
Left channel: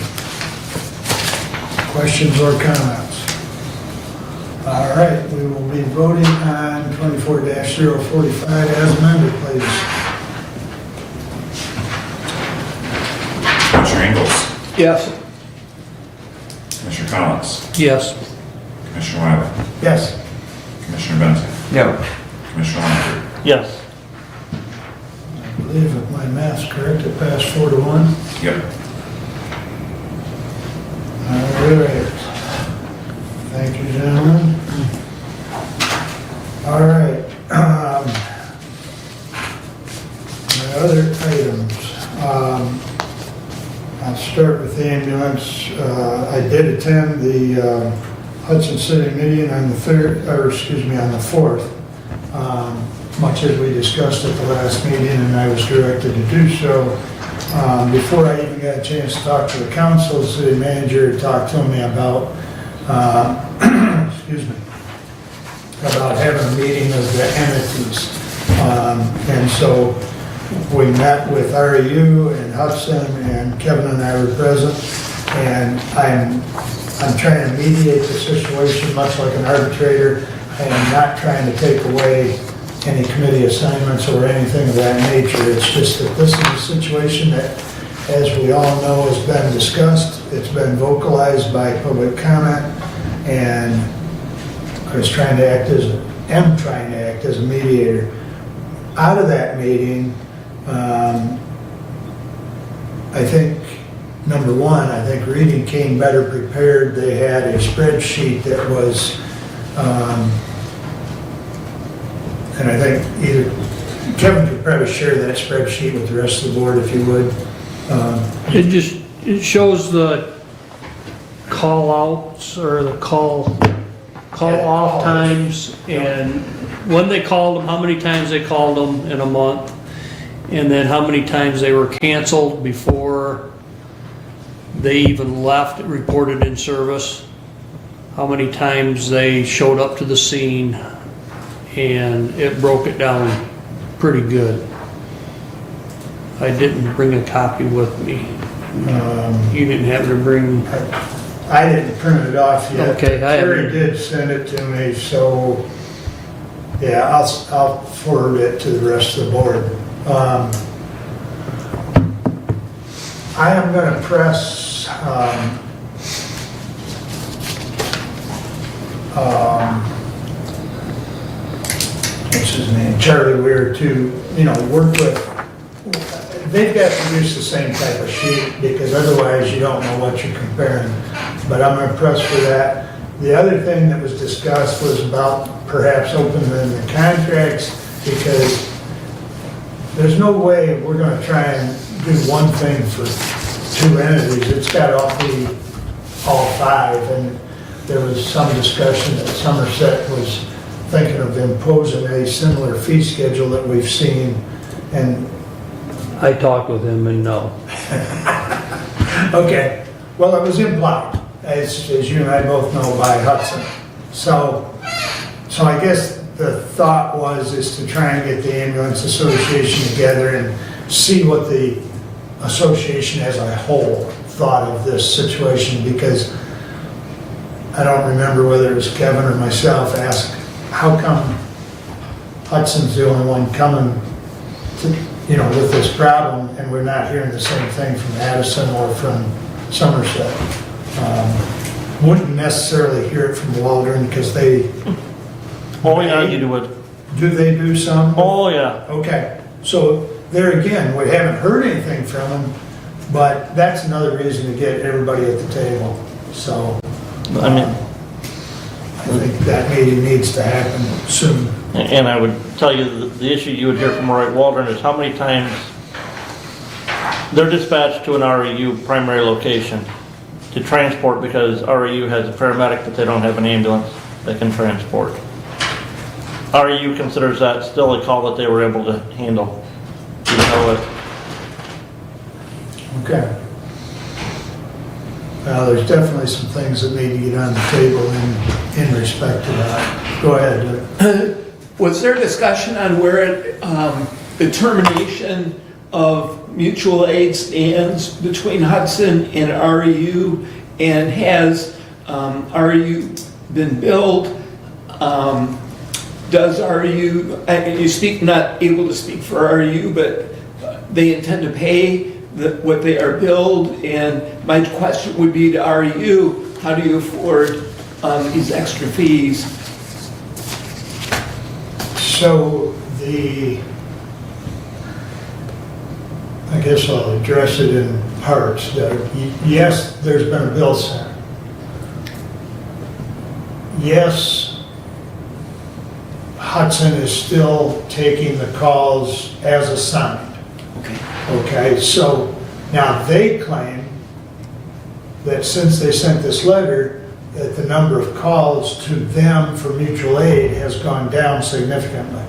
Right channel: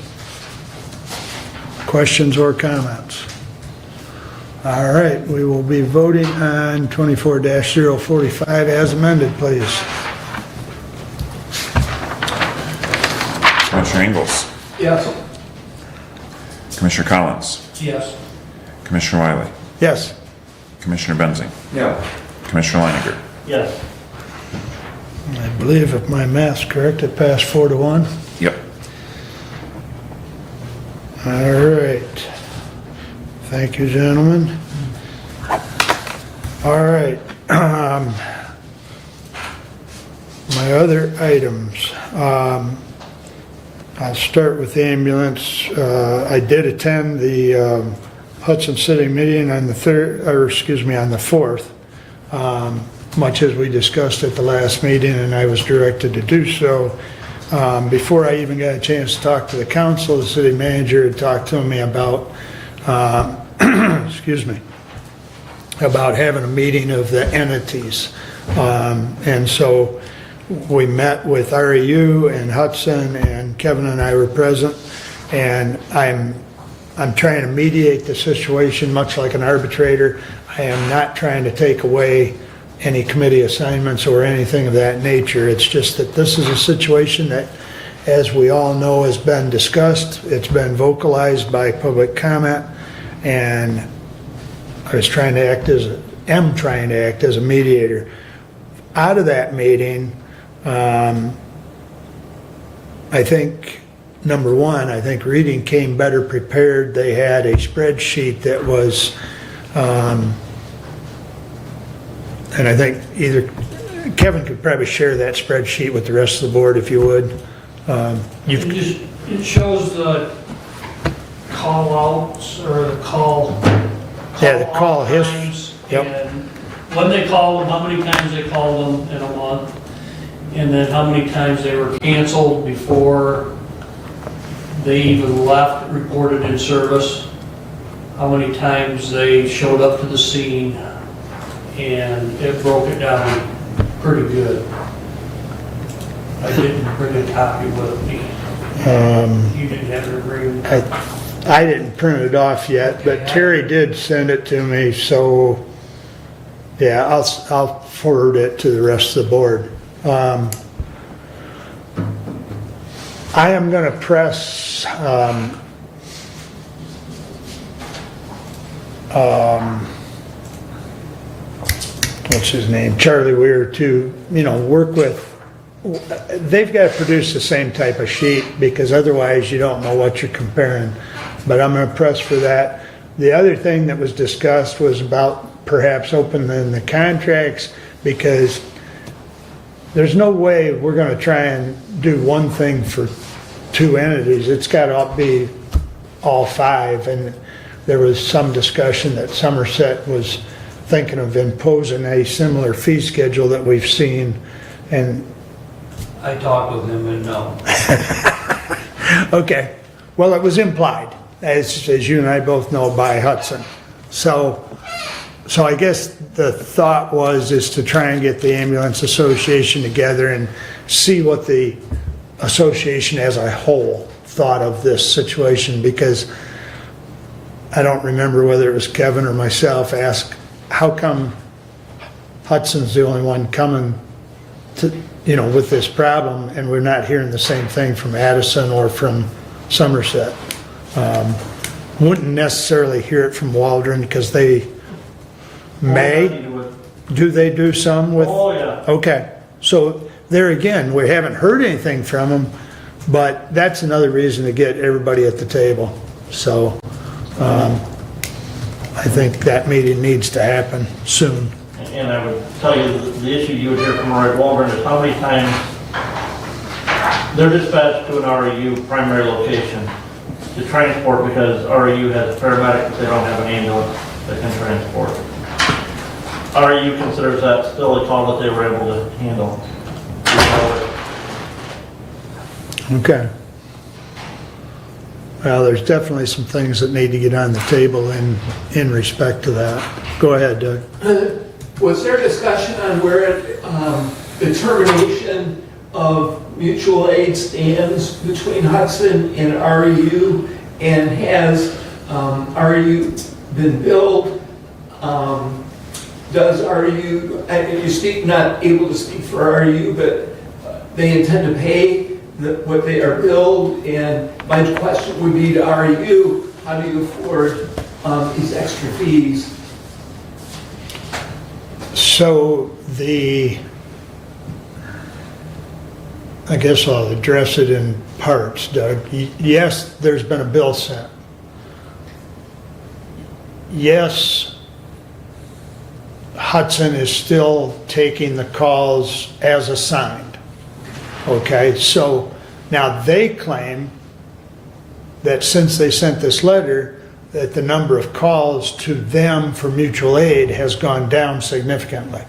Questions or comments? All right, we will be voting on 24-045 as amended, please. Commissioner Ingles, Yes. Commissioner Collins, Yes. Commissioner Wiley, Yes. Commissioner Benzing, No. Commissioner Leininger. Yes. I believe if my math's correct, it passed 4-1. Yep. All right. Thank you, gentlemen. All right. My other items. I'll start with the ambulance. I did attend the Hudson City meeting on the on the 4th. Much as we discussed at the last meeting, and I was directed to do so. Before I even got a chance to talk to the council, the city manager talked to me about, about having a meeting of the entities. And so we met with REU and Hudson, and Kevin and I were present, and I'm trying to mediate the situation much like an arbitrator. I am not trying to take away any committee assignments or anything of that nature. It's just that this is a situation that, as we all know, has been discussed. It's been vocalized by public comment, and I am trying to act as a mediator. Out of that meeting, I think, number one, I think Reading came better prepared. They had a spreadsheet that was, and I think either Kevin could probably share that spreadsheet with the rest of the board if you would. It shows the call outs or the call off times, and when they called them, how many times they called them in a month, and then how many times they were canceled before they even left, reported in service, how many times they showed up to the scene, and it broke it down pretty good. I didn't bring a copy with me. You didn't have to bring... I didn't print it off yet, Okay, but Terry did send it to me, so yeah, I'll forward it to the rest of the board. I am going to press what's his name, Charlie Weir, to work with. They've got to produce the same type of sheet, because otherwise you don't know what you're comparing. But I'm going to press for that. The other thing that was discussed was about perhaps opening the contracts, because there's no way we're going to try and do one thing for two entities. It's got to be all five. And there was some discussion that Somerset was thinking of imposing a similar fee schedule that we've seen. And I talked with him, and no. okay, well, it was implied, as you and I both know, by Hudson. So I guess the thought is to try and get the ambulance association together and see what the association as a whole thought of this situation, because I don't remember whether it was Kevin or myself asked, how come Hudson's the only one coming with this problem, and we're not hearing the same thing from Addison or from Somerset. Wouldn't necessarily hear it from Waldron, because they Oh, yeah, you may, do it. do they do some with? Oh, yeah. Okay, so there again, we haven't heard anything from them, but that's another reason to get everybody at the table. So, I think that meeting needs to happen soon. And I would tell you, the issue you would hear from Roy Waldron is how many times they're dispatched to an REU primary location to transport, because REU has a paramedic, but they don't have an ambulance that can transport. REU considers that still a call that they were able to handle. Even though it- Okay. Well, there's definitely some things that need to get on the table in respect to that. Go ahead, Doug. Was there discussion on where the termination of mutual aid stands between Hudson and REU? And has REU been billed? Does REU, you speak, not able to speak for REU, but they intend to pay what they are billed? And my question would be to REU, how do you afford these extra fees? So I guess I'll address it in parts, Doug. Yes, there's been a bill sent. Yes, Hudson is still taking the calls as assigned. Okay, so now they claim that since they sent this letter, that the number of calls to them for mutual aid has gone down significantly.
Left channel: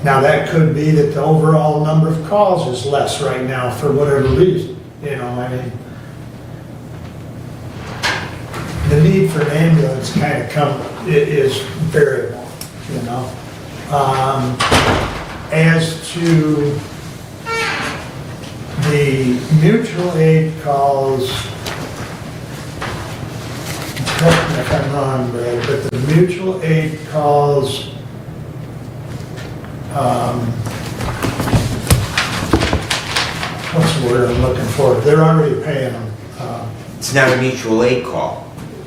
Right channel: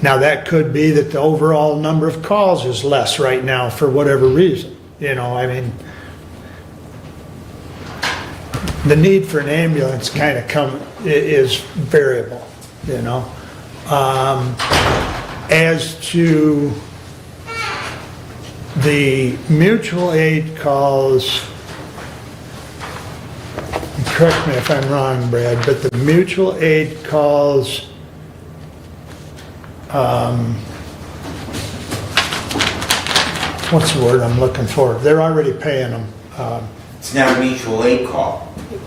Now, that could be that the overall number of calls is less right now for whatever reason. The need for an ambulance kind of is variable, As to the mutual aid calls, correct me if I'm wrong, Brad, but the mutual aid calls, what's the word I'm looking for? They're already paying them. It's not a mutual aid call.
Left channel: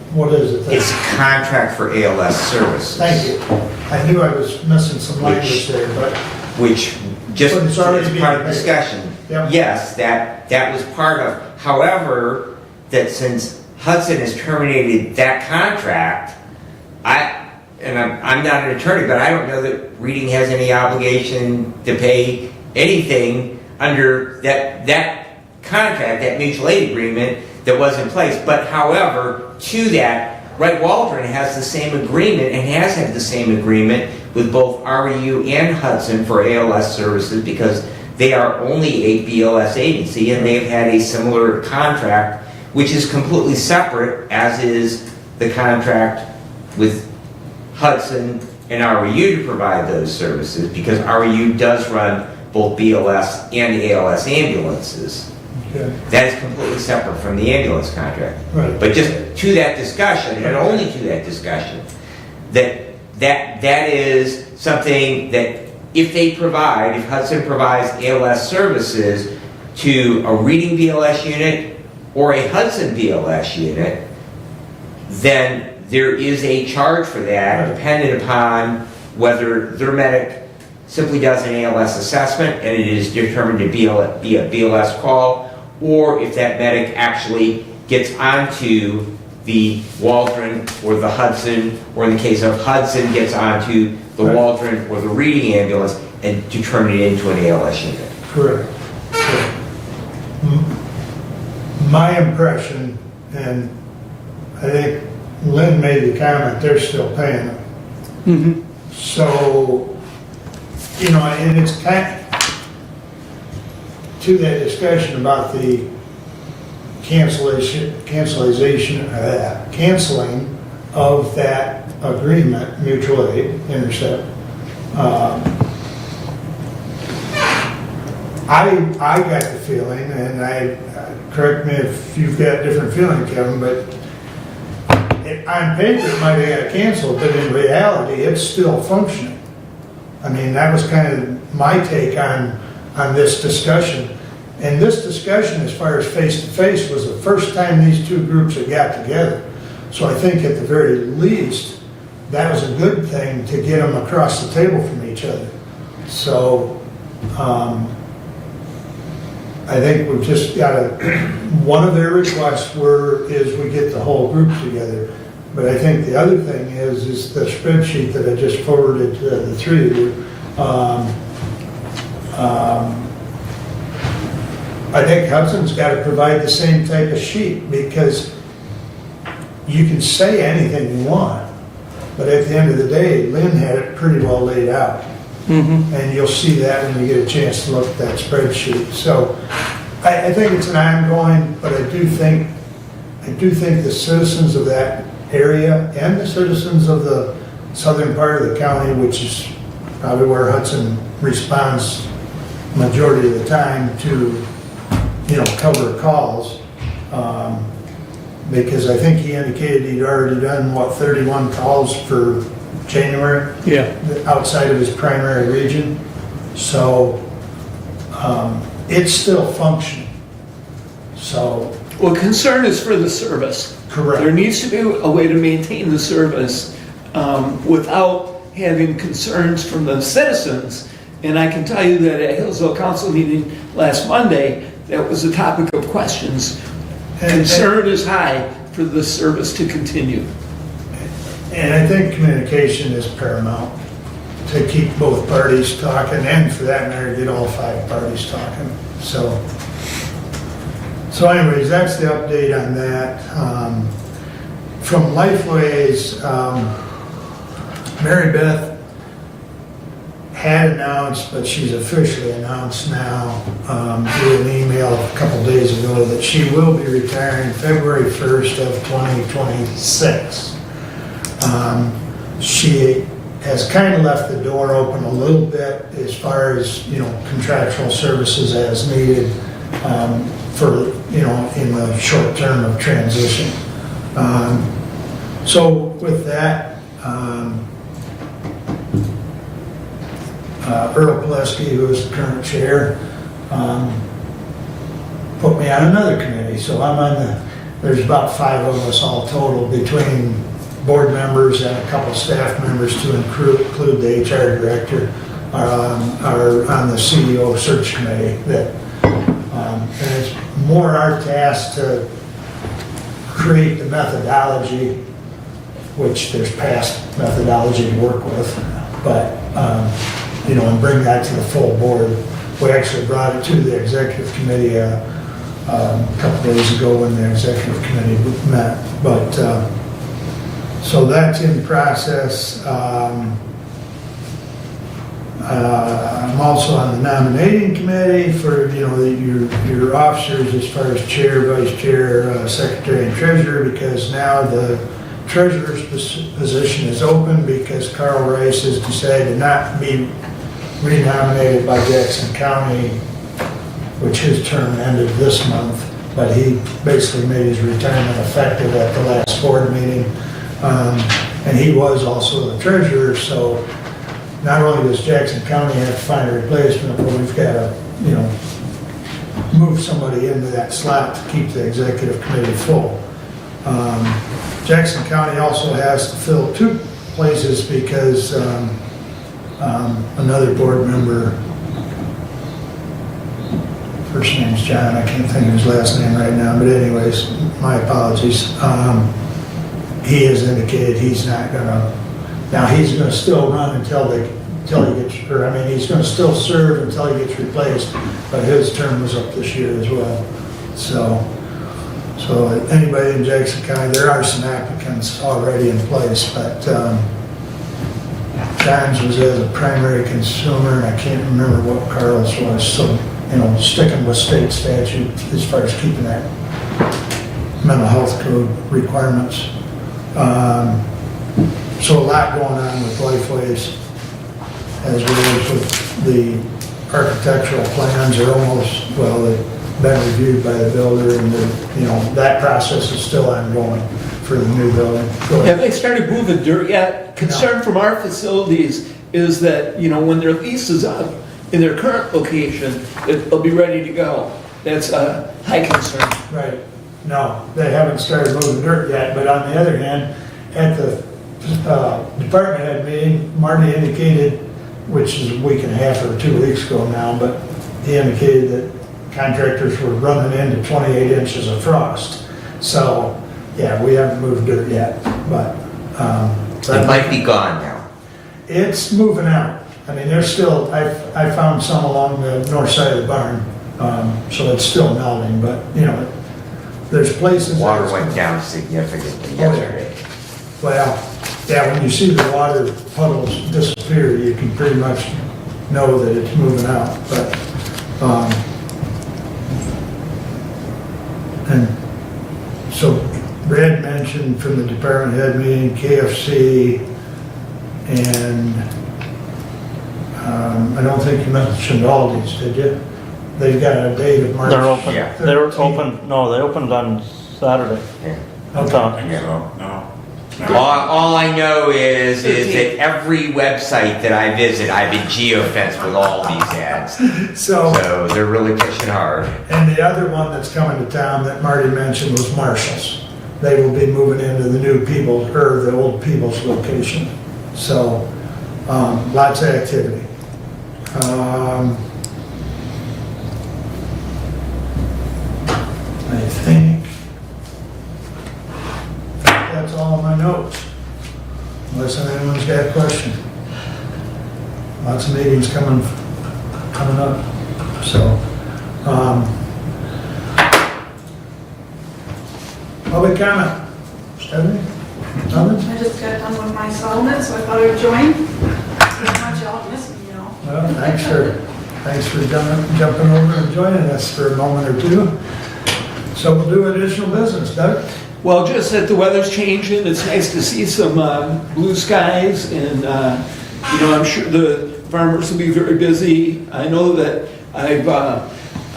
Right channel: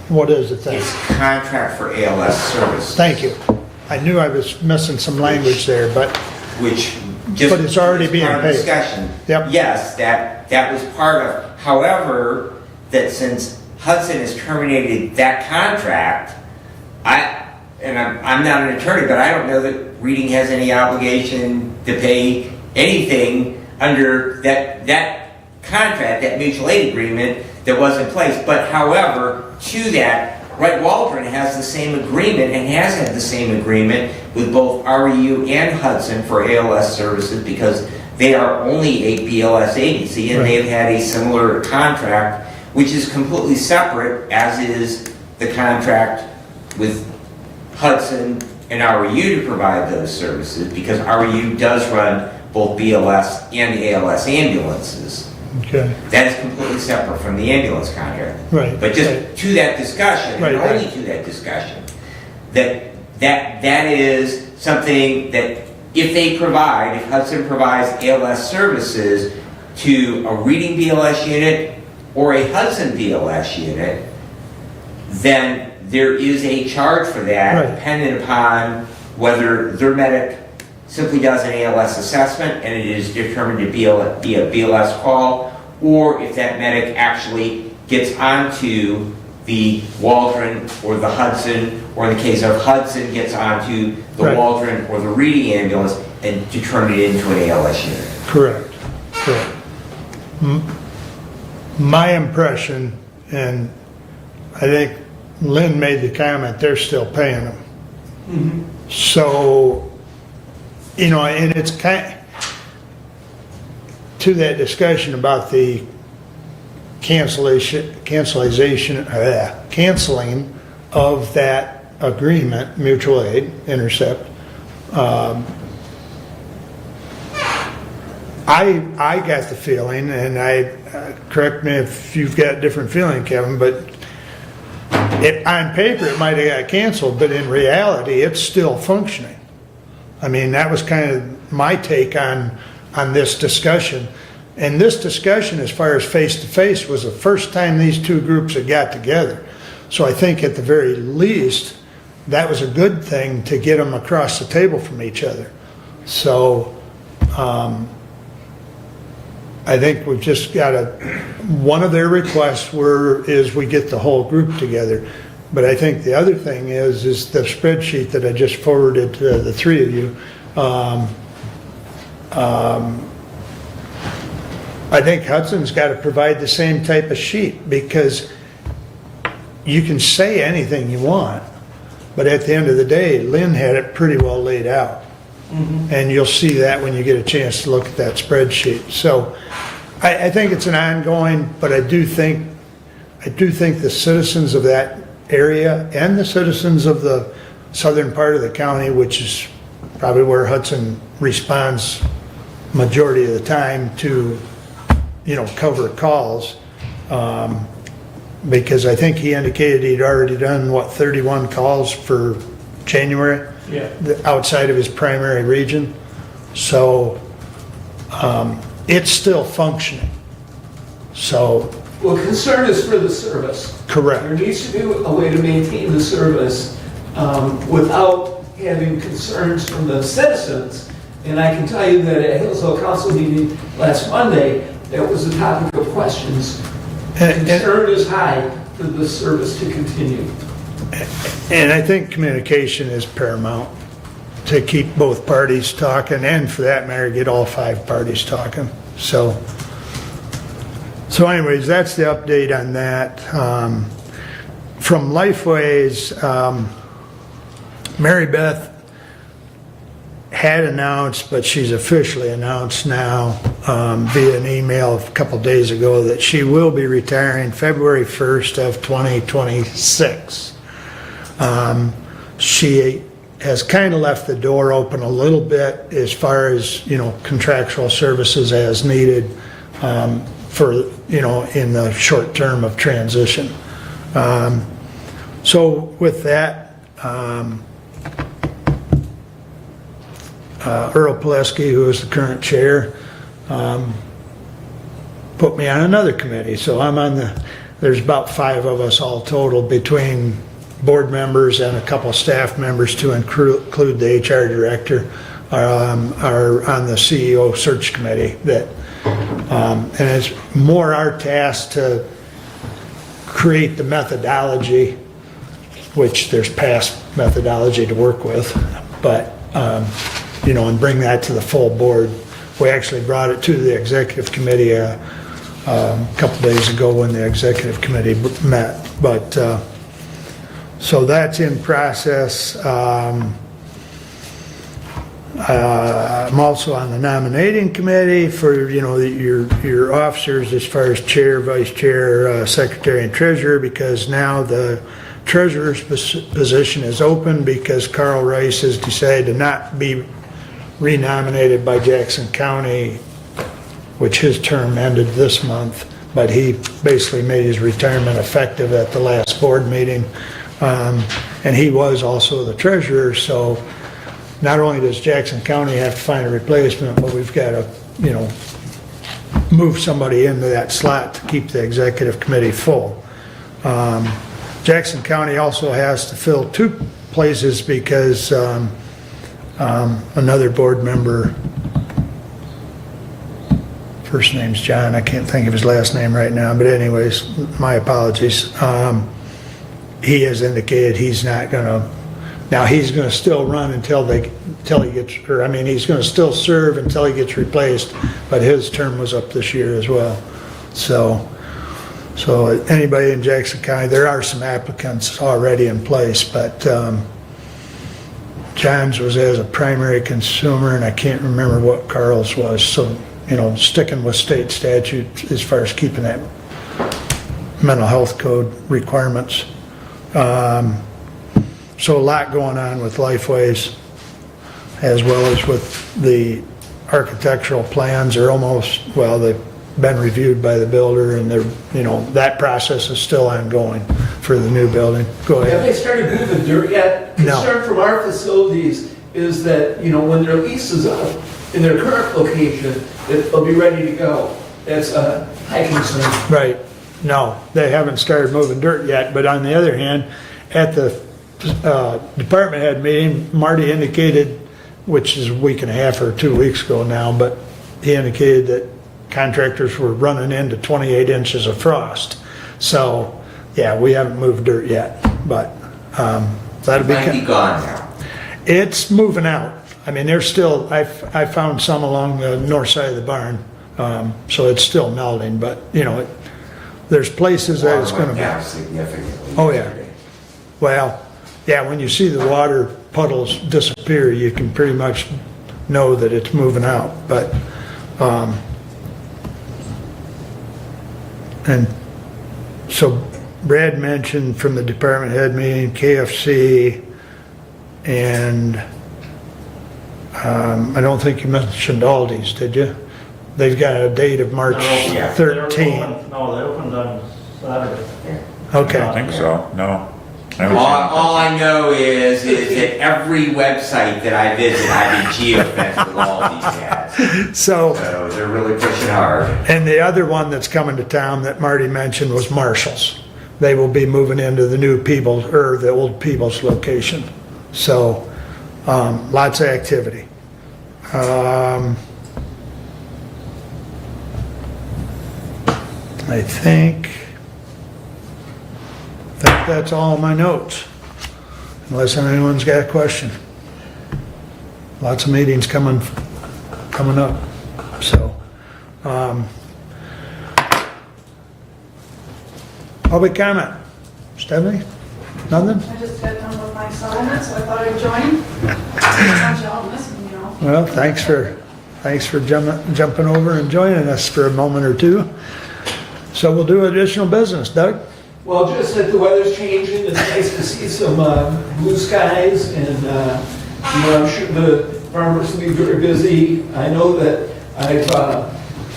What is it then? It's a contract for ALS services. Thank you. I knew I was missing some language there, but. Which just But it's already is being part of paid. discussion. Yep. Yes, that was part of. However, that since Hudson has terminated that contract, I'm not an attorney, but I don't know that Reading has any obligation to pay anything under that contract, that mutual aid agreement that was in place. But however, to that, Wright Waldron has the same agreement and has had the same agreement with both REU and Hudson for ALS services, because they are only a BLS agency, and they've had a similar contract, which is completely separate, as is the contract with Hudson and REU to provide those services, because REU does run both BLS and ALS ambulances. Okay. That is completely separate from the ambulance contract. Right. But just to that discussion, Right, and right. only to that discussion, that is something that if Hudson provides ALS services to a Reading BLS unit or a Hudson BLS unit, then there is a charge for that, Right. dependent upon whether their medic simply does an ALS assessment and it is determined to be a BLS call, or if that medic actually gets onto the Waldron or the Hudson, or in the case of Hudson, gets onto the Right. Waldron or the Reading ambulance and to turn it into an ALS unit. Correct. My impression, and I think Lynn made the comment, they're still paying them. So, and it's to that discussion about the canceling of that agreement, mutual aid, intercept. I got the feeling, and correct me if you've got a different feeling, Kevin, but on paper it might have got canceled, but in reality it's still functioning. I mean, that was kind of my take on this discussion. And this discussion, as far as face-to-face, was the first time these two groups had got together. So I think at the very least, that was a good thing to get them across the table from each other. So I think we've just got one of their requests is we get the whole group together. But I think the other thing is the spreadsheet that I just forwarded to the three of you. I think Hudson's got to provide the same type of sheet, because you can say anything you want, but at the end of the day, Lynn had it pretty well laid out. And you'll see that when you get a chance to look at that spreadsheet. So I think it's an ongoing, but I do think the citizens of that area and the citizens of the southern part of the county, which is probably where Hudson responds majority of the time to, cover calls, because I think he indicated he'd already done, 31 calls for January? Yeah. Outside of his primary region. So it's still functioning. So. Well, concern is for the service. Correct. There needs to be a way to maintain the service without having concerns from the citizens. And I can tell you that at Hillsdale Council meeting last Monday, that was a topic of questions. Concern is high for the service to continue. And I think communication is paramount to keep both parties talking, and for that matter, get all 5 parties talking. So anyways, that's the update on that. From Lifeways, Mary Beth had announced, but she's officially announced now via an email a couple days ago, that she will be retiring February 1st of 2026. She has kind of left the door open a little bit as far as, contractual services as needed for, in the short term of transition. So with that, Earl Pileski, who is the current chair, put me on another committee. So I'm on there's about 5 of us all total, between board members and a couple staff members to include the HR director, are on the CEO search committee. And it's more our task to create the methodology, which there's past methodology to work with, but and bring that to the full board. We actually brought it to the executive committee a couple days ago when the executive committee met. But so that's in process. I'm also on the nominating committee for your officers as far as chair, vice chair, secretary, and treasurer, because now the treasurer's position is open because Carl Rice has decided to not be renominated by Jackson County, which his term ended this month, but he basically made his retirement effective at the last board meeting. And he was also the treasurer, so not only does Jackson County have to find a replacement, but we've got to, move somebody into that slot to keep the executive committee full. Jackson County also has to fill 2 places because another board member, first name's John, I can't think of his last name right now, but anyways, my apologies. He has indicated he's not gonna, now he's gonna still run until he gets, he's gonna still serve until he gets replaced, but his term was up this year as well. So anybody in Jackson County, there are some applicants already in place, but John's was as a primary consumer, and I can't remember what Carl's was, so, sticking with state statute as far as keeping that mental health code requirements. So a lot going on with Lifeways, as well as with the architectural plans are almost, they've been reviewed by the builder, and that process is still ongoing for the new building. Go ahead. Have they started moving dirt yet? Concern from our facilities is that, when their lease is up, in their current location, it'll be ready to go. That's a high concern. Right. No, they haven't started moving dirt yet, but on the other hand, at the department head meeting, Marty indicated, which is a week and a half or 2 weeks ago now, but he indicated that contractors were running into 28 inches of frost. So, yeah, we haven't moved dirt yet, but. So It might be gone now. It's moving out. I mean, there's still, I found some along the north side of the barn, so it's still melting, but, you know, there's places that it's Water gonna. went down significantly Oh, yeah. yesterday. Well, yeah, when you see the water puddles disappear, you can pretty much know that it's moving out, but, and so Brad mentioned from the department head meeting, KFC, and, I don't think you mentioned Aldi's, did you? They've got a date of March They're open. They're 13th. open, no, they opened on Saturday. I Okay, don't think so, no. All I know is that every website that I visit, I've been geofenced with all these ads. so, So they're really pushing hard. and the other one that's coming to town that Marty mentioned was Marshall's. They will be moving into the new Peoples, or the old Peoples location. So, lots of activity. I think that's all my notes, unless anyone's got a question. Lots of meetings coming up, so. Public comment, Stephanie? Nothing? I just got done with my assignment, so I thought I'd join. Not y'all missing, you know. Well, thanks for jumping over and joining us for a moment or two. So we'll do additional business, Doug? Well, just that the weather's changing, it's nice to see some blue skies, and, you know, I'm sure the farmers will be very busy. I know that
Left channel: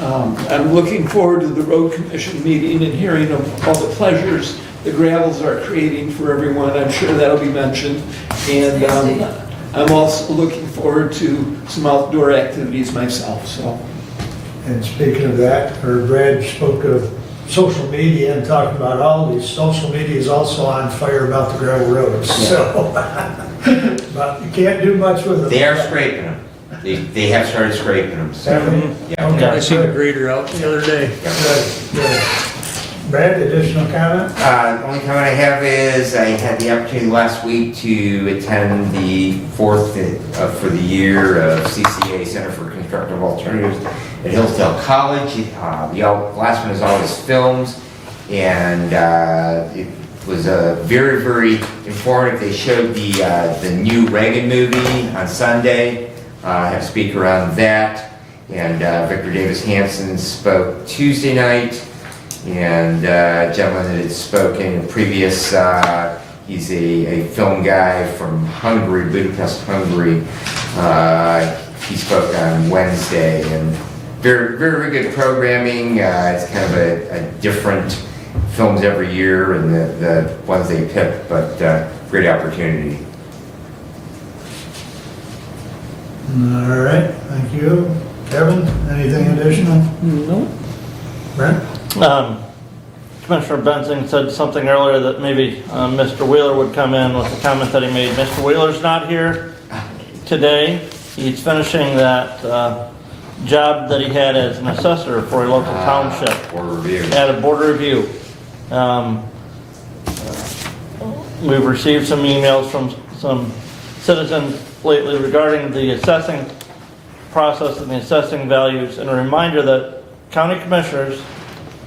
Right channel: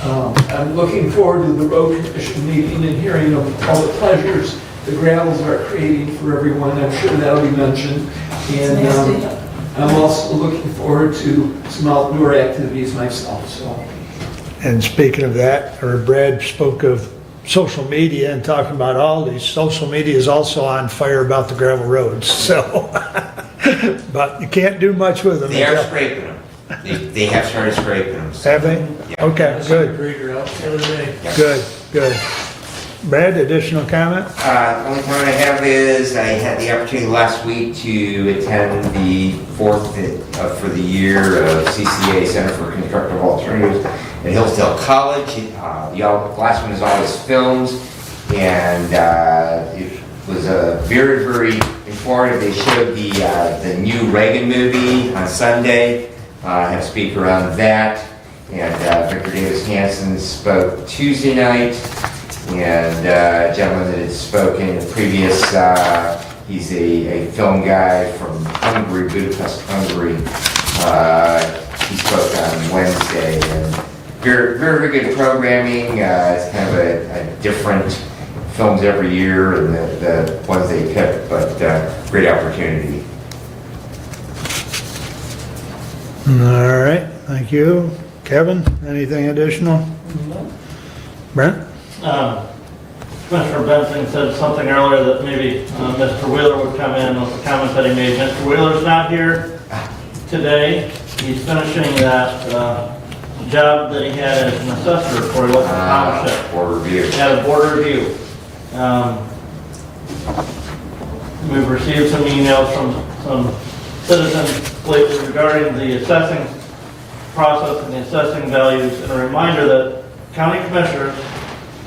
I'm looking forward to the road commission meeting and hearing of all the pleasures the gravels are creating for everyone. I'm sure that'll be mentioned. And I'm also looking forward to some outdoor activities myself, so. And speaking of that, or Brad spoke of social media and talking about all these, social media is also on fire about the gravel roads, so. But you can't do much with them. They are scraping them. They have started scraping them. So, Have they? yeah. Okay, I seen a good, grader out the other day. good. Brad, additional comment? The only comment I have is I had the opportunity last week to attend the fourth for the year of CCA Center for Constructive Alternatives at Hillsdale College. The last one is always filmed, and it was very, very informative. They showed the new Reagan movie on Sunday. I had a speaker on that, and Victor Davis Hanson spoke Tuesday night. And a gentleman that had spoken previous, he's a film guy from Hungary, Budapest, Hungary. He spoke on Wednesday, and very, very good programming. It's kind of a different films every year, and the ones they pick, but great opportunity. All right, thank you. Kevin, anything additional? No. Brent? Commissioner Benson said something earlier that maybe Mr. Wheeler would come in with the comment that he made. Mr. Wheeler's not here today. He's finishing that job that he had as an assessor for a local township. Board review. At a board review. We've received some emails from some citizens lately regarding the assessing process and the assessing values, and a reminder that county commissioners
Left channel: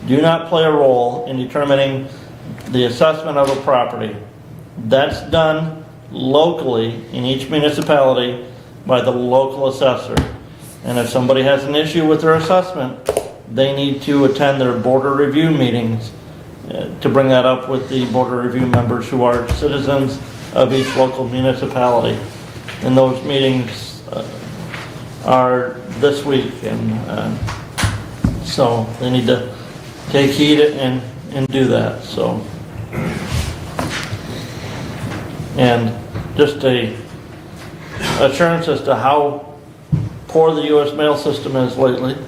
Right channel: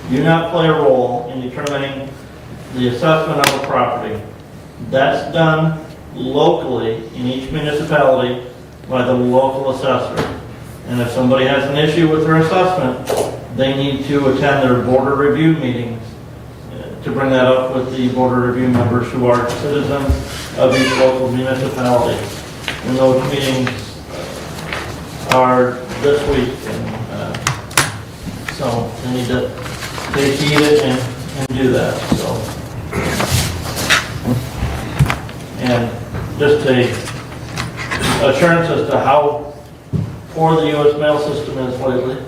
do not play a role in determining the assessment of a property. That's done locally in each municipality by the local assessor. And if somebody has an issue with their assessment, they need to attend their board of review meetings to bring that up with the board of review members who are citizens of each local municipality. And those meetings are this week, and so they need to take heed and do that, so. And just a assurance as to how poor the US mail system is lately.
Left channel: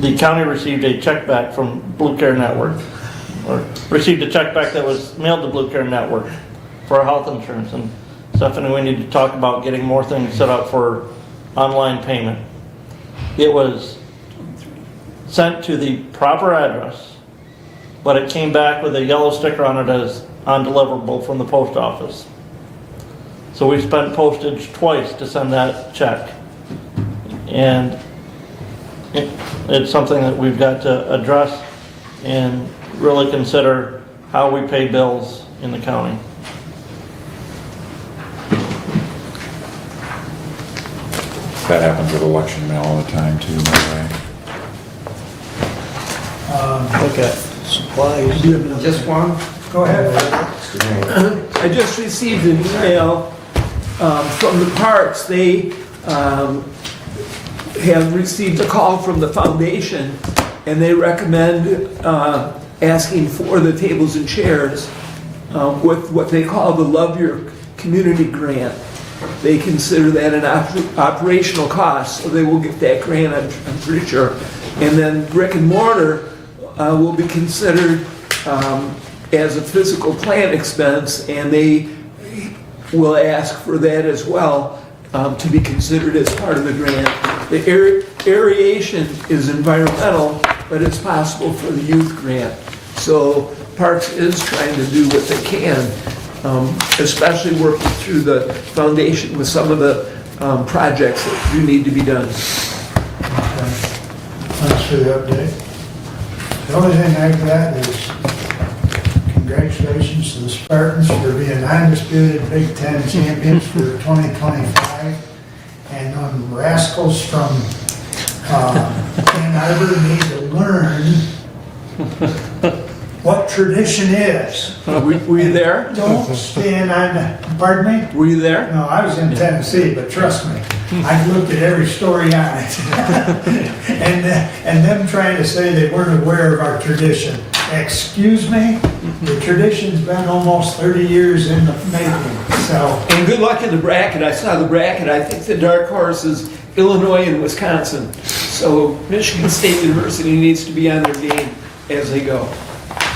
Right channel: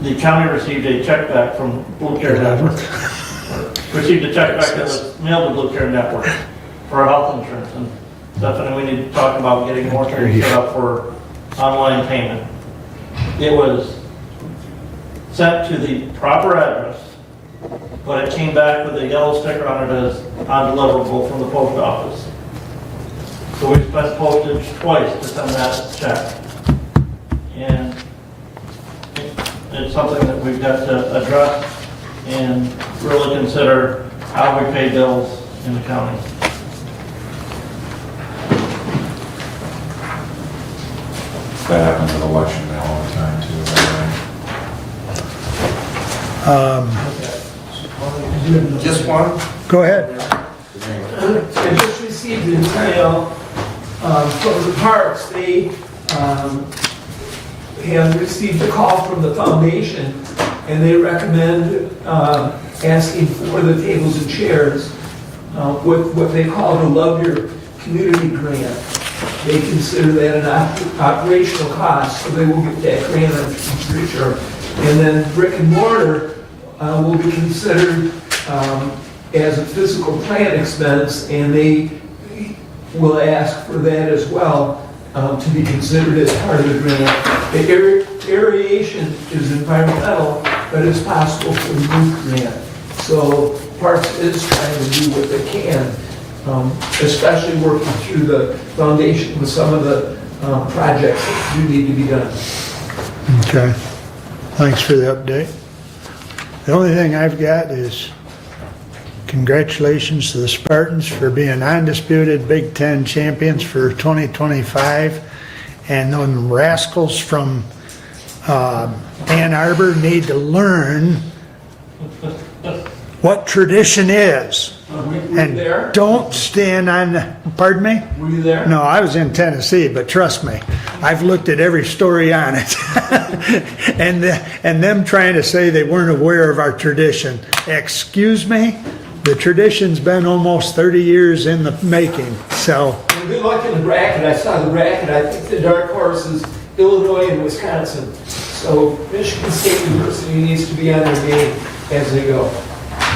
The county received a check back from Blue Care Network, or received a check back that was mailed to Blue Care Network for our health insurance. And Stephanie, we need to talk about getting more things set up for online payment. It was sent to the proper address, but it came back with a yellow sticker on it as undeliverable from the post office. So we spent postage twice to send that check. And it's something that we've got to address and really consider how we pay bills in the county. That happens with election mail all the time too, by Look at supplies. Just one? Go ahead. I just received an email from the parks. They have received a call from the foundation, and they recommend asking for the tables and chairs with what they call the Love Your Community Grant. They consider that an operational cost, so they will get that grant, I'm pretty sure. And then brick and mortar will be considered as a physical plant expense, and they will ask for that as well to be considered as part of the grant. The aeration is environmental, but it's possible for the youth grant. So Parks is trying to do what they can, especially working through the foundation with some of the projects that do need to be done. Okay, thanks for the update. The only thing I've got is congratulations to the Spartans for being undisputed Big Ten champions for 2025. And them rascals from Ann Arbor need to learn what tradition is. Were you there? Don't stand on, pardon me? Were you there? No, I was in Tennessee, but trust me, I've looked at every story on it. and them trying to say they weren't aware of our tradition. Excuse me? The tradition's been almost 30 years in the making, so. And good luck in the bracket. I saw the bracket. I think the dark horse is Illinois and Wisconsin. So Michigan State University needs to be on their game as they go.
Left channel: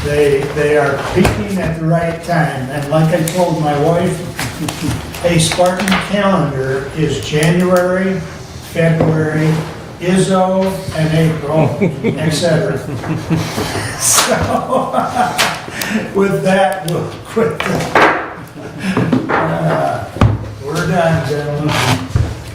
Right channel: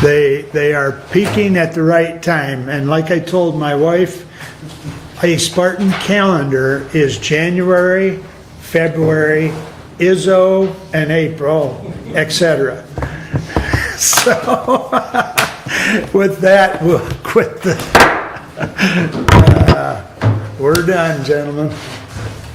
They are peaking at the right time, and like I told my wife, a Spartan calendar is January, February, Izzo, and April, etc. So, with that, we'll quit the... we're done, gentlemen.